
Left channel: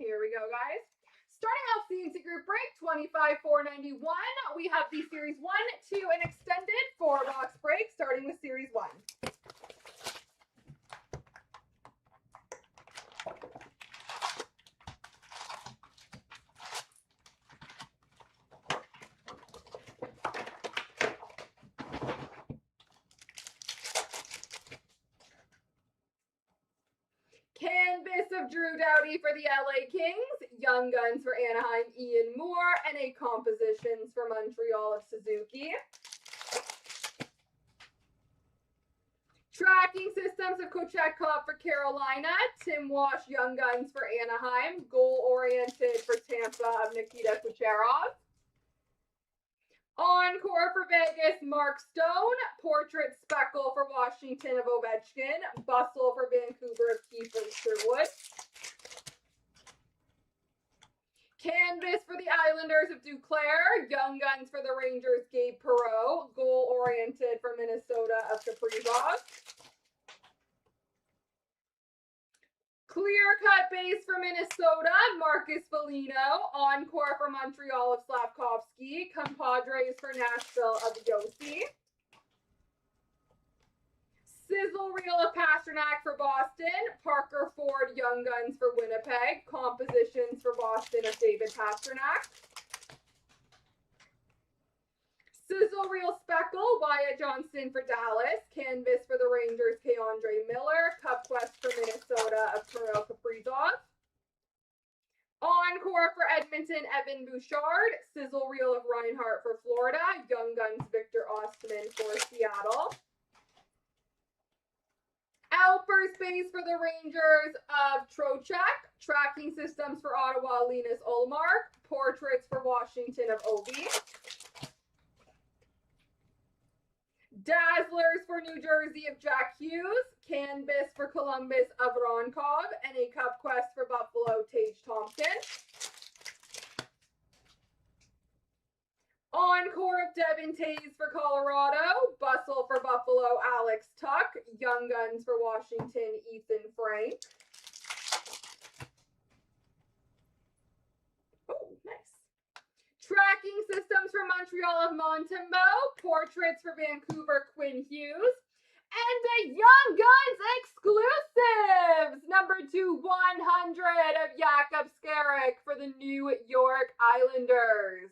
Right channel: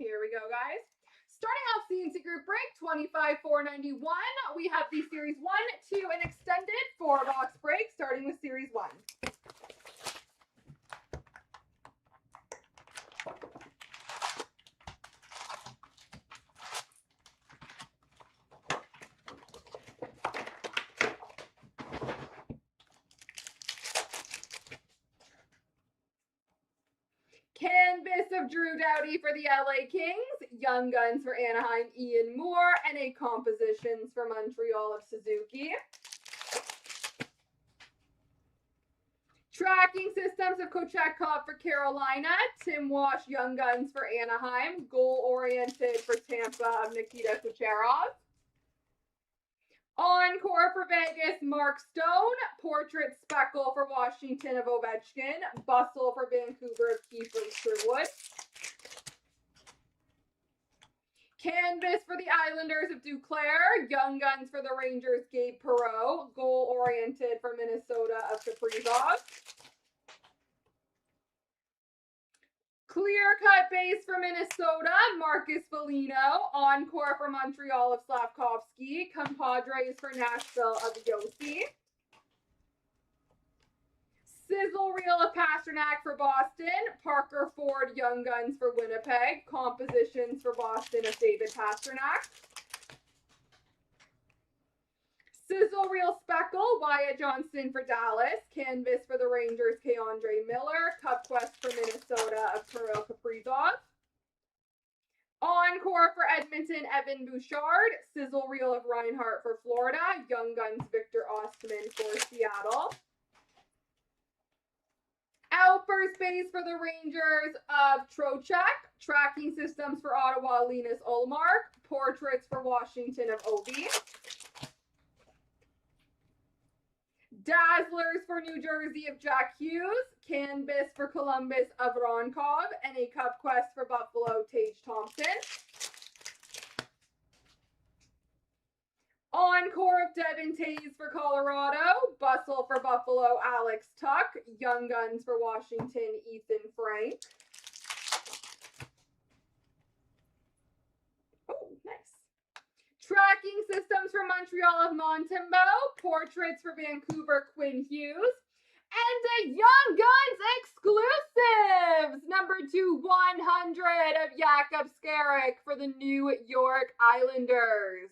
Here we go, guys. Starting off CNC Group Break, 25,491. We have the Series 1, 2, and extended 4-box break, starting with Series 1. Canvas of Drew Doughty for the LA Kings, Young Guns for Anaheim, Ian Moore, and a Compositions for Montreal of Suzuki. Tracking Systems of Kochetkov for Carolina, Tim Walsh, Young Guns for Anaheim, Goal Oriented for Tampa of Nikita Kucherov. Encore for Vegas, Mark Stone. Portrait Speckle for Washington of Ovechkin. Bustle for Vancouver of Kiefer Sherwood. Canvas for the Islanders of Duclair. Young Guns for the Rangers, Gabe Perreault. Goal-oriented for Minnesota of Kaprizov. Clear cut base for Minnesota, Marcus Foligno. Encore for Montreal of Slavkovsky. Compadres for Nashville of Yossi. Sizzle reel of Pasternak for Boston. Parker Ford Young Guns for Winnipeg. Compositions for Boston of David Pasternak. Sizzle reel Speckle, Wyatt Johnston for Dallas. Canvas for the Rangers, Keandre Miller. Cup Quest for Minnesota of Kirill Kaprizov. Encore for Edmonton, Evan Bouchard. Sizzle reel of Reinhart for Florida. Young Guns, Victor Ostman for Seattle. Outburst base for the Rangers of Trocheck. Tracking systems for Ottawa, Linus Ullmark. Portraits for Washington of Ovi. Dazzlers for New Jersey of Jack Hughes. Canvas for Columbus of Ronkov. And a Cup Quest for Buffalo, Tage Thompson. Encore of Devin Tays for Colorado. Bustle for Buffalo, Alex Tuck. Young Guns for Washington, Ethan Frank. Oh, nice. Tracking systems for Montreal of Montembeau. Portraits for Vancouver, Quinn Hughes. And a Young Guns exclusives. Number 2/100 of Jakub Skarek for the New York Islanders.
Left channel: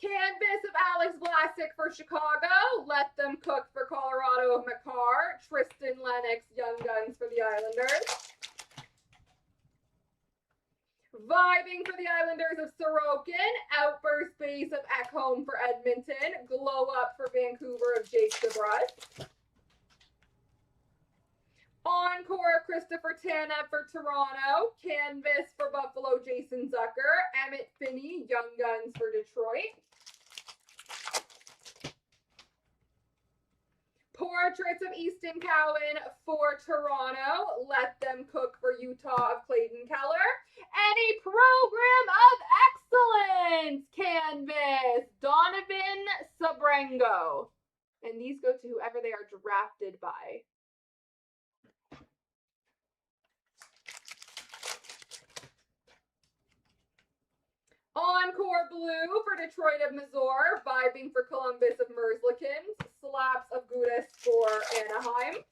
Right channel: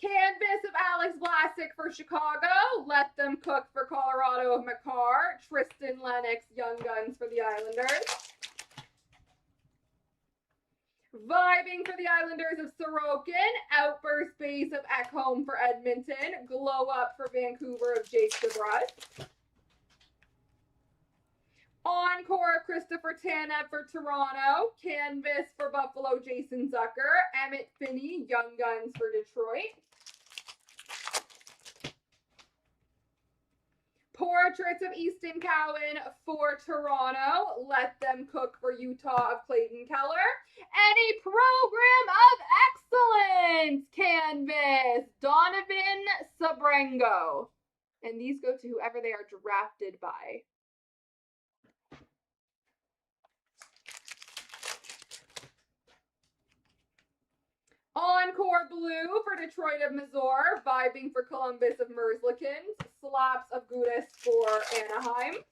Canvas of Alex Vlasic for Chicago. Let Them Cook for Colorado of McCarr. Tristan Lennox, Young Guns for the Islanders. Vibing for the Islanders of Sorokin. Outburst base of Ekholm for Edmonton. Glow Up for Vancouver of Jake DeBrusk. Encore Christopher Tanev for Toronto. Canvas for Buffalo, Jason Zucker. Emmett Finney, Young Guns for Detroit. Portraits of Easton Cowan for Toronto. Let Them Cook for Utah of Clayton Keller. And a Program of Excellence canvas, Donovan Sabrengo. And these go to whoever they are drafted by. Encore Blue for Detroit of Mazur. Vibing for Columbus of Merzlikins. Slaps of Gudis for Anaheim.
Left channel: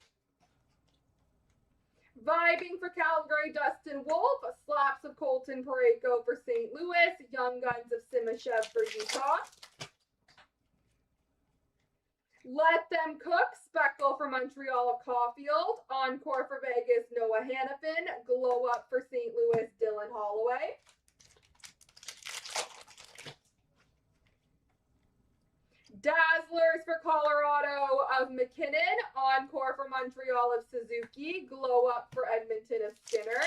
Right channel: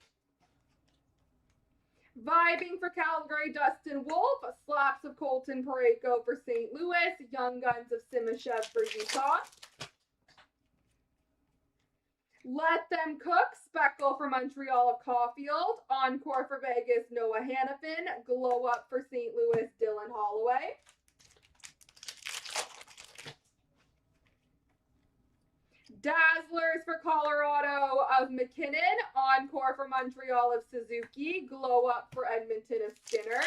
Vibing for Calgary, Dustin Wolf. Slaps of Colton Parayko for St. Louis. Young Guns of Simashev for Utah. Let Them Cook. Speckle for Montreal of Caulfield. Encore for Vegas, Noah Hannafin. Glow Up for St. Louis, Dylan Holloway. Dazzlers for Colorado of McKinnon. Encore for Montreal of Suzuki. Glow Up for Edmonton of Skinner.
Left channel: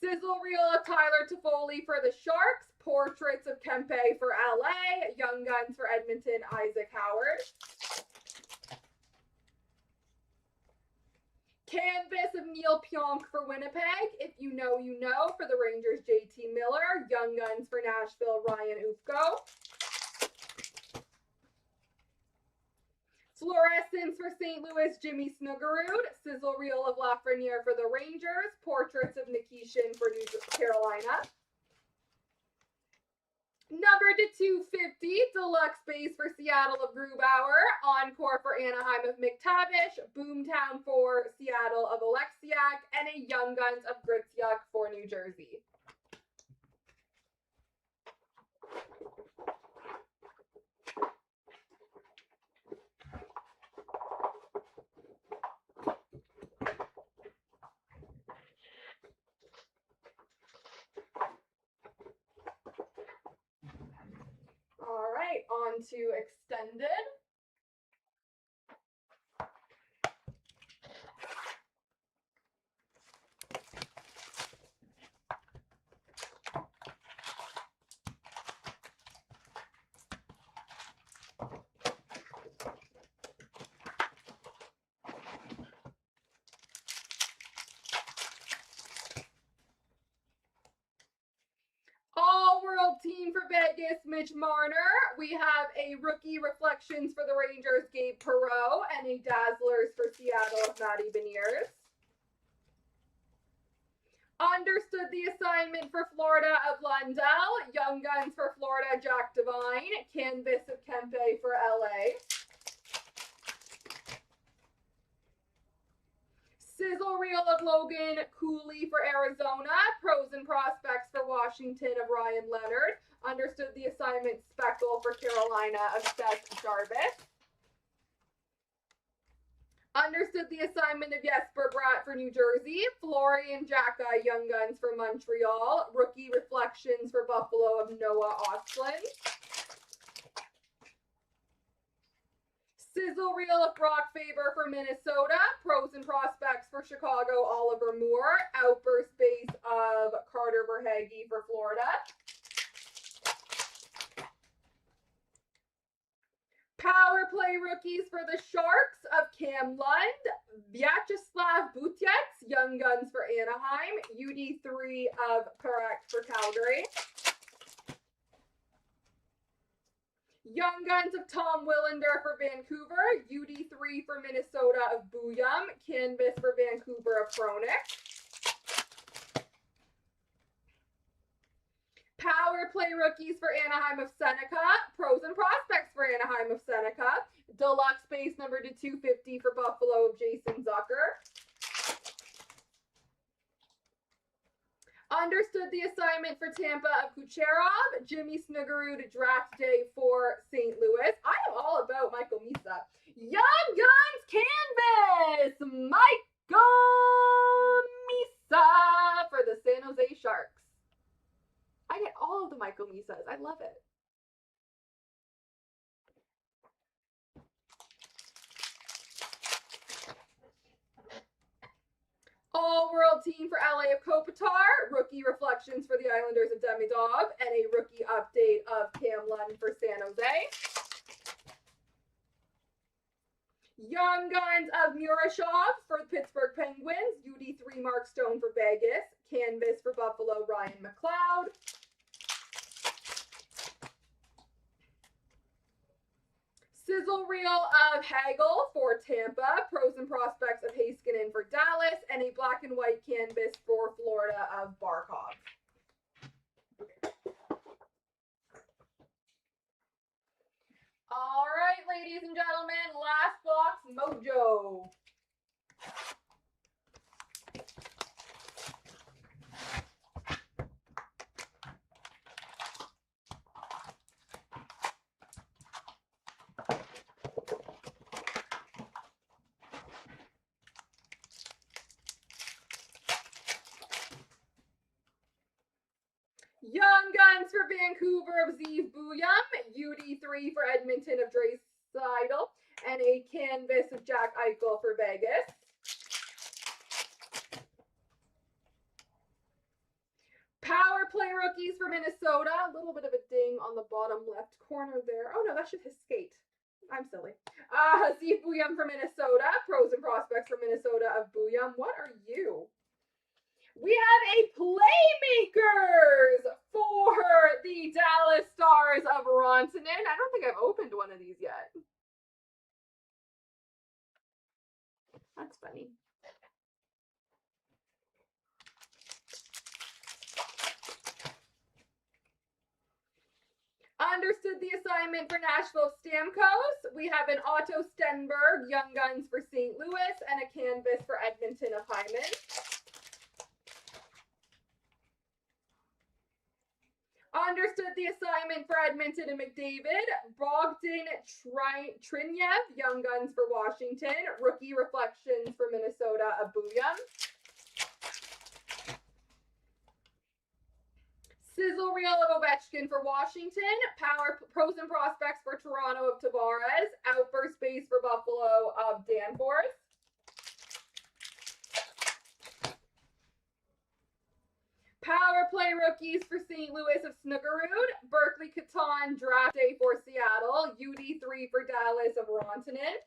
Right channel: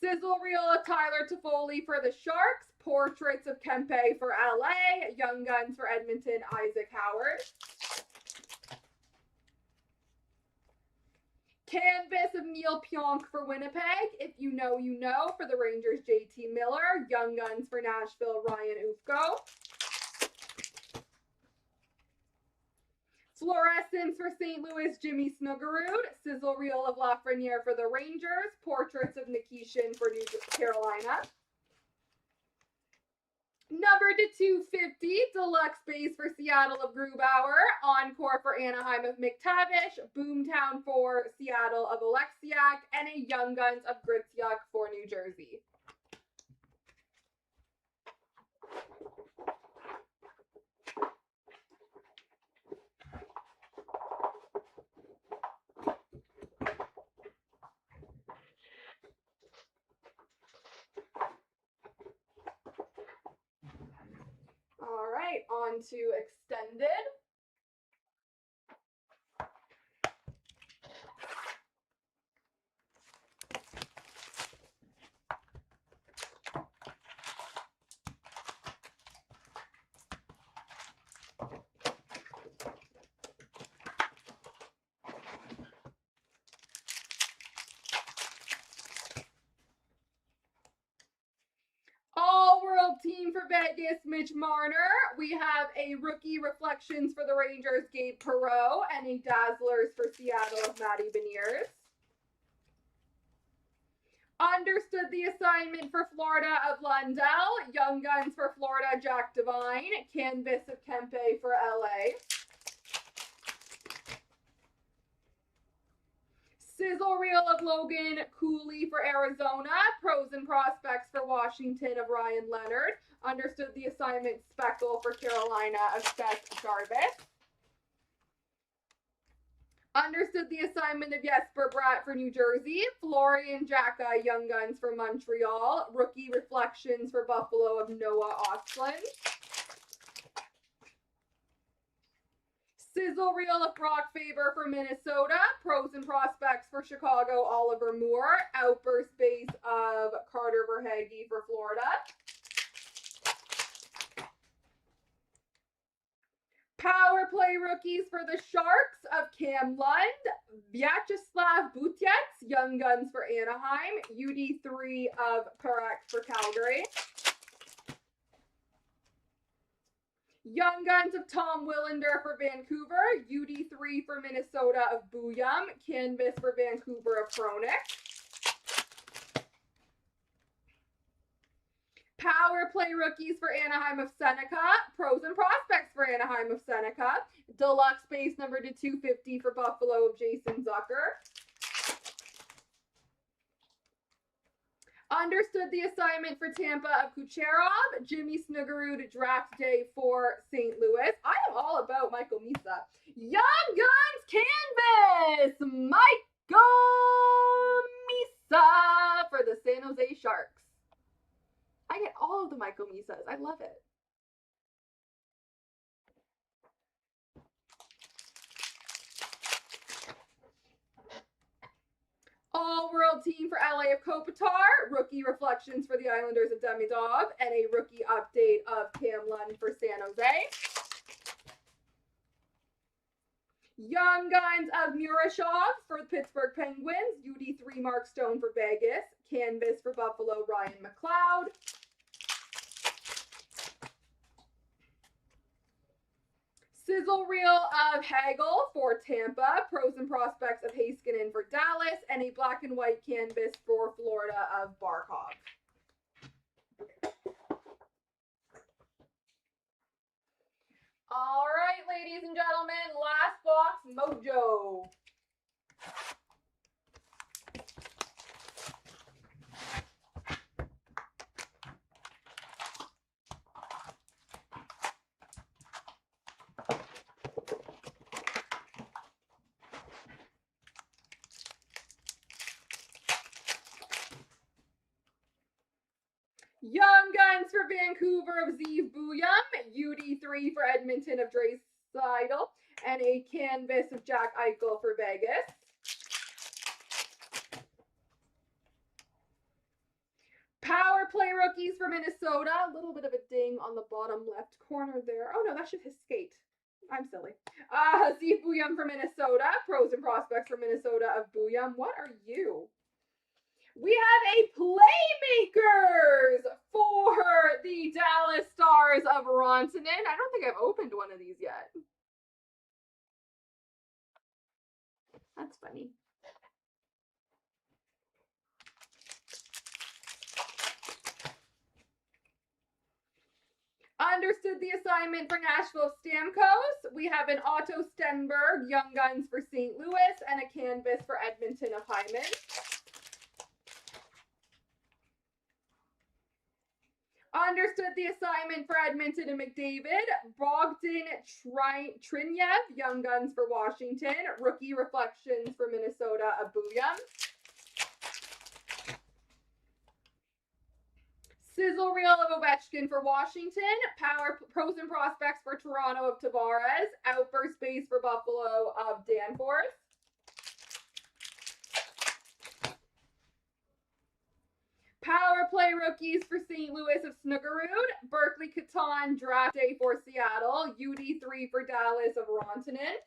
Sizzle reel of Tyler Toffoli for the Sharks. Portraits of Kempe for LA. Young Guns for Edmonton, Isaac Howard. Canvas of Neil Pionk for Winnipeg. If you know, you know. For the Rangers, JT Miller. Young Guns for Nashville, Ryan Ufko. Fluorescence for St. Louis, Jimmy Snuggerud. Sizzle reel of Lafreniere for the Rangers. Portraits of Nikishin for New Carolina. Number to 250, deluxe base for Seattle of Grubauer, encore for Anaheim of McTavish, Boomtown for Seattle of Alexiak, and a Young Guns of Gritsuk for New Jersey. All right, on to extended. All-World team for Vegas, Mitch Marner. We have a rookie reflections for the Rangers, Gabe Perreault, and a Dazzlers for Seattle of Matty Beniers. Understood the assignment for Florida of Lundell, Young Guns for Florida, Jack Devine, Canvas of Kempe for LA. Sizzle reel of Logan Cooley for Arizona. Pros and prospects for Washington of Ryan Leonard. Understood the assignment speckle for Carolina of Seth Jarvis. Understood the assignment of Jesper Bratt for New Jersey. Florian Jacka Young Guns for Montreal. Rookie reflections for Buffalo of Noah Ostlund. Sizzle reel of Brock Faber for Minnesota. Pros and prospects for Chicago, Oliver Moore. Outburst base of Carter Verhaeghe for Florida. Power play rookies for the Sharks of Cam Lund. Vyacheslav Butets, Young Guns for Anaheim. UD3 of Parak for Calgary. Young Guns of Tom Willander for Vancouver. UD3 for Minnesota of Booyum. Canvas for Vancouver of Chronic. Power play rookies for Anaheim of Seneca. Pros and prospects for Anaheim of Seneca. Deluxe base number to 250 for Buffalo of Jason Zucker. Understood the assignment for Tampa of Kucherov. Jimmy Snuggerud draft day for St. Louis. I am all about Michael Misa. Young Guns canvas, Michael Misa for the San Jose Sharks. I get all of the Michael Misas. I love it. All-World team for LA of Kopitar, rookie reflections for the Islanders of Demidov, and a rookie update of Cam Lund for San Jose. Young Guns of Murashov for the Pittsburgh Penguins, UD3 Mark Stone for Vegas, Canvas for Buffalo, Ryan McLeod. Sizzle reel of Hagel for Tampa, pros and prospects of Heiskanen for Dallas, and a black and white canvas for Florida of Barkov. All right, ladies and gentlemen, last box mojo. Young Guns for Vancouver of Zeev Booyum, UD3 for Edmonton of Draisaitl, and a canvas of Jack Eichel for Vegas. Power play rookies for Minnesota, a little bit of a ding on the bottom left corner there. Oh no, that should his skate. I'm silly. Zeev Booyum for Minnesota, pros and prospects for Minnesota of Booyum. What are you? We have a Playmakers for the Dallas Stars of Rantanen. I don't think I've opened one of these yet. That's funny. Understood the assignment for Nashville Stamkos. We have an Otto Stenberg, Young Guns for St. Louis, and a canvas for Edmonton of Hyman. Understood the assignment for Edmonton and McDavid. Bogdan Trinyev, Young Guns for Washington. Rookie Reflections for Minnesota, Abuyam. Sizzle Reel of Ovechkin for Washington. Power Pros and Prospects for Toronto of Tavares. Outburst Base for Buffalo of Danforth. Power Play Rookies for St. Louis of Snuggerud. Berkeley Catan Draft Day for Seattle. UD3 for Dallas of Rantanen.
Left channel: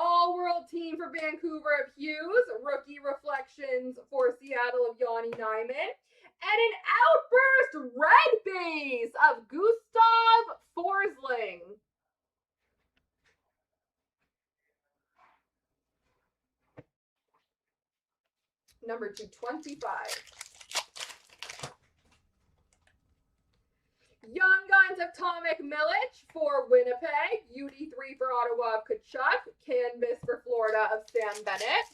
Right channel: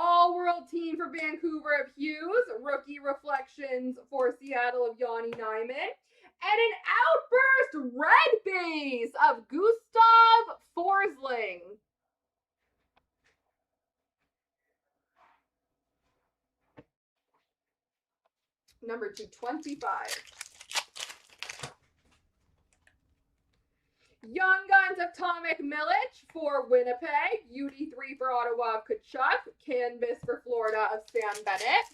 All-World Team for Vancouver of Hughes. Rookie Reflections for Seattle of Yanni Nyman. And an Outburst Red Base of Gustav Forsling. Number 225. Young Guns of Tomek Milic for Winnipeg. UD3 for Ottawa of Kachuk. Canvas for Florida of Sam Bennett.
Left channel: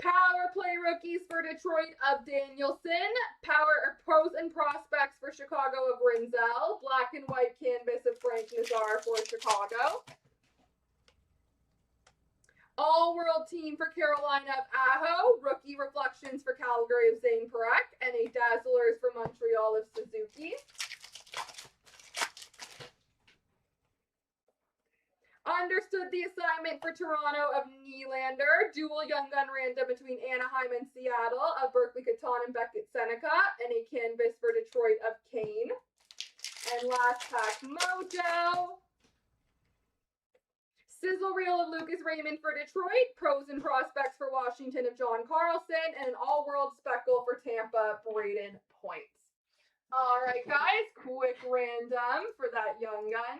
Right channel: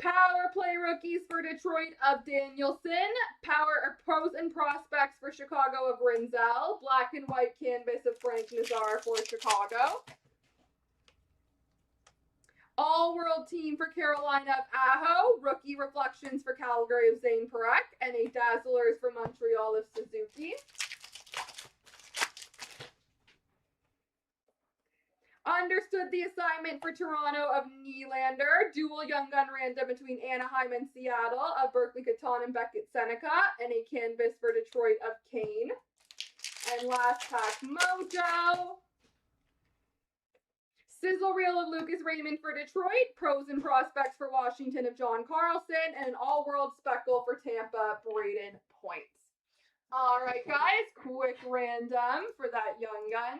Power Play Rookies for Detroit of Danielson. Pros and Prospects for Chicago of Rinzel. Black and White Canvas of Frank Nazar for Chicago. All-World Team for Carolina of Aho. Rookie Reflections for Calgary of Zane Parekh. And a Dazzlers for Montreal of Suzuki. Understood the assignment for Toronto of Nylander. Dual Young Gun random between Anaheim and Seattle of Berkeley Catan and Beckett Seneca. And a canvas for Detroit of Kane. And last pack Mojo. Sizzle Reel of Lucas Raymond for Detroit. Pros and Prospects for Washington of John Carlson. And an All-World Speckle for Tampa, Braden Points. All right, guys. Quick random for that Young Gun.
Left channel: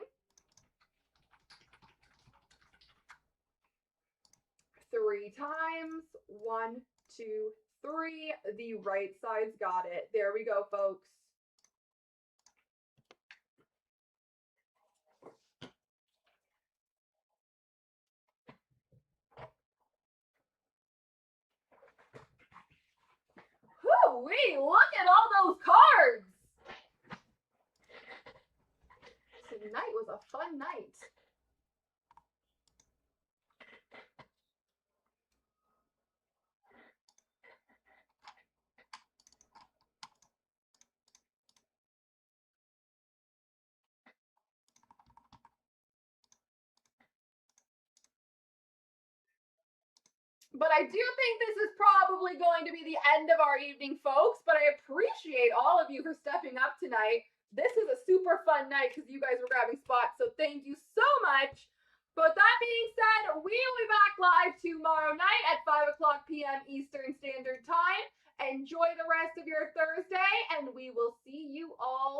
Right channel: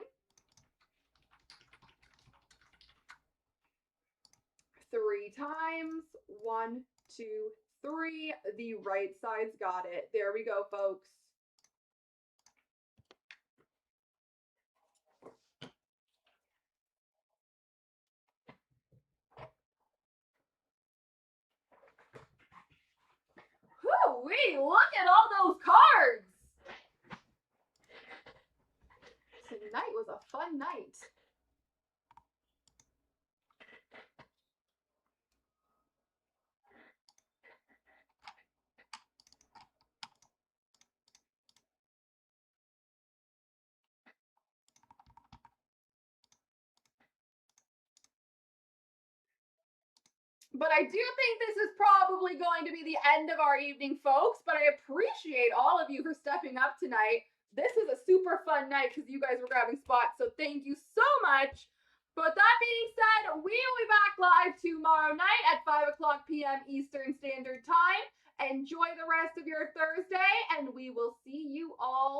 3 times. 1, 2, 3. The right side's got it. There we go, folks. Whoo-wee, look at all those cards. Tonight was a fun night. But I do think this is probably going to be the end of our evening, folks. But I appreciate all of you for stepping up tonight. This is a super fun night because you guys were grabbing spots. So thank you so much. But that being said, we will be back live tomorrow night at 5 o'clock p.m. Eastern Standard Time. Enjoy the rest of your Thursday, and we will see you all